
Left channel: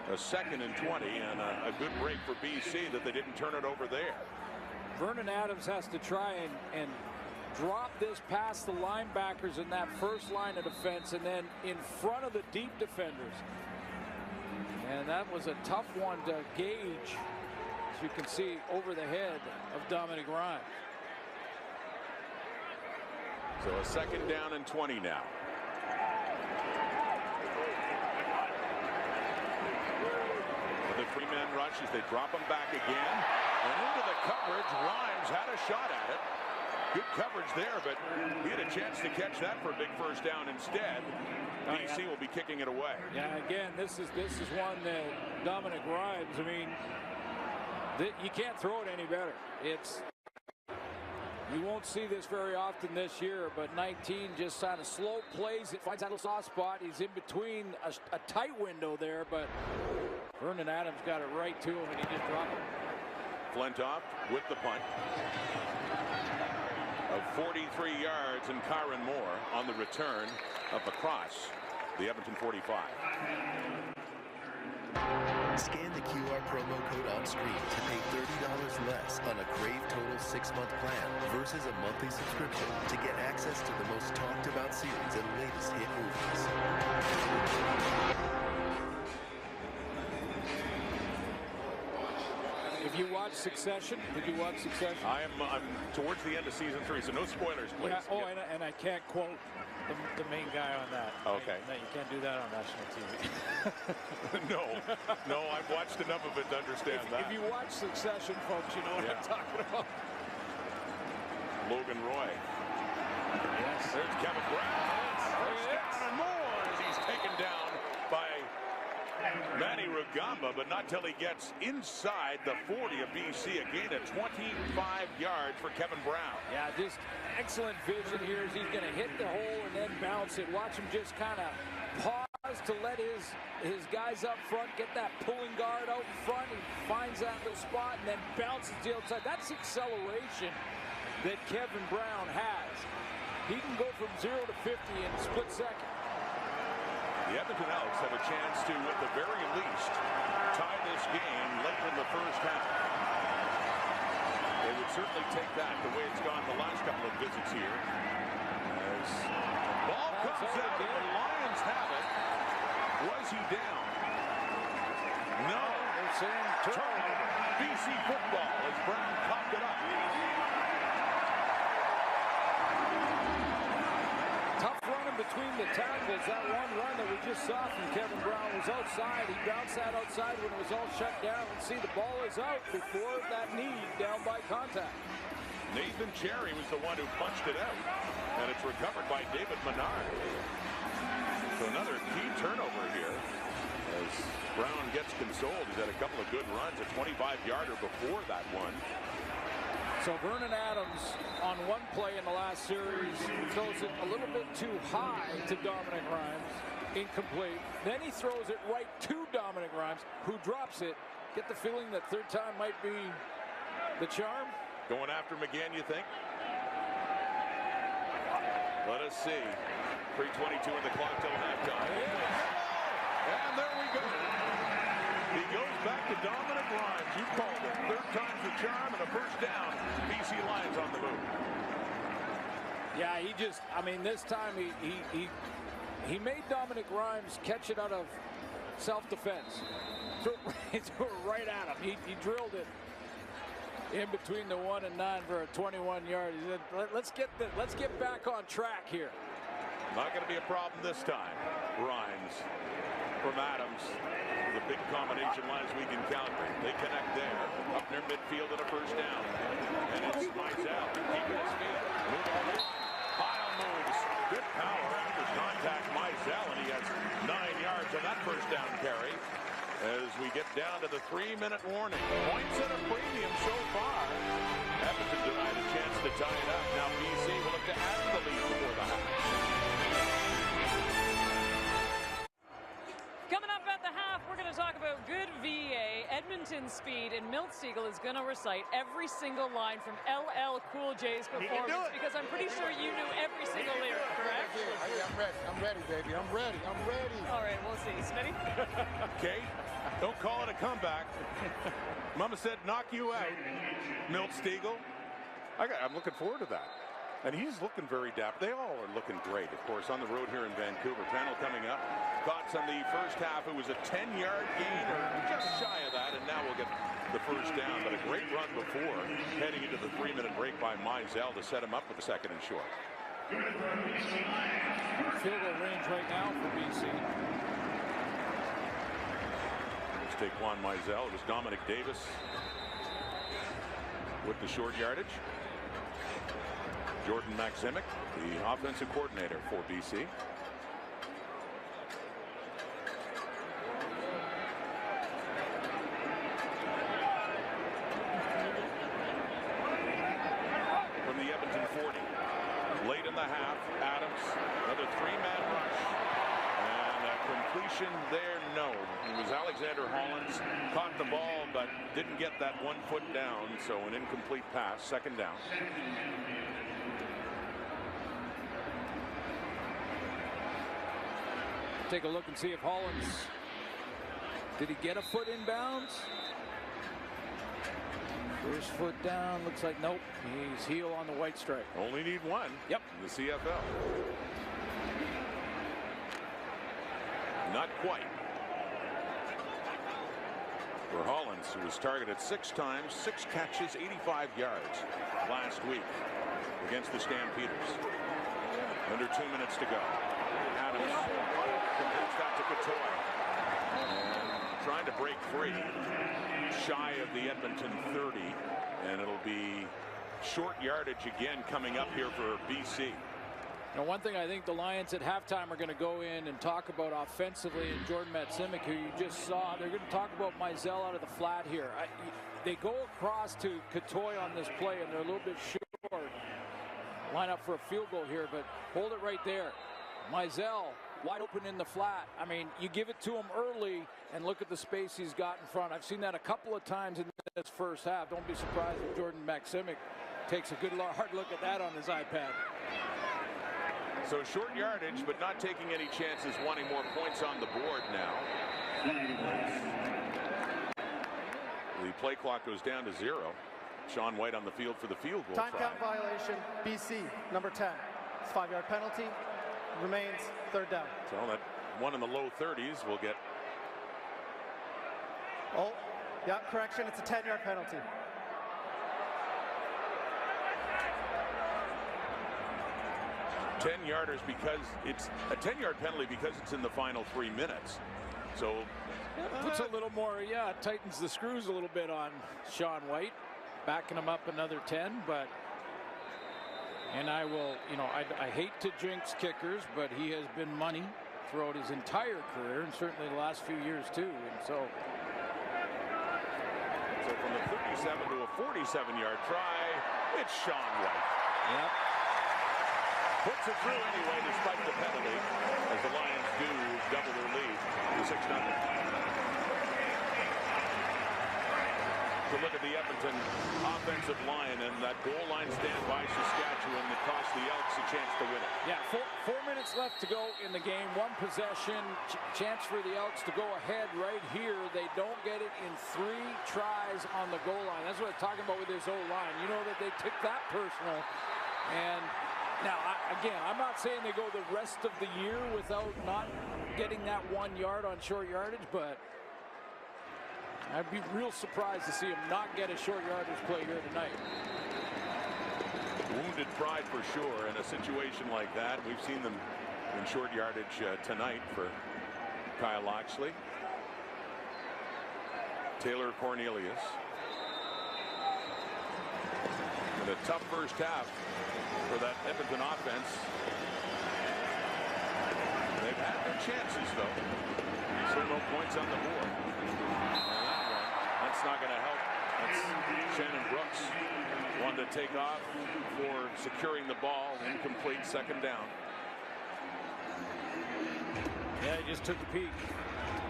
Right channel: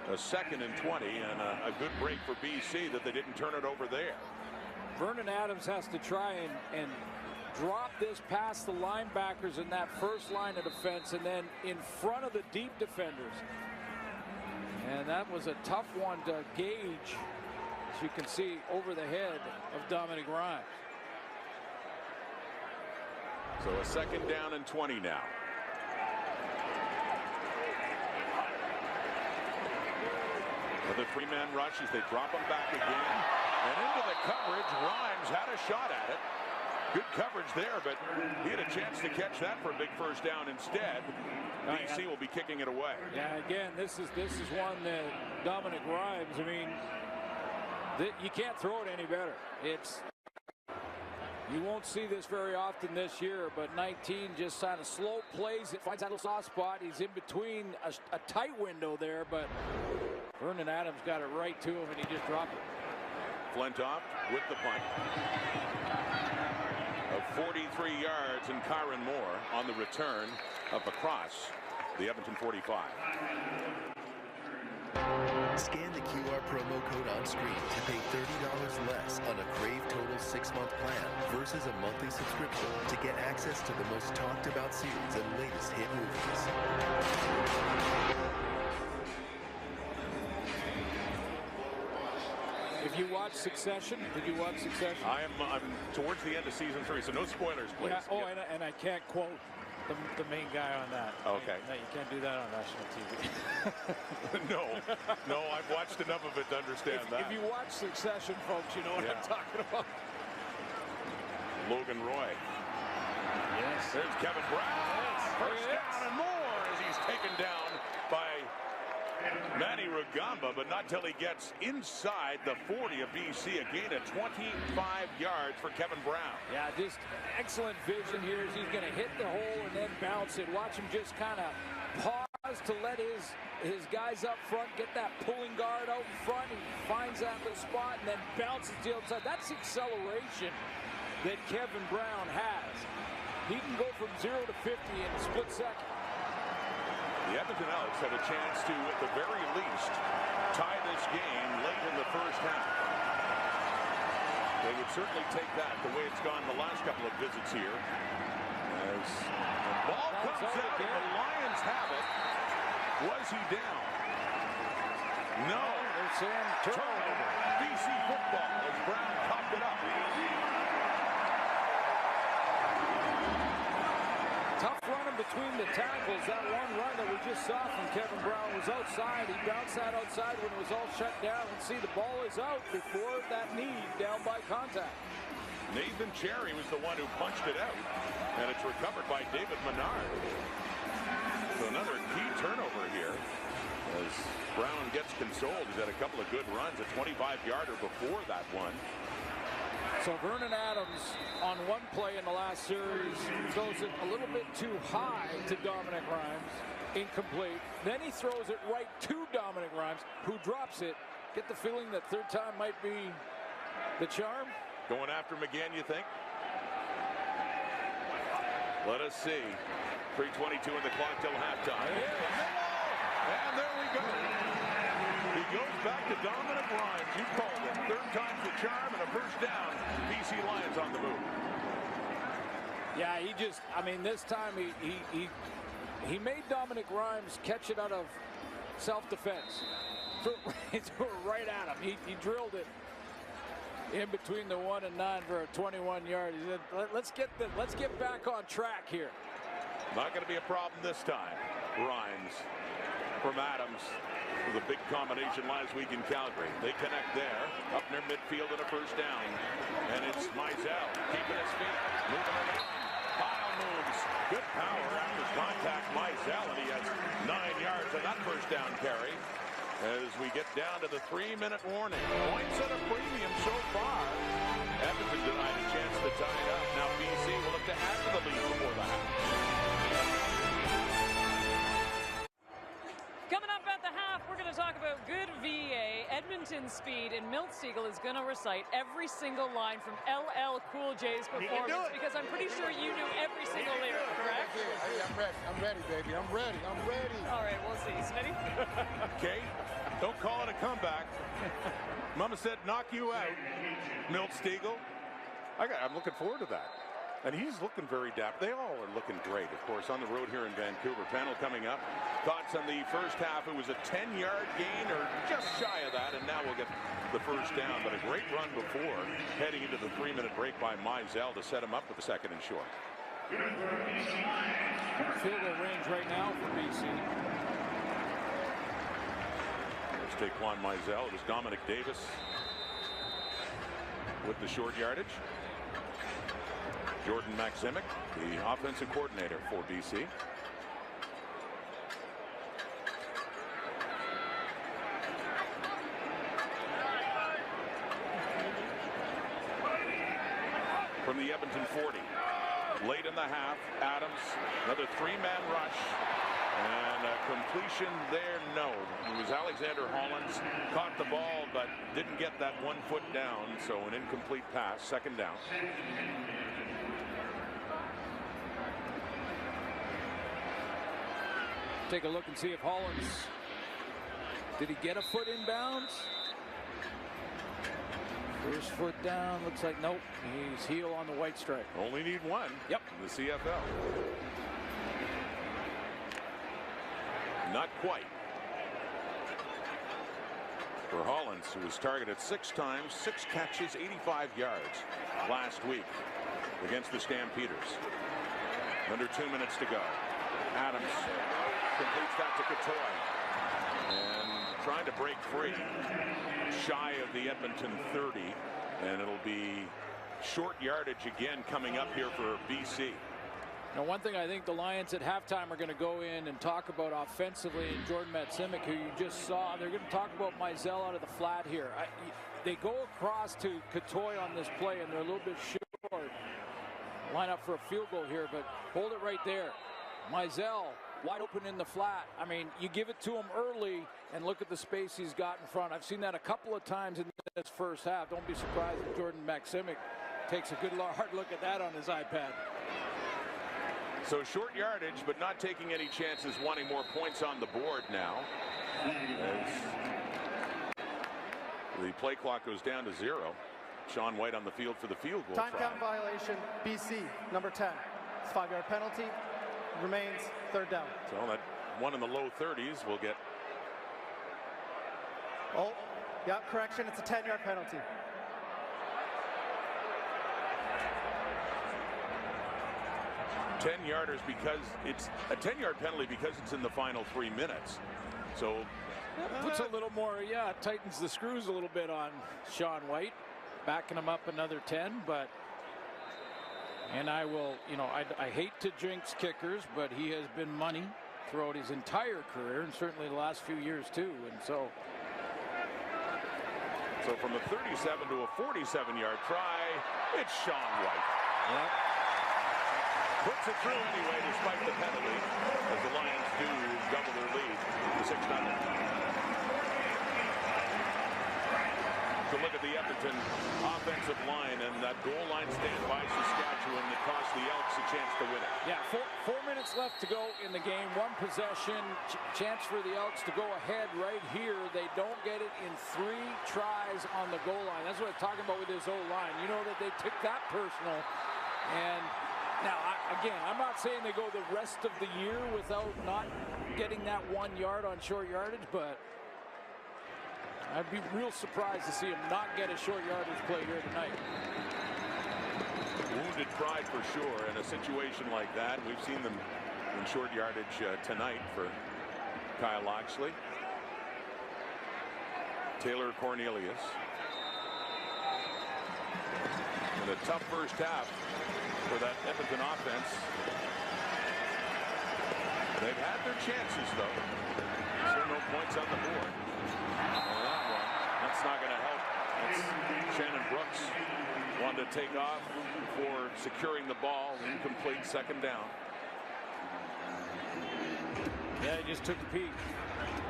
a 2nd and 20, and a good break for BC that they didn't turn it over there. Vernon Adams has to try and drop this past the linebackers in that first line of defense and then in front of the deep defenders. And that was a tough one to gauge, as you can see, over the head of Dominic Grimes. So a 2nd down and 20 now. With a 3-man rush as they drop him back again. And into the coverage, Grimes had a shot at it. Good coverage there, but he had a chance to catch that for a big first down instead. BC will be kicking it away. Yeah, again, this is one that Dominic Grimes, I mean, you can't throw it any better. You won't see this very often this year, but 19 just kind of slow plays. It finds that little soft spot. He's in between a tight window there, but Vernon Adams got it right to him, and he just dropped it. Flintoff with the punt of 43 yards, and Kyron Moore on the return up across the Edmonton 45. Scan the QR promo code on screen to pay $30 less on a Crave Total 6-month plan versus a monthly subscription to get access to the most talked about series and latest hit movies. If you watch Succession, did you watch Succession? I'm towards the end of season 3, so no spoilers, please. Yeah, and I can't quote the main guy on that. Okay. No, you can't do that on national TV. No, I've watched enough of it to understand that. If you watch Succession, folks, you know what I'm talking about. Logan Roy. Yes. There's Kevin Brown. First down and more as he's taken down by Manny Rugamba, but not till he gets inside the 40 of BC. A gain of 25 yards for Kevin Brown. Yeah, just excellent vision here as he's going to hit the hole and then bounce it. Watch him just kind of pause to let his guys up front get that pulling guard out in front. He finds that little spot and then bounces to the outside. That's the acceleration that Kevin Brown has. He can go from 0 to 50 in a split second. The Edmonton Elks have a chance to, at the very least, tie this game late in the first half. They would certainly take that the way it's gone the last couple of visits here. As the ball comes out and the Lions have it. Was he down? No. They're saying turnover. BC football as Brown copped it up. Tough running between the tackles. That one run that we just saw from Kevin Brown was outside. He bounced that outside when it was all shut down. Let's see, the ball is out before that knee down by contact. Nathan Cherry was the one who punched it out, and it's recovered by David Menard. So another key turnover here as Brown gets consoled. He's had a couple of good runs, a 25-yarder before that one. So Vernon Adams on one play in the last series throws it a little bit too high to Dominic Grimes. Incomplete. Then he throws it right to Dominic Grimes, who drops it. Get the feeling that third time might be the charm. Going after him again, you think? Let us see. 3:22 in the clock till halftime. And there we go. He goes back to Dominic Grimes. You called it. Third time's the charm and a first down. BC Lions on the move. Yeah, this time he made Dominic Grimes catch it out of self-defense. Threw it right at him. He drilled it in between the 1 and 9 for a 21-yard. He said, let's get back on track here. Not going to be a problem this time. Grimes from Adams with a big combination last week in Calgary. They connect there, up near midfield and a first down. And it's Mizell keeping his feet, moving along. Pile moves. Good power after contact, Mizell, and he has 9 yards on that first down carry. As we get down to the 3-minute warning. Points at a premium so far. Edmonton denied a chance to tie it up. Now BC will look to add to the lead before the half. Coming up at the half, we're we're going to talk about good VA. Edmonton Speed and Milt Siegel is going to recite every single line from LL Cool J's performance because I'm pretty sure you knew every single lyric, correct? I'm ready. I'm ready, baby. I'm ready. I'm ready. All right, we'll see. Smitty? Kate, don't call it a comeback. Mama said knock you out. Milt Siegel. I'm looking forward to that. And he's looking very dapper. They all are looking great, of course, on the road here in Vancouver. Panel coming up. Thoughts on the first half? It was a 10-yard gain or just shy of that, and now we'll get the first down. But a great run before, heading into the 3-minute break by Mizell to set him up with the second and short. Field goal range right now for BC. Let's take Juan Mizell. It was Dominic Davis with the short yardage. Jordan Maximic, the offensive coordinator for BC. From the Edmonton 40. Late in the half, Adams, another 3-man rush. And a completion there, no. It was Alexander Hollins. Caught the ball, but didn't get that 1 foot down. So an incomplete pass, second down. Take a look and see if Hollins, did he get a foot inbounds? First foot down, looks like nope. He's heel on the white stripe. Only need one. Yep. In the CFL. Not quite. For Hollins, who was targeted 6 times, 6 catches, 85 yards last week against the Stampeders. Under 2 minutes to go. Adams completes that to Katoy. And trying to break free. Shy of the Edmonton 30. And it'll be short yardage again coming up here for BC. Now, one thing I think the Lions at halftime are going to go in and talk about offensively, and Jordan Maximic, who you just saw, they're going to talk about Mizell out of the flat here. They go across to Katoy on this play, and they're a little bit short. Line up for a field goal here, but hold it right there. Mizell wide open in the flat. I mean, you give it to him early, and look at the space he's got in front. I've seen that a couple of times in this first half. Don't be surprised that Jordan Maximic takes a good hard look at that on his iPad. So short yardage, but not taking any chances, wanting more points on the board now. The play clock goes down to 0. Sean White on the field for the field goal Time try. count violation, BC, number 10. It's a 5-yard penalty. Remains third down. So that one in the low 30s will get. Oh, yeah, correction. It's a 10-yard penalty. Yarders because it's a 10-yard penalty because it's in the final 3 minutes. So puts a little more, tightens the screws a little bit on Sean White, backing him up another 10. But and I will, I hate to jinx kickers, but he has been money throughout his entire career and certainly the last few years too. And so from the 37 to a 47-yard try, it's Sean White. Yep. Puts it through anyway, despite the penalty, as the Lions do double their lead to 6-0. To look at the Edmonton offensive line and that goal line stand by Saskatchewan that cost the Elks a chance to win it. Yeah, 4 minutes left to go in the game. 1 possession, chance for the Elks to go ahead right here. They don't get it in 3 tries on the goal line. That's what I'm talking about with this O-line. You know that they took that personal. And now, again, I'm not saying they go the rest of the year without not getting that 1 yard on short yardage, but I'd be real surprised to see him not get a short yardage play here tonight. Wounded pride for sure in a situation like that. We've seen them in short yardage tonight for Kyle Loxley. Taylor Cornelius. And a tough first half for that Edmonton offense. They've had their chances, though. Still no points on the board. On that one, that's not going to help. That's Shannon Brooks. Wanted to take off for securing the ball. Incomplete, second down. Yeah, he just took a peek.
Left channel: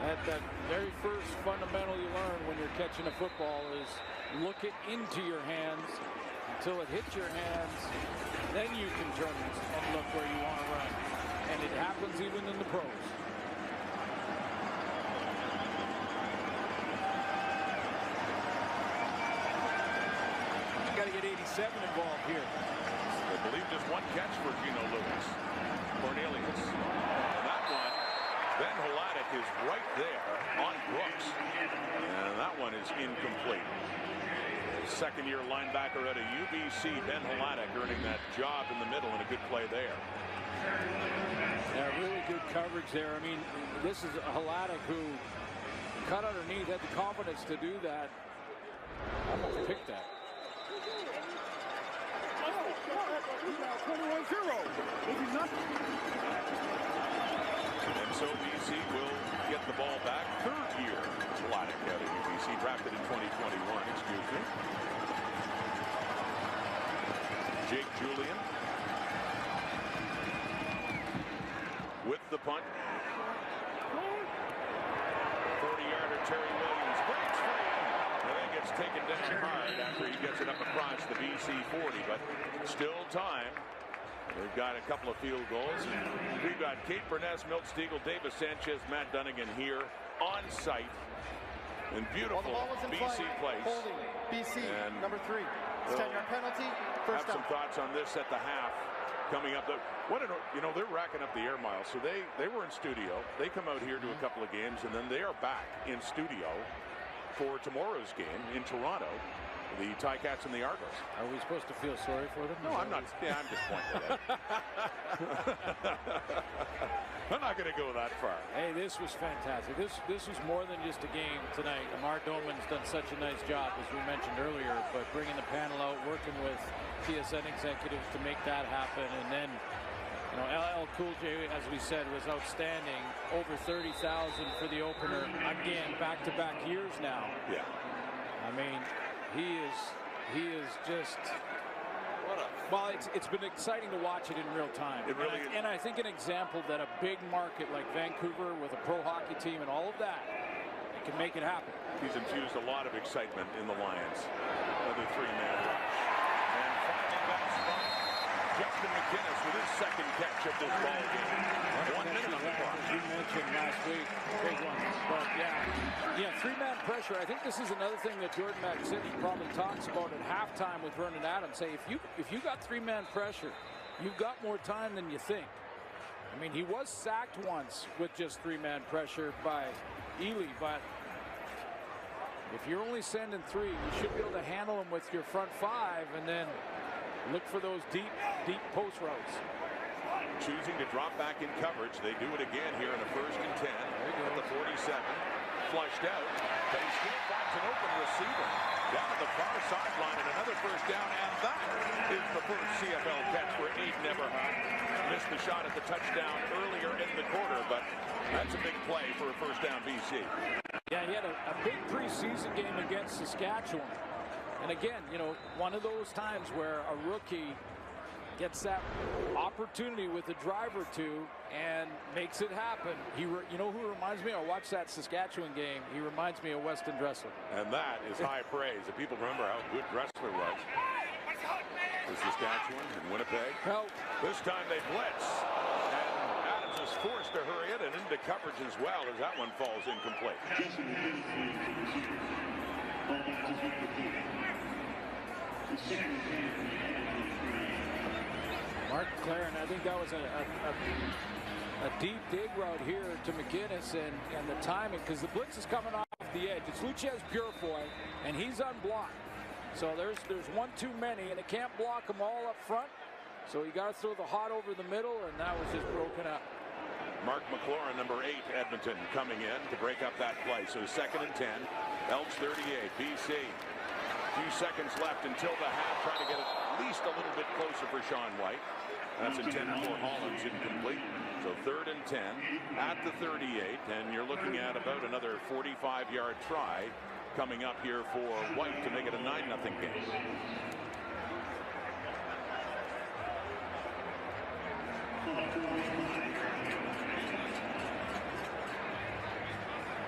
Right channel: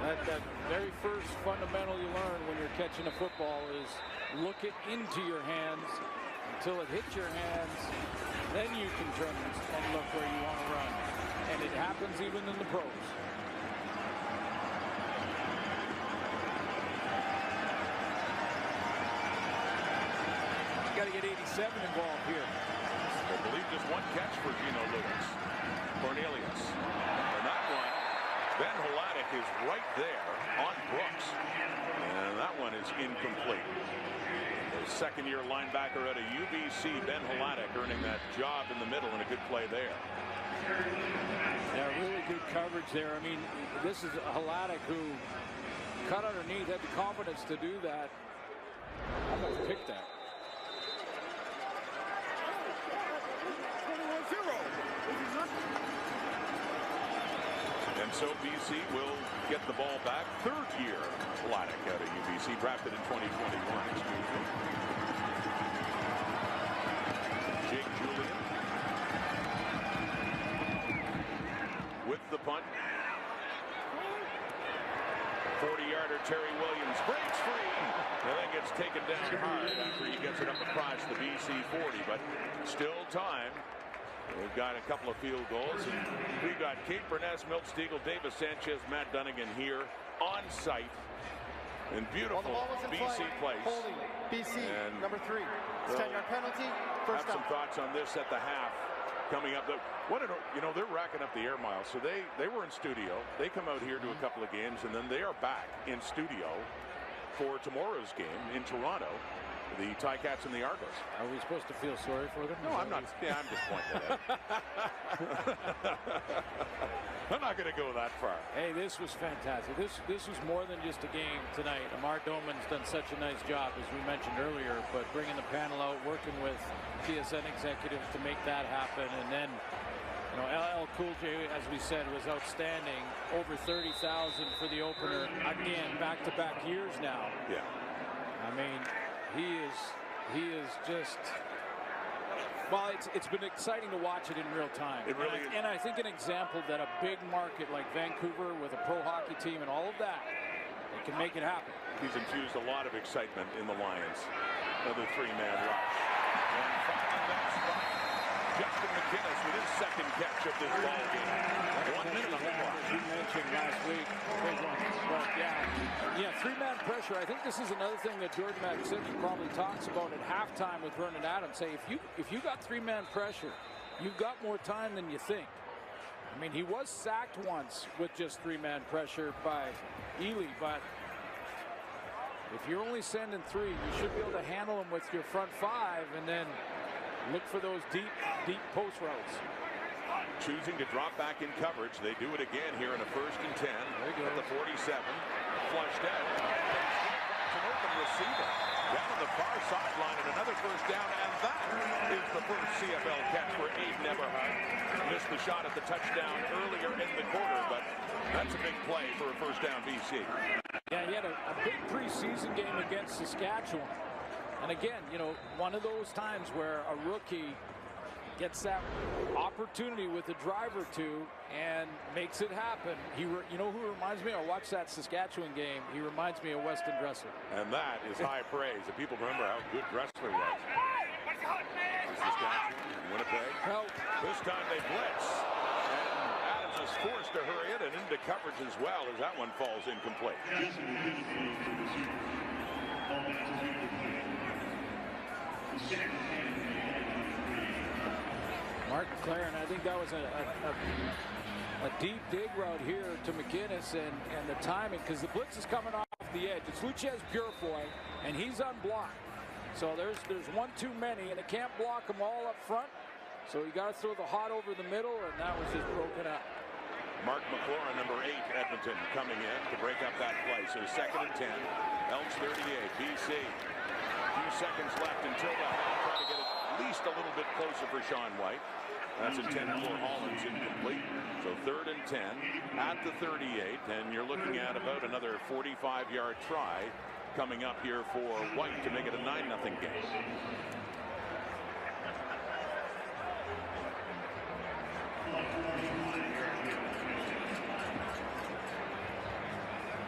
That very first fundamental you learn when you're catching a football is look it into your hands until it hits your hands. Then you can turn and look where you want to run. And it happens even in the pros. You got to get 87 involved here. I believe just one catch for Gino Lewis. Cornelius. And that one, Ben Holadik is right there on Brooks. And that one is incomplete. The second-year linebacker out of UBC, Ben Holadik, earning that job in the middle, and a good play there. Yeah, really good coverage there. I mean, this is Holadik who cut underneath, had the confidence to do that. Almost picked that. 21-0. And so BC will get the ball back. Third year Holadik out of UBC, drafted in 2021, excuse me. Jake Julian with the punt. 40-yarder Terry Williams breaks free. And then gets taken down hard after he gets it up across the BC 40, but still time. They've got a couple of field goals, and we've got Kate Burness, Milt Stegall, Davis Sanchez, Matt Dunnigan here on site. And beautiful BC place. Holding BC, and number 3. It's 10-yard penalty. First have down. some thoughts on this at the half coming up. You know, they're racking up the air miles, so they were in studio. They come out here to a couple of games, and then they are back in studio for tomorrow's game in Toronto. The Ticats and the Argos. Are we supposed to feel sorry for them? No, I'm not. Yeah, I'm just pointing it out. I'm not going to go that far. Hey, this was fantastic. This was more than just a game tonight. Amar Doman's done such a nice job, as we mentioned earlier, but bringing the panel out, working with TSN executives to make that happen. And then, you know, LL Cool J, as we said, was outstanding. Over 30,000 for the opener. Again, back-to-back years now. Yeah. I mean, he is just, well, it's been exciting to watch it in real time. It really is. And I think an example that a big market like Vancouver with a pro hockey team and all of that, it can make it happen. He's infused a lot of excitement in the Lions. Another three-man rush. And finding that spot, Justin McInnes with his second catch of this ball game. 1 minute on the clock. As you mentioned last week, big one. But yeah, three-man pressure. I think this is another thing that Jordan McSimmey probably talks about at halftime with Vernon Adams. Say, if you got three-man pressure, you've got more time than you think. I mean, he was sacked once with just three-man pressure by Ely, but if you're only sending three, you should be able to handle them with your front five and then look for those deep post routes. Choosing to drop back in coverage. They do it again here in a 1st and 10 at the 47. Flushed out. They still finds an open receiver down on the far sideline, and another first down, and that is the first CFL catch for Aiden Eberhardt. Missed the shot at the touchdown earlier in the quarter, but that's a big play for a first down BC. Yeah, he had a big preseason game against Saskatchewan. And again, you know, one of those times where a rookie gets that opportunity with a drive or two and makes it happen. You know who reminds me? I watched that Saskatchewan game. He reminds me of Weston Dressler. And that is high praise. If people remember how good Dressler was. For Saskatchewan and Winnipeg. Well, this time they blitz. And Adams is forced to hurry it and into coverage as well as that one falls incomplete. Mark McLaren, I think that was a deep dig route here to McInnes, and the timing, because the blitz is coming off the edge. It's Luchez Purefoy, and he's unblocked. So there's one too many, and it can't block them all up front. So you got to throw the hot over the middle, and that was just broken up. Mark McLaurin, number 8, Edmonton, coming in to break up that play. So 2nd and 10, Elks 38, BC. Few seconds left until the half. Trying to get it at least a little bit closer for Sean White. That's intended for Hollins, incomplete. So 3rd and 10 at the 38, and you're looking at about another 45-yard try coming up here for White to make it a 9-0 game.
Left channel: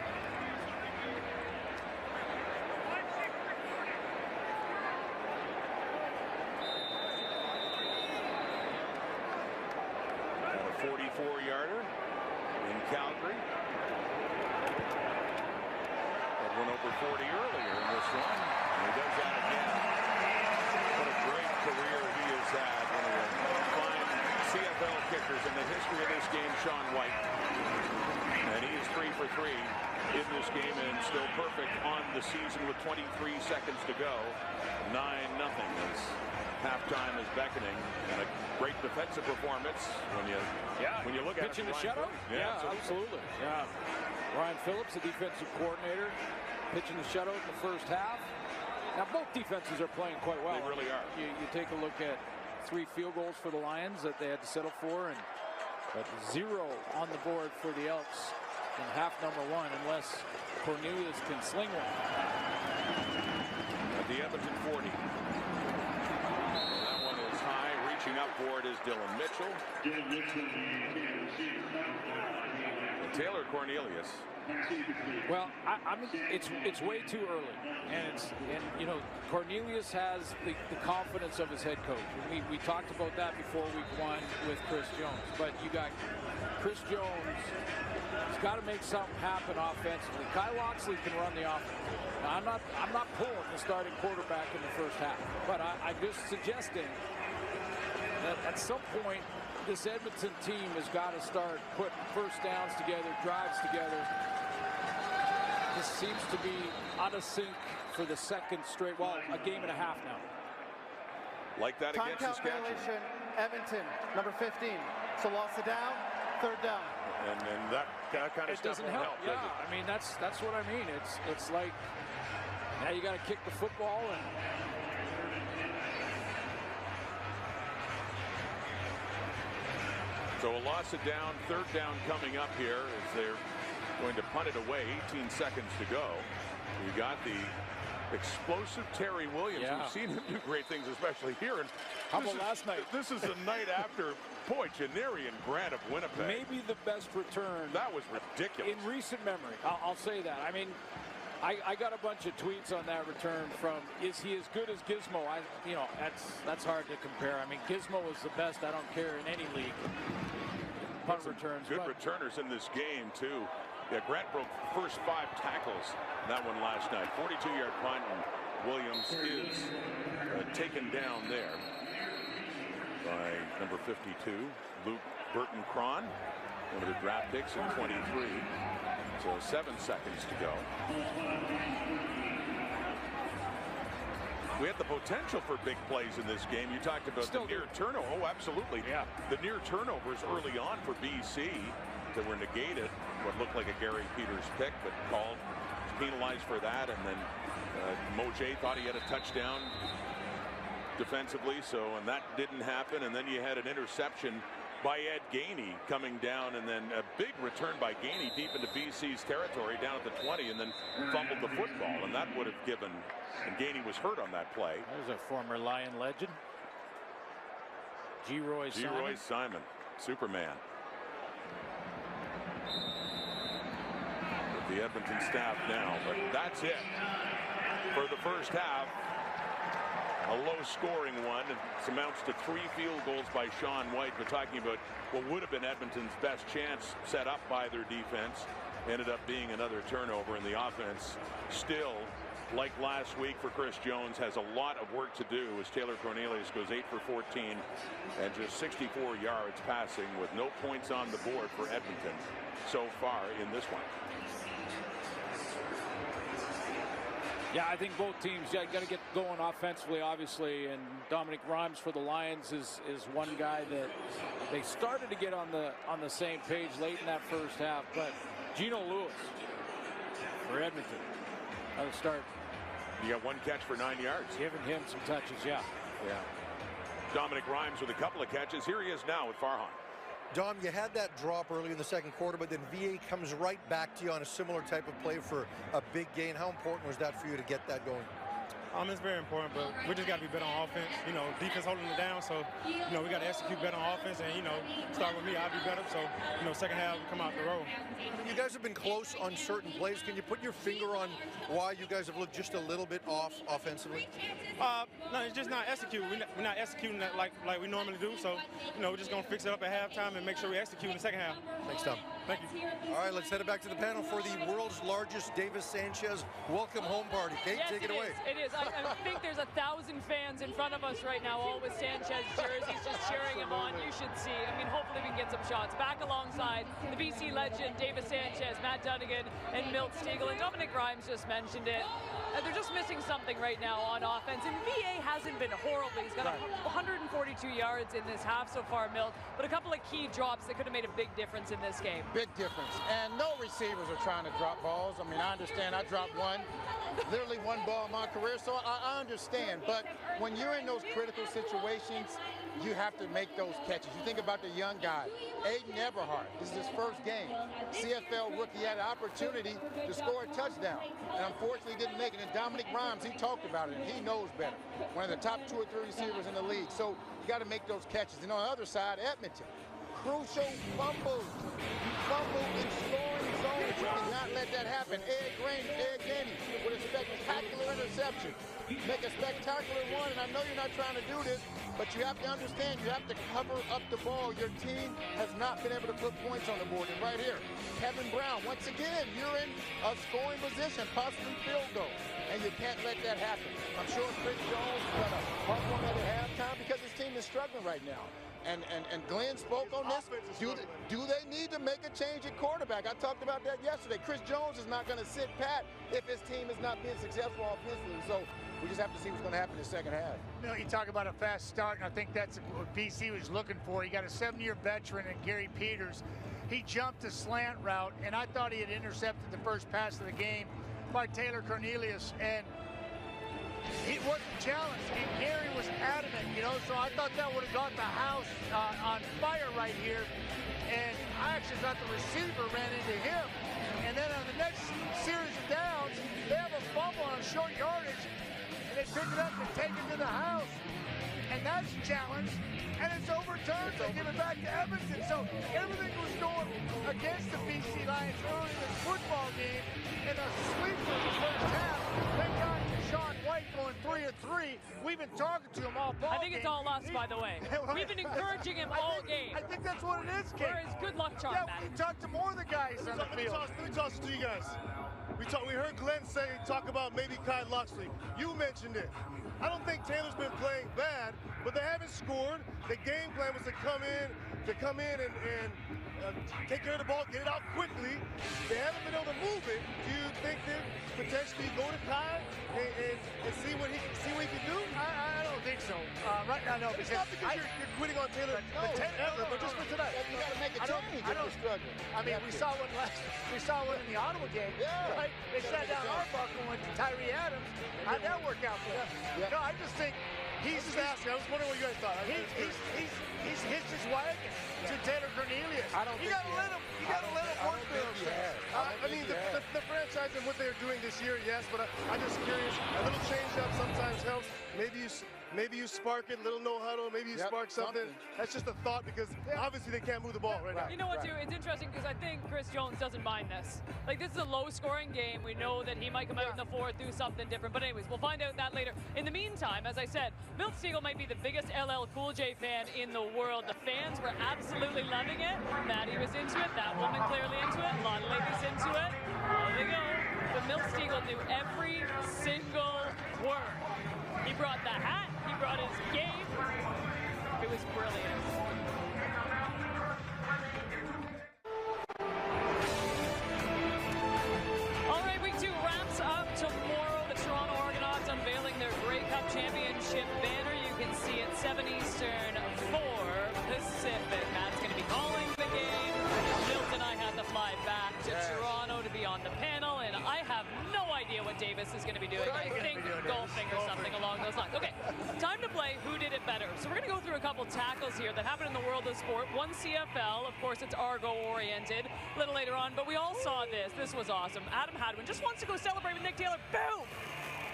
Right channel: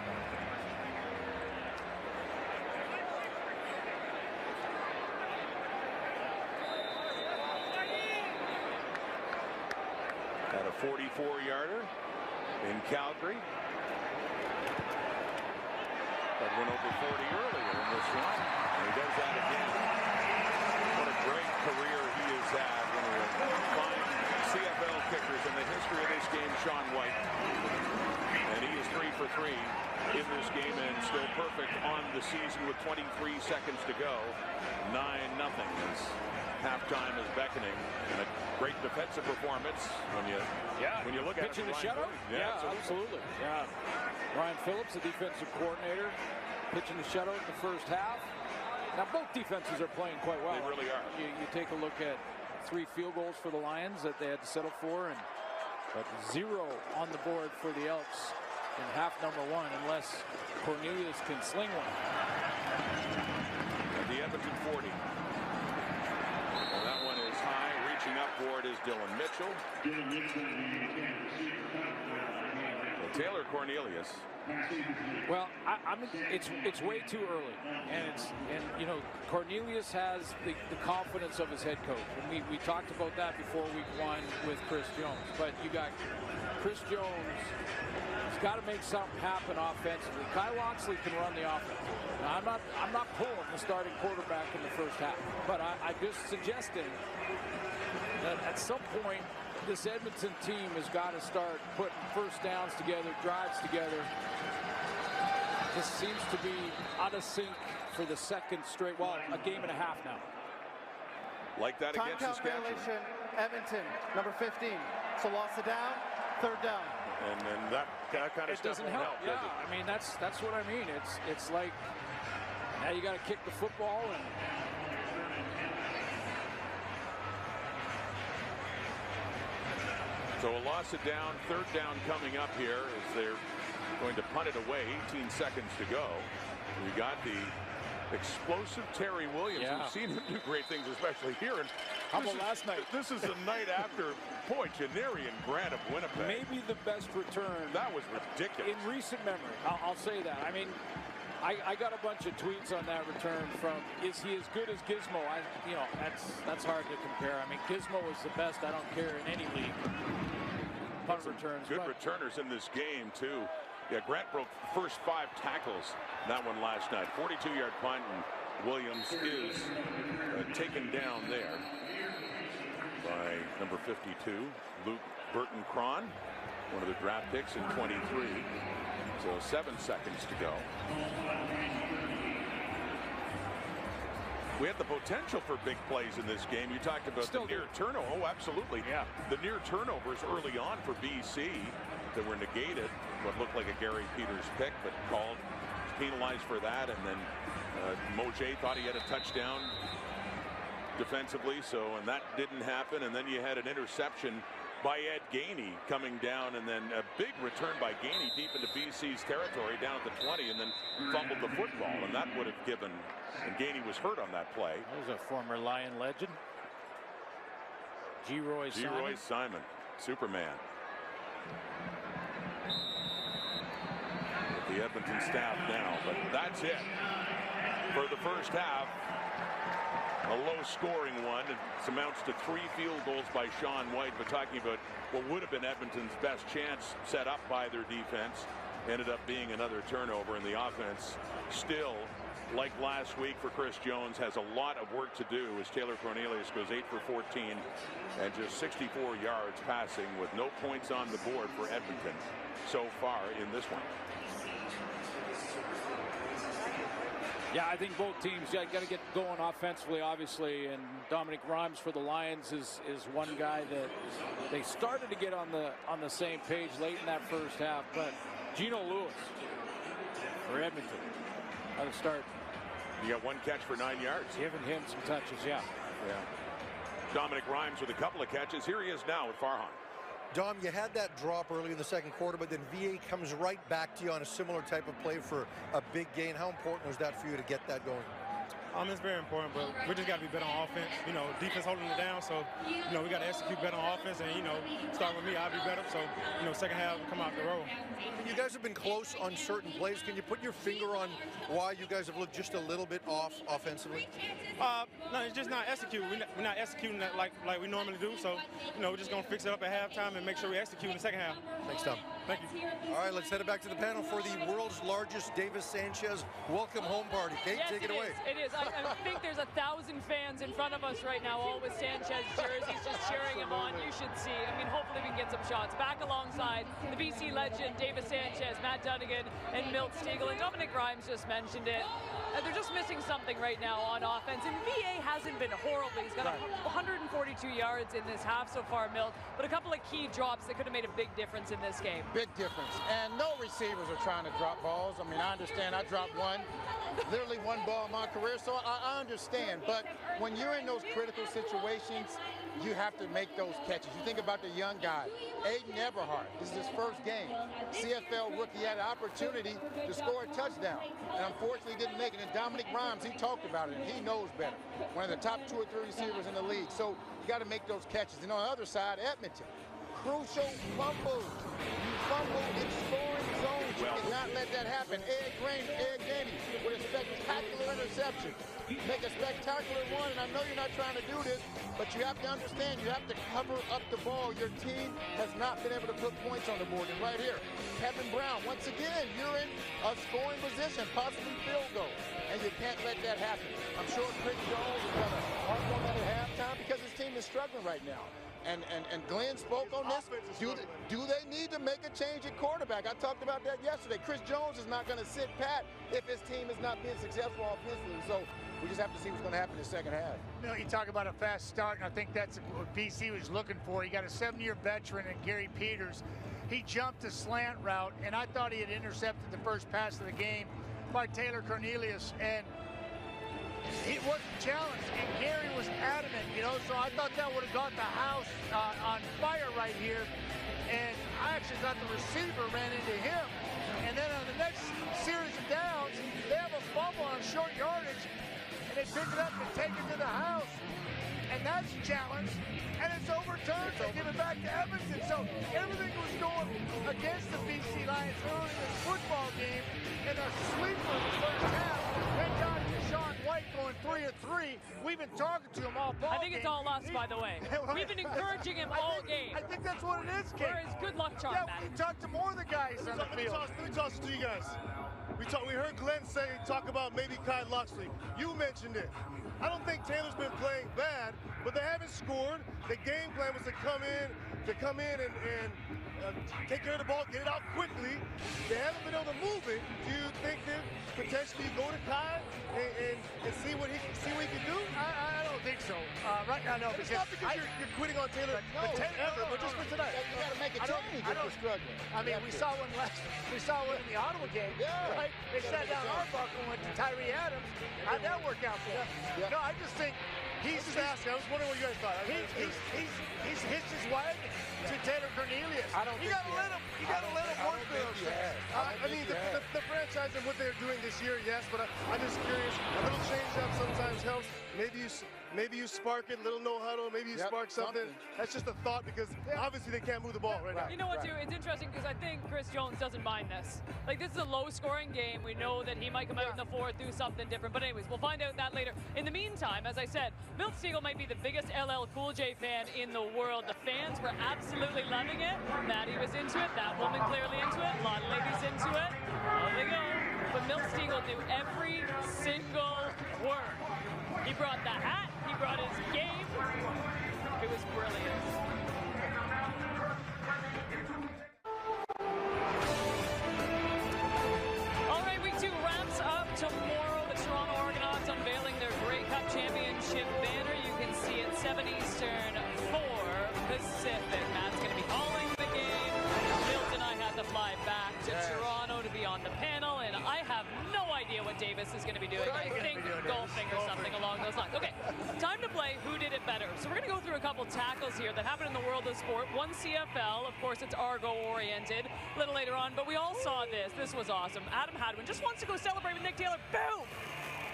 yarder in Calgary. That went over 40 earlier in this one, and he does that again. What a great career he has had. One of the fine CFL kickers in the history of this game, Sean White. And he is 3 for 3 in this game and still perfect on the season with 23 seconds to go. 9-0 as halftime is beckoning, and a great defensive performance when you look at it. Pitching a shutout? Yeah, absolutely. Yeah. Ryan Phillips, the defensive coordinator, pitching a shutout in the first half. Now both defenses are playing quite well. They really are. You take a look at 3 field goals for the Lions that they had to settle for, but 0 on the board for the Elks in half number 1, unless Cornelius can sling one. At the Edmonton 40. And that one is high. Reaching up for it is Dylan Mitchell. Taylor Cornelius. Well, it's way too early, and you know, Cornelius has the confidence of his head coach, and we talked about that before week 1 with Chris Jones. But you got Chris Jones. He's got to make something happen offensively. Kyle Loxley can run the offense. Now, I'm not pulling the starting quarterback in the first half, but I'm just suggesting that at some point this Edmonton team has got to start putting first downs together, drives together. This seems to be out of sync for the second straight, well, a game and a half now. Like that Time against count Saskatchewan. violation, Edmonton, number 15. So lost it down, third down. And that kind of stuff doesn't won't help, yeah, does it? I mean, that's what I mean. It's like now you got to kick the football, and so a loss of down, third down coming up here as they're going to punt it away. 18 seconds to go. You got the explosive Terry Williams. Yeah. We've seen him do great things, especially here. And how about last night? This is the night after Janarian Grant of Winnipeg. Maybe the best return. That was ridiculous. In recent memory, I'll say that. I mean, I got a bunch of tweets on that return from, is he as good as Gizmo? That's hard to compare. I mean, Gizmo is the best, I don't care, in any league. Punt returns. Good returners in this game, too. Yeah, Grant broke the first 5 tackles in that one last night. 42-yard punt, and Williams is taken down there by number 52, Luke Burton-Cron, one of the draft picks in 23. So 7 seconds to go. We have the potential for big plays in this game. You talked about the near turnover. Oh, absolutely. Yeah. The near turnovers early on for BC that were negated. What looked like a Gary Peters pick, but called, penalized for that. And then Moje thought he had a touchdown defensively, and that didn't happen. And then you had an interception by Ed Gainey coming down, and then a big return by Gainey deep into BC's territory down at the 20, and then fumbled the football, and that would have given, and Gainey was hurt on that play. There's a former Lion legend, G-Roy Simon, Superman. With the Edmonton staff now, but that's it for the first half. A low-scoring one. It amounts to 3 field goals by Sean White, but talking about what would have been Edmonton's best chance set up by their defense ended up being another turnover, and the offense still, like last week for Chris Jones, has a lot of work to do as Taylor Cornelius goes 8 for 14 and just 64 yards passing with no points on the board for Edmonton so far in this one. Yeah, I think both teams got to get going offensively, obviously, and Dominic Rhymes for the Lions is one guy that they started to get on the same page late in that first half, but Gino Lewis for Edmonton, how to start. You got 1 catch for 9 yards. Giving him some touches, yeah. Dominic Rhymes with a couple of catches. Here he is now with Farhan. Dom, you had that drop early in the second quarter, but then VA comes right back to you on a similar type of play for a big gain. How important was that for you to get that going? It's very important, but we just got to be better on offense. You know, defense holding it down, so, you know, we got to execute better on offense, and, you know, start with me, I'll be better, so, you know, second half, we come out the road. I mean, you guys have been close on certain plays. Can you put your finger on why you guys have looked just a little bit off offensively? No, it's just not executing. We're not executing that like we normally do, so, you know, we're just going to fix it up at halftime and make sure we execute in the second half. Thanks, Tom. Thank you. All right, let's head it back to the panel for the world's largest Davis Sanchez welcome home party. Kate, yes, take it away. It is. I think there's 1,000 fans in front of us right now, all with Sanchez jerseys, just cheering him on. You should see. I mean, hopefully we can get some shots. Back alongside the BC legend, Davis Sanchez, Matt Dunnigan, and Milt Stegall. And Dominic Grimes just mentioned it. They're just missing something right now on offense. And VA hasn't been horrible. He's got 142 yards in this half so far, Milt. But a couple of key drops that could have made a big difference in this game. Big difference. And no receivers are trying to drop balls. I mean, I understand I dropped one, literally one ball in my career, so I understand. But when you're in those critical situations, you have to make those catches. You think about the young guy, Aiden Everhart. This is his first game. CFL rookie had an opportunity to score a touchdown, and unfortunately didn't make it. And Dominic Grimes, he talked about it, and he knows better. One of the top 2 or 3 receivers in the league. So you got to make those catches. And on the other side, Edmonton, crucial fumbles. You fumble in scoring zones. You cannot let that happen. Ed Gainey with a spectacular interception. Make a spectacular one, and I know you're not trying to do this, but you have to understand, you have to cover up the ball. Your team has not been able to put points on the board. And right here, Kevin Brown, once again, you're in a scoring position, possibly field goal. And you can't let that happen. I'm sure Chris Jones is going to harp on that at halftime because his team is struggling right now. And Glenn spoke on this. Do they need to make a change at quarterback? I talked about that yesterday. Chris Jones is not going to sit pat if his team is not being successful offensively. So we just have to see what's going to happen in the second half. You know, you talk about a fast start, and I think that's what BC was looking for. You got a 7-year veteran in Gary Peters. He jumped a slant route, and I thought he had intercepted the first pass of the game by Taylor Cornelius, and he wasn't challenged, and Gary was adamant, you know, so I thought that would have got the house on fire right here, and I actually thought the receiver ran into him, and then on the next series of downs, they have a fumble on short yardage, and they pick it up and take it to the house, and that's challenged, and it's overturned. They give it back to Edmonton. So everything was going against the BC Lions early in this football game in a sleeper of the first half. Thank God for Sean White going 3 of 3. We've been talking to him all ball I think it's all us, by the way. We've been encouraging him all game. I think that's what it is, Kate. We're his good luck charm, Yeah, we talked to more of the guys on the field. Let me toss it to you guys. We heard Glenn talk about maybe Kyle Loxley. You mentioned it. I don't think Taylor's been playing bad, but they haven't scored. The game plan was to come in and take care of the ball, get it out quickly. They haven't been able to move it. Do you think that potentially go to Kyle and see what he can do? I don't think so. Right now, no. It's not because you're quitting on Taylor but just for tonight. You got to make a change if you're struggling. I mean, we saw one in the Ottawa game, right? They sat down Arbuckle and went to Tyree Adams. How'd that work out for him? Yeah. No, I just think he's just asking. I was wondering what you guys thought. He's hitched his wagon to Taylor Cornelius. You gotta let him work for those things. I mean, the franchise and what they're doing this year, yes, but I'm just curious. A little change up sometimes helps. Maybe you spark it, little no huddle. Maybe you spark something. That's just a thought because obviously they can't move the ball right now. You know what, too? It's interesting because I think Chris Jones doesn't mind this. Like, this is a low-scoring game. We know that he might come out in the fourth, do something different. But anyways, we'll find out that later. In the meantime, as I said, Milt Stegall might be the biggest LL Cool J fan in the world. The fans were absolutely loving it. Maddie was into it. That woman clearly into it. A lot of ladies into it. On they go. But Milt Stegall knew every single word. He brought the hat. He brought his game. It was brilliant. All right, week 2 wraps up tomorrow. The Toronto Argonauts unveiling their Grey Cup Championship banner. You can see it 7 Eastern, 4 Pacific. Matt's going to be calling the game. Milt and I had to fly back to Toronto to be on the panel, and I have no idea what Davis is going to be doing. I think golfing or something along those lines. Okay, time to play Who Did It Better. So we're going to go through a couple tackles here that happened in the world of sport. One CFL, of course, it's Argo-oriented a little later on, but we all saw this. This was awesome. Adam Hadwin just wants to go celebrate with Nick Taylor. Boom!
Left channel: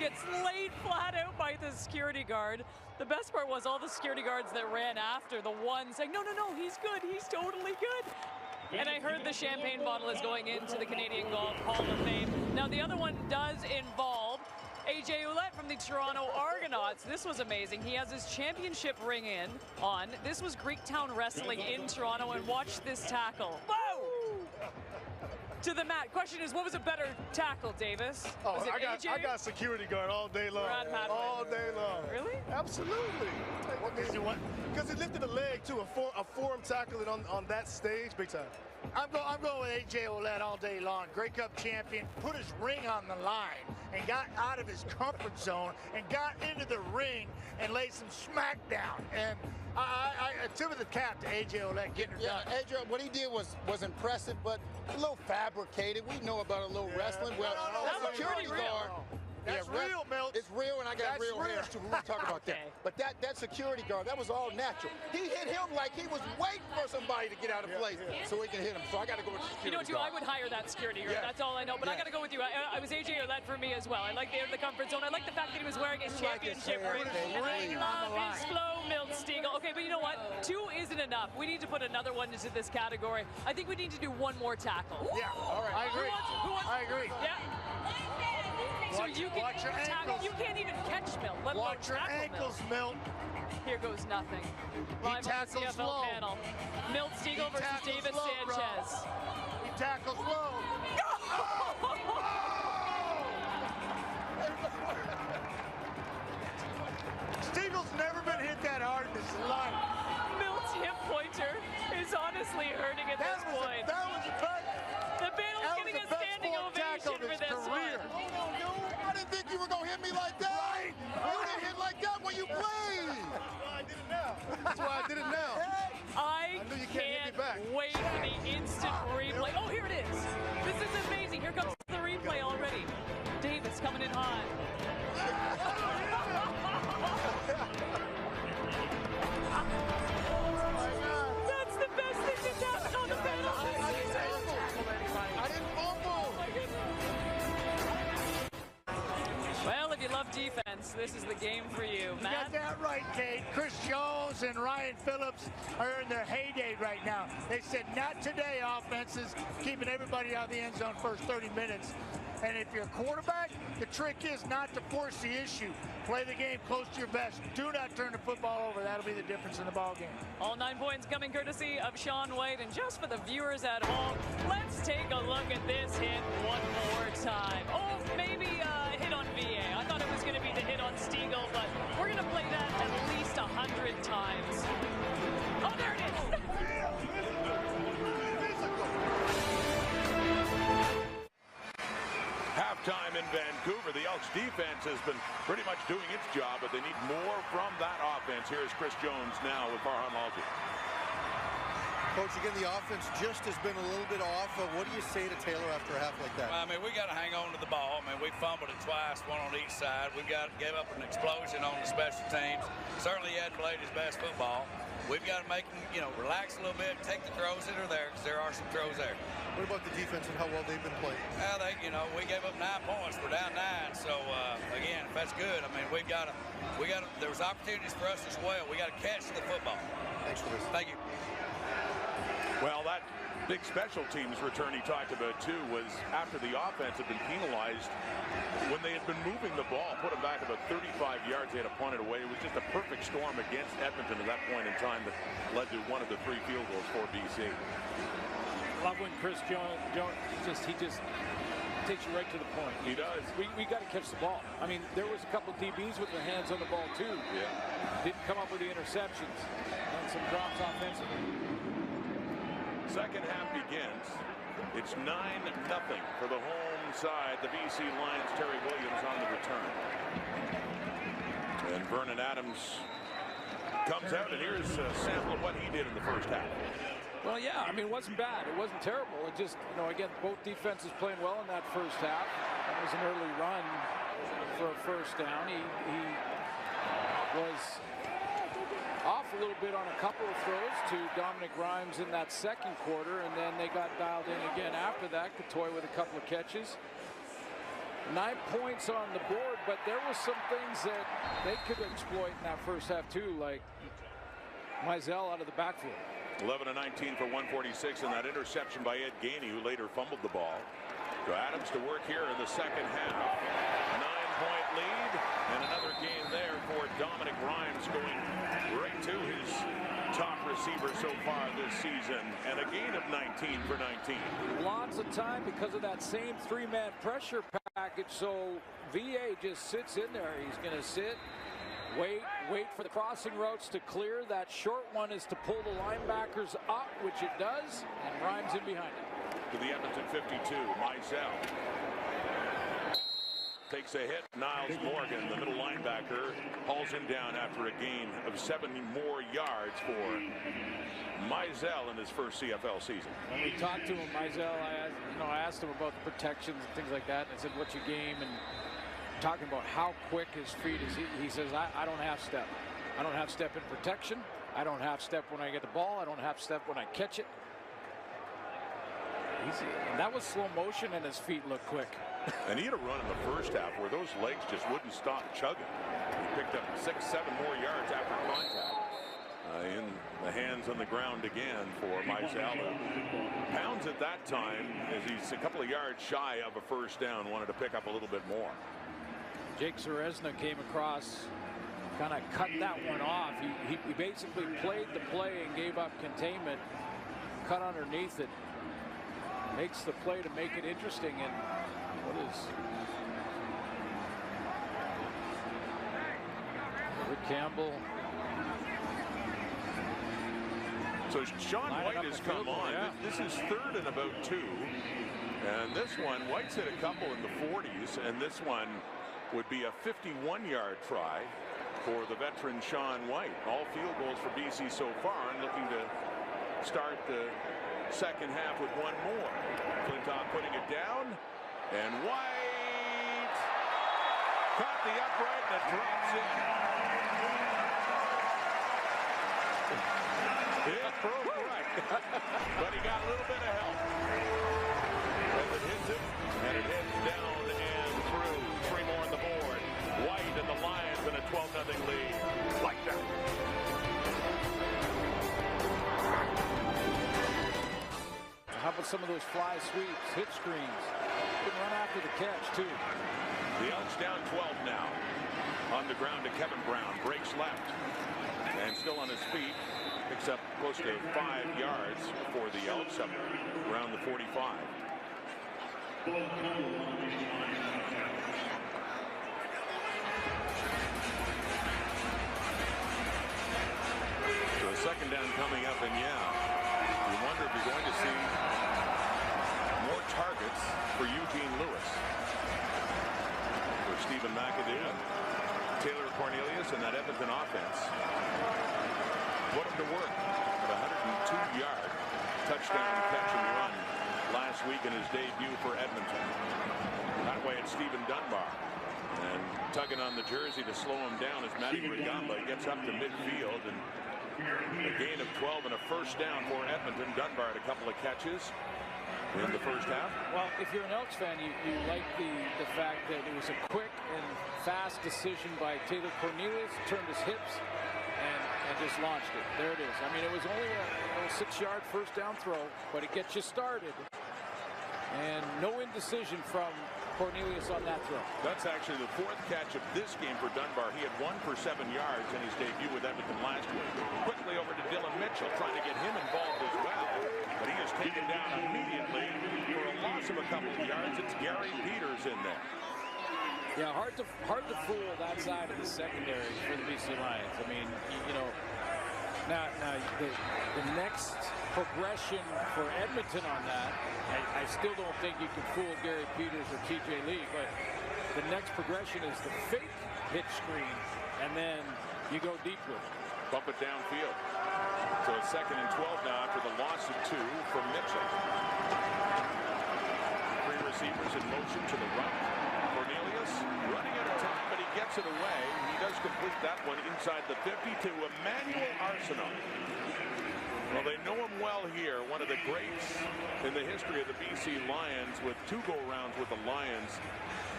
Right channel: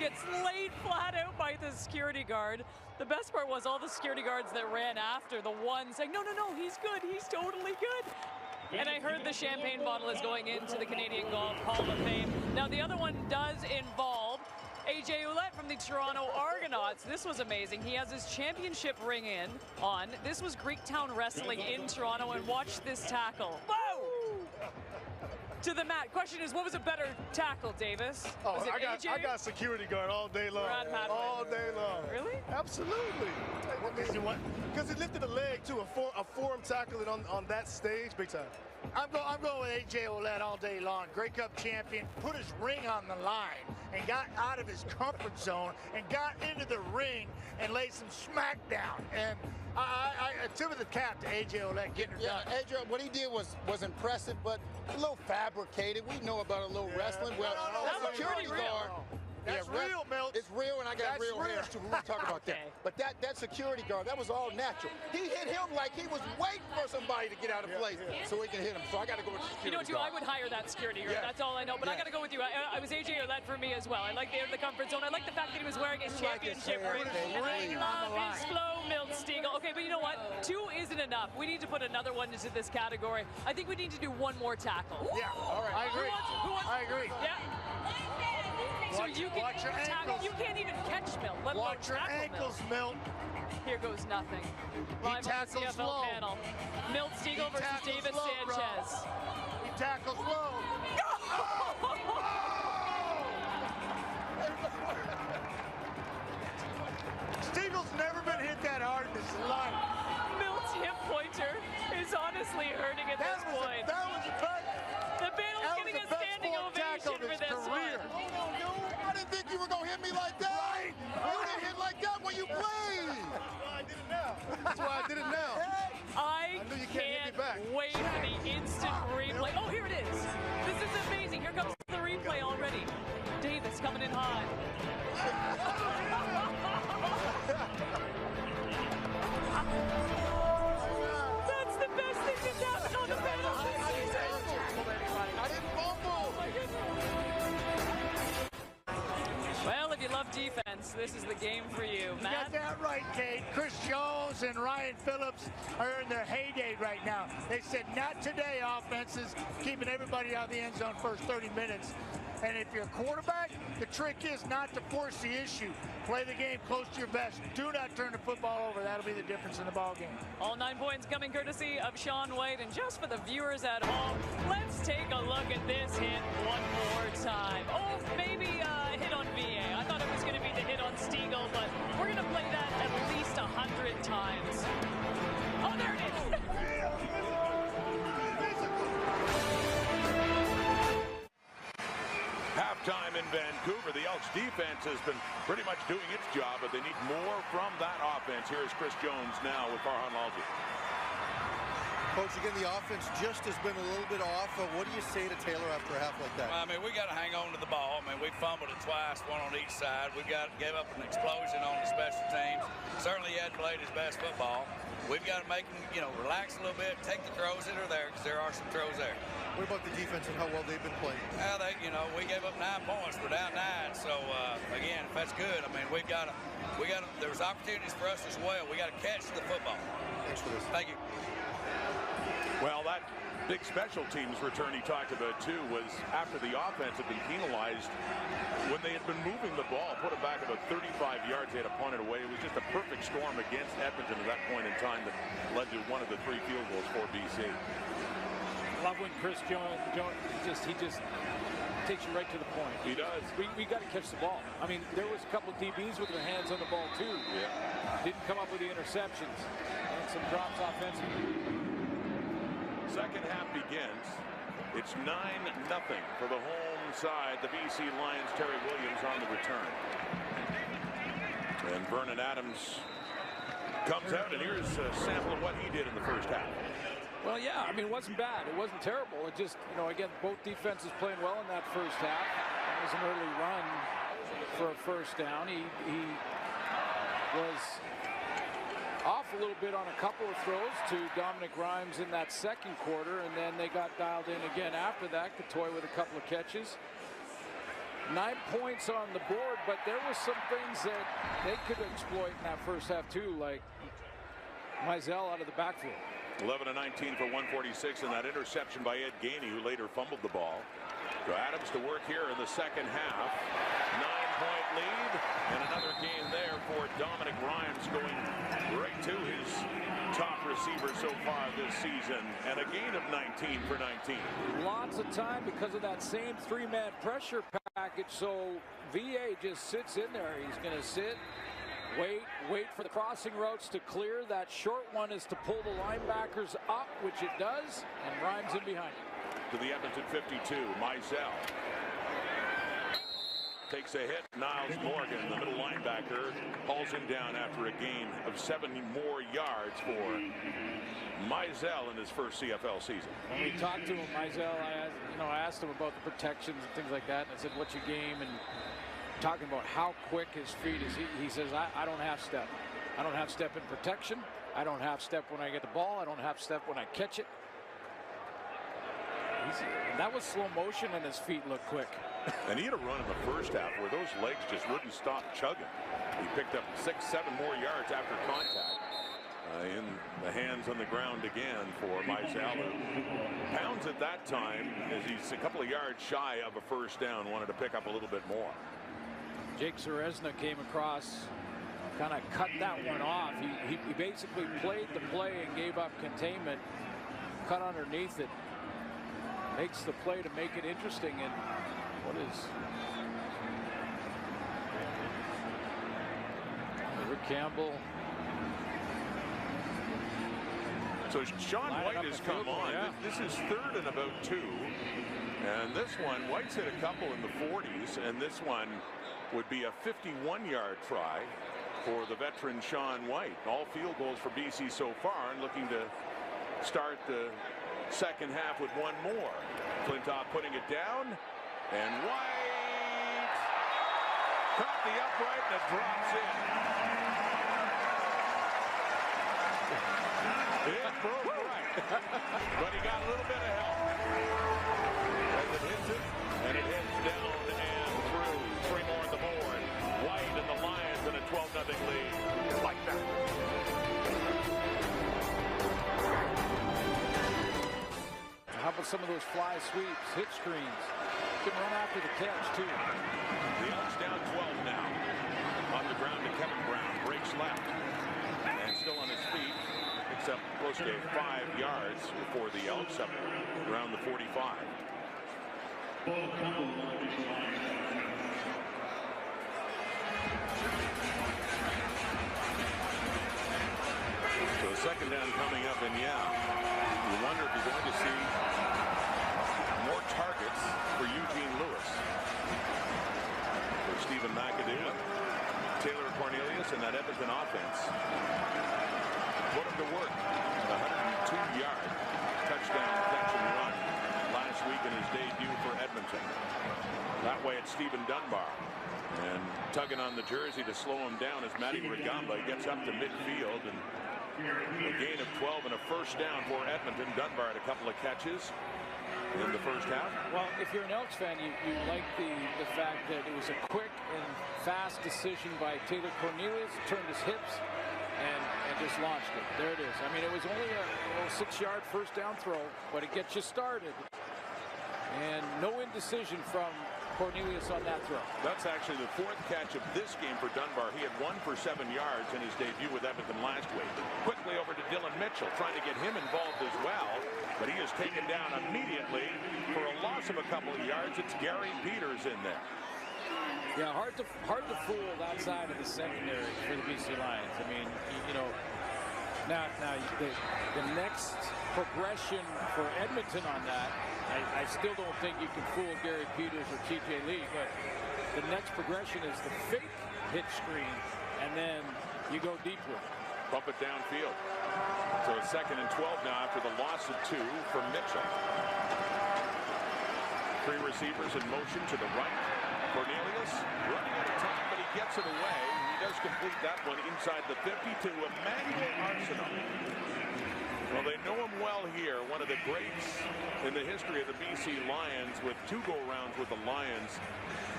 gets laid flat out by the security guard. The best part was all the security guards that ran after, the one saying, no, he's good, he's totally good. And I heard the champagne bottle is going into the Canadian Golf Hall of Fame. Now, the other one does involve AJ Ouellette from the Toronto Argonauts. This was amazing. He has his championship ring on. This was Greektown Wrestling in Toronto, and watch this tackle. Whoa! To the mat. Question is, what was a better tackle, Davis? Oh, was it I got security guard all day long. All day long. Really? Absolutely. Because he lifted a leg too, a forearm tackling on that stage, big time. I'm going with AJ Ouellette all day long. Grey Cup champion, put his ring on the line and got out of his comfort zone and got into the ring and laid some smack down. And I tip of the cap to AJ Ouellette getting it done. AJ, what he did was impressive, but a little fabricated. We know about a little wrestling. Well, that was pretty real. That's real, Milt. It's real, and I got real hairs too. We won't talk about that. But that security guard, that was all natural. He hit him like he was waiting for somebody to get out of place so he can hit him. So I got to go with the security guard. I would hire that security guard. That's all I know. But I got to go with you. I was AJ Ouellette for me as well. I like the comfort zone. I like the fact that he was wearing his championship ring. And I love his flow, Milt Stegall. Okay, but you know what? 2 isn't enough. We need to put another one into this category. I think we need to do one more tackle. Yeah, all right. I agree. I agree. Yeah. So you can tackle. You can't even catch Milt. Let alone watch your ankles, Milt. Here goes nothing. Live on the CFL low. panel. Milt Stegall versus Davis Sanchez. He tackles low. Steagall's never been hit that hard in his life. Milt's hip pointer is honestly hurting at this point. That was a bad. The panel's getting a standing ovation for this one. I didn't think you were going to hit me like that. Right. You didn't hit like that when you played. That's why I did it now. I can't wait for the instant replay. Oh, here it is. This is amazing. Here comes the replay already. Davis coming in hot. That's the best thing that's happened on the panel this season. I didn't fumble. Oh my goodness. Well, if you love defense, this is the game for you. Matt? You got that right, Kate. Chris Jones and Ryan Phillips are in their heyday right now. They said, not today, offenses, keeping everybody out of the end zone first 30 minutes. And if you're a quarterback, the trick is not to force the issue. Play the game close to your vest. Do not turn the football over. That'll be the difference in the ball game. All 9 points coming courtesy of Sean White. And just for the viewers at home, let's take a look at this hit one more time. Oh, maybe a hit on VA. I thought it was going to be the hit on Stegall, but we're going to play that at least 100 times. Oh, there it is. Halftime in Vancouver. The Elks defense has been pretty much doing its job, but they need more from that offense. Here is Chris Jones now with Farhan Lalji. Coach, again, the offense just has been a little bit off. What do you say to Taylor after a half like that? Well, I mean, we got to hang on to the ball. I mean, we fumbled it twice, one on each side. We've got gave up an explosion on the special teams. Certainly, he hadn't played his best football. We've got to make him, relax a little bit, take the throws that are there, because there are some throws there. What about the defense and how well they've been playing? We gave up 9 points. We're down 9. So, again, if that's good, I mean, there was opportunities for us as well. We got to catch the football. Thanks for this. Thank you. Well, that big special teams return he talked about, too, was after the offense had been penalized. When they had been moving the ball, put it back about 35 yards, they had to punt it away. It was just a perfect storm against Edmonton at that point in time that led to one of the 3 field goals for BC. Love when Chris Jones he just takes you right to the point. He does. We got to catch the ball. I mean, there was a couple of DBs with their hands on the ball too. Yeah. Didn't come up with the interceptions and some drops offensively. Second half begins. It's 9-0 for the home side. The BC Lions. Terry Williams on the return. And Vernon Adams comes out, and here's a sample of what he did in the first half. Well, yeah, I mean, it wasn't bad. It wasn't terrible. It just, again, both defenses playing well in that first half. It was an early run for a first down. He was off a little bit on a couple of throws to Dominic Grimes in that second quarter, and then they got dialed in again after that. Couture with a couple of catches. 9 points on the board, but there was some things that they could exploit in that first half too, like Mizell out of the backfield. 11 of 19 for 146, and that interception by Ed Gainey, who later fumbled the ball. So Adams to work here in the second half. 9-point lead, and another gain there for Dominic Rhymes, going right to his top receiver so far this season, and a gain of 19 for 19. Lots of time because of that same 3-man pressure package, so VA just sits in there. He's going to sit, wait for the crossing routes to clear. That short one is to pull the linebackers up, which it does, and Rhymes in behind it. To the Edmonton 52, Mizell takes a hit. Niles Morgan, the middle linebacker, hauls him down after a gain of 70 more yards for Mizell in his first CFL season. When we talked to him, Mizell, I asked him about the protections and things like that, and I said, "What's your game?" And talking about how quick his feet is. He says, I don't half step. I don't half step in protection. I don't half step when I get the ball. I don't half step when I catch it. And that was slow motion, and his feet look quick. And he had a run in the first half where those legs just wouldn't stop chugging. He picked up 6-7 more yards after contact. In the hands on the ground again for Mizell. Pounds at that time, as he's a couple of yards shy of a first down, wanted to pick up a little bit more. Jake Zaresna came across, kind of cut that one off. He basically played the play and gave up containment, cut underneath it. Makes the play to make it interesting. And what is Rick Campbell? So Sean White has come on. Yeah. This is third and about 2. And this one, White's hit a couple in the 40s, and this one would be a 51-yard try for the veteran Sean White. All field goals for BC so far, and looking to start the second half with one more. Flintoff putting it down, and White caught the upright, and it drops in. It broke right, but he got a little bit of help as it hits it, and it heads down and through. 3 more on the board. White and the Lions in a 12-0 lead. Like that. How about some of those fly sweeps, hit screens? Can run after the catch, too. The Elks down 12 now. On the ground to Kevin Brown. Breaks left. And still on his feet. Picks up close to 5 yards for the Elks, up around the 45. So a second down coming up, and yeah, you wonder if you're going to see more targets for Eugene Lewis. For Stephen McAdoo and Taylor Cornelius and that Edmonton offense. Put him to work at a 102-yard touchdown catch and run last week in his debut for Edmonton. That way it's Stephen Dunbar. And tugging on the jersey to slow him down as Matty Rugamba gets up to midfield, and a gain of 12 and a first down for Edmonton. Dunbar had a couple of catches in the first half. Well, if you're an Elks fan, you like the fact that it was a quick and fast decision by Taylor Cornelius, turned his hips and just launched it. There it is. I mean, it was only a little 6-yard first down throw, but it gets you started. And no indecision from Cornelius on that throw. That's actually the 4th catch of this game for Dunbar. He had 1 for 7 yards in his debut with Edmonton last week. Quickly over to Dylan Mitchell, trying to get him involved as well, but he is taken down immediately for a loss of a couple of yards. It's Gary Peters in there. Yeah, hard to fool that side of the secondary for the BC Lions. I mean, you know, now the next progression for Edmonton on that, I still don't think you can fool Gary Peters or TJ Lee, but the next progression is the fake hitch screen, and then you go deep with it. Bump it downfield. So it's 2nd and 12 now after the loss of 2 for Mitchell. 3 receivers in motion to the right. Cornelius running out of time, but he gets it away. He does complete that one inside the 50 to Emmanuel Arsenault. Well, they know him well here. One of the greats in the history of the BC Lions, with 2 go-rounds with the Lions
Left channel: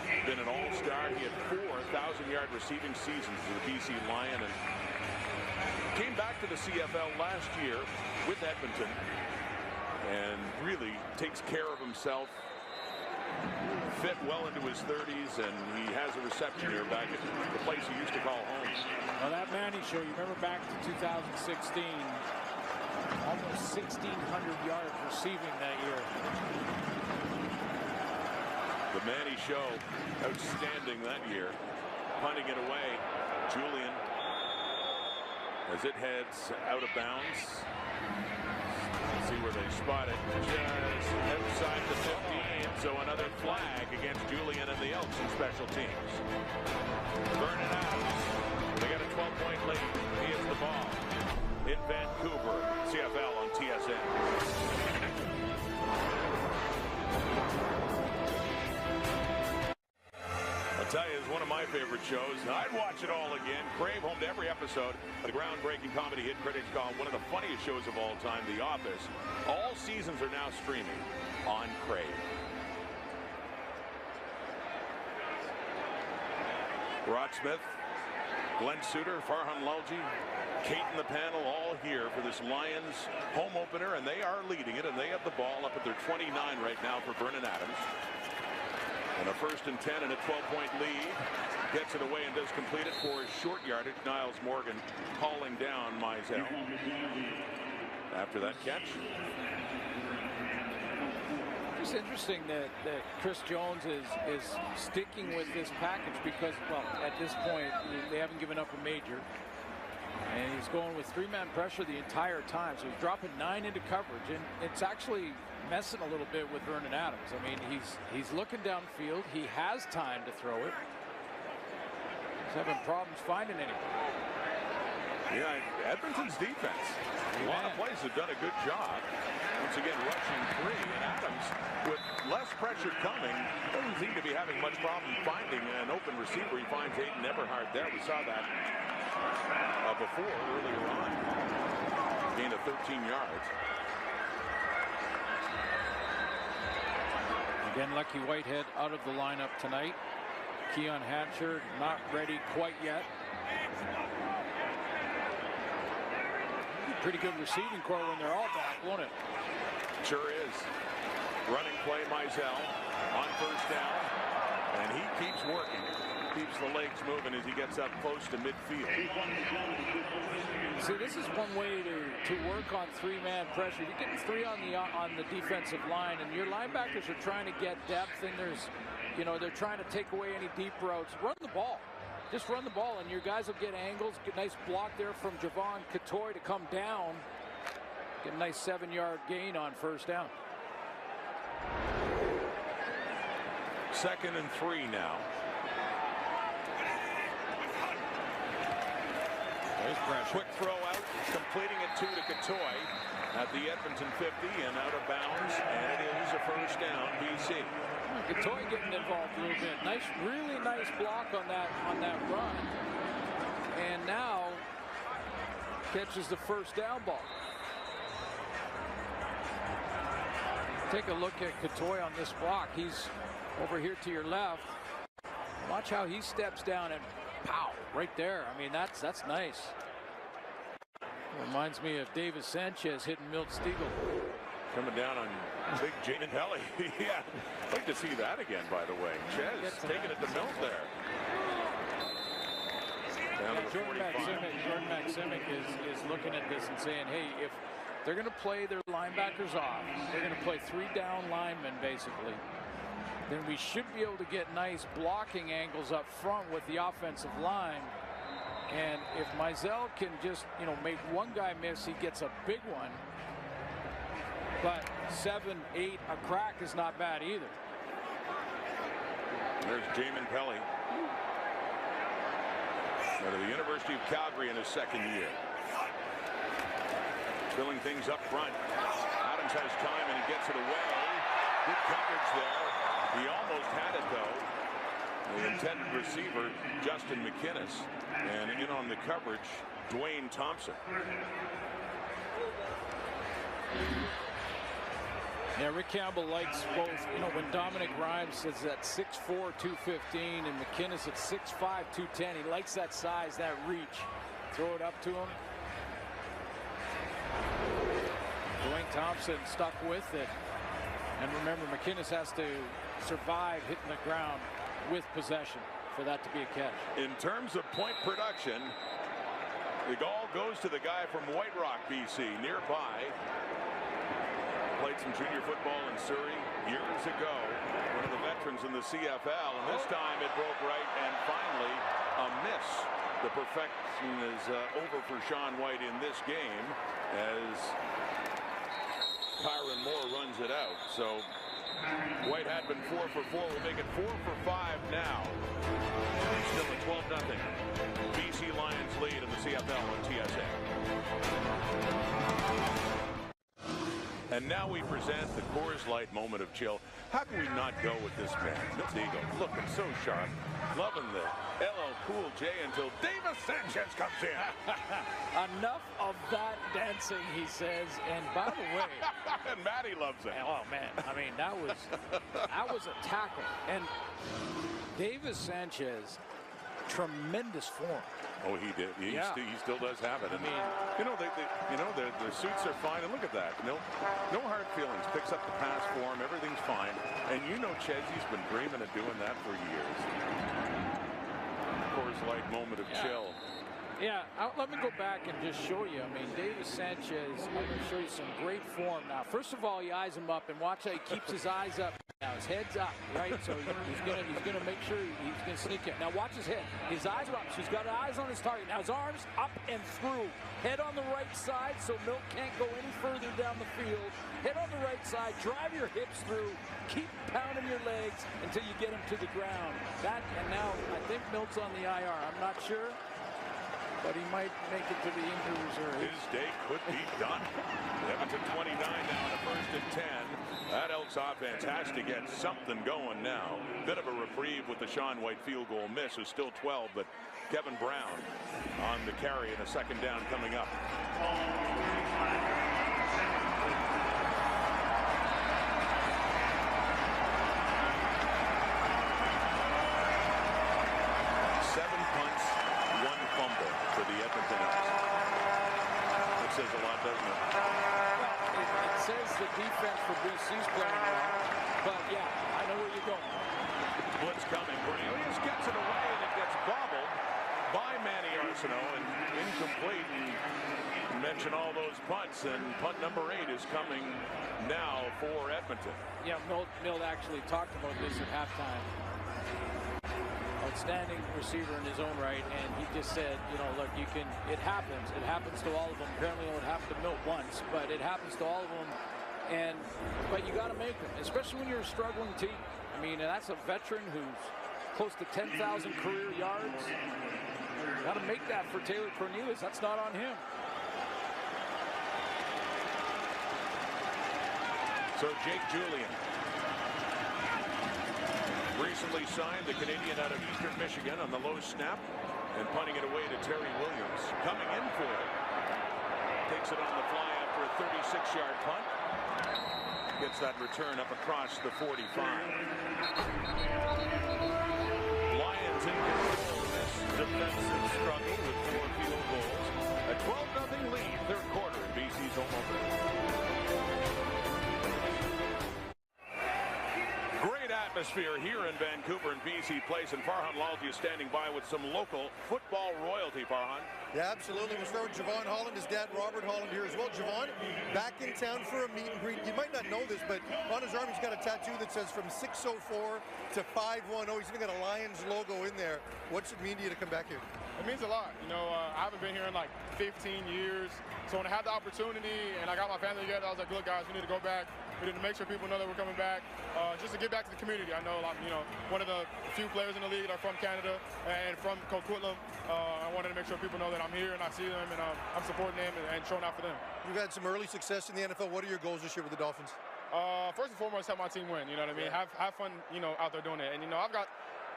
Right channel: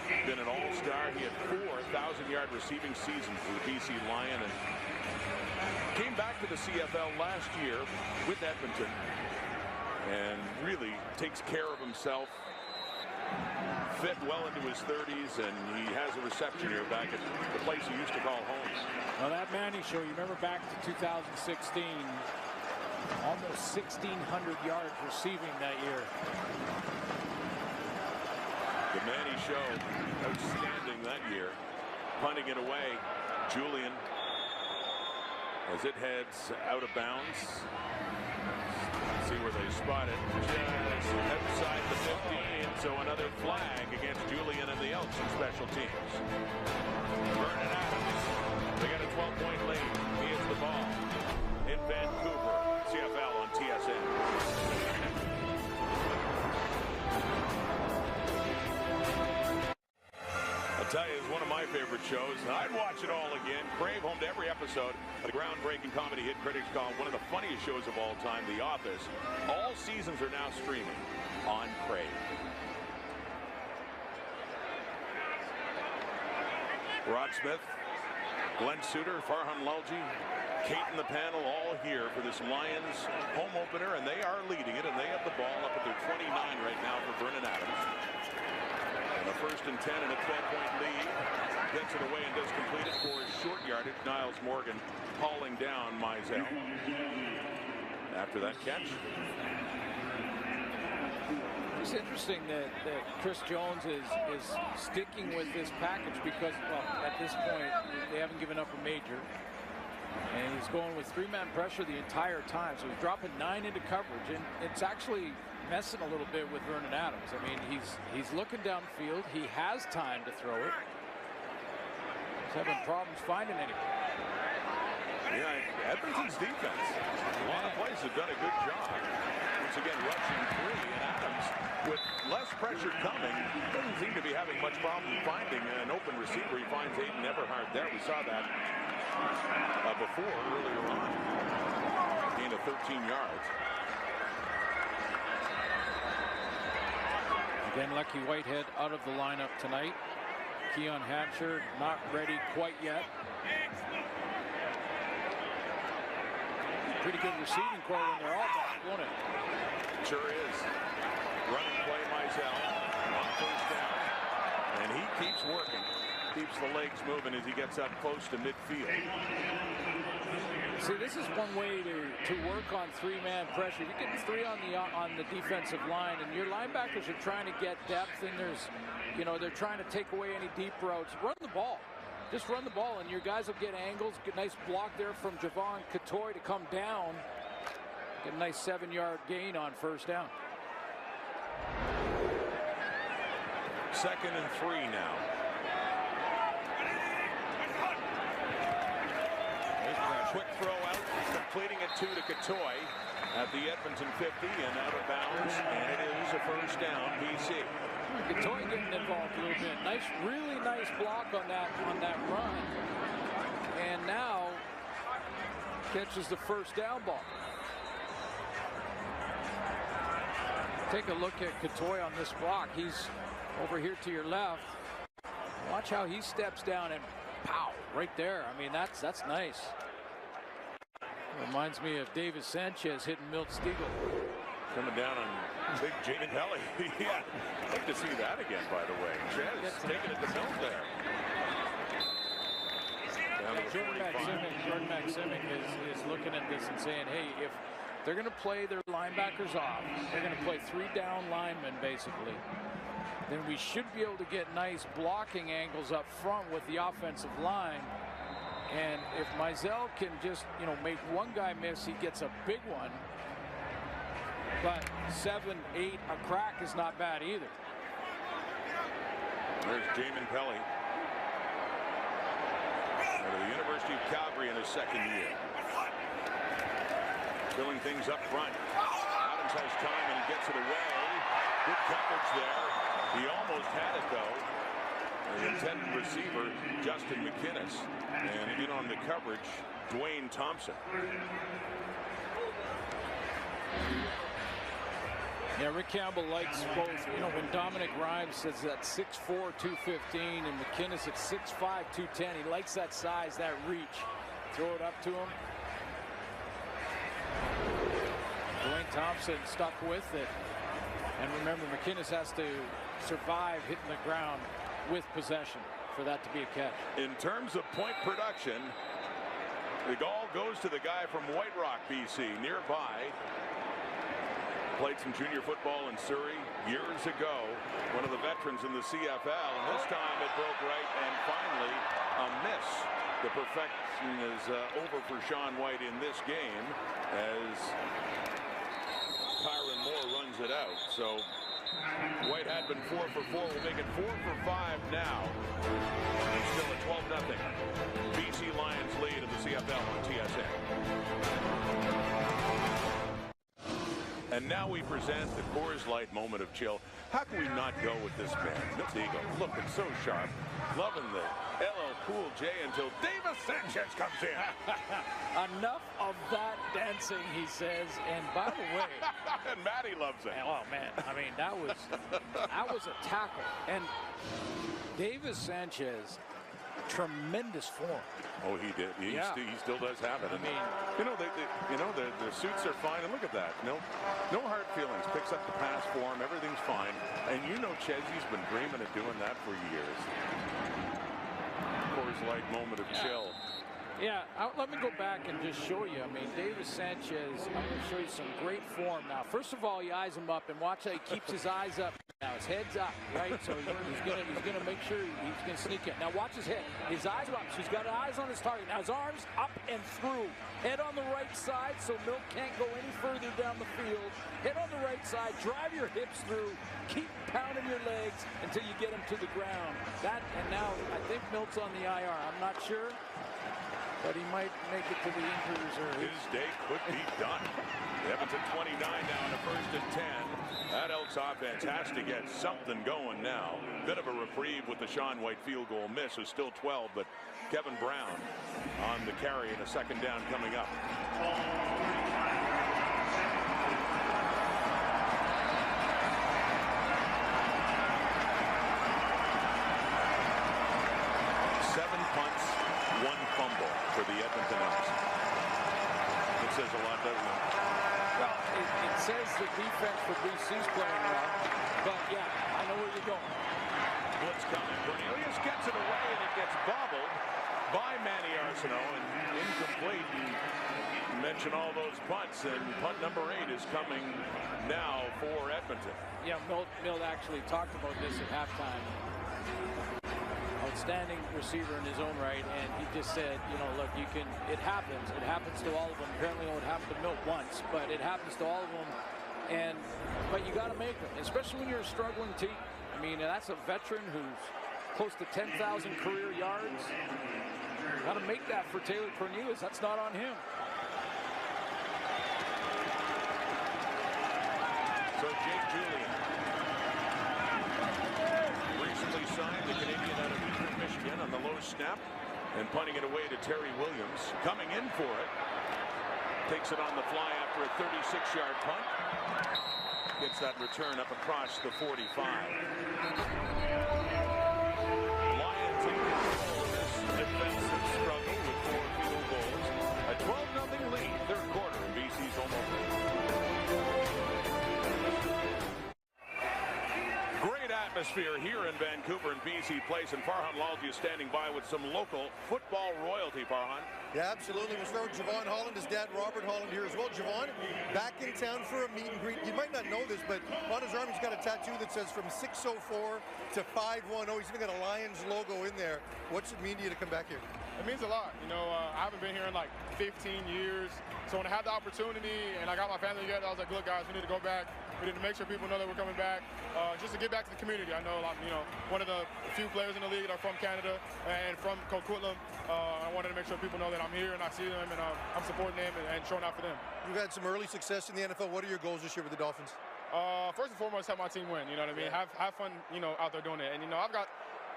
been an all-star. He had 4 1,000-yard receiving seasons as a BC Lion and came back to the CFL last year with Edmonton and really takes care of himself. Fit well into his 30s, and he has a reception here back at the place he used to call home. Well, that Manny show, you remember back to 2016, almost 1,600 yards receiving that year. The Manny show, outstanding that year. Punting it away, Julian, as it heads out of bounds. See where they spot it, just outside the 15. So another flag against Julian and the Elks in special teams. Vernon Adams, they got a 12-point lead. He has the ball in Vancouver. CFL on TSN. I'll tell you, it's one of my favorite shows. I'd watch it all again. Crave, home to every episode of the groundbreaking comedy hit critics call one of the funniest shows of all time, The Office. All seasons are now streaming on Crave. Rod Smith, Glenn Suter, Farhan Lalji, Kate in the panel, all here for this Lions home opener, and they are leading it, and they have the ball up at their 29 right now for Vernon Adams. And a 1st and 10 and a 12-point lead. Gets it away and does complete it for short yardage. Niles Morgan hauling down Mizell after that catch. It's interesting that Chris Jones is sticking with this package because, well, at this point, they haven't given up a major. And he's going with 3-man pressure the entire time. So he's dropping 9 into coverage. And it's actually messing a little bit with Vernon Adams. I mean, he's looking downfield. He has time to throw it. He's having problems finding anyone. Yeah, Edmonton's defense. A lot of plays have done a good job. Once again, rushing 3, and Adams, with less pressure coming, doesn't seem to be having much problem finding an open receiver. He finds Aiden Eberhardt there. We saw that before, earlier on. Gain of 13 yards. Again, Lucky Whitehead out of the lineup tonight. Keon Hatcher not ready quite yet. Pretty good receiving core when they're all back, won't it? Sure is. Running play, Mizell on 1st down, and he keeps working. Keeps the legs moving as he gets up close to midfield. See, this is one way to work on 3-man pressure. If you're getting 3 on the defensive line, and your linebackers are trying to get depth, and there's, they're trying to take away any deep routes. Run the ball. Just run the ball, and your guys will get angles. Get a nice block there from Javon Catoy to come down. Get a nice 7-yard gain on 1st down. 2nd and 3 now. Quick throw out, completing it to Catoy at the Edmonton 50 and out of bounds, and it is a 1st down, BC. Catoy getting involved a little bit. Nice, really nice block on that run, and now catches the 1st down ball. Take a look at Catoy on this block. He's over here to your left. Watch how he steps down and pow, right there. I mean, that's nice. Reminds me of Davis Sanchez hitting Milt Stegall. Coming down on big Jaden Pelly. Yeah, I'd like to see that again, by the way. Chez taking it to Milt there. Down to the 45. Jordan Maksimic is looking at this and saying, hey, if they're going to play their linebackers off, they're going to play 3 down linemen, basically, then we should be able to get nice blocking angles up front with the offensive line. And if Mizell can just, make one guy miss, he gets a big one. But 7, 8, a crack is not bad either. There's Jamin Pelly out of the University of Calgary in his 2nd year. Filling things up front. Adams has time and he gets it away. Good coverage there. He almost had it though. The intended receiver, Justin McInnes, and in on the coverage, Dwayne Thompson. Yeah, Rick Campbell likes both. You know, when Dominic Rhymes is at 6'4", 215, and McInnes at 6'5", 210, he likes that size, that reach. Throw it up to him. Dwayne Thompson stuck with it. And remember, McInnes has to survive hitting the ground with possession for that to be a catch. In terms of point production, the ball goes to the guy from White Rock, BC, nearby. Played some junior football in Surrey years ago. One of the veterans in the CFL, and this time it broke right, and finally a miss. The perfection is over for Sean White in this game as Kyron Moore runs it out. So White had been 4 for 4. Will make it 4 for 5 now. And still a 12-0 BC Lions lead in the CFL on TSN. And now we present the Coors Light moment of chill. How can we not go with this man? Milt Eagle looking so sharp. Loving the LL Cool J until Davis Sanchez comes in. Enough of that dancing, he says. And by the way, and Matty loves it. Oh man, I mean that was a tackle. And Davis Sanchez, tremendous form. Oh, he did. He still does have it. I and, mean, you know, their suits are fine. And look at that. No hard feelings. Picks up the pass for him. Everything's fine. And you know, Chesy's been dreaming of doing that for years. Coors Light moment of chill. Yeah, let me go back and just show you. I mean, Davis Sanchez, I'm going to show you some great form now. First of all, he eyes him up, and watch how he keeps his eyes up. Now his head's up, right? So he's gonna make sure he's gonna sneak in. Now watch his head. His eyes are up, so he's got eyes on his target. Now his arms up and through. Head on the right side, so Milt can't go any further down the field. Head on the right side. Drive your hips through. Keep pounding your legs until you get him to the ground. And now I think Milt's on the IR. I'm not sure, but he might make it to the injury reserve. His day could be done. Edmonton 29 now in a 1st and 10. That Elks offense has to get something going now. Bit of a reprieve with the Sean White field goal miss. Is still 12, but Kevin Brown on the carry and a 2nd down coming up. Seven punts, 1 fumble for the Edmonton Elks. It says a lot, doesn't it? Well, it says the defense for BC's playing well, but yeah, I know where you're going. Blitz coming. Cornelius gets it away, and it gets bobbled by Manny Arsenault and incomplete. And mention all those punts, and punt number 8 is coming now for Edmonton. Yeah, Milt actually talked about this at halftime. Outstanding receiver in his own right, and he just said, you know, look, it happens to all of them. Apparently only happened to Milt once, but it happens to all of them. But you got to make them, especially when you're a struggling team. I mean, that's a veteran who's close to 10,000 career yards. Got to make that for Taylor Cornelius. That's not on him. So Jake Julian, recently signed, the Canadian out of Eastern Michigan, on the low snap and punting it away to Terry Williams. Coming in for it. Takes it on the fly after a 36-yard punt. Gets that return up across the 45. Lions in control of this defensive struggle with 4 field goals. A 12-0 lead, 3rd quarter in BC's home opener. Great atmosphere here in Vancouver and BC Place, and Farhan Lalji is standing by with some local football royalty. Farhan. Yeah, absolutely. We'll start with Javon Holland, his dad Robert Holland here as well. Javon, back in town for a meet and greet. You might not know this, but on his arm he's got a tattoo that says from 604 to 510. He's even got a Lions logo in there. What's it mean to you to come back here? It means a lot. You know, I haven't been here in like 15 years. So when I had the opportunity and I got my family together, I was like, look, guys, we need to go back. We need to make sure people know that we're coming back, just to get back to the community. I know I'm, one of the few players in the league that are from Canada and from Coquitlam. I wanted to make sure people know that I'm here and I see them and I'm supporting them and showing out for them. You've had some early success in the NFL. What are your goals this year with the Dolphins? First and foremost, have my team win. You know what I mean? Yeah. Have fun, out there doing it. And I've got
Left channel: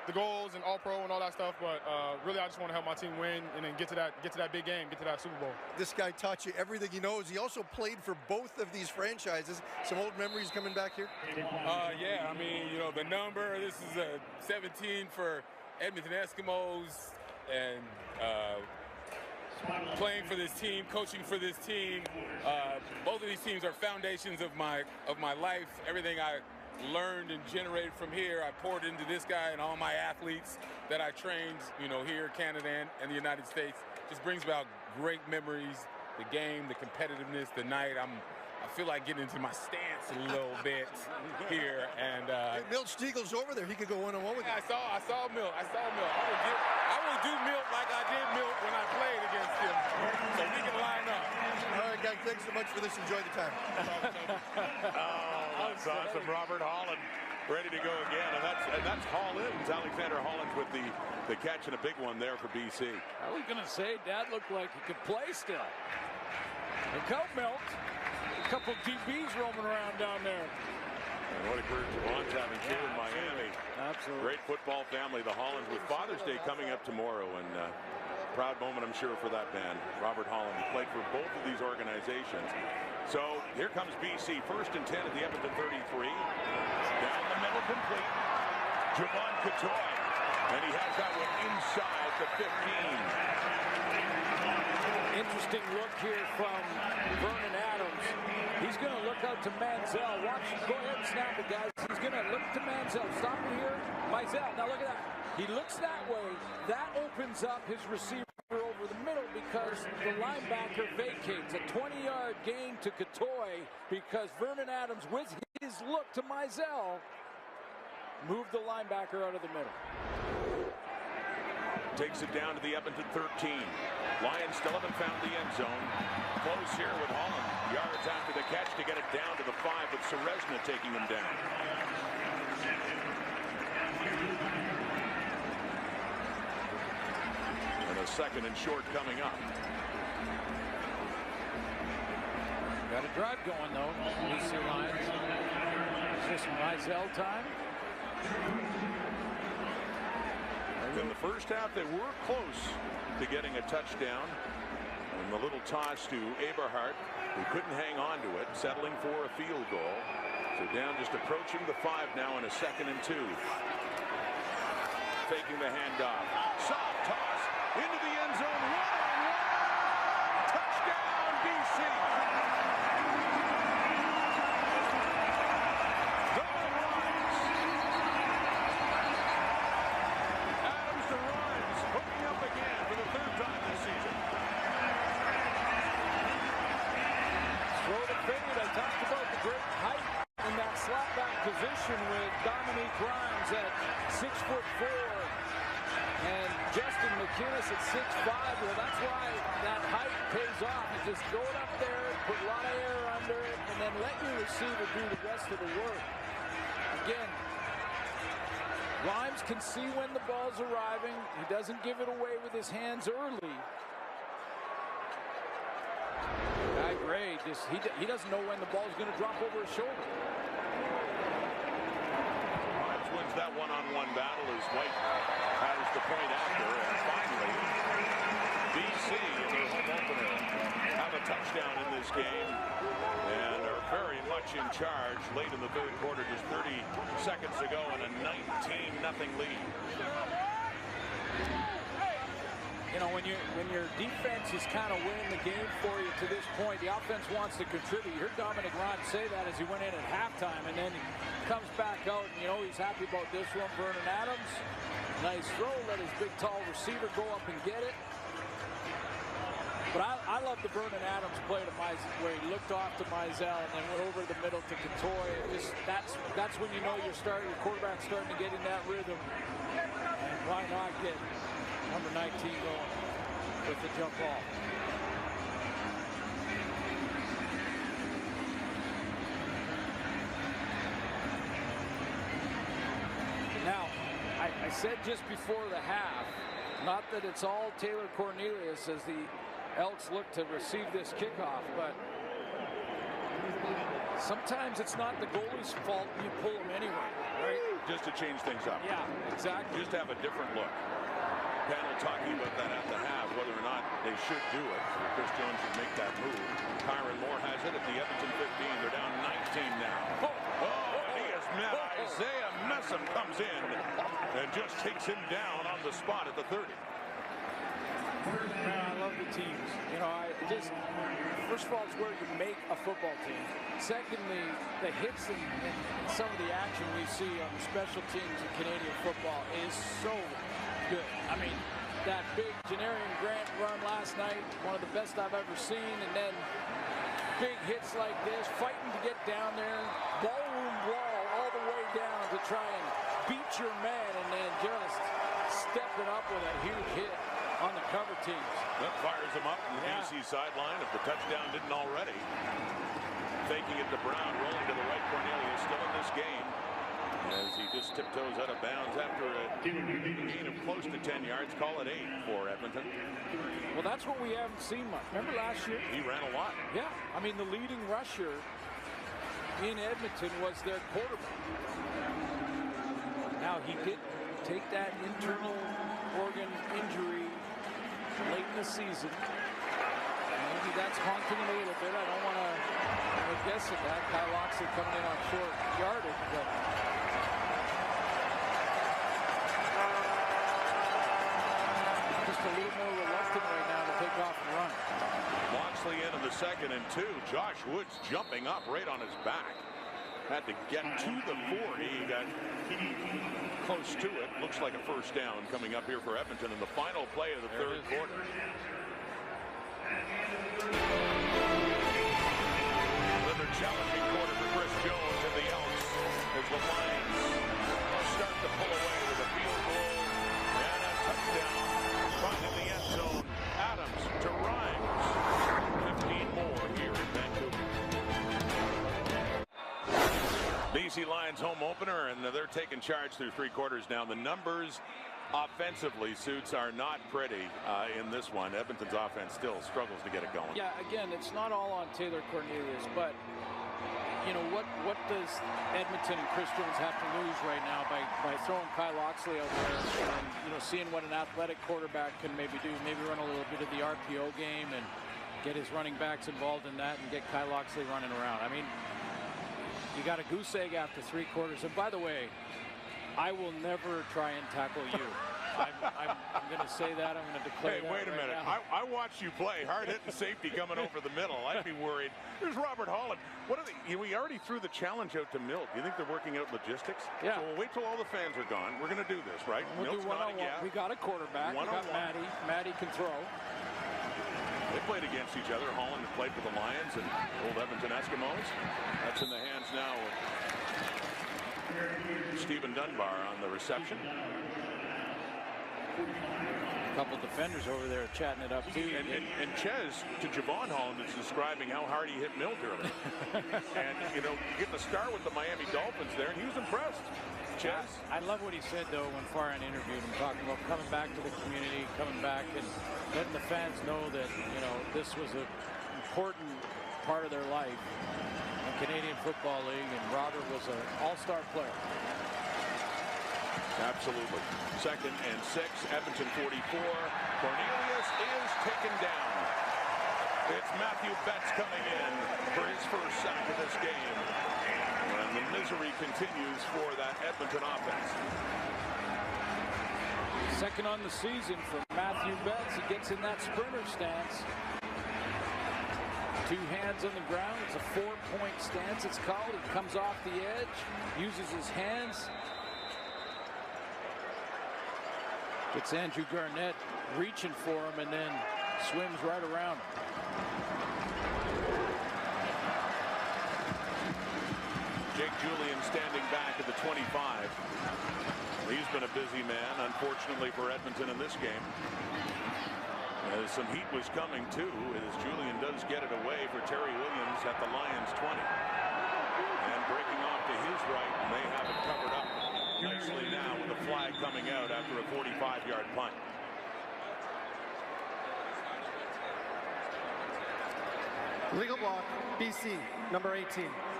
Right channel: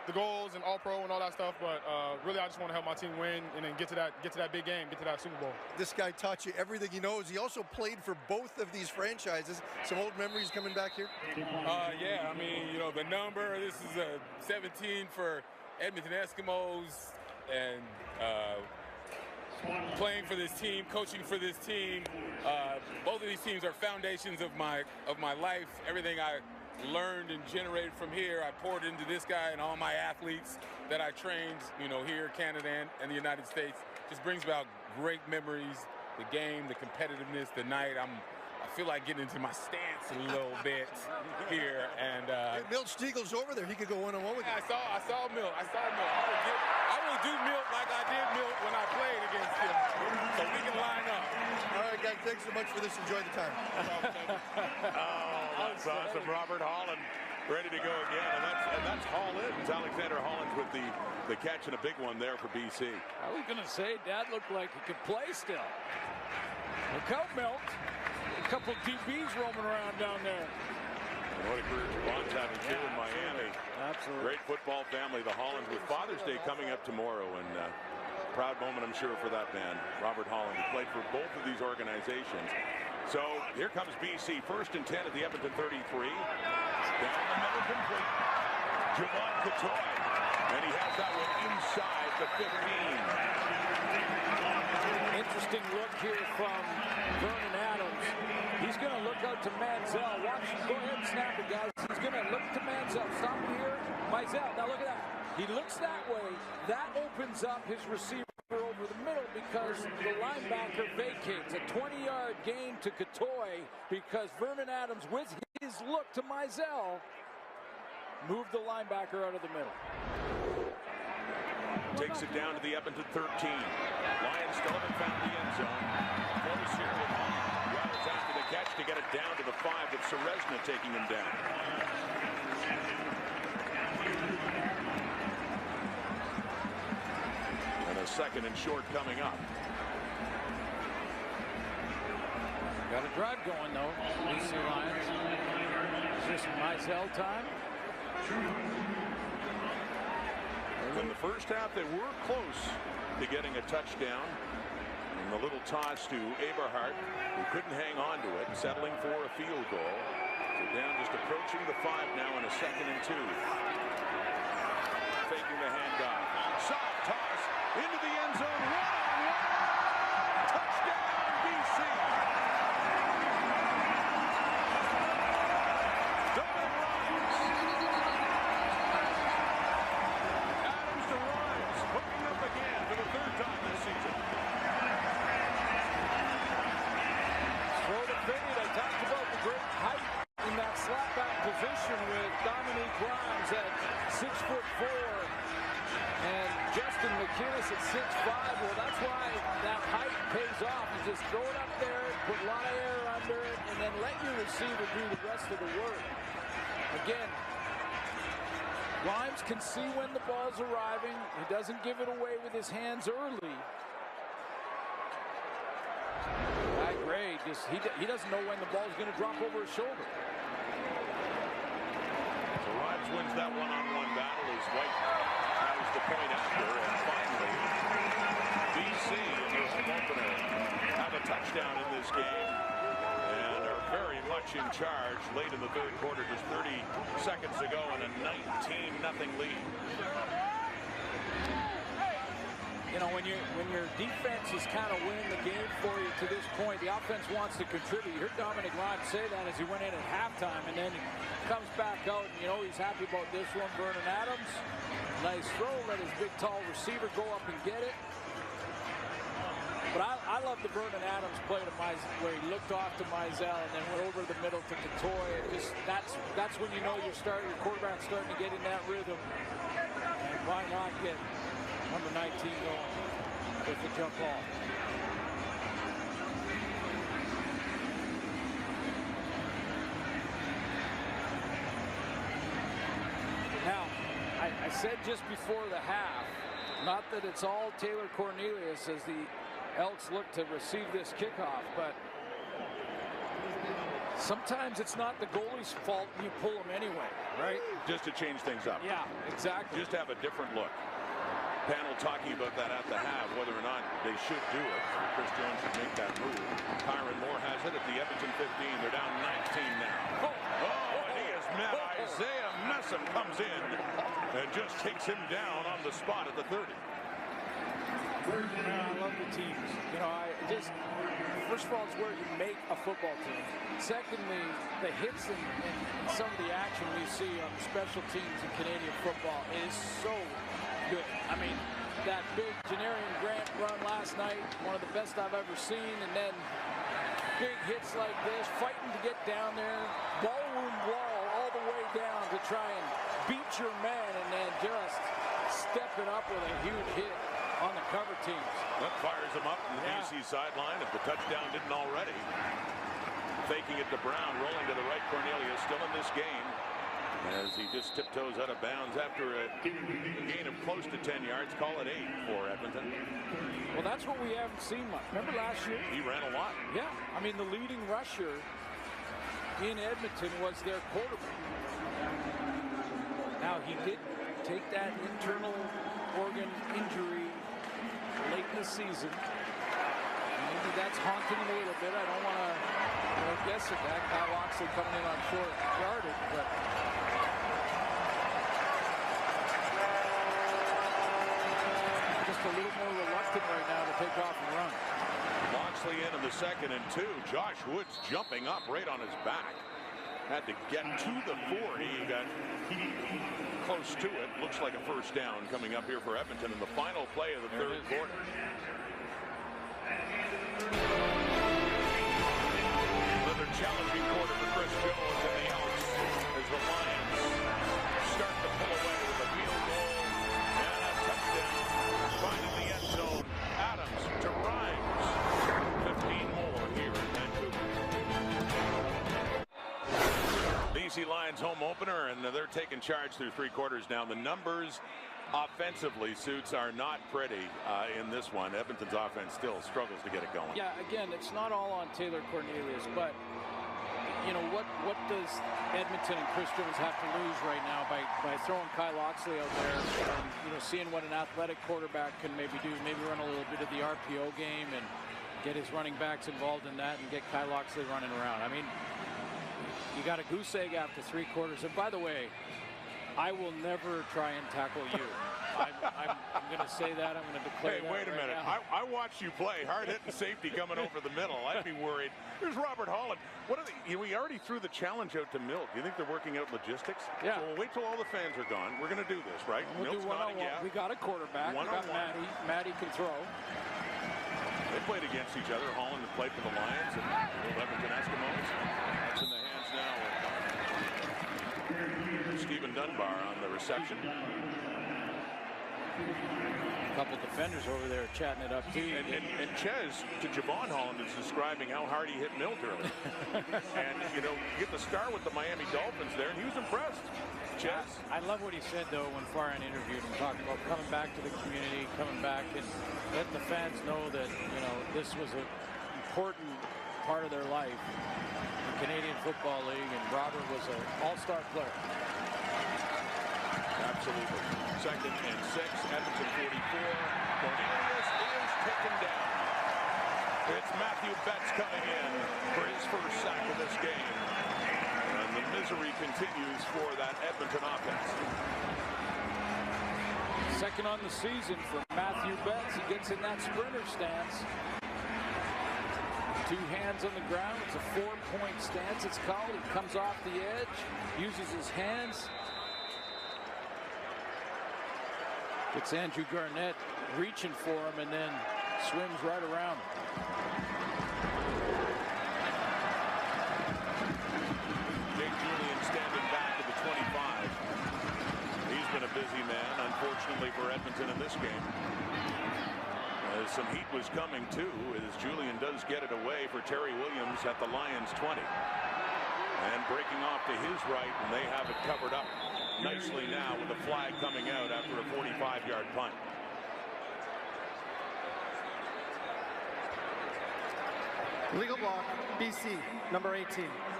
the goals and All-Pro and all that stuff, but really I just want to help my team win and then get to that big game, get to that Super Bowl. This guy taught you everything he knows. He also played for both of these franchises. Some old memories coming back here? Yeah, I mean, you know, the number, this is a 17 for Edmonton Eskimos, and playing for this team, coaching for this team. Both of these teams are foundations of my life. Everything I learned and generated from here, I poured into this guy and all my athletes that I trained, you know, here, Canada and the United States. Just brings about great memories, the game, the competitiveness, the night. I feel like getting into my stance a little bit here, and hey, Milt Stiegel's over there. He could go one-on-one with you. I saw Milt. I will do Milt like I did Milt when I played against him, so we can line up. All right, guys. Thanks so much for this. Enjoy the time. Oh, that's awesome, Robert Holland. Ready to go again, and that's Hollins, Alexander Hollins with the catch and a big one there for BC. I was going to say, Dad looked like he could play still. Look out, Milt. A couple DBs roaming around down there. And what a career Javon's having too in Miami. Absolutely. Great football family, the Hollands, with Father's Day coming up tomorrow, and proud moment, I'm sure, for that man, Robert Holland, who played for both of these organizations. So here comes BC, 1st and 10 at the Edmonton 33. Down the middle, complete. Javon Catoy, and he has that one inside the 15. Interesting look here from Vernon Adams. He's going to look out to Manziel. Watch, go ahead and snap it, guys. He's going to look to Manziel. Stop it here. Mizell, now look at that. He looks that way. That opens up his receiver over the middle because the linebacker vacates. A 20-yard gain to Catoy because Vernon Adams, with his look to Mizell, moved the linebacker out of the middle. Takes it down to the Edmonton 13. Lions still haven't found the end zone. Close here with Holland. Yards after the catch to get it down to the 5 with Seresna taking him down. And a 2nd and short coming up. Got a drive going, though, BC Lions. Is this Mizell time? In the first half, they were close to getting a touchdown. And the little toss to Eberhardt, who couldn't hang on to it, settling for a field goal. So down, just approaching the 5 now in a 2nd and 2. Faking the handoff. Soft toss into the end zone. One-on-one. Touchdown, BC. Dominic Rhymes. Adams to Rhymes, hooking up again for the 3rd time this season. Throw the fade. I talked about the great height in that slot back position with Dominique Rhymes at 6'4" and Justin McInnes at 6'5". Well, that's why that height pays off. You just throw it up there, put a lot of air under it, and then let your receiver do the rest of the work. Again, Rhymes can see when the ball's arriving. He doesn't give it away with his hands early. Guy Gray, he doesn't know when the ball's going to drop over his shoulder. Rhymes wins that one-on-one battle as White has the point after. And finally, BC in their home opener have a touchdown in this game and are very much in charge late in the 3rd quarter, just 30 seconds ago, and a 19-0 lead. You know, when your defense is kind of winning the game for you to this point, the offense wants to contribute. You heard Dominic Rhymes say that as he went in at halftime, and then he comes back out, and you know he's happy about this one. Vernon Adams, nice throw, let his big tall receiver go up and get it. But I love the Vernon Adams play to where he looked off to Mizell and then went over the middle to Catoy. It just that's when you know your quarterback's starting to get in that rhythm. And why not get number 19 going with the jump ball? Now, I said just before the half, not that it's all Taylor Cornelius as the Elks look to receive this kickoff, but Sometimes it's not the goalie's fault and you pull them anyway, right? Just to change things up. Yeah, exactly. Just to have a different look. Panel talking about that at the half, whether or not they should do it. Or Chris Jones should make that move. Kyron Moore has it at the Edmonton 15. They're down 19 now. And he has met Isaiah Messam, comes in and just takes him down on the spot at the 30. Man, I love the teams. You know, first of all, it's where you make a football team. Secondly, the hits and some of the action we see on the special teams in Canadian football is so good. I mean, that big Janarian Grant run last night, one of the best I've ever seen, and then big hits like this, fighting to get down there, ballroom brawl all the way down to try and beat your man, and then just stepping up with a huge hit on the cover teams. That fires him up in the BC sideline if the touchdown didn't already. Faking it to Brown, rolling to the right. Cornelius still in this game as he just tiptoes out of bounds after a gain of close to 10 yards. Call it 8 for Edmonton. Well, that's what we haven't seen much. Remember last year? He ran a lot. Yeah. I mean, the leading rusher in Edmonton was their quarterback. Now, he did take that internal organ injury late in the season. Maybe that's haunting him a little bit. I don't want to, guess at that. Kyle Loxley coming in on short yardage, but just a little more reluctant right now to take off and run. Loxley in the 2nd and 2. Josh Woods jumping up right on his back. Had to get to the 40. He got close to it. Looks like a first down coming up here for Edmonton in the final play of the third quarter. Another challenging quarter for Chris Jones and the Elks as the Lions start to pull away with a field goal and a touchdown. Finding the end zone. Adams to Rhymes. 15 more here in Vancouver. BC Lions home opener, and they're taking charge through 3 quarters now. The numbers offensively, Suits, are not pretty in this one. Edmonton's offense still struggles to get it going. Yeah, again, it's not all on Taylor Cornelius, but what does Edmonton and Chris Jones have to lose right now by throwing Kyle Loxley out there and seeing what an athletic quarterback can maybe do, maybe run a little bit of the RPO game and get his running backs involved in that and get Kyle Loxley running around. I mean, you got a goose egg after 3 quarters. And by the way, I will never try and tackle you. I'm going to say that. I'm going to declare that. Hey, wait a minute. I watched you play. Hard hitting safety coming over the middle. I'd be worried. Here's Robert Holland. What are they? We already threw the challenge out to Milt. Do you think they're working out logistics? Yeah. So we'll wait till all the fans are gone. We're going to do this, right? We'll Milt's do nodding, yeah. We got a quarterback. We got Matty. Matty can throw. They played against each other. Holland had played for the Lions and old Edmonton Eskimos. That's in the hands now of Stephen Dunbar on the reception. A couple defenders over there chatting it up too. And Ches to Javon Holland is describing how hard he hit Milt earlier. And you get the star with the Miami Dolphins there, and he was impressed. Ches. I love what he said though when Farhan interviewed him, talking about coming back to the community, coming back and letting the fans know that this was an important part of their life in Canadian Football League, and Robert was an all-star player. Absolutely. 2nd and 6, Edmonton 44. Cornelius is taken down. It's Matthew Betts coming in for his first sack of this game. And the misery continues for that Edmonton offense. 2nd on the season for Matthew Betts. He gets in that sprinter stance. 2 hands on the ground. It's a 4-point stance, it's called. He comes off the edge, uses his hands. Gets Andrew Garnett reaching for him and then swims right around him. Jake Julian standing back at the 25. He's been a busy man, unfortunately for Edmonton in this game. As some heat was coming too, as Julian does get it away for Terry Williams at the Lions 20. And breaking off to his right, and they have it covered up nicely now with a flag coming out after a 45-yard punt. Legal block, BC, number 18.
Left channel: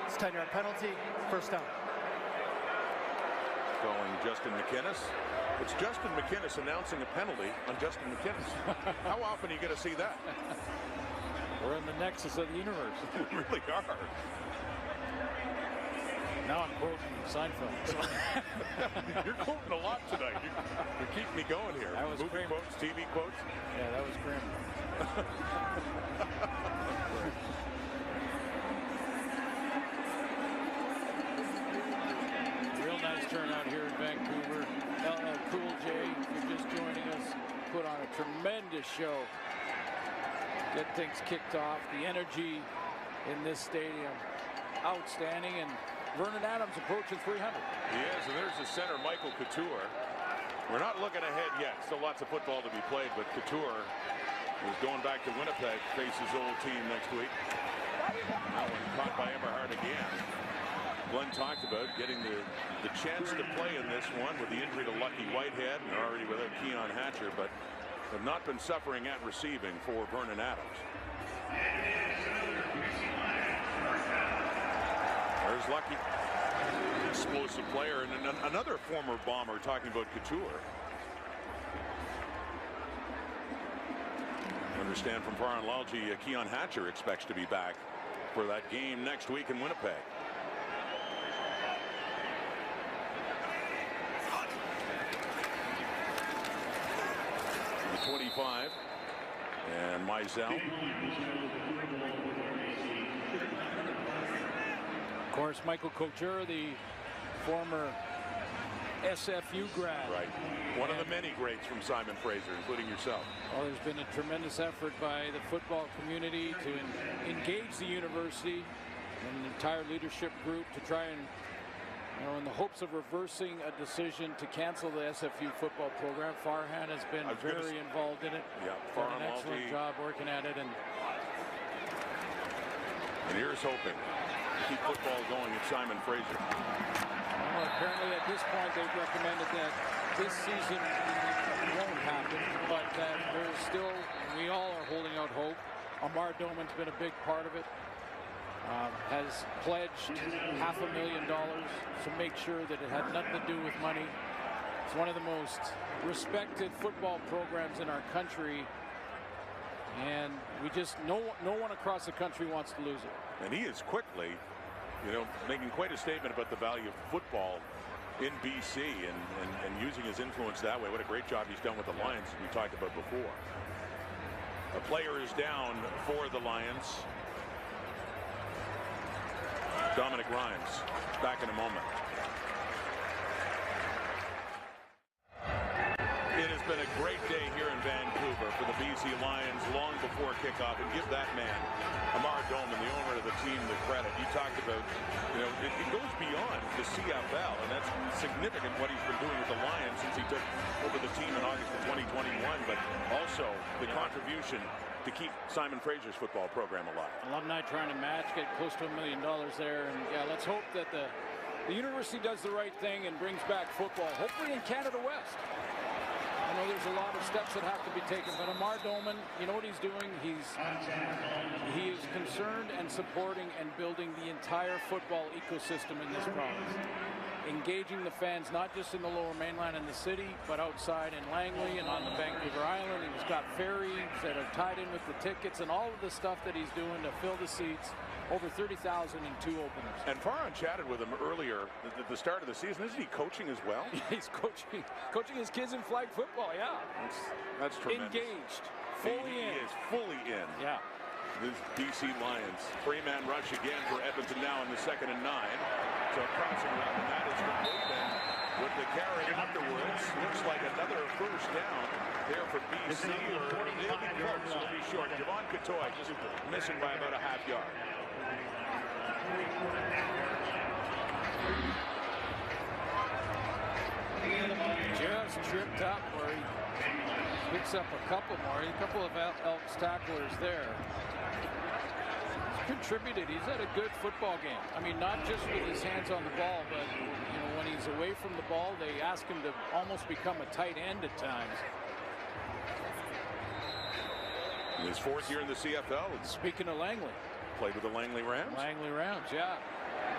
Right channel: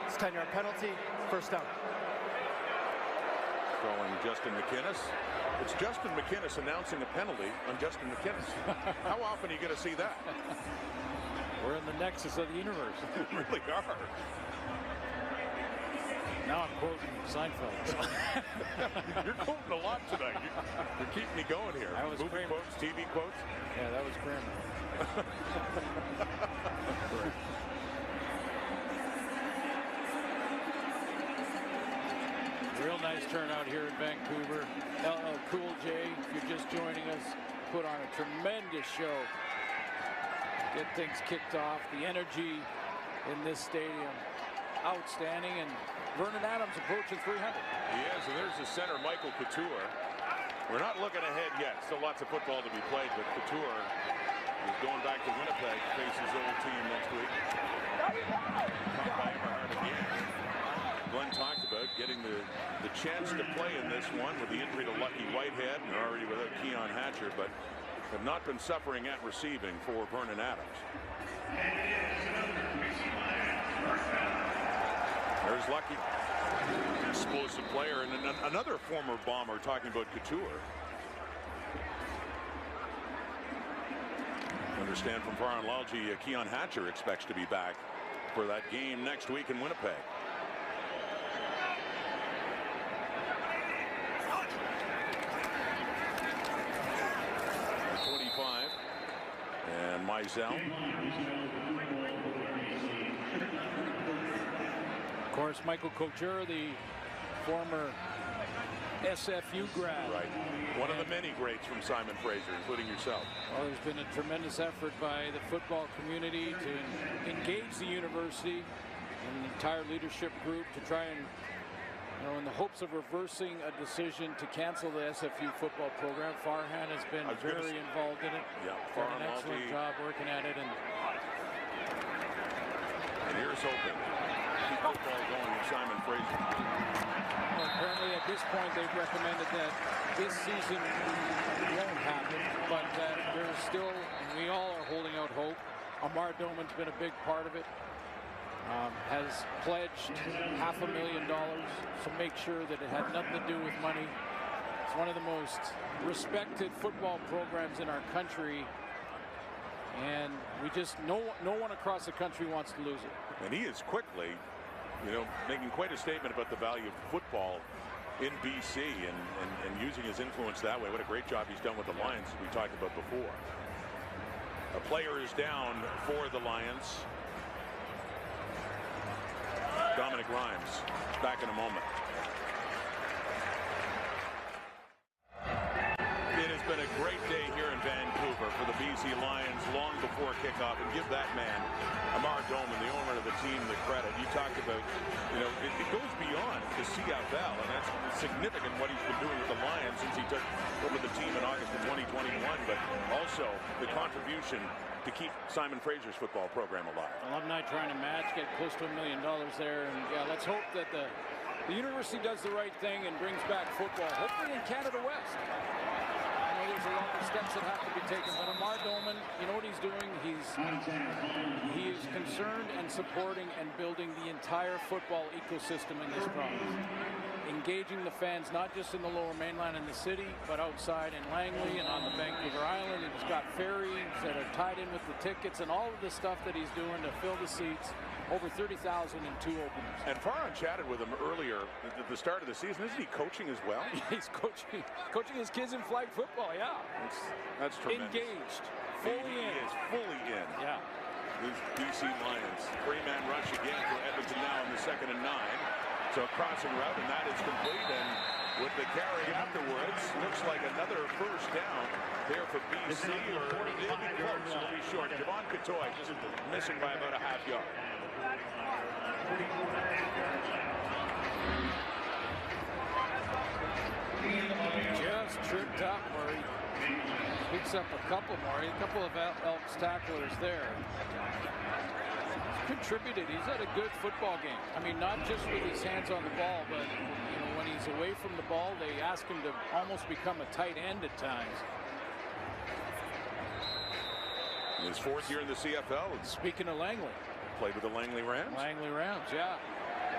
It's a 10-yard penalty, first down. Calling Justin McInnis. It's Justin McInnis announcing a penalty on Justin McInnis. How often are you going to see that? We're in the nexus of the universe. We really are. Now I'm quoting Seinfeld. So. You're quoting a lot tonight. You're keeping me going here. That was movie Kramer. quotes, TV quotes. Yeah, that was Kramer. Real nice turnout here in Vancouver. LL Cool J, if you're just joining us, put on a tremendous show. Get things kicked off. The energy in this stadium, outstanding. And Vernon Adams approaching 300. He is, and there's the center, Michael Couture. We're not looking ahead yet. Still lots of football to be played, but Couture is going back to Winnipeg to face his old team next week. Caught by Eberhard again. Glenn talked about getting the chance to play in this one with the injury to Lucky Whitehead, and they're already without Keon Hatcher, but have not been suffering at receiving for Vernon Adams. There's Lucky. Explosive player, and another former Bomber talking about Couture. Understand from Farhan Lalji, Keon Hatcher expects to be back for that game next week in Winnipeg. The 25 and Mizell. Of course, Michael Couture, the former SFU grad. Right. One of the many greats from Simon Fraser, including yourself. Well, there's been a tremendous effort by the football community to engage the university and the entire leadership group to try and, in the hopes of reversing a decision to cancel the SFU football program. Farhan has been very involved in it. Yeah, done an excellent job working at it. And here's hoping to keep football going at Simon Fraser. Well, apparently at this point they've recommended that this season won't happen, but that there's still, and we all are holding out hope. Amar Doman's been a big part of it. Has pledged $500,000 to make sure that it had nothing to do with money. It's one of the most respected football programs in our country, and we just no one across the country wants to lose it. And he is quickly, making quite a statement about the value of football in BC and using his influence that way. What a great job he's done with the Lions, as we talked about before. A player is down for the Lions. Dominic Rhymes back in a moment. It has been a great day here in Vancouver for the BC Lions long before kickoff, and give that man, Amar Doman, the owner of the team, the credit. You talked about, it goes beyond the CFL, and that's significant what he's been doing with the Lions since he took over the team in August of 2021, but also the contribution to keep Simon Fraser's football program alive. Alumni trying to match, get close to $1 million there, and let's hope that the university does the right thing and brings back football, hopefully in Canada West. I know there's a lot of steps that have to be taken, but Amar Doman, you know what he's doing? He is concerned and supporting and building the entire football ecosystem in this province. Engaging the fans, not just in the Lower Mainland and the city, but outside in Langley and on the Vancouver Island. He's got ferries that are tied in with the tickets and all of the stuff that he's doing to fill the seats. Over 30,000 in 2 openers. And Farhan chatted with him earlier at the start of the season. Isn't he coaching as well? He's coaching his kids in flag football, yeah. That's tremendous. Engaged, fully in. He is fully in. Yeah. The BC Lions. 3-man rush again for Edmonton now in the 2nd and 9. So crossing route, and that is complete. And with the carry afterwards, looks like another first down there for BC, or they'll be close. It'll be short. Javon Katoy just missing by about a half yard. Just tripped up where he picks up a couple more. A couple of Elks tacklers there. He's contributed. He's had a good football game. I mean, not just with his hands on the ball, but when he's away from the ball, they ask him to almost become a tight end at times. His 4th year in the CFL. Speaking of Langley. Played with the Langley Rams? Langley Rams, yeah.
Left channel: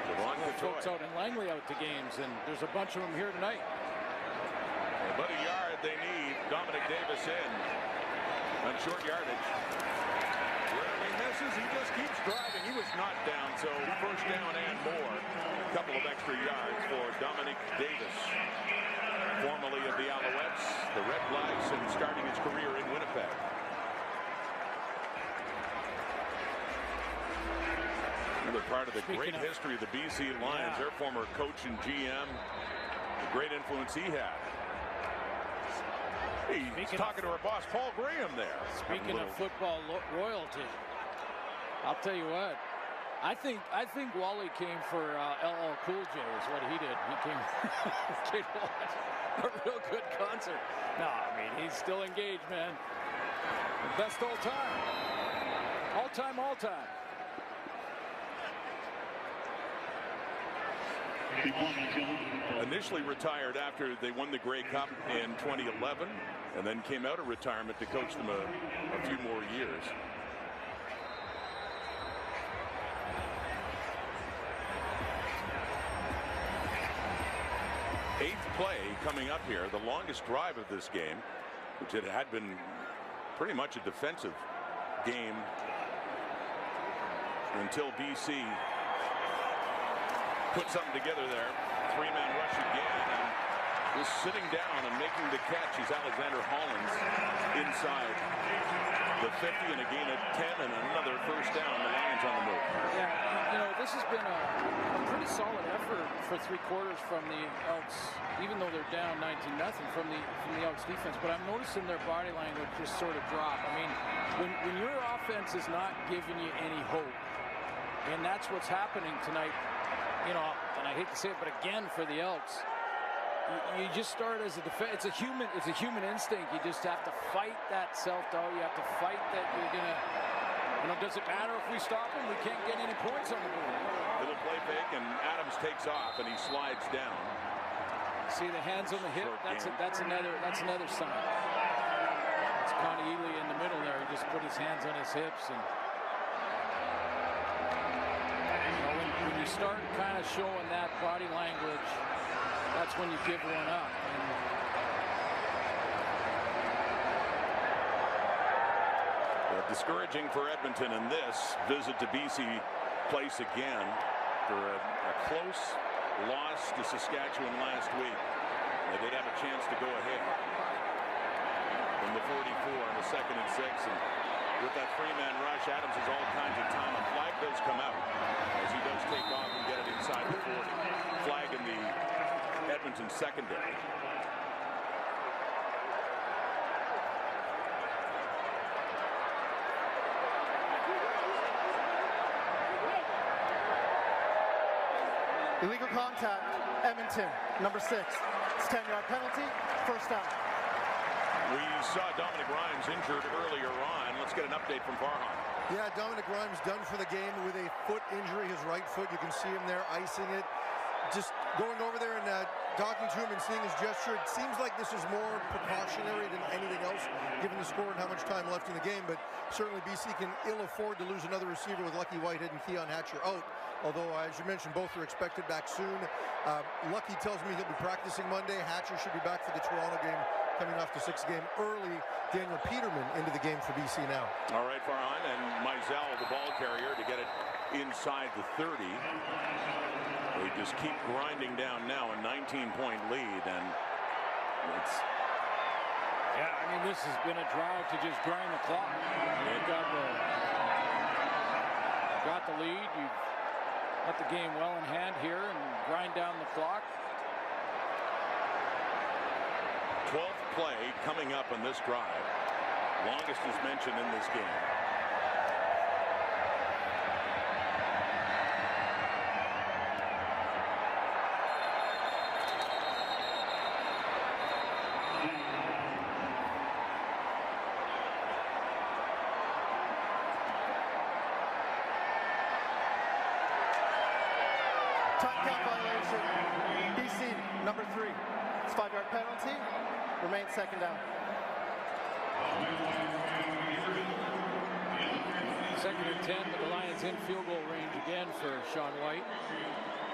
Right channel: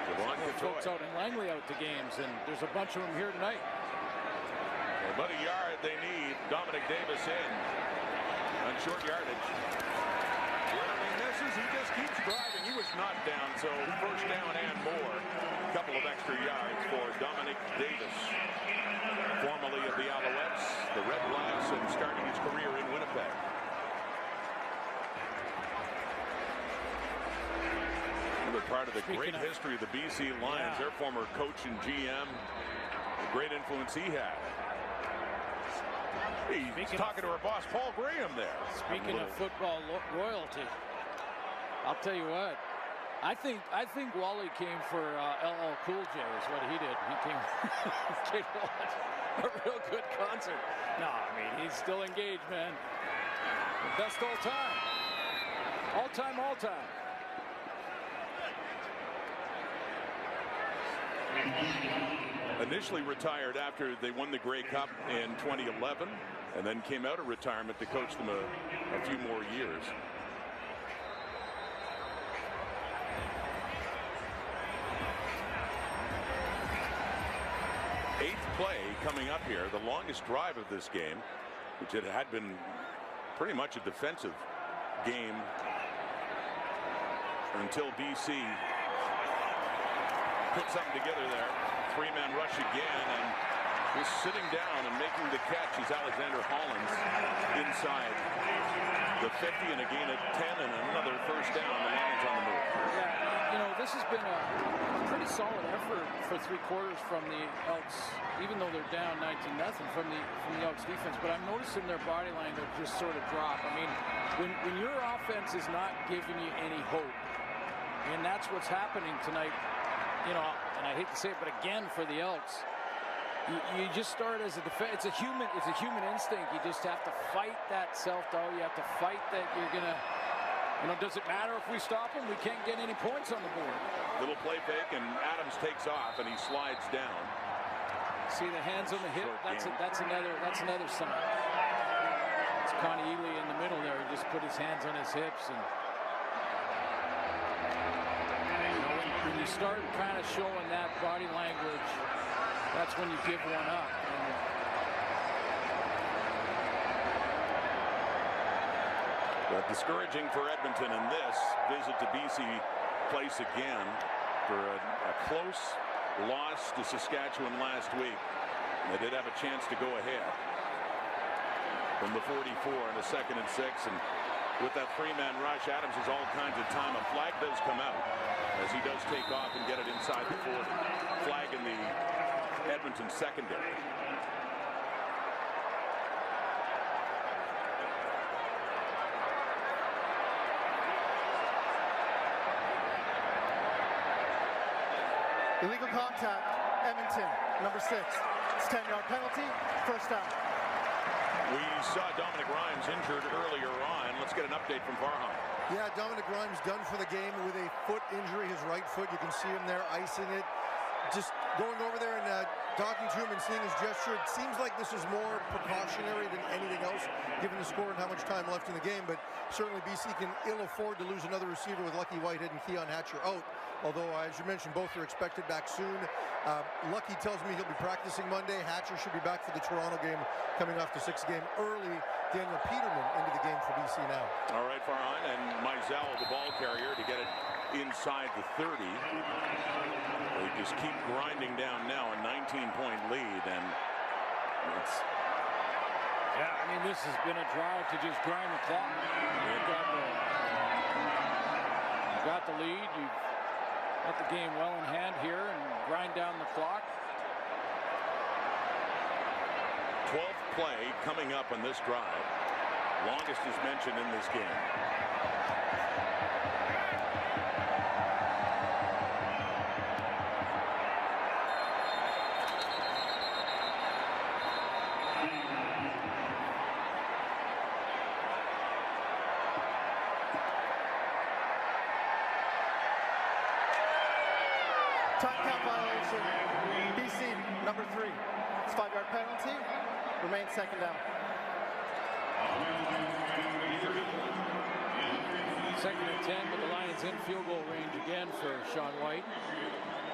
Folks out in Langley out to games, and there's a bunch of them here tonight. About a yard they need. Dominic Davis in on short yardage. Rarely misses. He just keeps driving. He was not down, so first down and more. Couple of extra yards for Dominic Davis, formerly of the Alouettes, the Red Blacks, and starting his career in Winnipeg. Another part of the great history of the BC Lions, their former coach and GM, the great influence he had. He's talking to our boss, Paul Graham, there. Speaking of football royalty, I'll tell you what. I think Wally came for LL Cool J is what he did. He came to watch a real good concert. No, I mean, he's still engaged, man. The best all time. All time, all time. Initially retired after they won the Grey Cup in 2011, and then came out of retirement to coach them a few more years. Eighth play coming up here, the longest drive of this game, which it had been pretty much a defensive game until BC put something together there. Three-man rush again, and just sitting down and making the catch is Alexander Hollins inside the 50, and again at 10, and another first down. The Lions on the move. Yeah, you know, this has been a pretty solid effort for three quarters from the Elks, even though they're down 19-0 from the Elks defense. But I'm noticing their body language just sort of drop. I mean, when your offense is not giving you any hope, and that's what's happening tonight. You know, and I hate to say it, but again for the Elks, you just start as a defense. It's a human instinct. You just have to fight that self-doubt. You have to fight that you're gonna. You know, does it matter if we stop them? We can't get any points on the board. Little play fake, and Adams takes off, and he slides down. See the hands on the hip. That's another sign. It's Connie Ely in the middle there. He just put his hands on his hips and. You know, when you start kind of showing that body language, that's when you give one up. But discouraging for Edmonton in this visit to BC Place again for a close loss to Saskatchewan last week. They did have a chance to go ahead from the 44 and a 2nd and 6, and with that three-man rush, Adams has all kinds of time. A flag does come out as he does take off and get it inside the 40. Flag in the Edmonton secondary. Illegal contact, Edmonton, number 6. It's a 10-yard penalty, first down. We saw Dominic Rhymes injured earlier on. Let's get an update from Farhan. Yeah, Dominic Rhymes done for the game with a foot injury, his right foot. You can see him there icing it. Just going over there and talking to him and seeing his gesture, it seems like this is more precautionary than anything else, given the score and how much time left in the game. But certainly BC can ill afford to lose another receiver with Lucky Whitehead and Keon Hatcher out. Although, as you mentioned, both are expected back soon. Lucky tells me he'll be practicing Monday. Hatcher should be back for the Toronto game, coming off the 6th game early. Daniel Peterman into the game for BC now. All right, Farhan, and Mizell, the ball carrier, to get it inside the 30. They just keep grinding down now, a 19-point lead, and it's... Yeah, I mean, this has been a drive to just grind the clock. You've got the lead. You've got the game well in hand here and grind down the clock. 12th play coming up on this drive. Longest is mentioned in this game. Time count violation, BC, number 3. It's a 5-yard penalty, remains 2nd down. 2nd and 10, but the Lions in field goal range again for Sean White.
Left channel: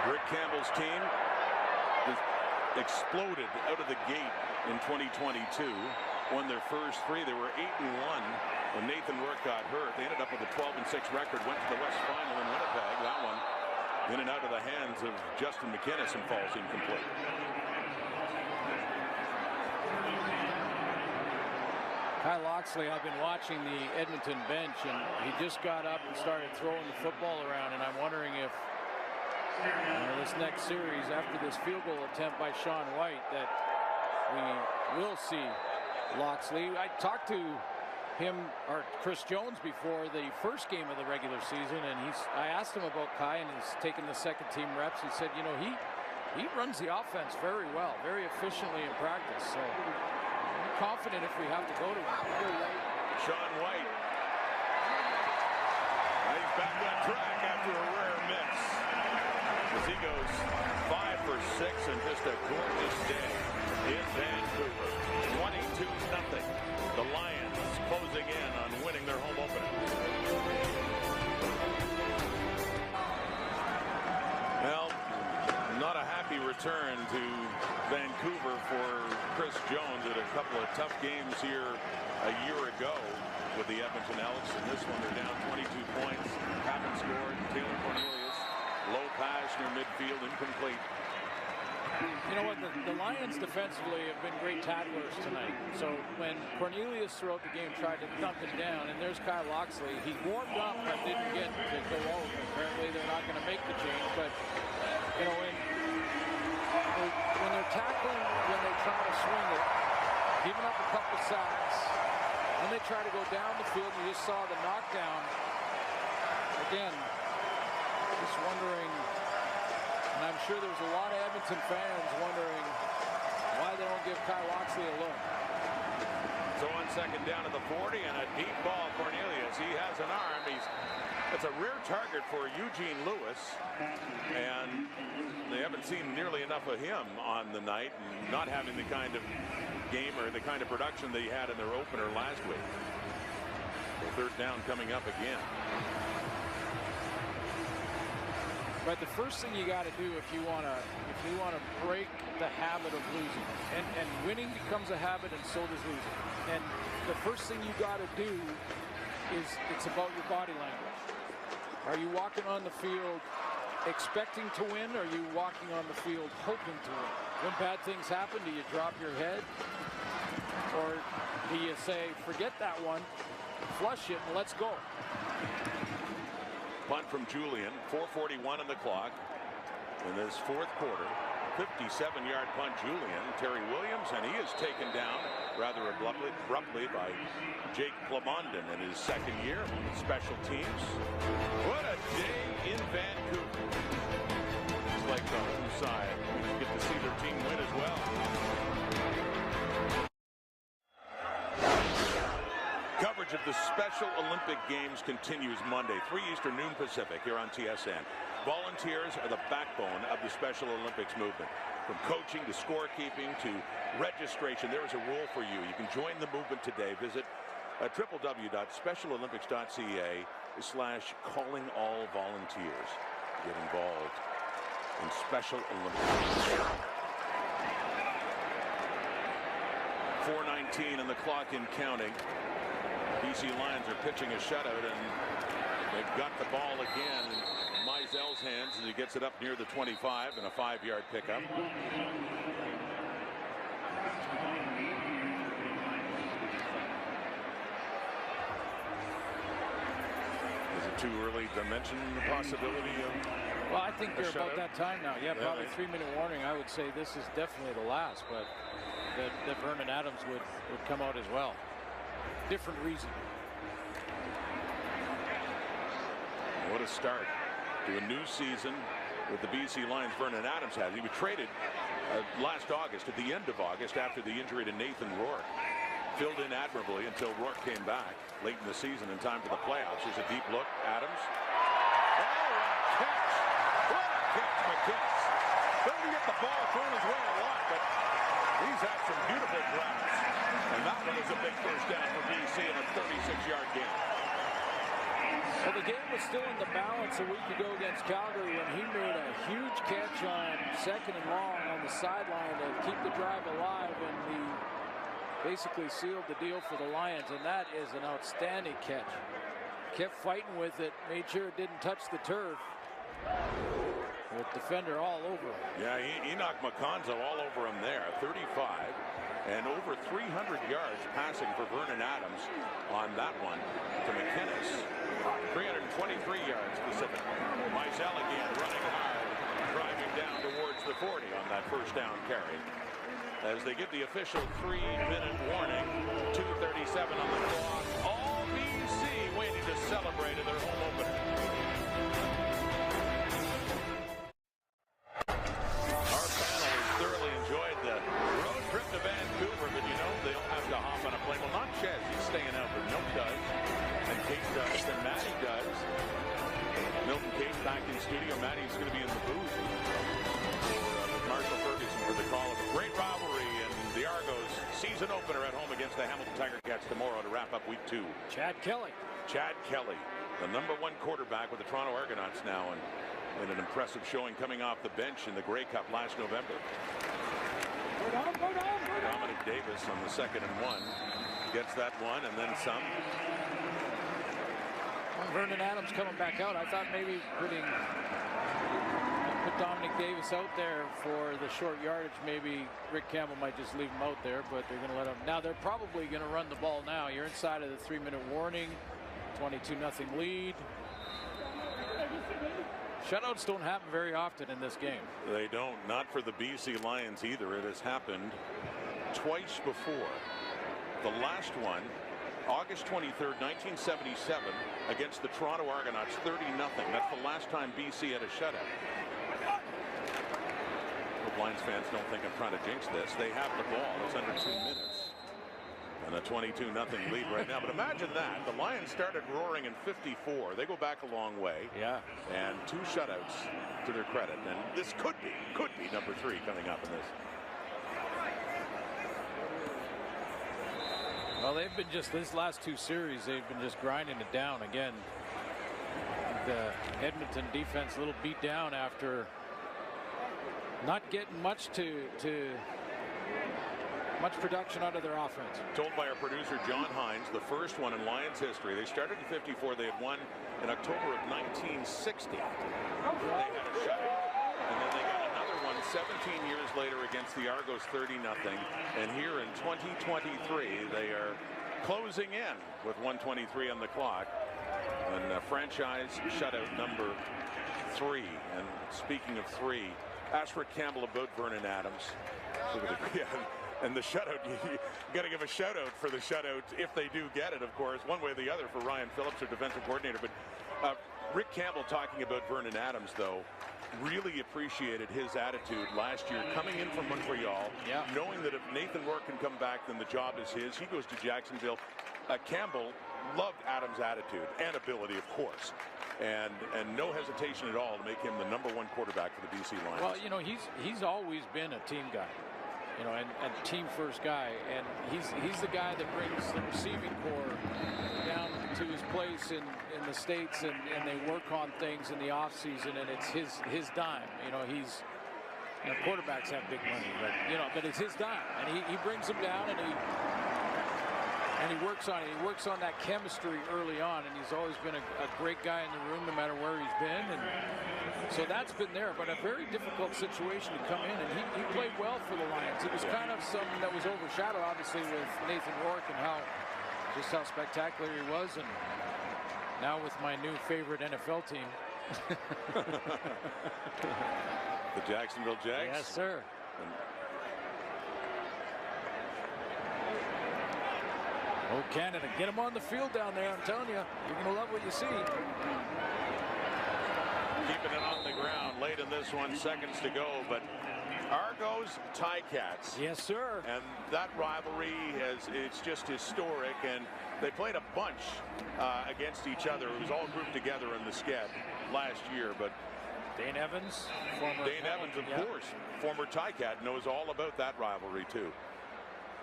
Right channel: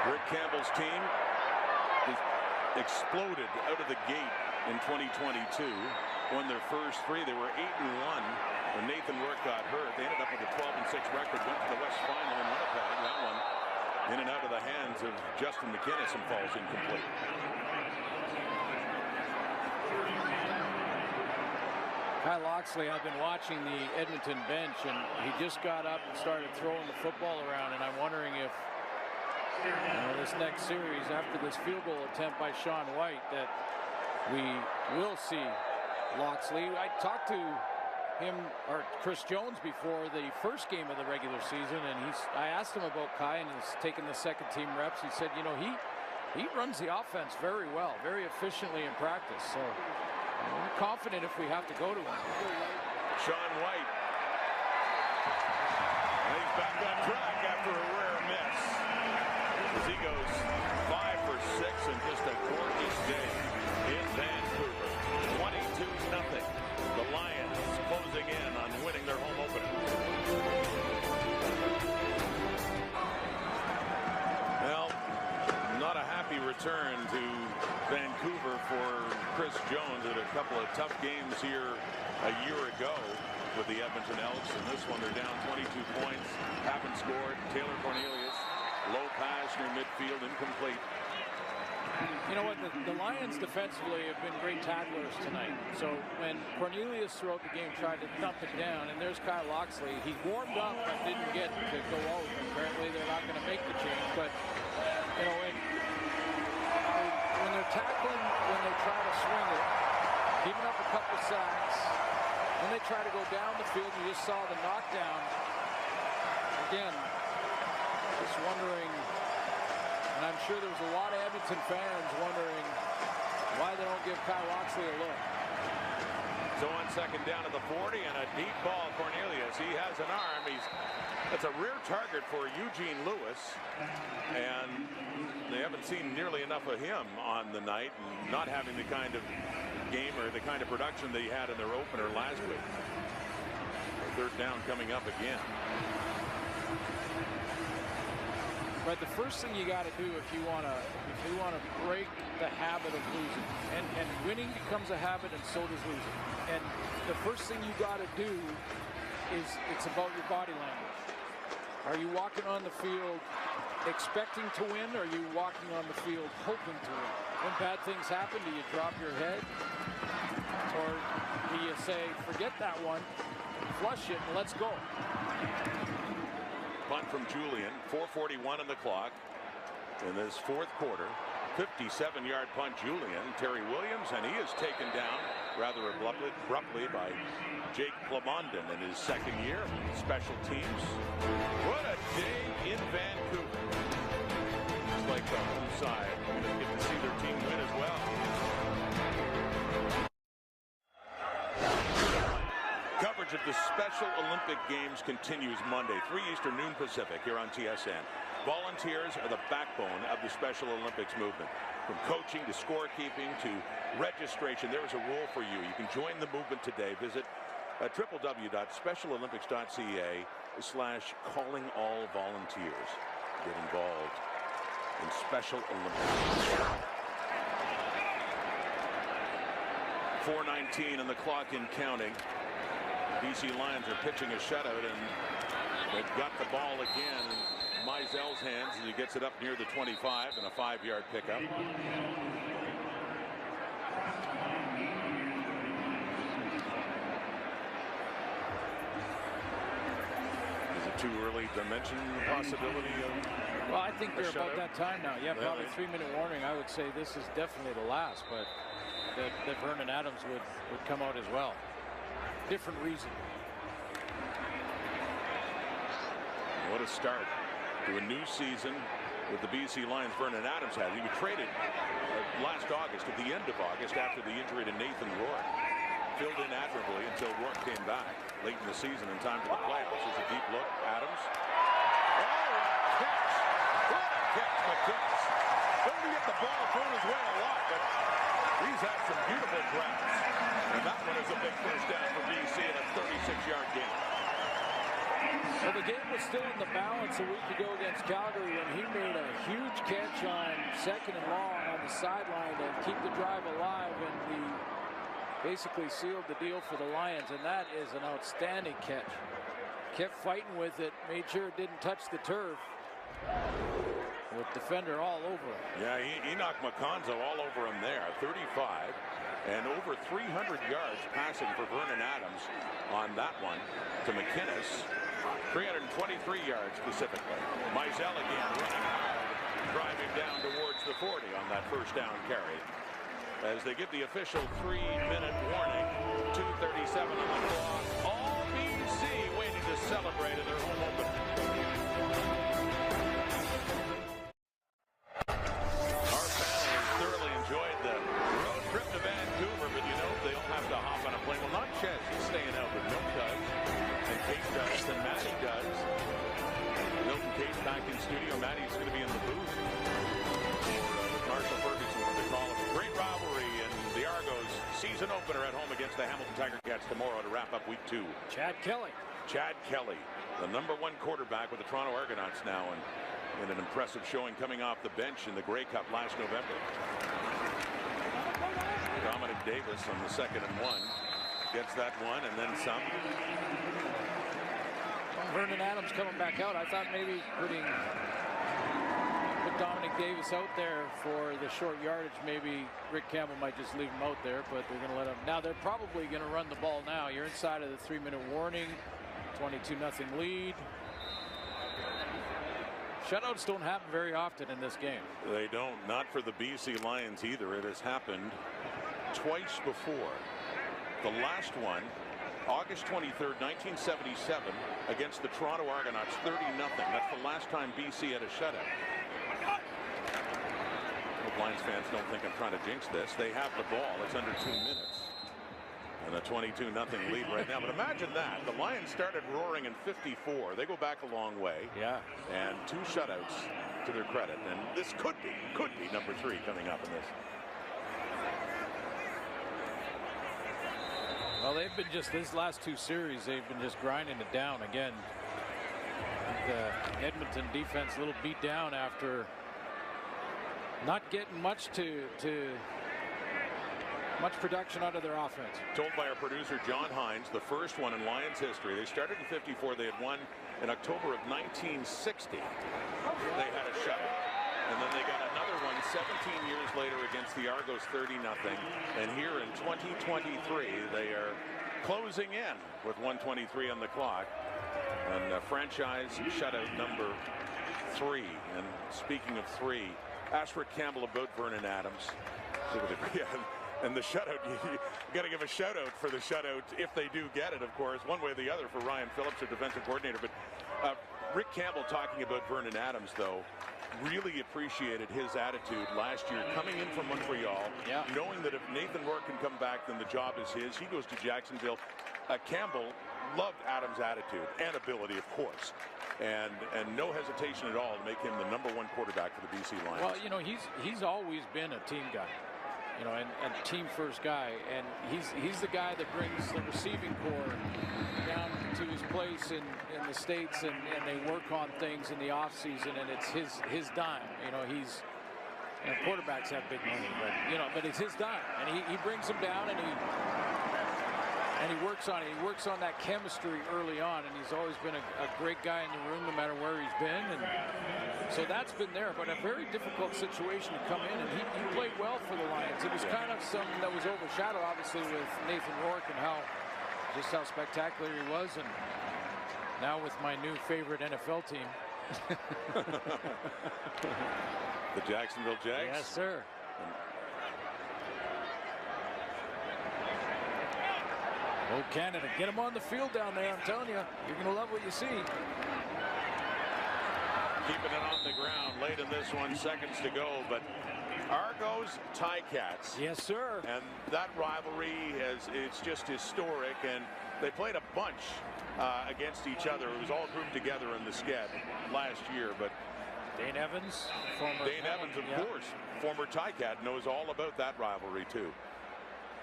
Rick Campbell's team just exploded out of the gate in 2022. Won their first 3. They were 8-1 when Nathan Rourke got hurt. They ended up with a 12-6 record. Went to the West Final in Winnipeg. That one in and out of the hands of Justin McInnes and falls incomplete. Kyle Loxley, I've been watching the Edmonton bench, and he just got up and started throwing the football around, and I'm wondering if this next series, after this field goal attempt by Sean White, that we will see Loxley. I talked to him or Chris Jones before the first game of the regular season, and I asked him about Kai and he's taking the second team reps. He said, he runs the offense very well, very efficiently in practice. So I'm confident if we have to go to him. Sean White. He's back on track after a rare miss, as he goes 5 for 6 and just a gorgeous day in Vancouver. 22-0. The Lions closing in on winning their home opener. Well, not a happy return to Vancouver for Chris Jones. Had a couple of tough games here a year ago with the Edmonton Elks, and this one they're down 22 points. Haven't scored. Taylor Cornelius, low pass near midfield, incomplete. You know what, the Lions defensively have been great tacklers tonight. So when Cornelius throughout the game tried to dump it down, and there's Kyle Loxley, he warmed up but didn't get to go out. Apparently they're not going to make the change, but when they're tackling, when they try to swing it, giving up a couple sacks, and they try to go down the field, you just saw the knockdown. Again, just wondering. And I'm sure there's a lot of Edmonton fans wondering why they don't give Kyle Loxley a look. So on second down at the 40 and a deep ball, Cornelius. He has an arm. That's a rare target for Eugene Lewis. And they haven't seen nearly enough of him on the night, and not having the kind of game or the kind of production they had in their opener last week. So third down coming up again. But the first thing you got to do if you want to break the habit of losing, and winning becomes a habit, and so does losing. And the first thing you got to do is it's about your body language. Are you walking on the field expecting to win, or are you walking on the field hoping to win? When bad things happen, do you drop your head, or do you say, forget that one, flush it, and let's go? Punt from Julian, 4:41 on the clock in this fourth quarter. 57-yard punt, Julian. Terry Williams, and he is taken down rather abruptly by Jake Plamondon in his second year. Special teams. What a day in Vancouver. Looks like the home side. I'm going to get to see their team win as well. Coverage of the Special Olympic Games continues Monday, 3 Eastern, noon Pacific, here on TSN. Volunteers are the backbone of the Special Olympics movement. From coaching to scorekeeping to registration, there is a role for you. You can join the movement today. Visit www.specialolympics.ca/callingallvolunteers. Get involved in Special Olympics. 4:19 on the clock and counting. BC Lions are pitching a shutout, and they've got the ball again in Meisel's hands as he gets it up near the 25 and a 5-yard pickup. Is it too early to mention the possibility of? Well, I think they're about that time now. Yeah, probably 3-minute warning. I would say this is definitely the last, but that Vernon Adams would come out as well. Different reason. What a start to a new season with the BC Lions. Vernon Adams has. He was traded last August, at the end of August, after the injury to Nathan Rourke. Filled in admirably until Rourke came back late in the season in time for the playoffs. Here's a deep look. Adams. Oh, what a catch. What a catch, McInnes. Doesn't get the ball thrown his way a lot, but he's had some beautiful grabs. And that one is a big first down for BC in a 36-yard game. Well, the game was still in the balance a week ago against Calgary when he made a huge catch on 2nd and long on the sideline to keep the drive alive, and basically sealed the deal for the Lions, and that is an outstanding catch. Kept fighting with it, made sure it didn't touch the turf, with defender all over him. Yeah, Enoch Makonzo all over him there. 35 and over 300 yards passing for Vernon Adams on that one to McInnes. 323 yards specifically. Mizell again running hard, driving down towards the 40 on that first down carry. As they give the official 3-minute warning, 2:37 on the clock. All BC waiting to celebrate in their home opener. Our panel has thoroughly enjoyed the road trip to Vancouver, but you know, they all have to hop on a plane. Well, not Ches, he's staying out, but Milt does, and Kate does, and Maddie does. Milt and Kate back in studio. Maddie's going to be in the booth with Marshall Ferguson for the call of a great rivalry in the Argos season opener at home against the Hamilton Tiger Cats tomorrow to wrap up week 2. Chad Kelly, the #1 quarterback with the Toronto Argonauts now, and in an impressive showing coming off the bench in the Grey Cup last November. Dominic Davis on the 2nd and 1 gets that one and then some. Well, Vernon Adams coming back out. I thought maybe put Dominic Davis out there for the short yardage. Maybe Rick Campbell might just leave him out there, but they're going to let him. Now they're probably going to run the ball now. You're inside of the 3-minute warning. 22-0 lead. Shutouts don't happen very often in this game. They don't, not for the BC Lions either. It has happened twice before. The last one, August 23rd, 1977, against the Toronto Argonauts, 30-0. That's the last time BC had a shutout. Hope Lions fans don't think I'm trying to jinx this. They have the ball. It's under 2 minutes. And a 22-0 lead right now. But imagine that. The Lions started roaring in 54. They go back a long way. Yeah. And 2 shutouts to their credit. And this could be number 3 coming up in this. Well, they've been this last 2 series, they've been just grinding it down again. The Edmonton defense a little beat down after not getting much much production out of their offense. Told by our producer John Hines, the first one in Lions history. They started in 54. They had won in October of 1960. They had a shutout. And then they got another one 17 years later against the Argos, 30-0. And here in 2023, they are closing in with 1:23 on the clock. And franchise shutout number 3. And speaking of 3, ask Rick Campbell about Vernon Adams. And the shutout, you got to give a shout out for the shutout if they do get it, of course, one way or the other for Ryan Phillips, their defensive coordinator. But Rick Campbell talking about Vernon Adams, though, really appreciated his attitude last year coming in from Montreal, knowing that if Nathan Rourke can come back, then the job is his. He goes to Jacksonville. Campbell loved Adams' attitude and ability, of course. And no hesitation at all to make him the #1 quarterback for the BC Lions. Well, you know, he's always been a team guy. You know, and team first guy, and he's the guy that brings the receiving corps down to his place in the States, and they work on things in the off season, and it's his dime. You know, quarterbacks have big money, but it's his dime, and he brings them down, and he works on it. He works on that chemistry early on, and he's always been a great guy in the room no matter where he's been, and so that's been there, but a very difficult situation to come in, and he played well for the Lions. It was kind of something that was overshadowed, obviously, with Nathan Rourke and how spectacular he was, and now with my new favorite NFL team. The Jacksonville Jags? Yes, sir. Oh, Canada, get them on the field down there, I'm telling you. You're going to love what you see. Keeping it on the ground late in this one, seconds to go, but Argos Ticats. Yes, sir. And that rivalry it's just historic, and they played a bunch against each other. It was all grouped together in the sked last year, but Dane Evans, of course, former Ticat, knows all about that rivalry too.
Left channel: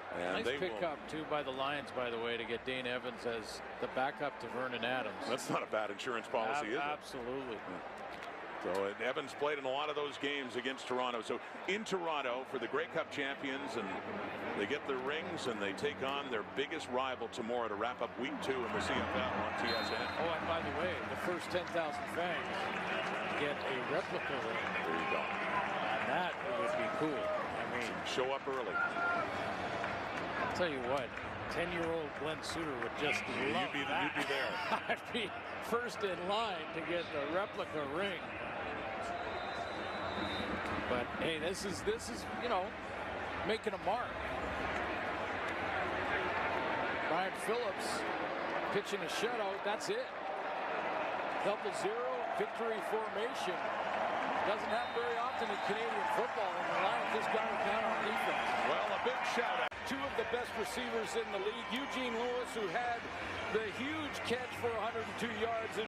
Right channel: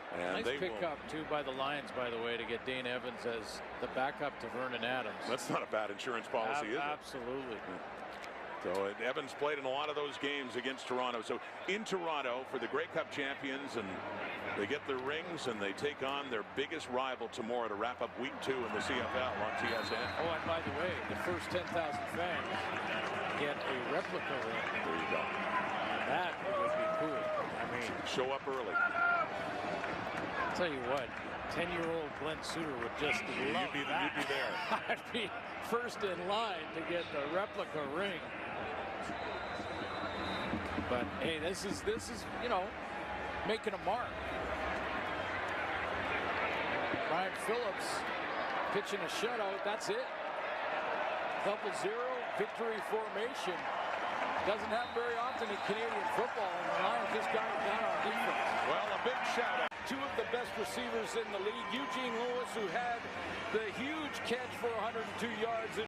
And nice pickup, too, by the Lions, by the way, to get Dane Evans as the backup to Vernon Adams. That's not a bad insurance policy, is it? Absolutely. Yeah. So Evans played in a lot of those games against Toronto. So in Toronto for the Grey Cup champions, and they get their rings and they take on their biggest rival tomorrow to wrap up week 2 in the CFL on TSN. Oh, and by the way, the first 10,000 fans get a replica ring. There you go. And that it would be cool. I mean, show up early. I'll tell you what, 10-year-old Glenn Suter would just love that. You'd be there. I'd be first in line to get the replica ring. But hey, this is you know, making a mark. Brian Phillips pitching a shutout. That's it. 0-0 victory formation. Doesn't happen very often in Canadian football, and the Lions just got it done on defense. Well, a big shout out. 2 of the best receivers in the league. Eugene Lewis, who had the huge catch for 102 yards.